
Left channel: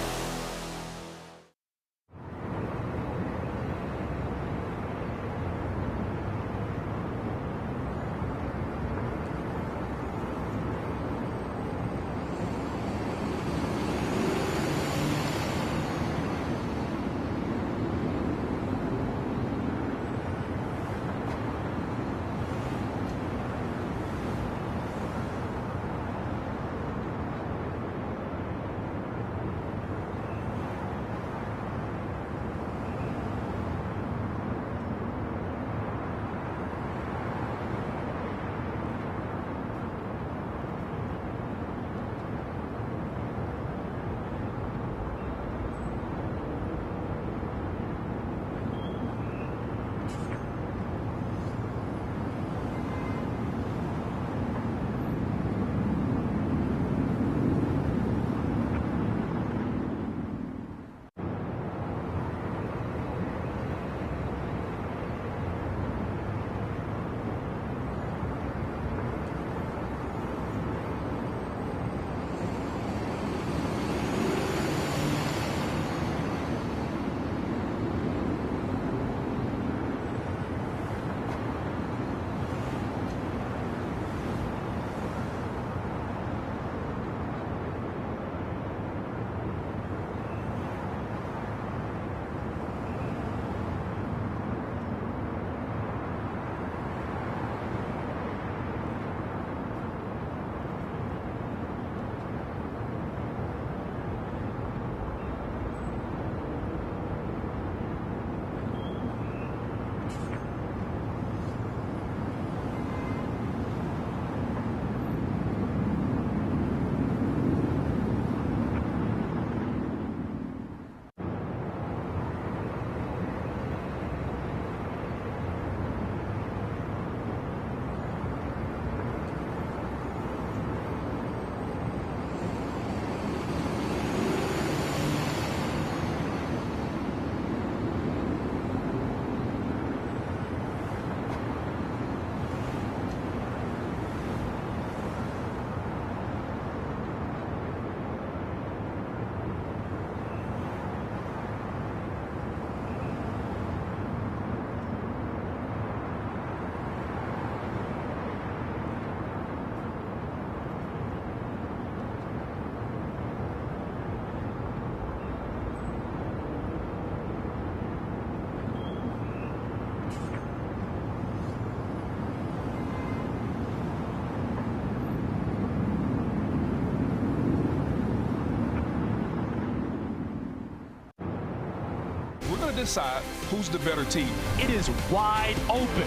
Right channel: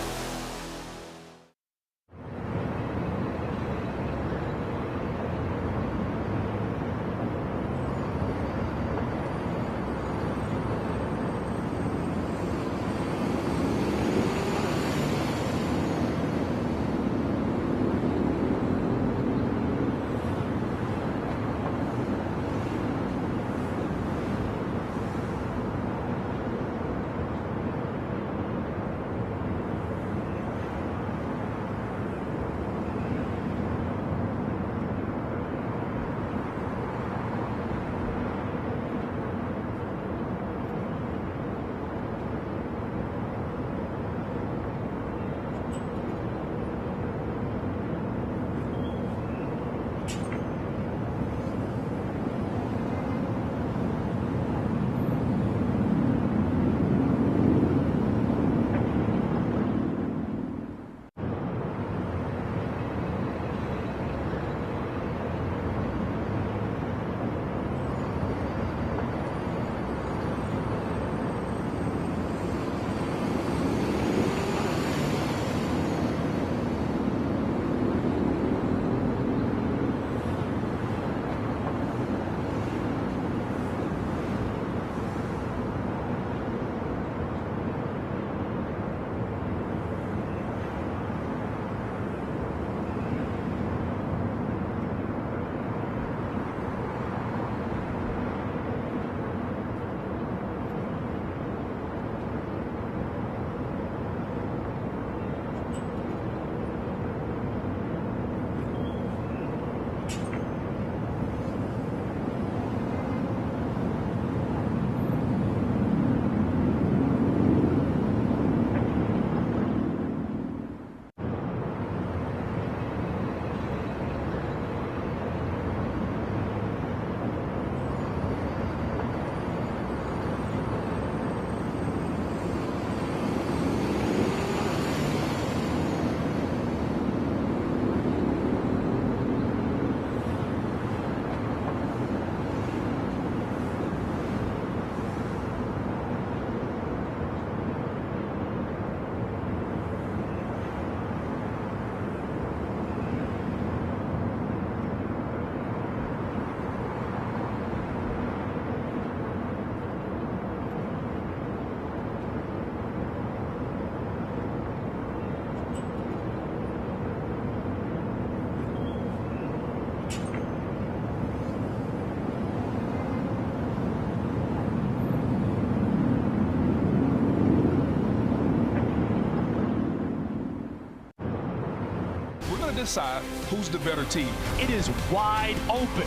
Decide who's the better team. It is wide open.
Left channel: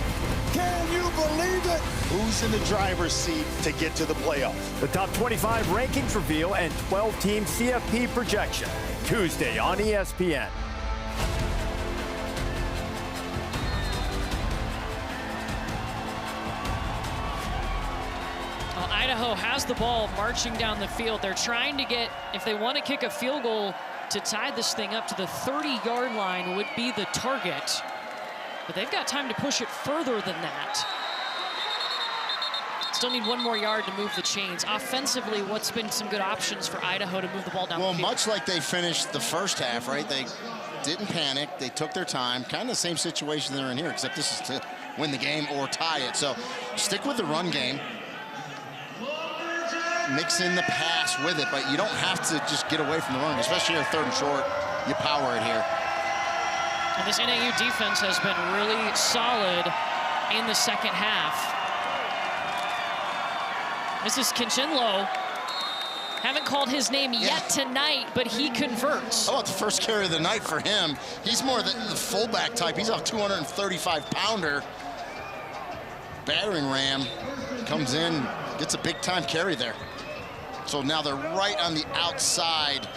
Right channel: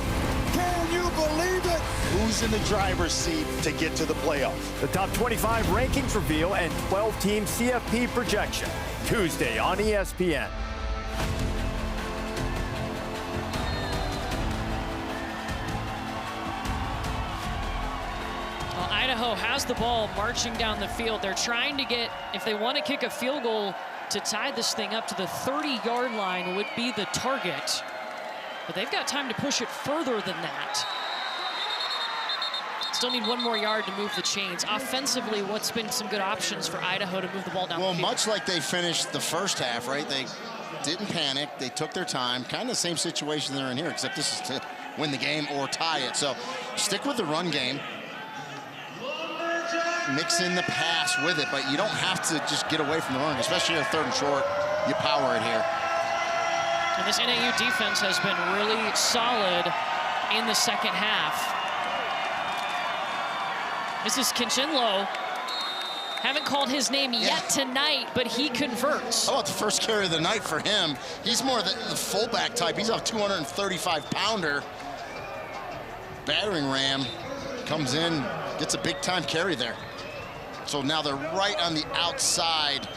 Can you believe it? Who's in the driver's seat to get to the playoffs? The top 25 rankings reveal and 12-team CFP projection. Tuesday on ESPN. Well, Idaho has the ball marching down the field. They're trying to get, if they want to kick a field goal to tie this thing up to the 30-yard line would be the target. But they've got time to push it further than that. Still need one more yard to move the chains. Offensively, what's been some good options for Idaho to move the ball down the field? Well, much like they finished the first half, right? They didn't panic. They took their time. Kind of the same situation they're in here, except this is to win the game or tie it. So stick with the run game. Mix in the pass with it, but you don't have to just get away from the run, especially here 3rd and short. You power it here. And this NAU defense has been really solid in the second half. This is Kinchinlo. Haven't called his name yet tonight, but he converts. How about the first carry of the night for him? He's more the fullback type. He's a 235-pounder. Battering ram comes in, gets a big-time carry there. So now they're right on the outside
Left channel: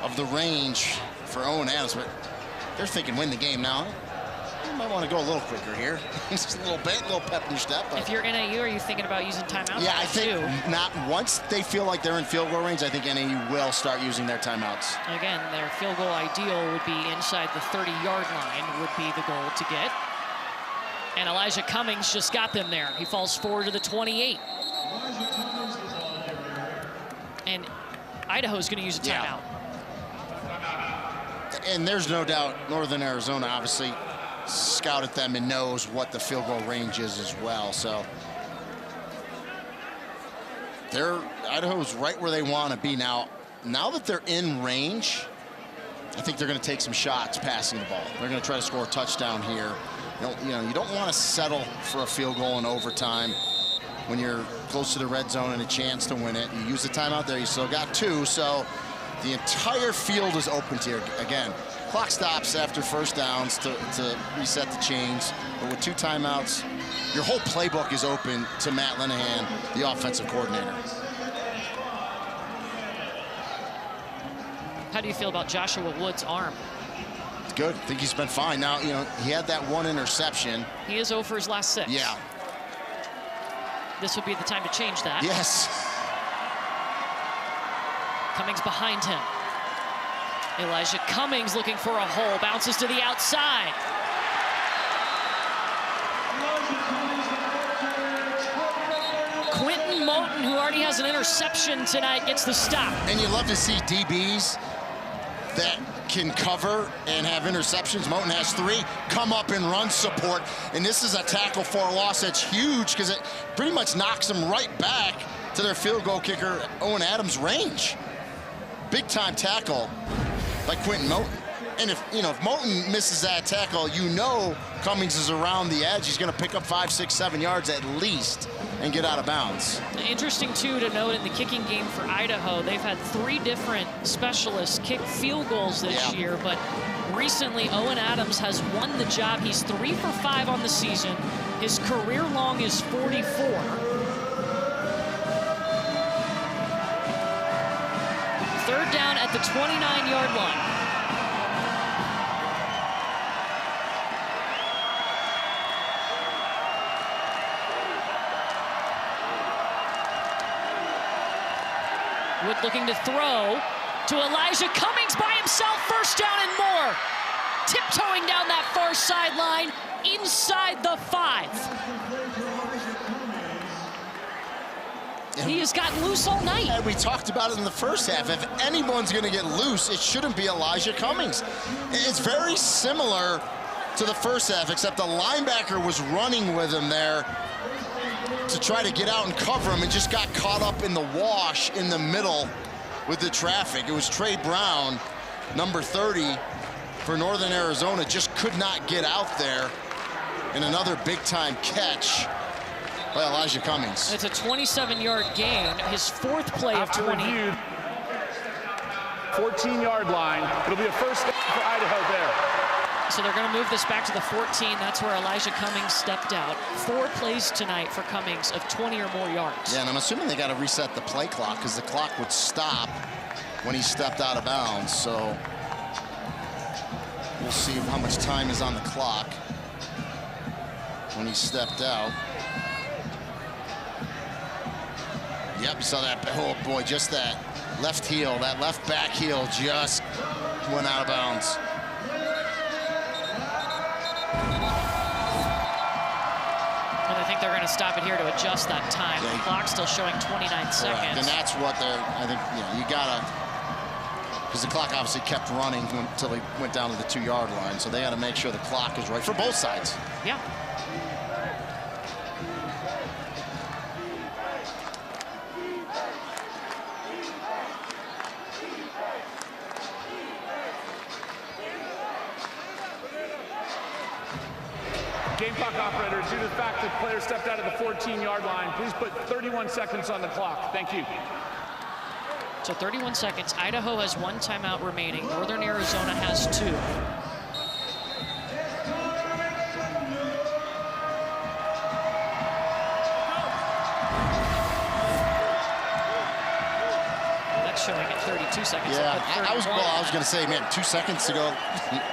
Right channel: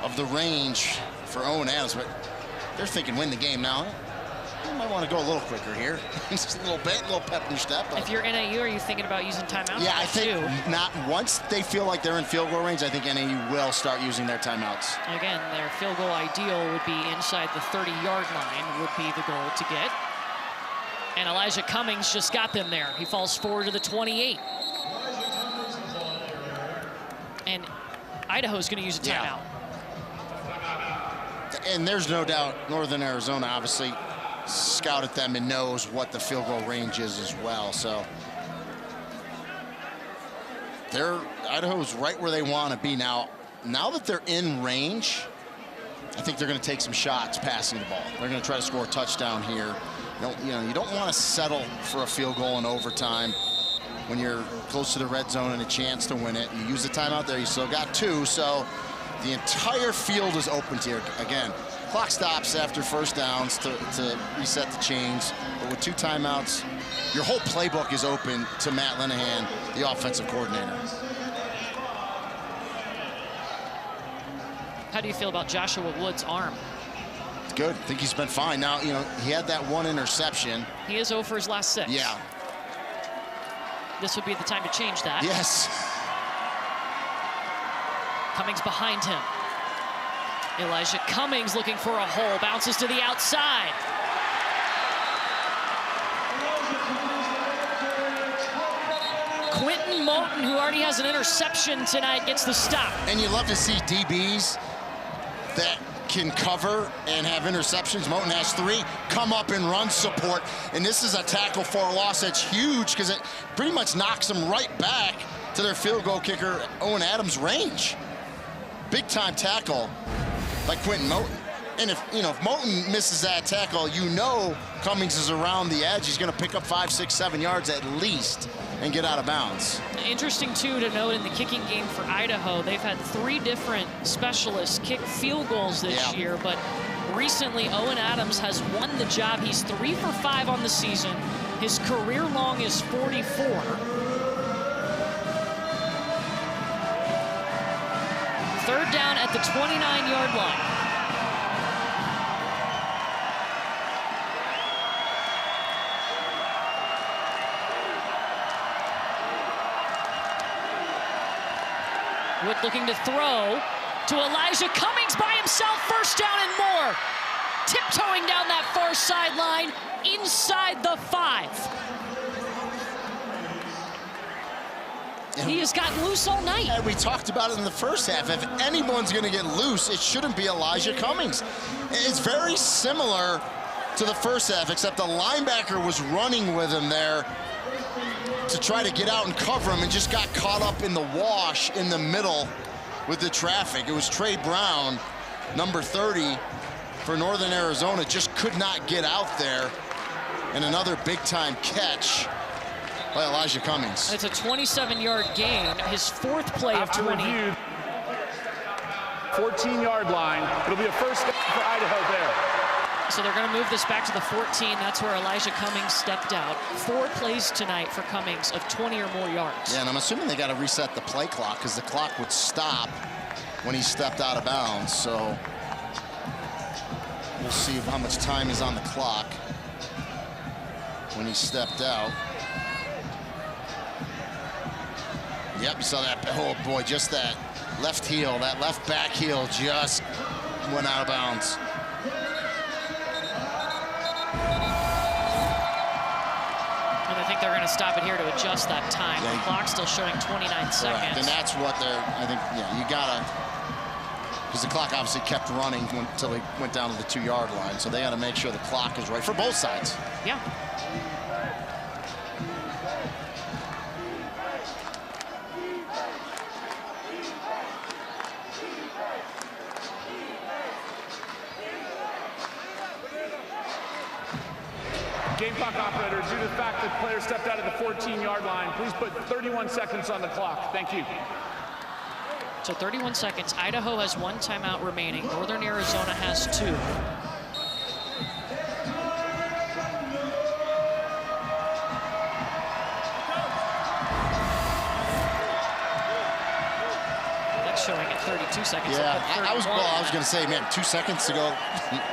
of the range for Owen Adams, but they're thinking win the game now. You might want to go a little quicker here. Just a little bit, a little pep in your step. If you're NAU, are you thinking about using timeouts? Yeah, I think not. Once they feel like they're in field goal range, I think NAU will start using their timeouts. Again, their field goal ideal would be inside the 30-yard line would be the goal to get. And Elijah Cummings just got them there. He falls forward to the 28. And Idaho's going to use a timeout. And there's no doubt Northern Arizona obviously scouted them and knows what the field goal range is as well. So Idaho's right where they want to be now. Now that they're in range, I think they're going to take some shots passing the ball. They're going to try to score a touchdown here. You don't want to settle for a field goal in overtime when you're close to the red zone and a chance to win it. You use the timeout there. You still got 2, so the entire field is open to you. Again, clock stops after first downs to reset the chains, but with 2 timeouts, your whole playbook is open to Matt Linehan, the offensive coordinator. How do you feel about Joshua Wood's arm? It's good. I think he's been fine. Now, he had that 1 interception. He is 0 for his last 6. Yeah. This would be the time to change that. Yes. Cummings behind him. Elijah Cummings looking for a hole, bounces to the outside. Quentin Moten, who already has an interception tonight, gets the stop. And you love to see DBs that can cover and have interceptions. Moten has 3, come up and run support. And this is a tackle for a loss that's huge because it pretty much knocks them right back to their field goal kicker, Owen Adams' range. Big time tackle by Quentin Moten. And if Moten misses that tackle, Cummings is around the edge. He's going to pick up 5, 6, 7 yards at least and get out of bounds. Interesting, too, to note in the kicking game for Idaho, they've had 3 different specialists kick field goals this year, but recently Owen Adams has won the job. He's 3 for 5 on the season. His career long is 44. Third down at the 29-yard line. Wood looking to throw to Elijah Cummings by himself. First down and more. Tiptoeing down that far sideline inside the 5. He has gotten loose all night. And we talked about it in the first half. If anyone's going to get loose, it shouldn't be Elijah Cummings. It's very similar to the first half, except the linebacker was running with him there to try to get out and cover him and just got caught up in the wash in the middle with the traffic. It was Trey Brown, number 30 for Northern Arizona, just could not get out there. And another big-time catch by Elijah Cummings. It's a 27-yard gain, his 4th play of 20. 14-yard line. It'll be a first down for Idaho there. So they're going to move this back to the 14. That's where Elijah Cummings stepped out. 4 plays tonight for Cummings of 20 or more yards. Yeah, and I'm assuming they got to reset the play clock because the clock would stop when he stepped out of bounds. So we'll see how much time is on the clock when he stepped out. Yep, you saw that. Oh boy, just that left heel, that left back heel just went out of bounds. And I think they're going to stop it here to adjust that time. The clock's still showing 29 seconds. And that's what they're, I think, you gotta, because the clock obviously kept running until he went down to the 2-yard line. So they got to make sure the clock is right for both sides. Yeah. Game clock operator, due to the fact that players stepped out of the 14-yard line, please put 31 seconds on the clock. Thank you. So 31 seconds. Idaho has 1 timeout remaining. Northern Arizona has 2. That's showing at 32 seconds. Yeah, I was going to say, man, 2 seconds ago,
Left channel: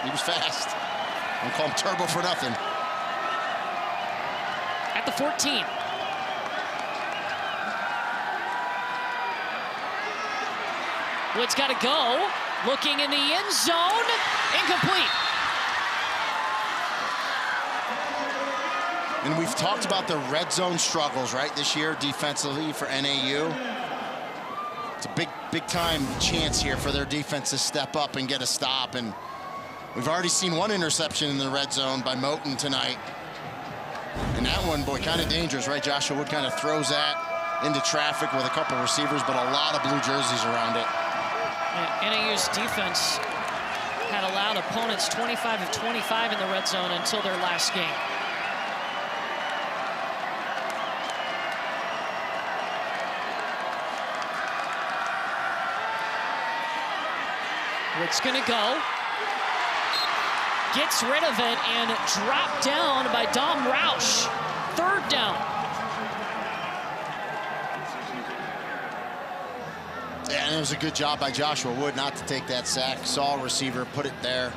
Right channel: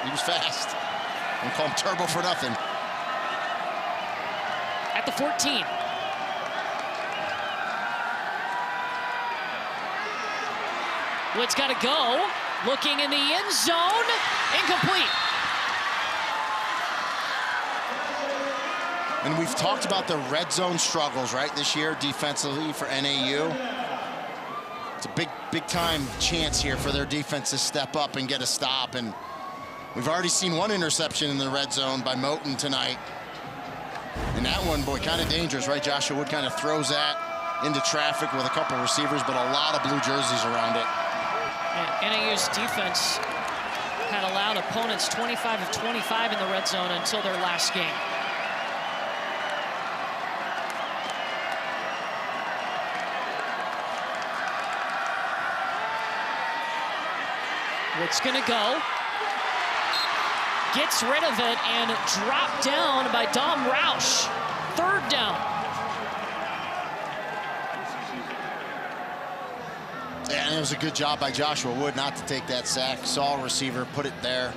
he was fast. Don't call him turbo for nothing. At the 14. Wood's got to go. Looking in the end zone. Incomplete. And we've talked about the red zone struggles, right, this year defensively for NAU. It's a big time chance here for their defense to step up and get a stop. And we've already seen one interception in the red zone by Moten tonight. And that one, boy, kind of dangerous, right? Joshua Wood kind of throws that into traffic with a couple receivers, but a lot of blue jerseys around it. NAU's defense had allowed opponents 25 of 25 in the red zone until their last game. Wood's gonna go. Gets rid of it and dropped down by Dom Roush. 3rd down. Yeah, and it was a good job by Joshua Wood not to take that sack. Saw a receiver, put it there.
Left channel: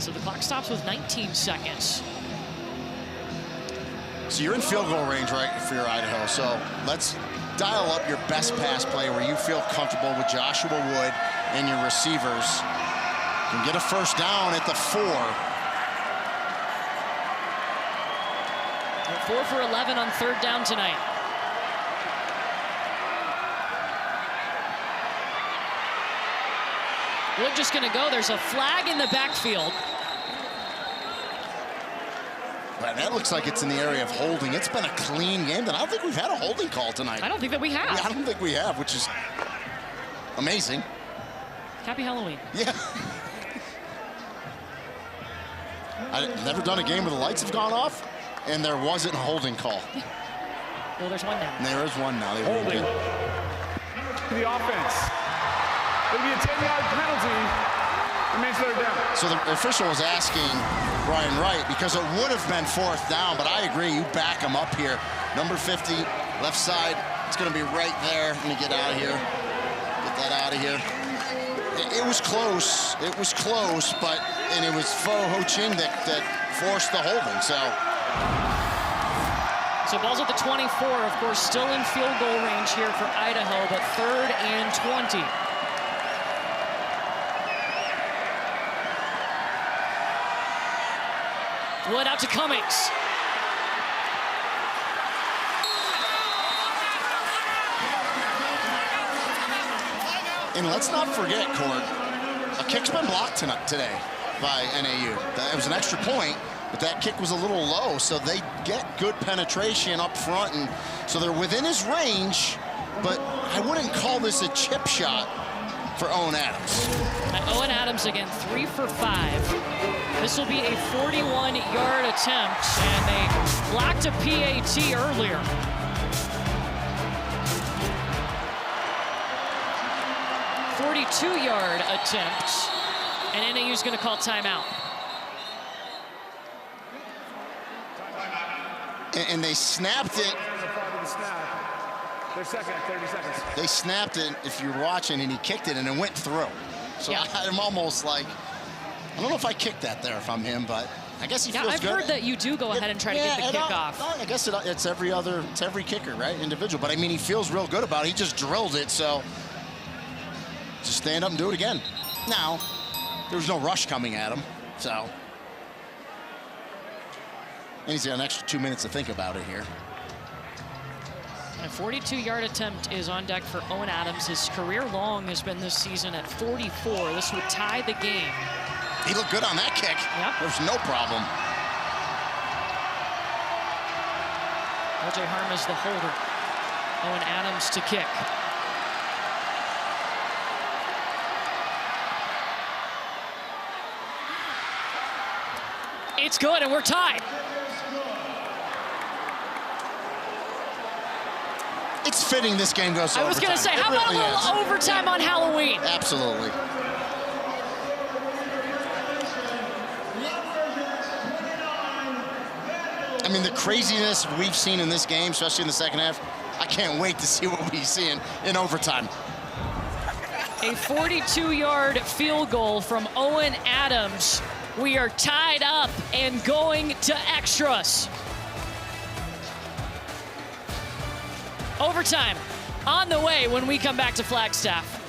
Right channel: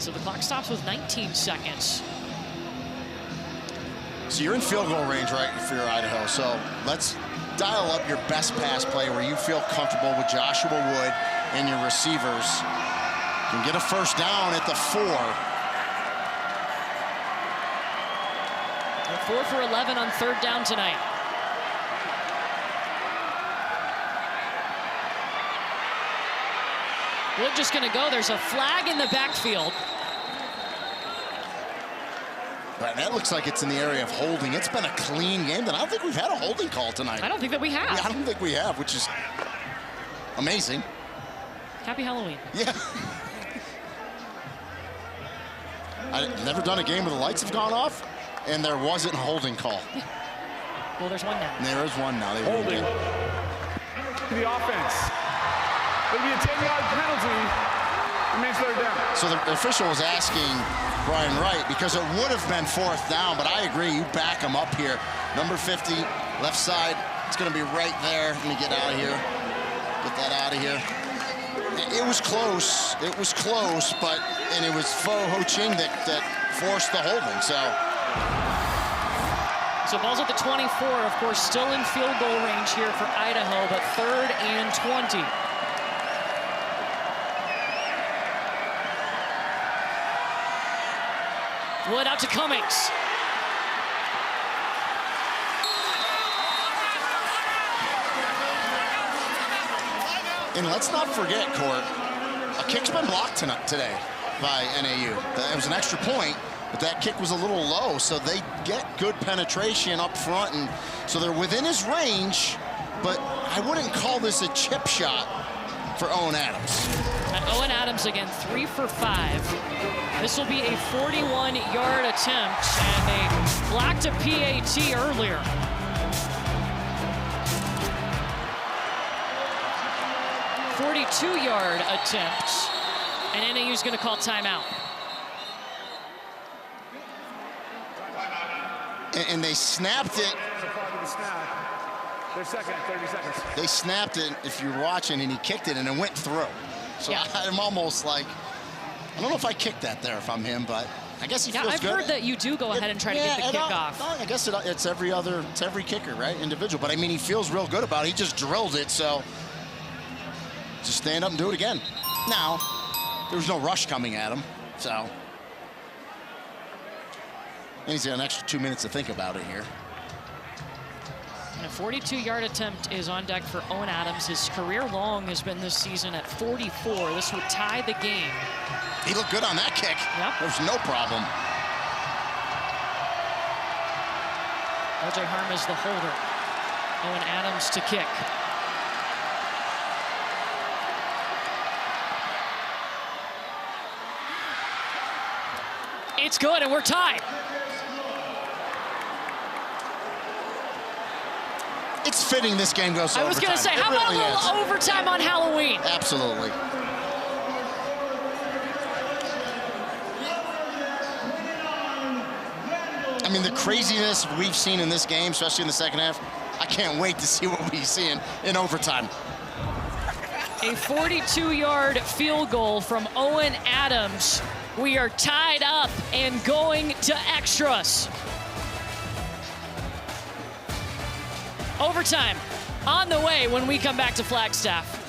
So the clock stops with 19 seconds. So you're in field goal range, right, for your Idaho. So let's dial up your best pass play where you feel comfortable with Joshua Wood and your receivers. You can get a 1st down at the 4. 4 for 11 on 3rd down tonight. Wood just gonna go. There's a flag in the backfield. But that looks like it's in the area of holding. It's been a clean game, and I don't think we've had a holding call tonight. I don't think that we have. Yeah, I don't think we have, which is amazing. Happy Halloween. Yeah. I've never done a game where the lights have gone off, and there wasn't a holding call. Yeah. Well, there's one now. And there is one now. They ruled it. To the offense. It'll be a 10-yard penalty. Remains 3rd down. So the official was asking Brian Wright, because it would have been 4th down, but I agree, you back him up here. Number 50, left side, it's gonna be right there. Let me get out of here. Get that out of here. It was close, and it was Fo Ho Ching that forced the holding, so. So ball's at the 24, of course, still in field goal range here for Idaho, but 3rd and 20. Wood out to Cummings. And let's not forget, Court, a kick's been blocked today by NAU. That was an extra point, but that kick was a little low, so they get good penetration up front, and so they're within his range, but I wouldn't call this a chip shot for Owen Adams. Owen Adams again, 3 for 5. This will be a 41-yard attempt, and they blocked a PAT earlier. A 42-yard attempt, and NAU's going to call timeout. And they snapped it. Their second, 30 seconds. They snapped it, if you're watching, and he kicked it, and it went through. So yeah. I'm almost like, I don't know if I kicked that there if I'm him, but I guess he feels good. I've heard that you do go ahead and try to get the kick off. I guess it's every kicker, right? Individual. But I mean, he feels real good about it. He just drilled it, so just stand up and do it again. Now, there was no rush coming at him, so. And he's got an extra 2 minutes to think about it here. A 42-yard attempt is on deck for Owen Adams. His career long has been this season at 44. This would tie the game. He looked good on that kick. Yep. There was no problem. LJ Harm is the holder. Owen Adams to kick. It's good, and we're tied. It's fitting this game goes to overtime. I was going to say, how about a little overtime on Halloween? Absolutely. I mean, the craziness we've seen in this game, especially in the second half, I can't wait to see what we see in overtime. A 42-yard field goal from Owen Adams. We are tied up and going to extras. Overtime on the way when we come back to Flagstaff.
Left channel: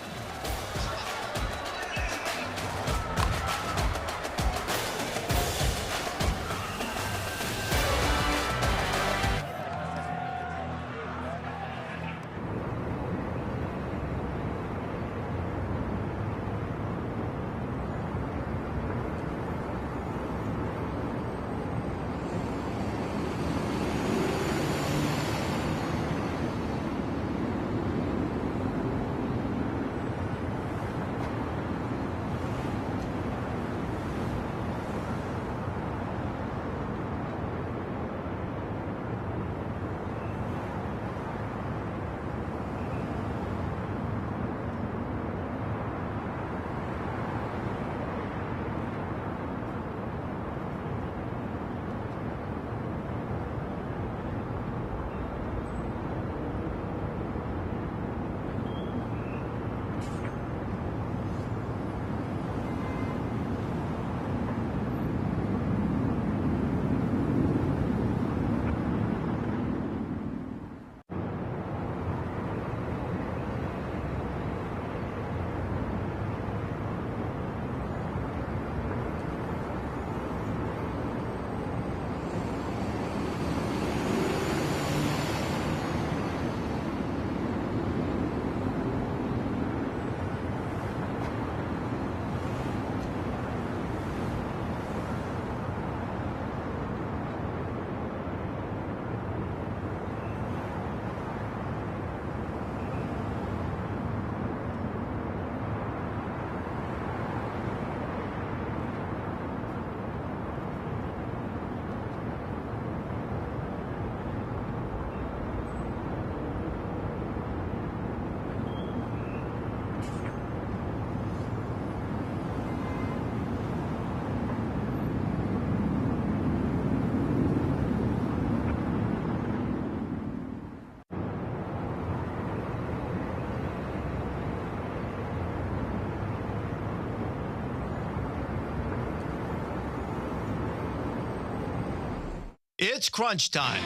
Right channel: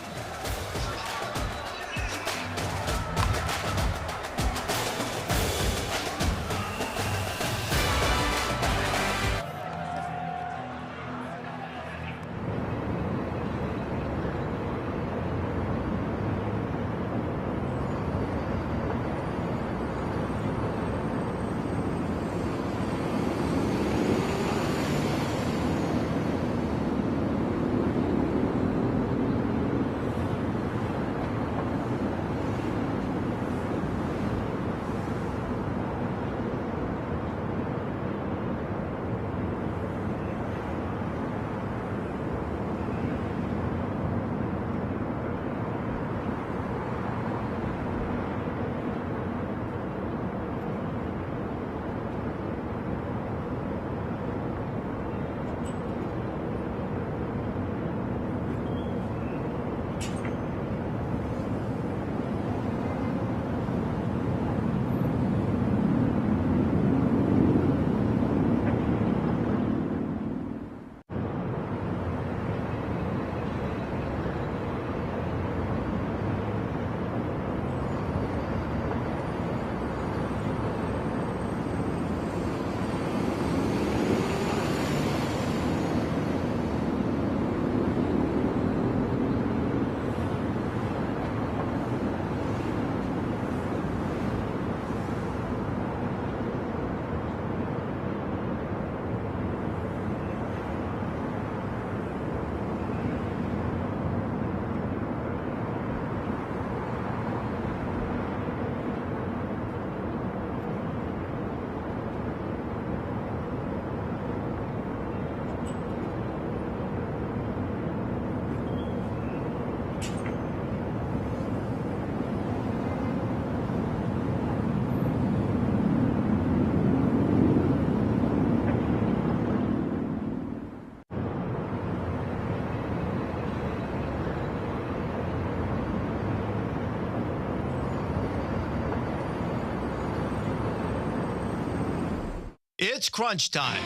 It's crunch time.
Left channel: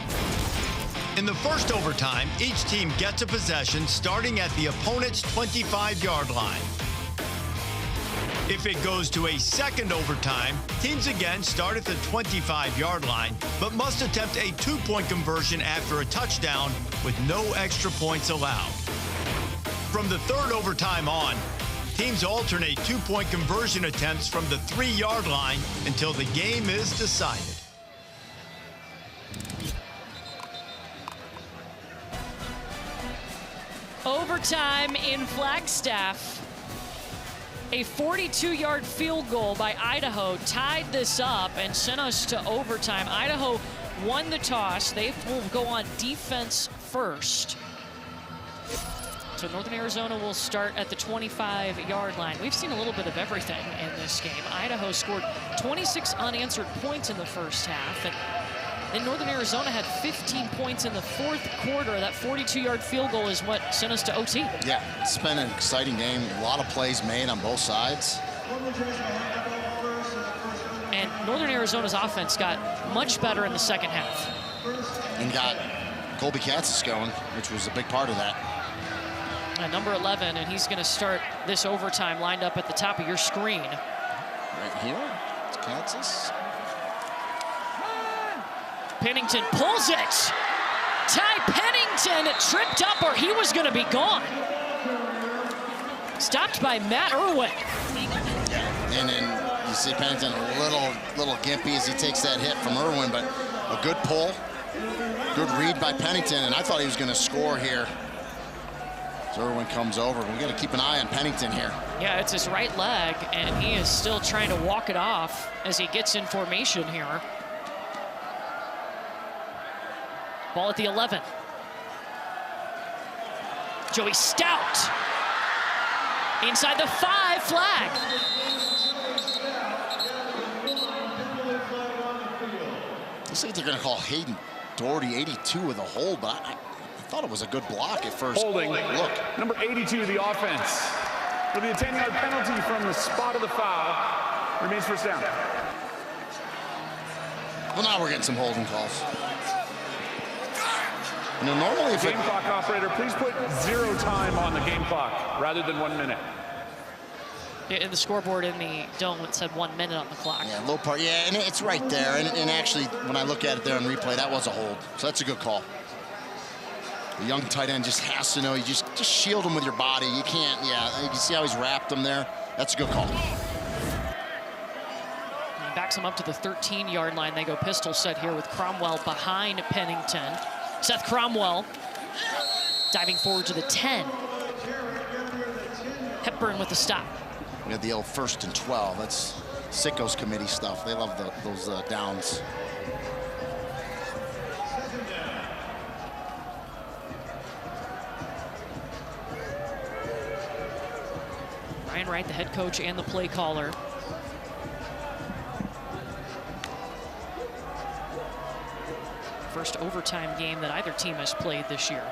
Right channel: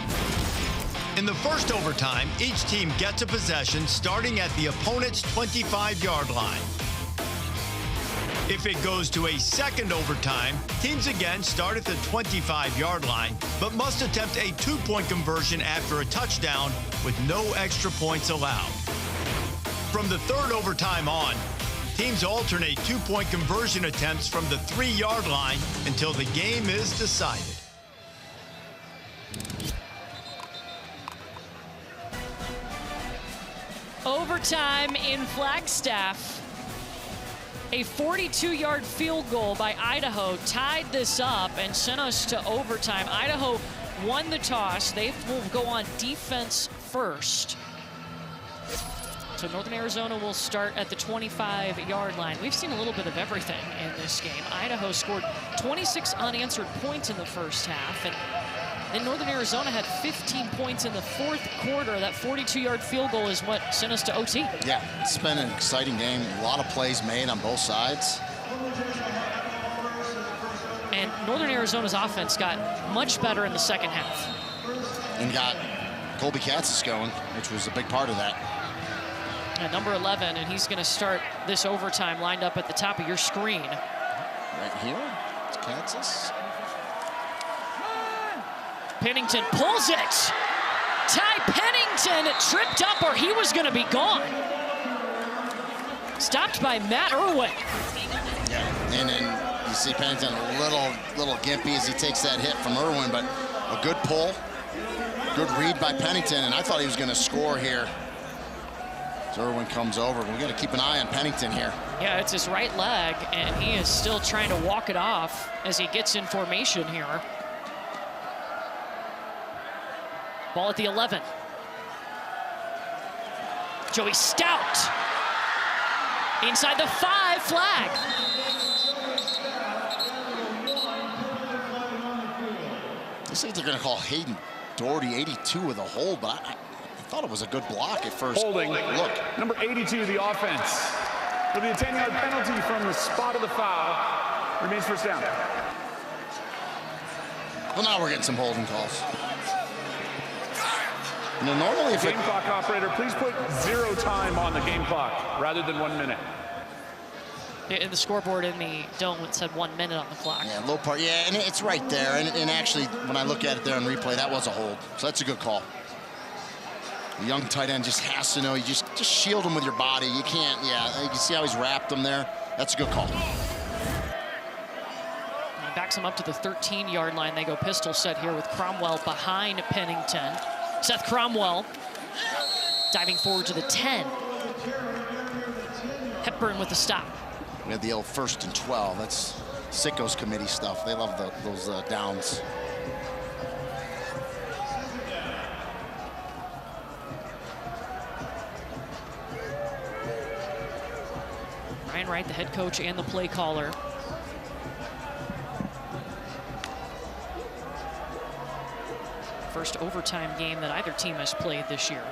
In the first overtime, each team gets a possession starting at the opponent's 25-yard line. If it goes to a second overtime, teams again start at the 25-yard line, but must attempt a two-point conversion after a touchdown with no extra points allowed. From the third overtime on, teams alternate two-point conversion attempts from the 3-yard line until the game is decided. Overtime in Flagstaff. A 42-yard field goal by Idaho tied this up and sent us to overtime. Idaho won the toss. They will go on defense first. So Northern Arizona will start at the 25-yard line. We've seen a little bit of everything in this game. Idaho scored 26 unanswered points in the first half, and then Northern Arizona had 15 points in the fourth quarter. That 42-yard field goal is what sent us to OT. Yeah, it's been an exciting game. A lot of plays made on both sides. And Northern Arizona's offense got much better in the second half. And got Colby Katzis going, which was a big part of that. Number 11, and he's going to start this overtime lined up at the top of your screen. Right here, it's Katzis. Pennington pulls it. Ty Pennington tripped up or he was going to be gone. Stopped by Matt Irwin. Yeah, and then you see Pennington a little gimpy as he takes that hit from Irwin, but a good pull, good read by Pennington, and I thought he was going to score here. So Irwin comes over. We got to keep an eye on Pennington here. Yeah, it's his right leg, and he is still trying to walk it off as he gets in formation here. Ball at the 11. Joey Stout. Inside the 5, flag. Looks like they're going to call Hayden Doherty 82 with a hold, but I thought it was a good block at first. Holding. Look. Number 82, the offense. It'll be a 10-yard penalty from the spot of the foul. Remains first down. Well, now we're getting some holding calls. You know, normally if game clock operator, please put 0 time on the game clock rather than 1 minute. In the scoreboard in the dome, it said 1 minute on the clock. Yeah, low part. Yeah, and it's right there. And actually, when I look at it there on replay, that was a hold. So that's a good call. The young tight end just has to know, you just shield him with your body. You can't, yeah, you can see how he's wrapped him there. That's a good call. And backs him up to the 13-yard line. They go pistol set here with Cromwell behind Pennington. Seth Cromwell diving forward to the 10. Hepburn with the stop. We had the old 1st and 12. That's Sicko's committee stuff. They love those downs. Ryan Wright, the head coach and the play caller. First overtime game that either team has played this year.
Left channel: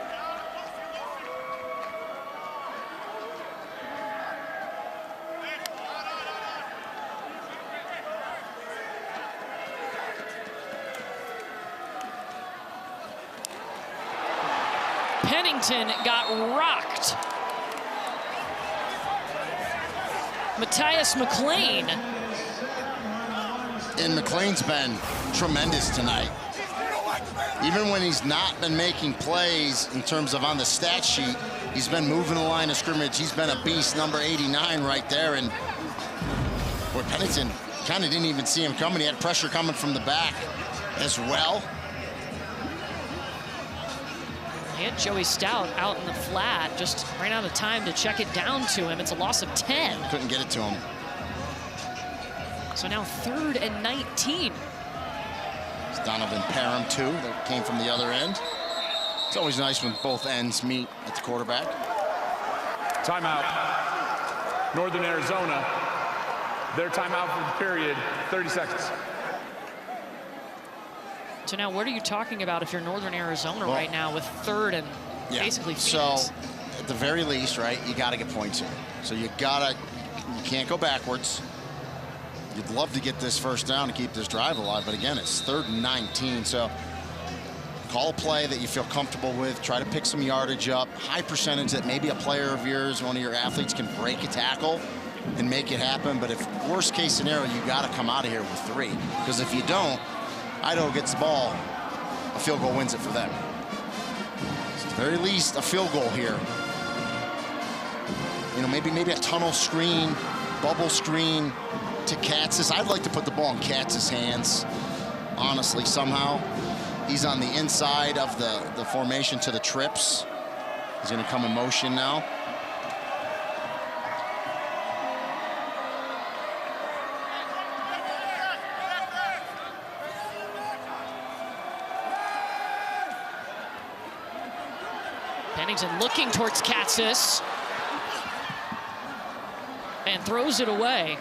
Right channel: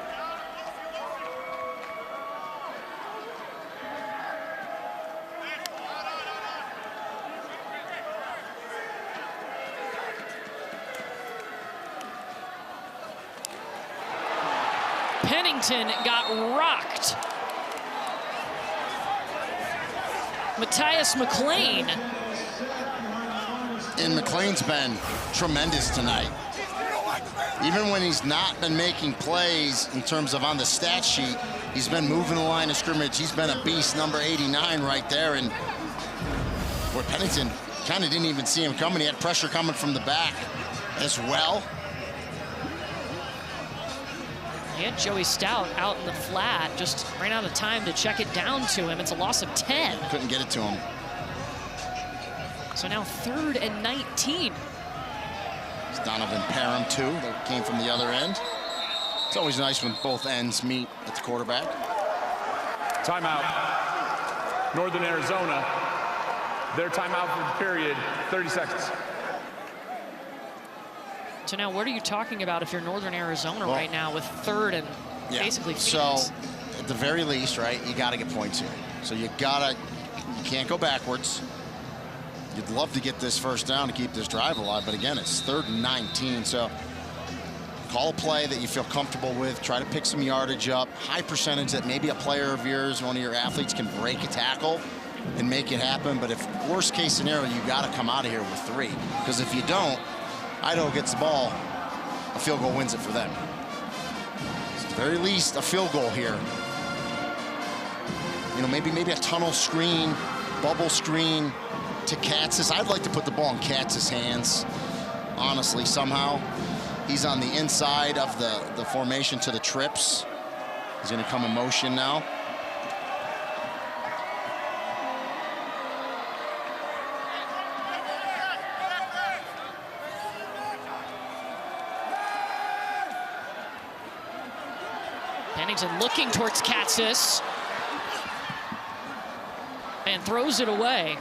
Pennington got rocked. Matthias McLean. And McLean's been tremendous tonight. Even when he's not been making plays in terms of on the stat sheet, he's been moving the line of scrimmage. He's been a beast, number 89 right there. And boy, Pennington kind of didn't even see him coming. He had pressure coming from the back as well. He had Joey Stout out in the flat, just ran out of time to check it down to him. It's a loss of 10. Couldn't get it to him. So now 3rd and 19. It's Donovan Parham, too, that came from the other end. It's always nice when both ends meet at the quarterback. Timeout. Northern Arizona. Their timeout for the period, 30 seconds. So now what are you talking about if you're Northern Arizona right now with 3rd and basically Phoenix? So at the very least, right, you got to get points here. So you can't go backwards. You'd love to get this first down to keep this drive alive, but again, it's 3rd and 19. So call a play that you feel comfortable with. Try to pick some yardage up. High percentage that maybe a player of yours, one of your athletes, can break a tackle and make it happen. But if worst case scenario, you got to come out of here with 3. Because if you don't, Idaho gets the ball, a field goal wins it for them. So at the very least, a field goal here. You know, maybe a tunnel screen, bubble screen to Katz's. I'd like to put the ball in Katz's hands, honestly, somehow. He's on the inside of the formation to the trips. He's going to come in motion now. Pennington looking towards Katz's and throws it away.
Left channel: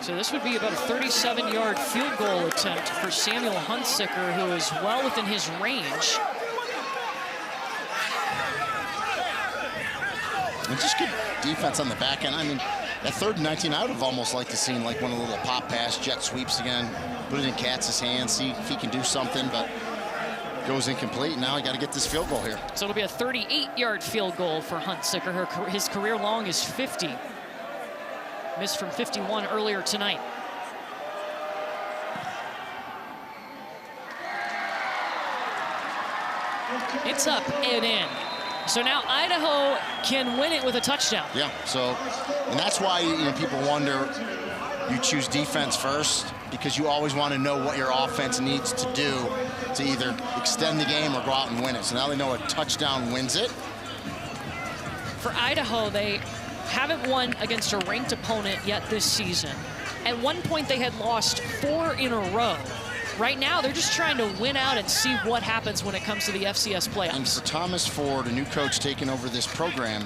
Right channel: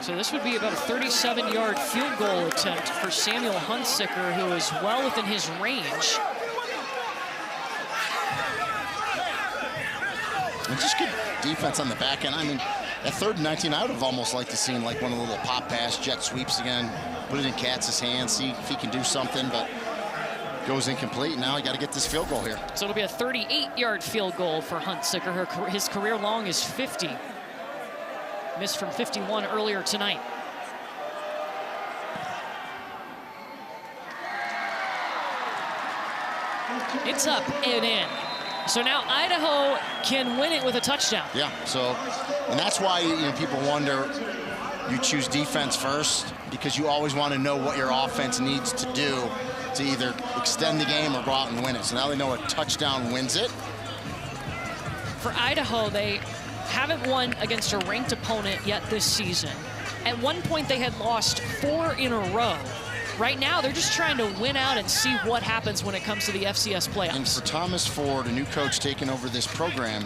So this would be about a 37-yard field goal attempt for Samuel Hunsicker, who is well within his range. And just good defense on the back end. I mean, at 3rd and 19, I would have almost liked to seen like one of the little pop pass jet sweeps again. Put it in Katz's hands, see if he can do something, but goes incomplete. Now you got to get this field goal here. So it'll be a 38-yard field goal for Hunsicker. His career long is 50. Missed from 51 earlier tonight. It's up and in. So now Idaho can win it with a touchdown. Yeah, so, and that's why, you know, people wonder, you choose defense first, because you always want to know what your offense needs to do to either extend the game or go out and win it. So now they know a touchdown wins it. For Idaho, they haven't won against a ranked opponent yet this season. At one point, they had lost 4 in a row. Right now, they're just trying to win out and see what happens when it comes to the FCS playoffs. And for Thomas Ford, a new coach taking over this program,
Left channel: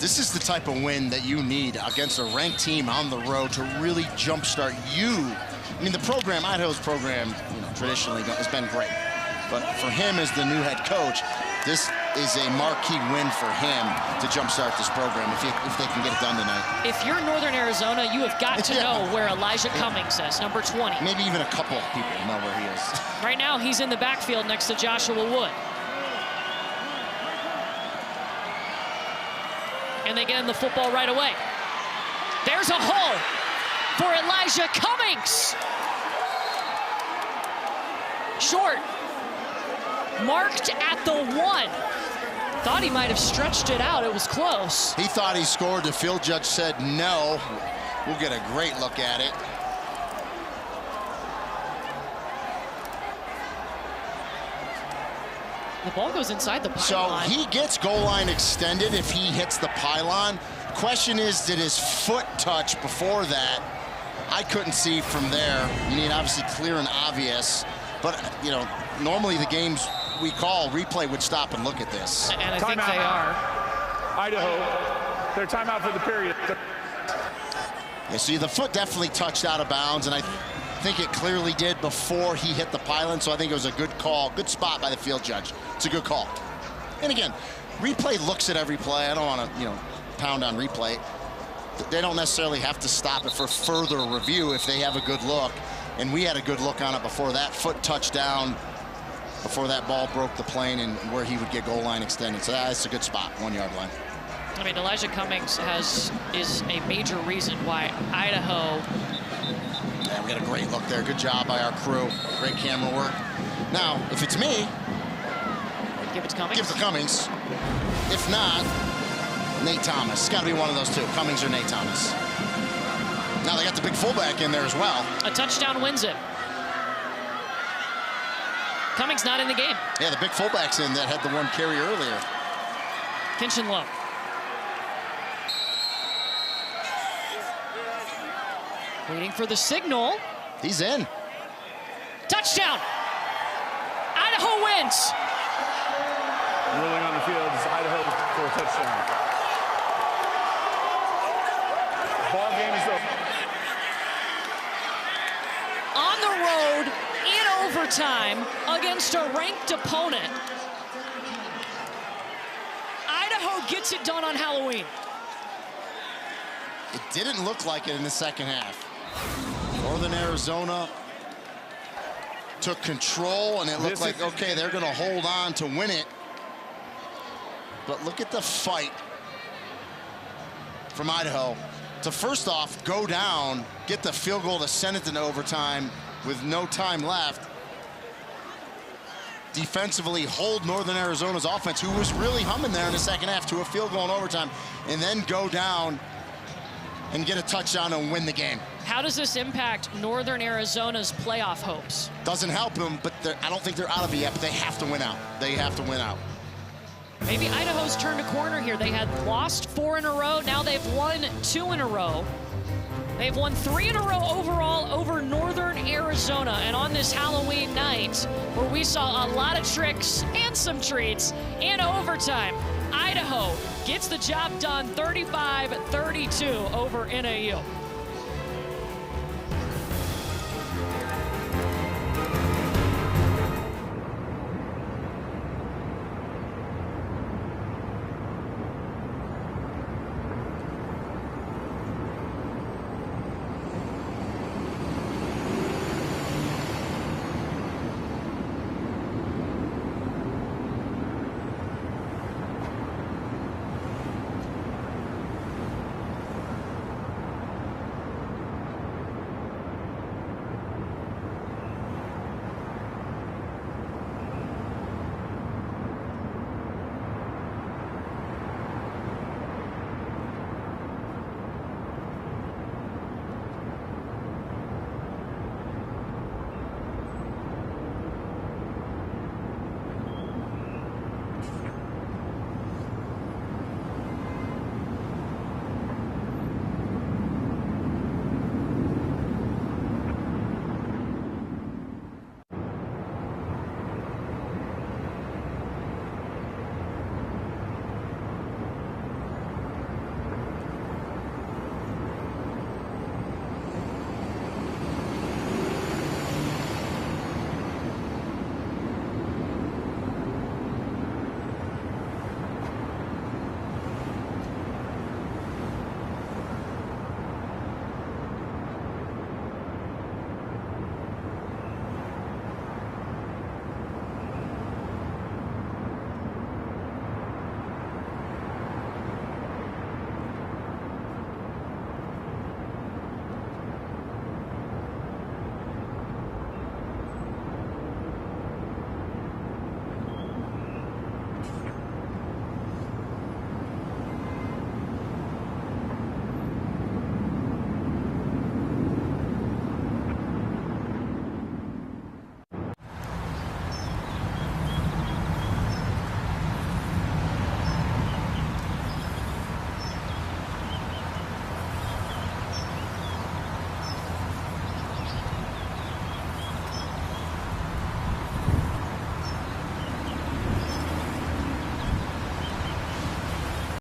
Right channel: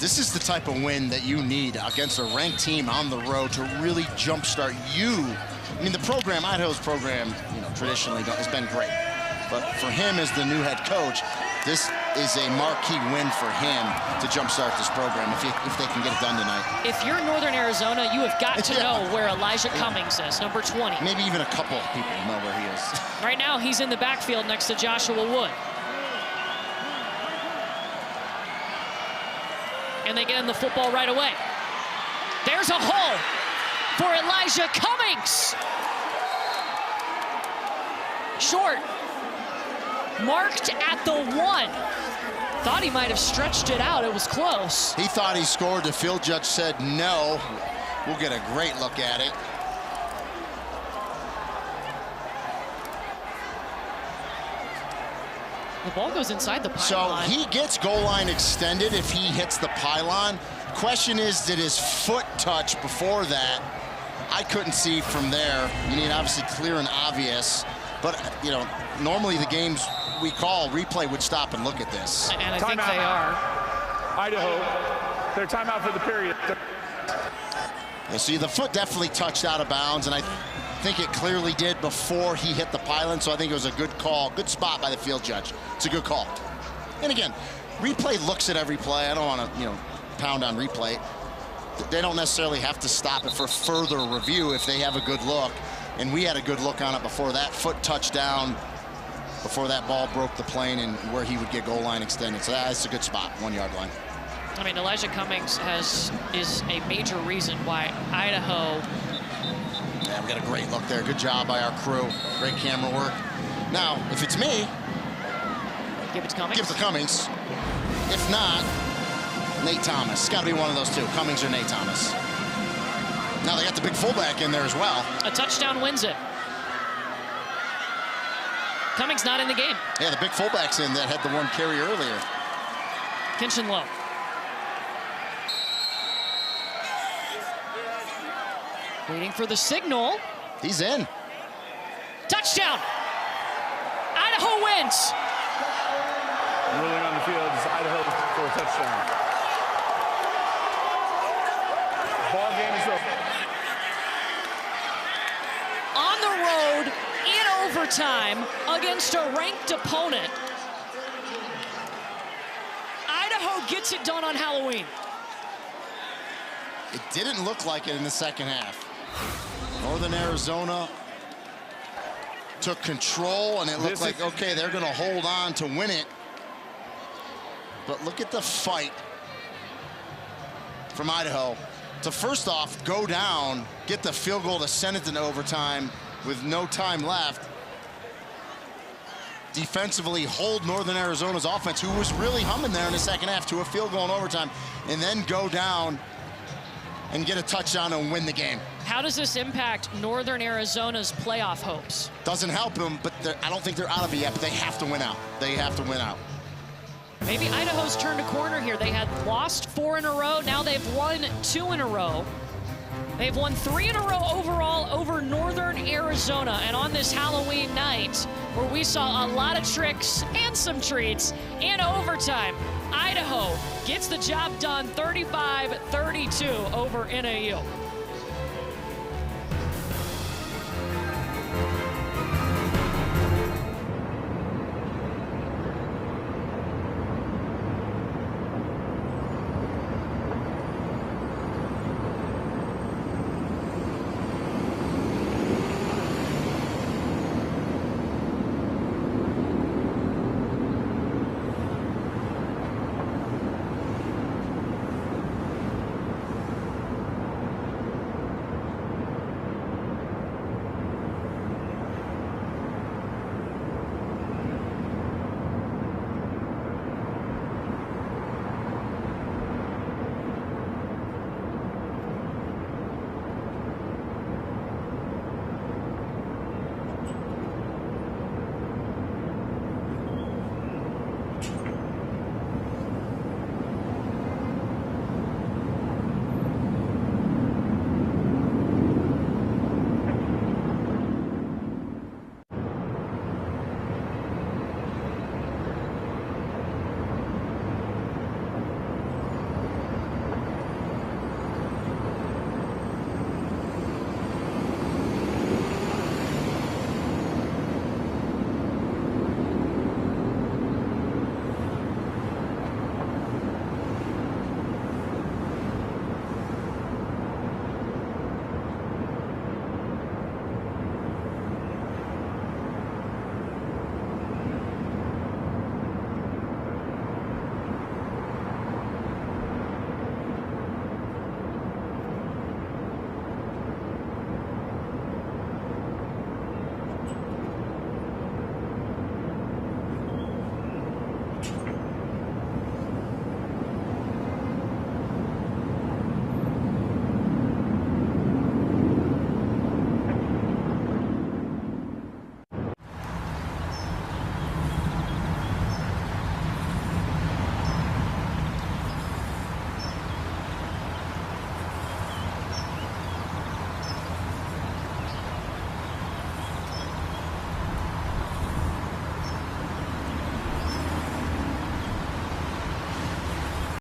this is the type of win that you need against a ranked team on the road to really jumpstart you. I mean, the program, Idaho's program, you know, traditionally has been great. But for him as the new head coach, this is a marquee win for him to jumpstart this program if they can get it done tonight. If you're Northern Arizona, you have got to know where Elijah Cummings is, number 20. Maybe even a couple people know where he is. Right now, he's in the backfield next to Joshua Wood. And they get in the football right away. There's a hole for Elijah Cummings. Short. Marked at the 1. Thought he might have stretched it out. It was close. He thought he scored. The field judge said no. We'll get a great look at it. The ball goes inside the pylon. So he gets goal line extended if he hits the pylon. Question is, did his foot touch before that? I couldn't see from there. You need obviously clear and obvious. But, you know, normally the games we call replay would stop and look at this. And I think they are. Idaho, their timeout for the period. Yeah, see, the foot definitely touched out of bounds, and I think it clearly did before he hit the pylon, so I think it was a good call, good spot by the field judge. It's a good call. And again, replay looks at every play. I don't want to, you know, pound on replay. They don't necessarily have to stop it for further review if they have a good look. And we had a good look on it before that foot touched down, before that ball broke the plane and where he would get goal line extended. So that's a good spot, 1 yard line. I mean, Elijah Cummings is a major reason why Idaho. Yeah, we got a great look there. Good job by our crew. Great camera work. Now, if it's me, give it to Cummings. Give it to Cummings. If not, Nate Thomas. It's got to be one of those two, Cummings or Nate Thomas. Now they got the big fullback in there as well. A touchdown wins it. Cummings not in the game. Yeah, the big fullback's in that had the one carry earlier. Kinchenlow. Waiting for the signal. He's in. Touchdown. Idaho wins. Ruling on the field is Idaho for a touchdown. Ball game is over. On the road in overtime against a ranked opponent. Idaho gets it done on Halloween. It didn't look like it in the second half. Northern Arizona took control, and it looked like, okay, they're going to hold on to win it. But look at the fight from Idaho to, first off, go down, get the field goal to send it to overtime with no time left. Defensively hold Northern Arizona's offense, who was really humming there in the second half, to a field goal in overtime, and then go down and get a touchdown and win the game. How does this impact Northern Arizona's playoff hopes? Doesn't help them, but I don't think they're out of it yet, but they have to win out. They have to win out. Maybe Idaho's turned a corner here. They had lost 4 in a row. Now they've won 2 in a row. They've won 3 in a row overall over Northern Arizona. And on this Halloween night, where we saw a lot of tricks and some treats in overtime, Idaho gets the job done 35-32 over NAU.